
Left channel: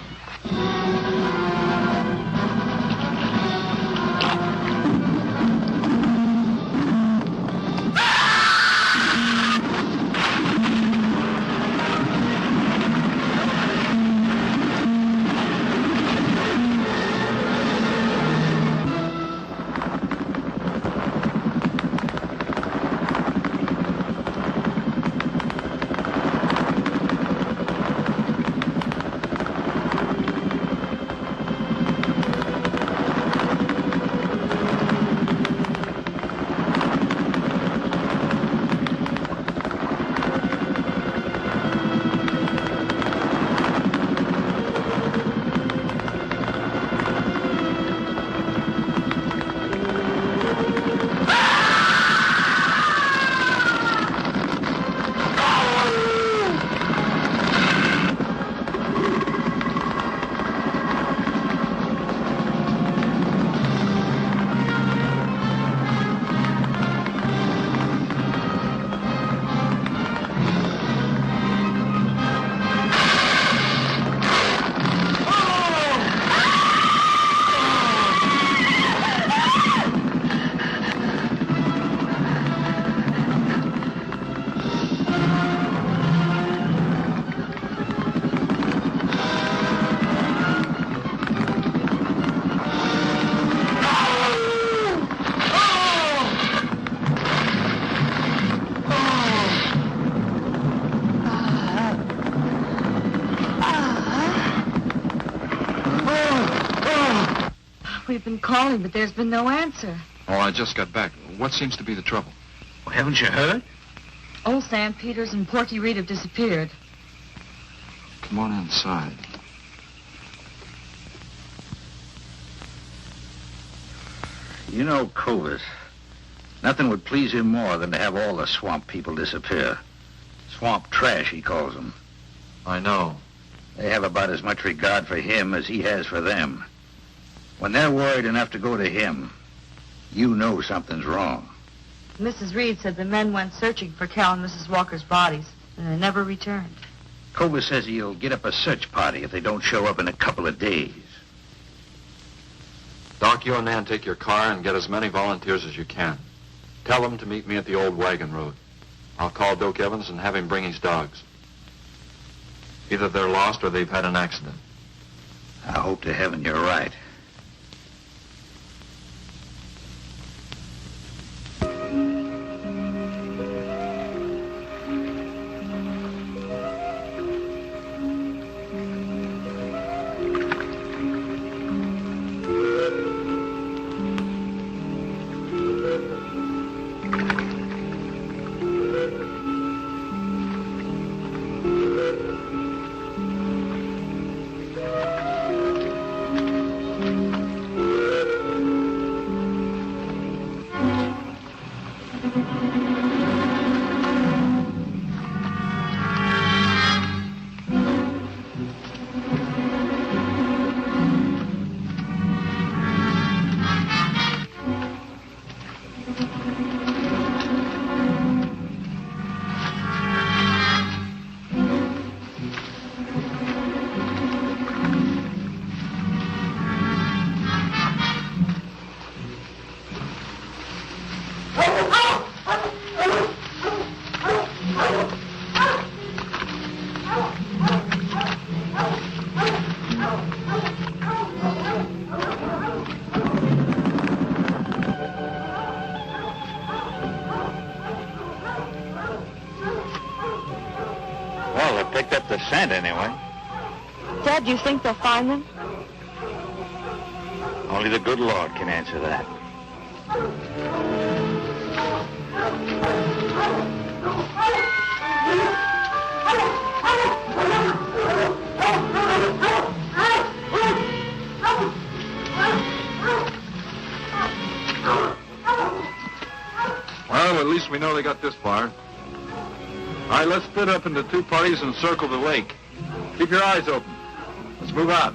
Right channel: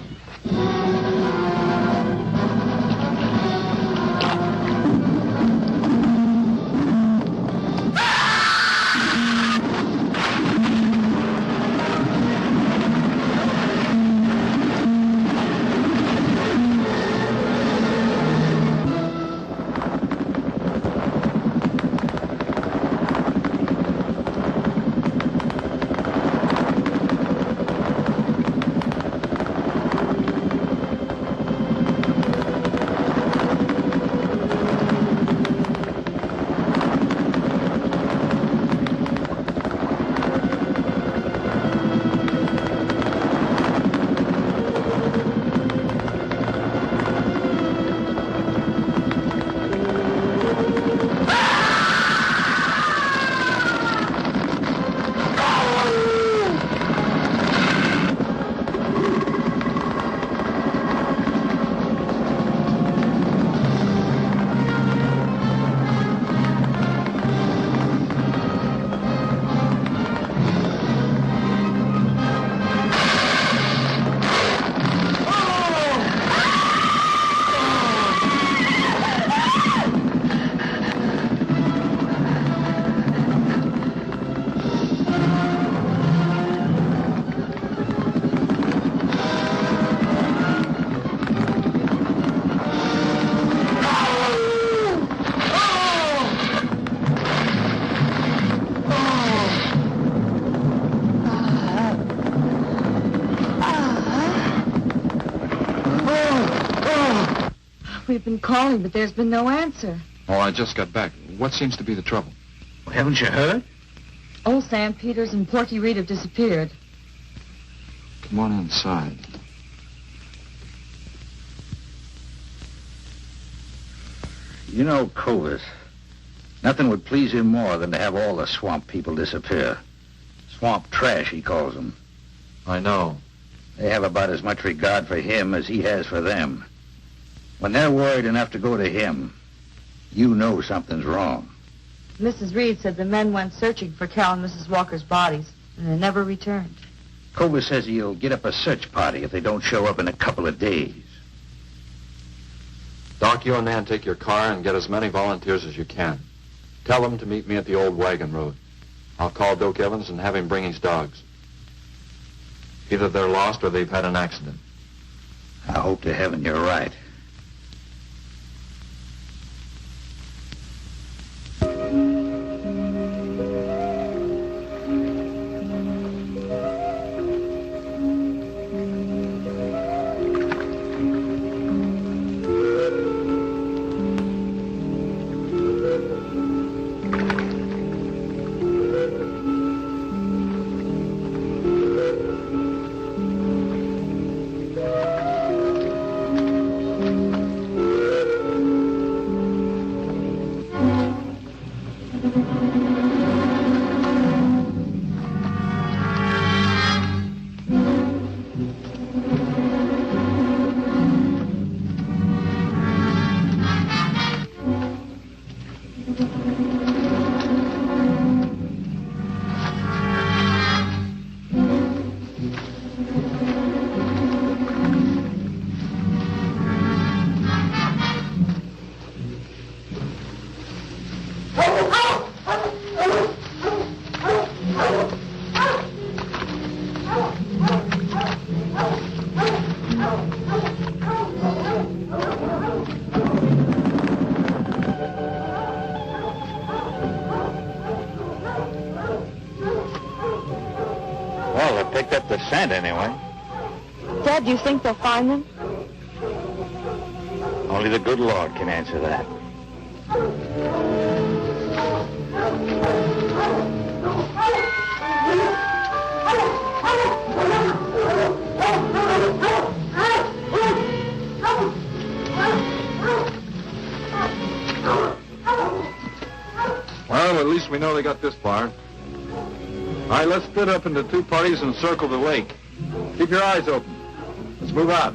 We've been calling, but there's been no answer. Oh, I just got back. What seems to be the trouble? Well, haven't you heard? Old Sam Peters and Porky Reed have disappeared. Come on inside. You know, Clovis, nothing would please him more than to have all the swamp people disappear. Swamp trash, he calls them. I know. They have about as much regard for him as he has for them. When they're worried enough to go to him, you know something's wrong. Mrs. Reed said the men went searching for Cal and Mrs. Walker's bodies, and they never returned. Clovis says he'll get up a search party if they don't show up in a couple of days. Doc, you and Nan take your car and get as many volunteers as you can. Tell them to meet me at the old wagon road. I'll call Doak Evans and have him bring his dogs. Either they're lost or they've had an accident. I hope to heaven you're right. land anyway. Dad, do you think they'll find them? Only the good Lord can answer that. Well, at least we know they got this far. All right, let's split up into two parties and circle the lake. Keep your eyes open. Let's move out.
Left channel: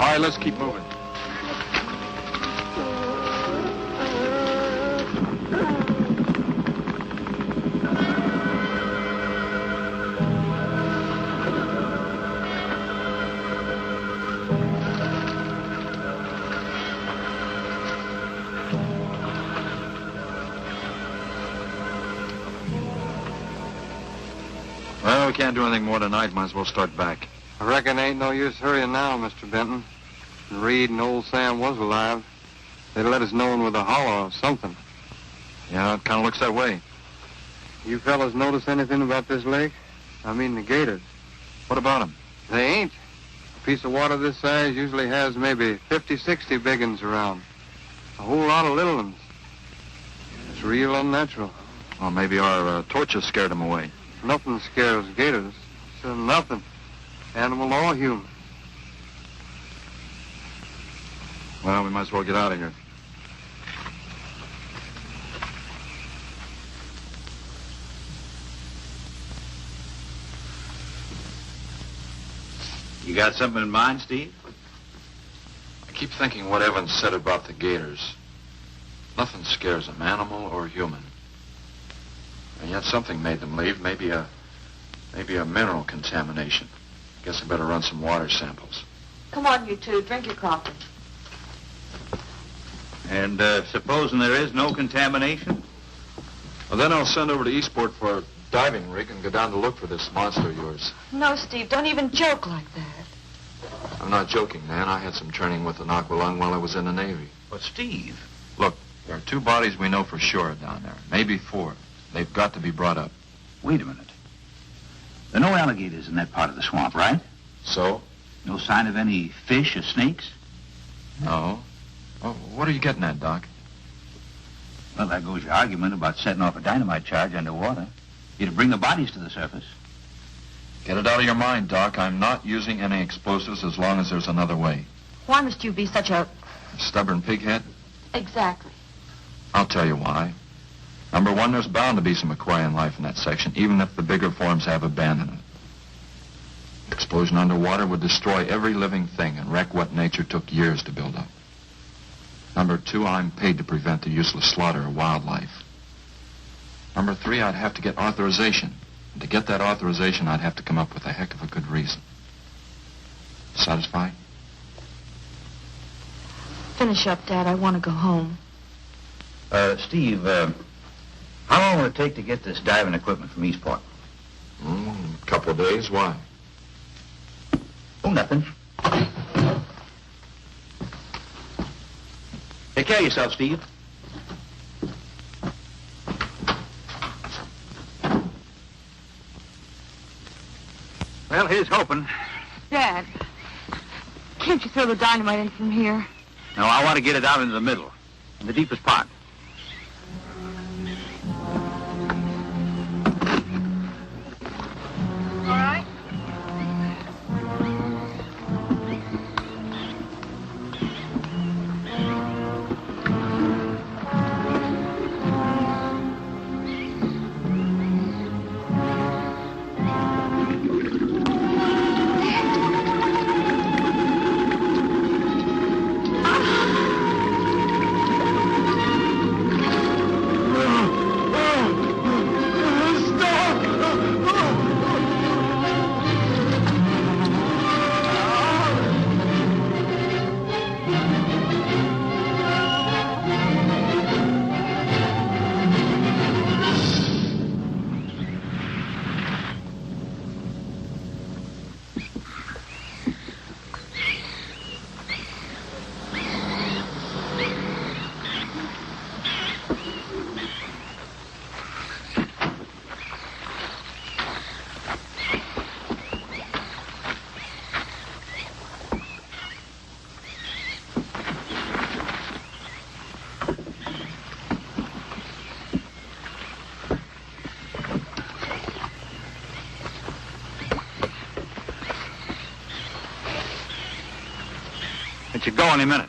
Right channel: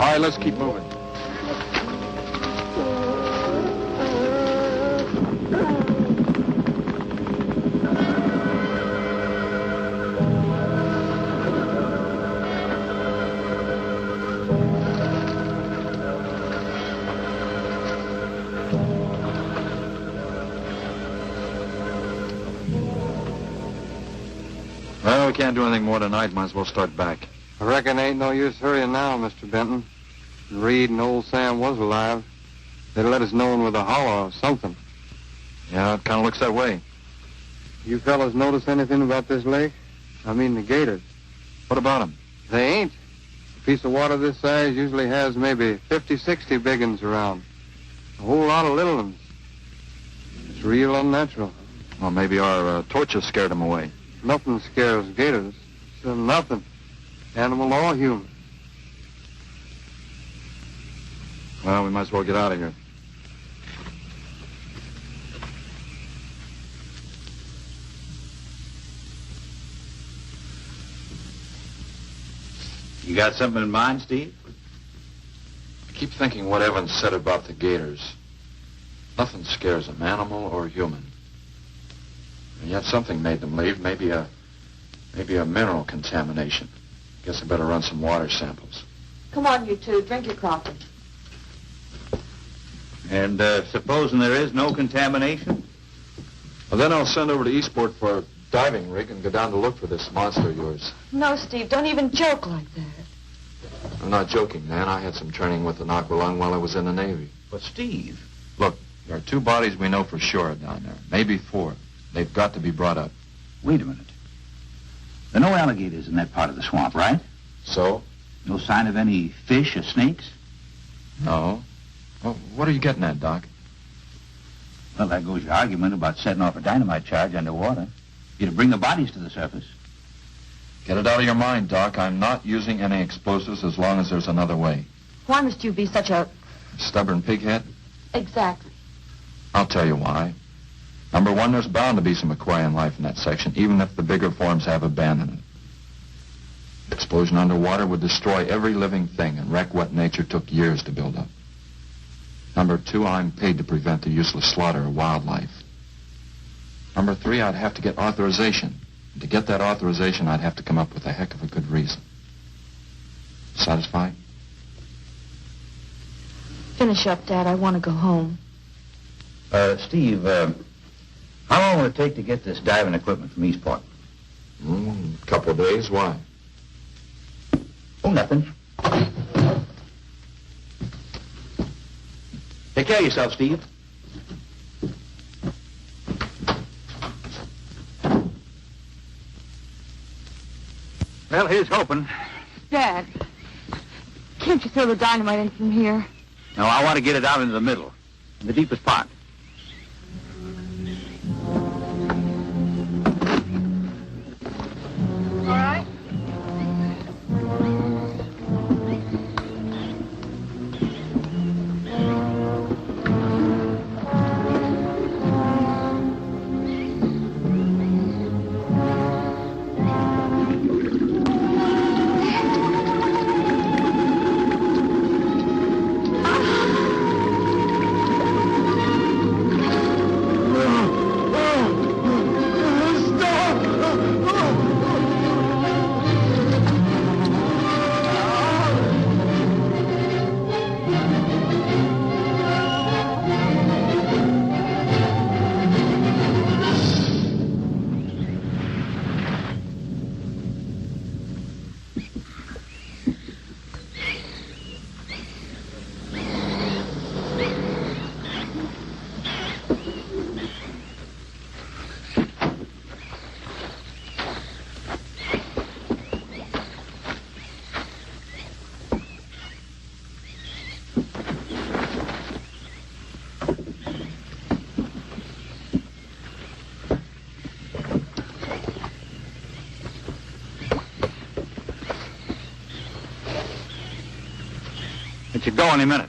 All right, let's keep moving. Well, we can't do anything more tonight. Might as well start back. I reckon ain't no use hurrying now, Mr. Benton. If Reed and old Sam was alive, they'd let us know with a holler or something. Yeah, it kind of looks that way. You fellas notice anything about this lake? I mean the gators. What about them? They ain't. A piece of water this size usually has maybe 50, 60 big uns around. A whole lot of little ones. It's real unnatural. Well, maybe our torches scared them away. Nothing scares gators. So nothing. Animal or human. Well, we might as well get out of here. You got something in mind, Steve? I keep thinking what Evans said about the gators. Nothing scares them, animal or human. And yet something made them leave. Maybe a mineral contamination. Guess I better run some water samples. Come on, you two. Drink your coffee. And supposing there is no contamination? Well, then I'll send over to Eastport for a diving rig and go down to look for this monster of yours. No, Steve, don't even joke like that. I'm not joking, Nan. I had some training with an aqualung while I was in the Navy. But, Steve... Look, there are 2 bodies we know for sure down there. Maybe 4. They've got to be brought up. Wait a minute. There are no alligators in that part of the swamp, right? So? No sign of any fish or snakes? No. Well, what are you getting at, Doc? Well, there goes your argument about setting off a dynamite charge underwater. You'd bring the bodies to the surface. Get it out of your mind, Doc. I'm not using any explosives as long as there's another way. Why must you be such a... Stubborn pighead? Exactly. I'll tell you why. Number 1, there's bound to be some aquarian life in that section, even if the bigger forms have abandoned it. Explosion underwater would destroy every living thing and wreck what nature took years to build up. Number 2, I'm paid to prevent the useless slaughter of wildlife. Number 3, I'd have to get authorization. And to get that authorization, I'd have to come up with a heck of a good reason. Satisfied? Finish up, Dad. I want to go home. Steve, how long will it take to get this diving equipment from Eastport? Couple of days, why? Oh, nothing. Take care of yourself, Steve. Well, here's hoping. Dad, can't you throw the dynamite in from here? No, I want to get it out into the middle, in the deepest part. All right. Let you go any minute.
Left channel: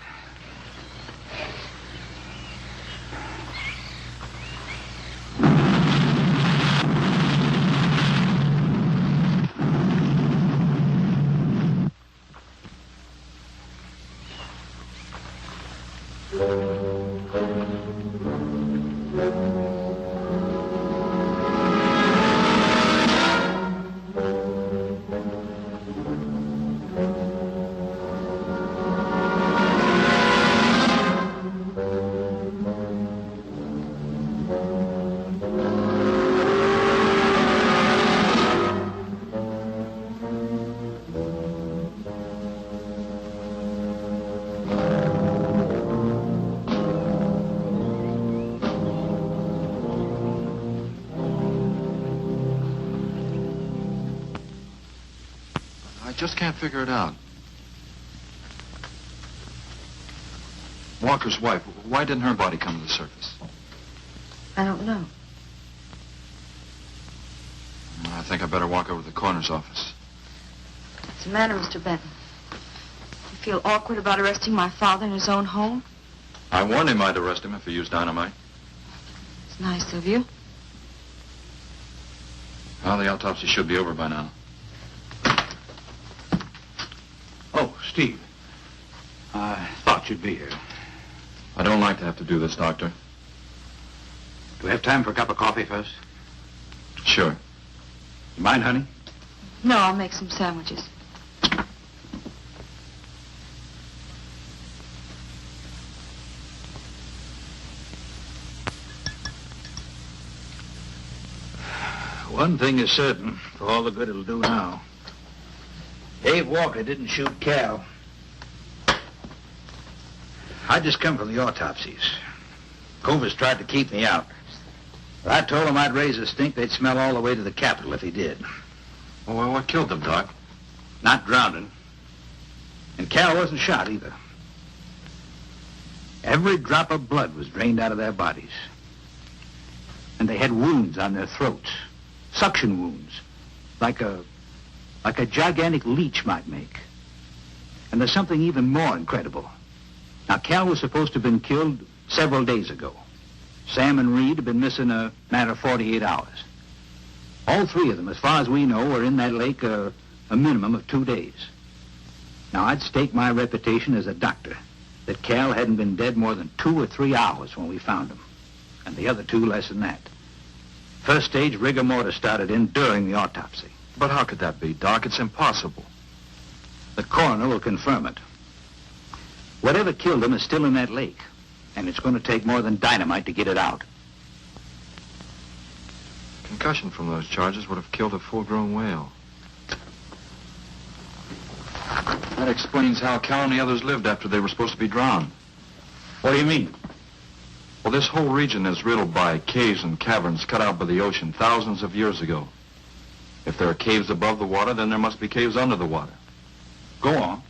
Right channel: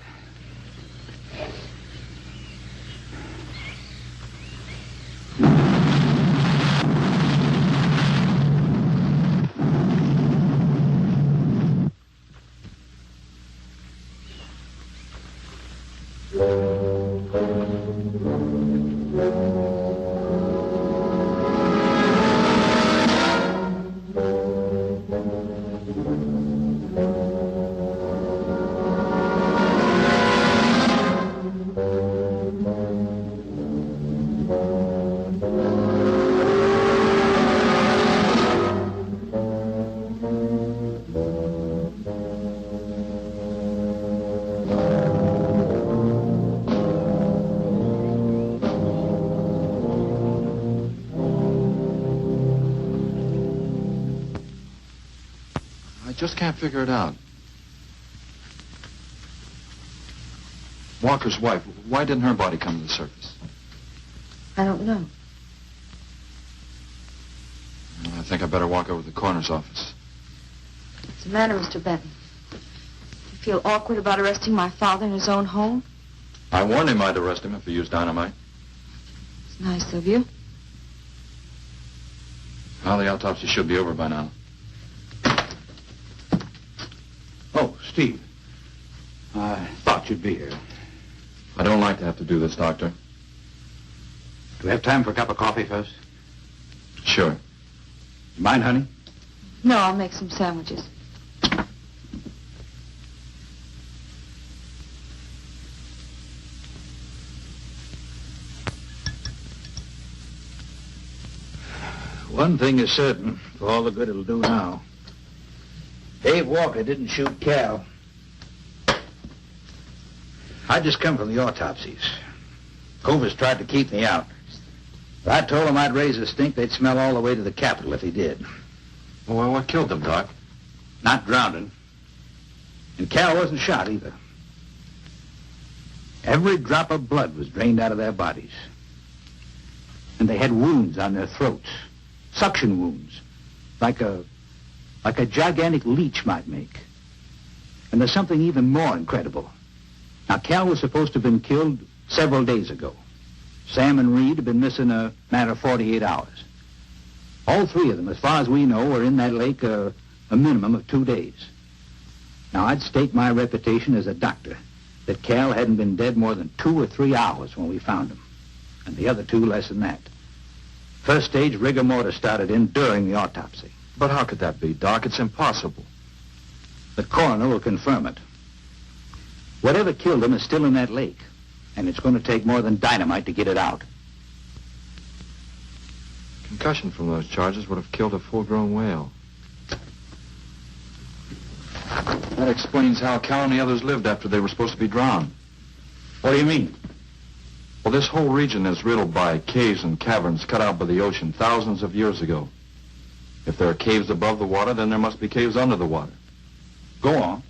I just can't figure it out. Walker's wife, why didn't her body come to the surface? I don't know. I think I better walk over to the coroner's office. What's the matter, Mr. Benton? You feel awkward about arresting my father in his own home? I warned him I'd arrest him if he used dynamite. It's nice of you. Well, the autopsy should be over by now. Oh, Steve. I thought you'd be here. I don't like to have to do this, Doctor. Do we have time for a cup of coffee first? Sure. You mind, honey? No, I'll make some sandwiches. One thing is certain, for all the good it'll do now. Dave Walker didn't shoot Cal. I just come from the autopsies. Covers tried to keep me out. But I told him I'd raise a stink they'd smell all the way to the Capitol if he did. Well, what killed them, Doc? Not drowning. And Cal wasn't shot either. Every drop of blood was drained out of their bodies. And they had wounds on their throats. Suction wounds. Like a gigantic leech might make. And there's something even more incredible. Now, Cal was supposed to have been killed several days ago. Sam and Reed have been missing a matter of 48 hours. All three of them, as far as we know, were in that lake a minimum of 2 days. Now, I'd stake my reputation as a doctor that Cal hadn't been dead more than 2 or 3 hours when we found him. And the other two less than that. First stage rigor mortis started in during the autopsy. But how could that be, Doc? It's impossible. The coroner will confirm it. Whatever killed him is still in that lake. And it's going to take more than dynamite to get it out. concussion from those charges would have killed a full-grown whale. That explains how Cal and the others lived after they were supposed to be drowned. What do you mean? Well, this whole region is riddled by caves and caverns cut out by the ocean thousands of years ago. If there are caves above the water, then there must be caves under the water. Go on.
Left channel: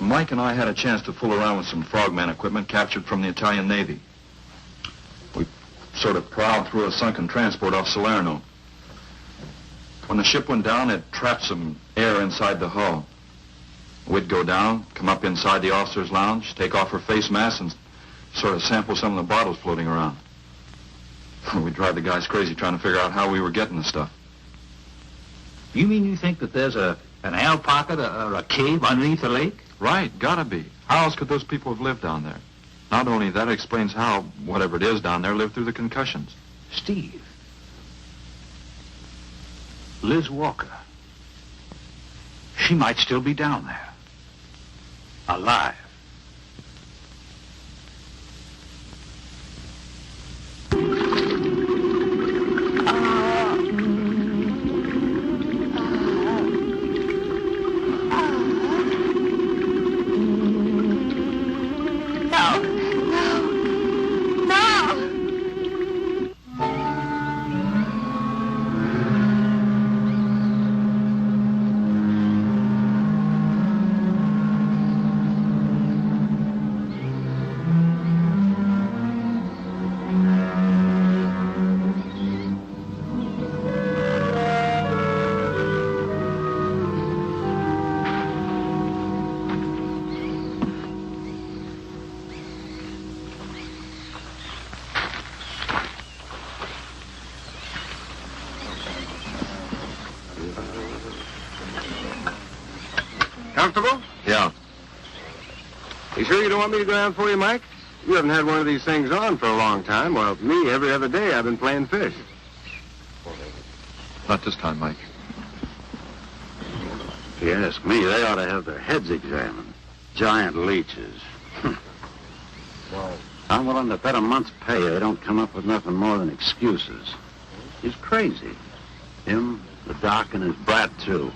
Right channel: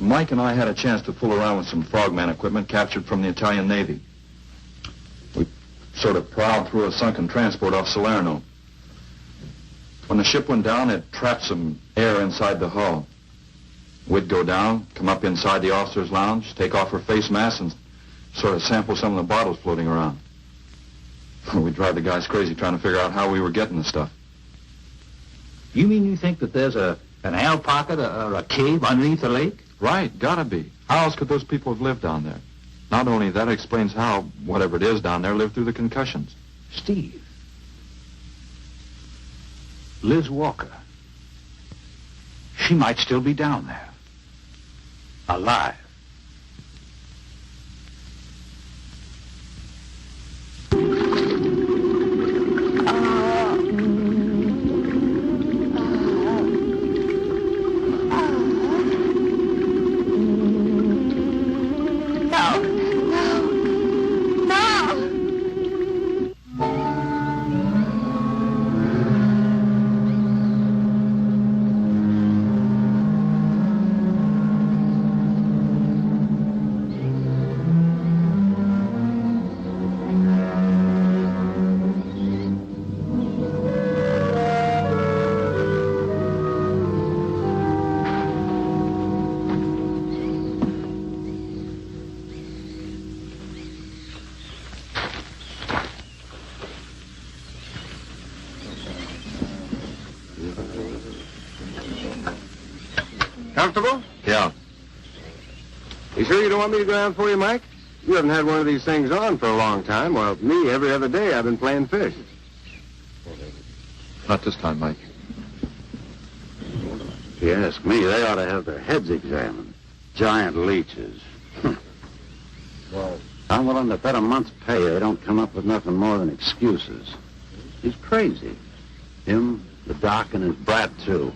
Mike and I had a chance to fool around with some frogman equipment captured from the Italian Navy. We sort of prowled through a sunken transport off Salerno. When the ship went down, it trapped some air inside the hull. We'd go down, come up inside the officer's lounge, take off her face mask, and sort of sample some of the bottles floating around. We'd drive the guys crazy trying to figure out how we were getting the stuff. You mean you think that there's an air pocket or a cave underneath the lake? Right, gotta be. How else could those people have lived down there? Not only that, it explains how, whatever it is down there, lived through the concussions. Steve. Liz Walker. She might still be down there. Alive. Comfortable? Yeah. You sure you don't want me to go down for you, Mike? You haven't had one of these things on for a long time. Well, me, every other day I've been playing fish. Not this time, Mike. If you ask me, they ought to have their heads examined. Giant leeches. Well, I'm willing to bet a month's pay they don't come up with nothing more than excuses. He's crazy. Him, the doc, and his brat, too.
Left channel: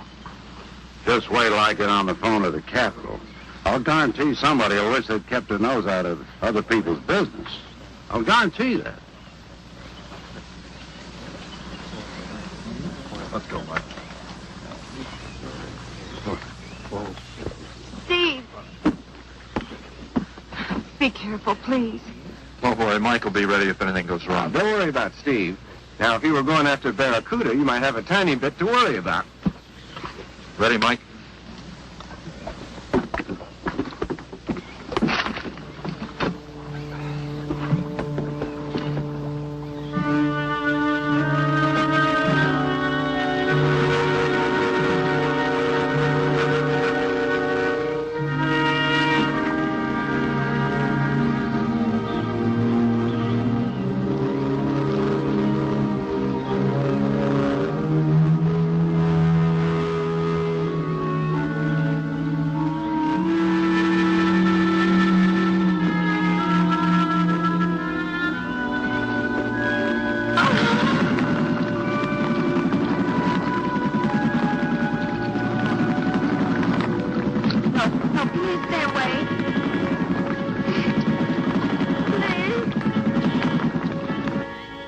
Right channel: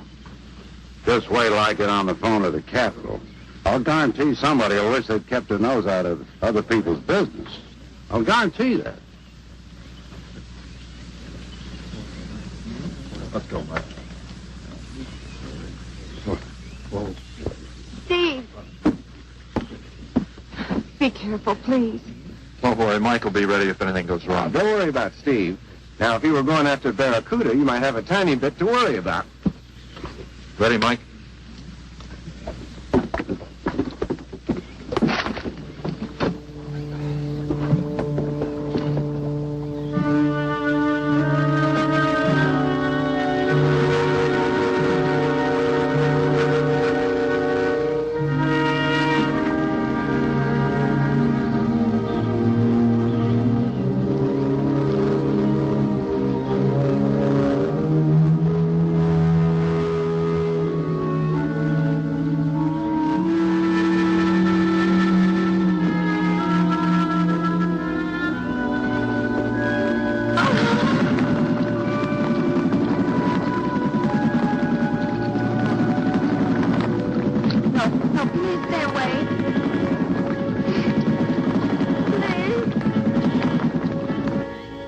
Just wait till I get on the phone to the Capitol. I'll guarantee somebody will wish they'd kept their nose out of other people's business. I'll guarantee that. Let's go, Mike. Steve. Be careful, please. Oh, boy, Mike will be ready if anything goes wrong. Don't worry about Steve. Now, if you were going after Barracuda, you might have a tiny bit to worry about. Ready, Mike?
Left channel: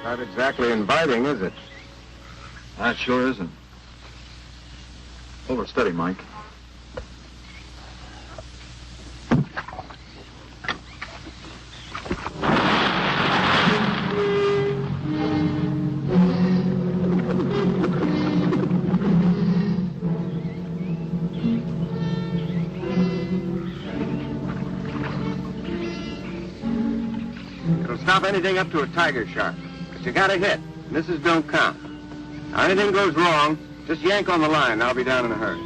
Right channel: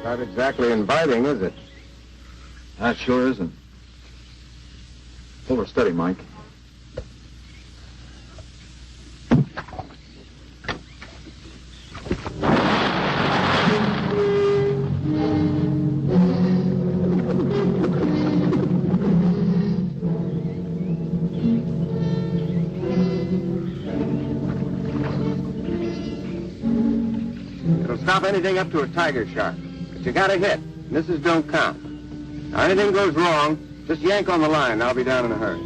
Not exactly inviting, is it? That sure isn't. Hold her steady, Mike. It'll stop anything up to a tiger shark. But you got a hit. Misses don't count. Now, anything goes wrong, just yank on the line, and I'll be down in a hurry.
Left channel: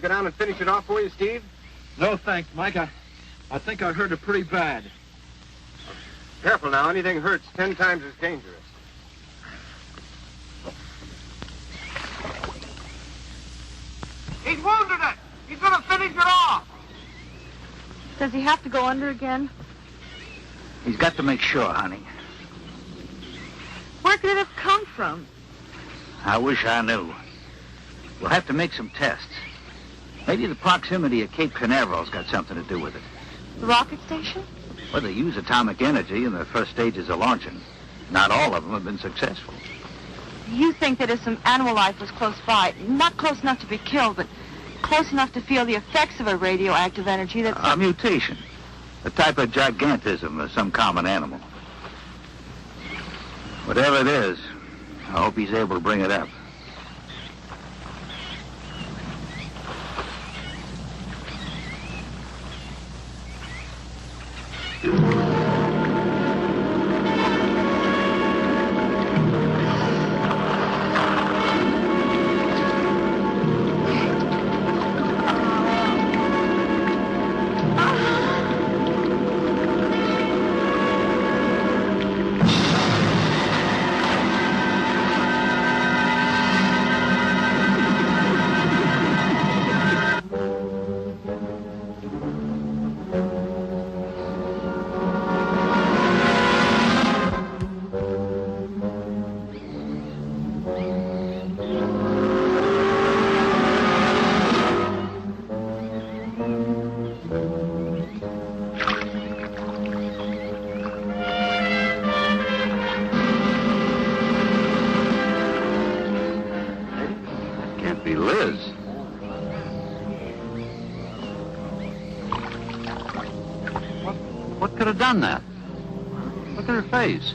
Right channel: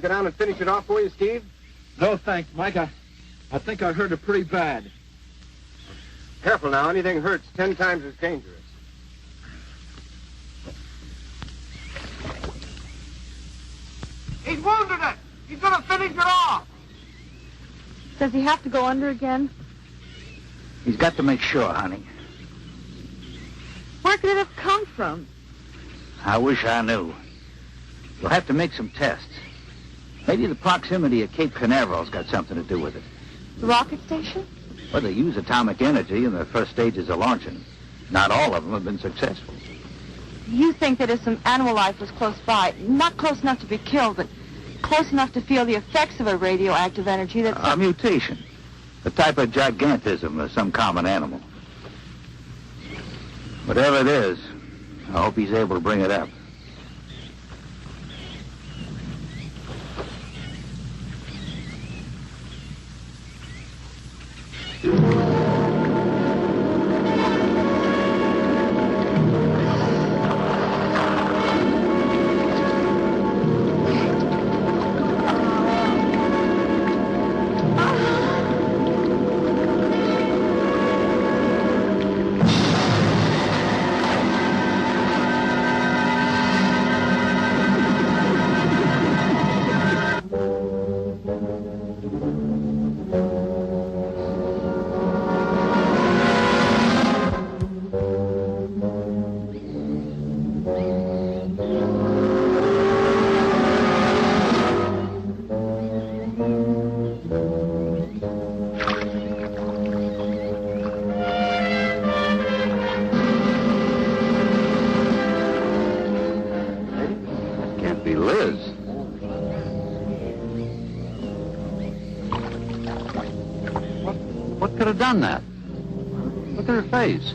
me go down and finish it off for you, Steve? No, thanks, Mike. I think I hurt it pretty bad. Careful now. Anything hurts 10 times as dangerous. He's wounded it. He's going to finish it off. Does he have to go under again? He's got to make sure, honey. Where could it have come from? I wish I knew. We'll have to make some tests. Maybe the proximity of Cape Canaveral's got something to do with it. The rocket station? Well, they use atomic energy in the first stages of launching. Not all of them have been successful. You think that if some animal life was close by, not close enough to be killed, but close enough to feel the effects of a radioactive energy that's... A mutation. A type of gigantism of some common animal. Whatever it is, I hope he's able to bring it up. What could have done that? Look at her face.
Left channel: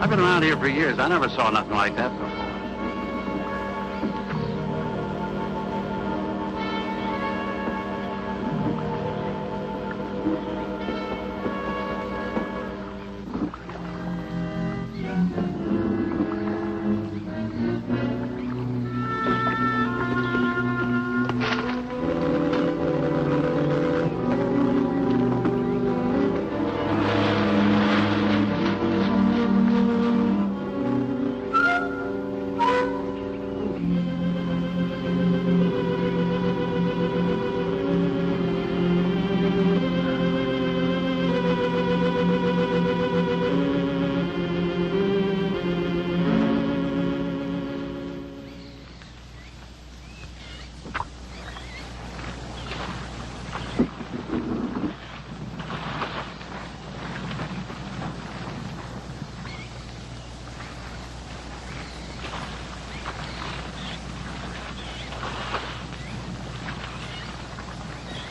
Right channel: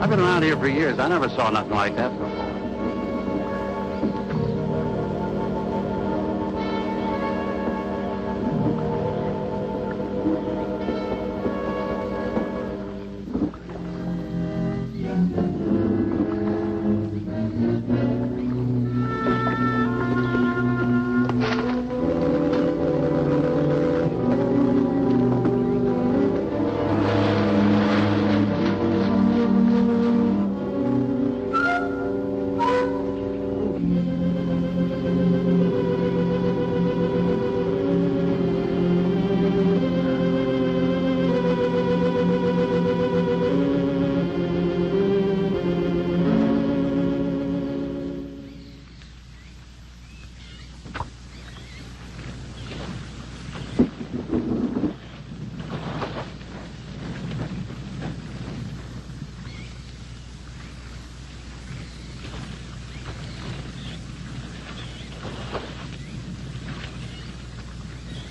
I've been around here for years. I never saw nothing like that before.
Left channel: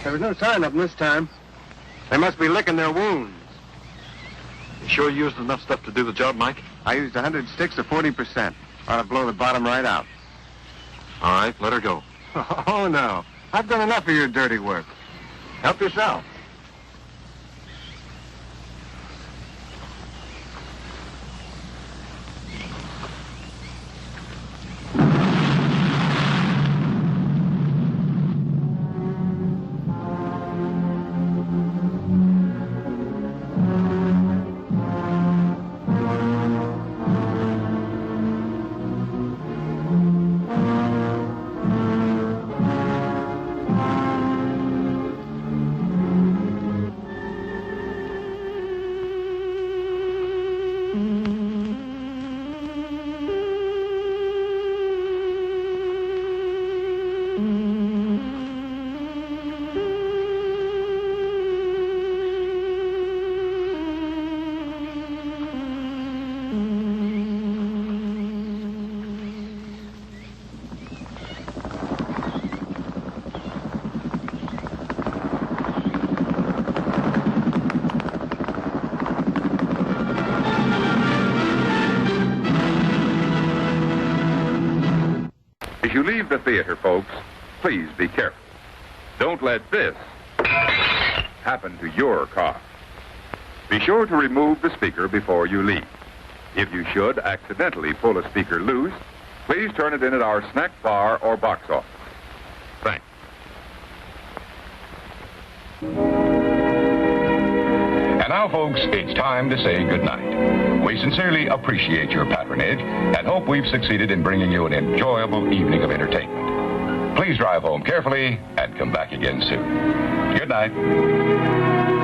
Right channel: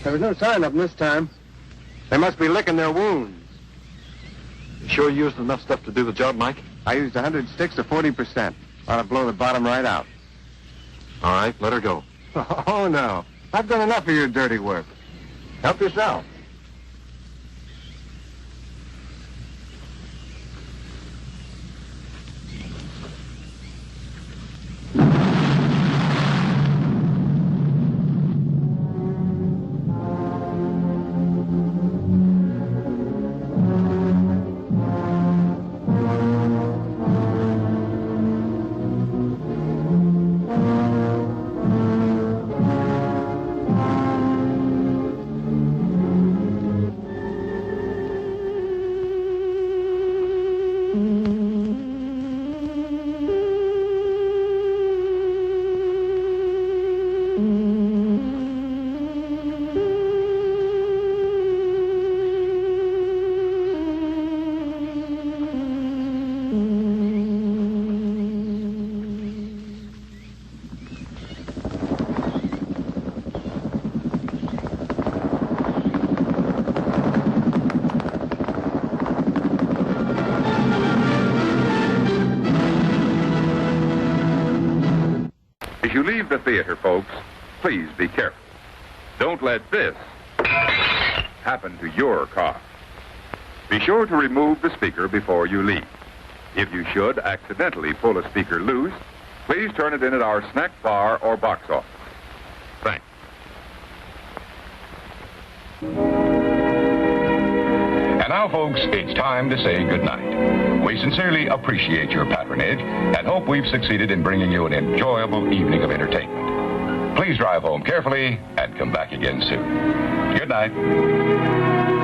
There was no sign of them this time. They must be licking their wounds. You sure you used enough stuff to do the job, Mike? I used 100 sticks of 40%. Ought to blow the bottom right out. All right, let her go. Oh, no. I've done enough of your dirty work. Help yourself. As you leave the theater, folks, please be careful. Don't let this happen to your car. Be sure to remove the speaker before you leave. If you should accidentally pull a speaker loose, please turn it in at our snack bar or box office. Thanks. And now, folks, it's time to say goodnight. We sincerely appreciate your patronage and hope we've succeeded in bringing you an enjoyable evening of entertainment. Please drive home carefully and come back again soon. Good night.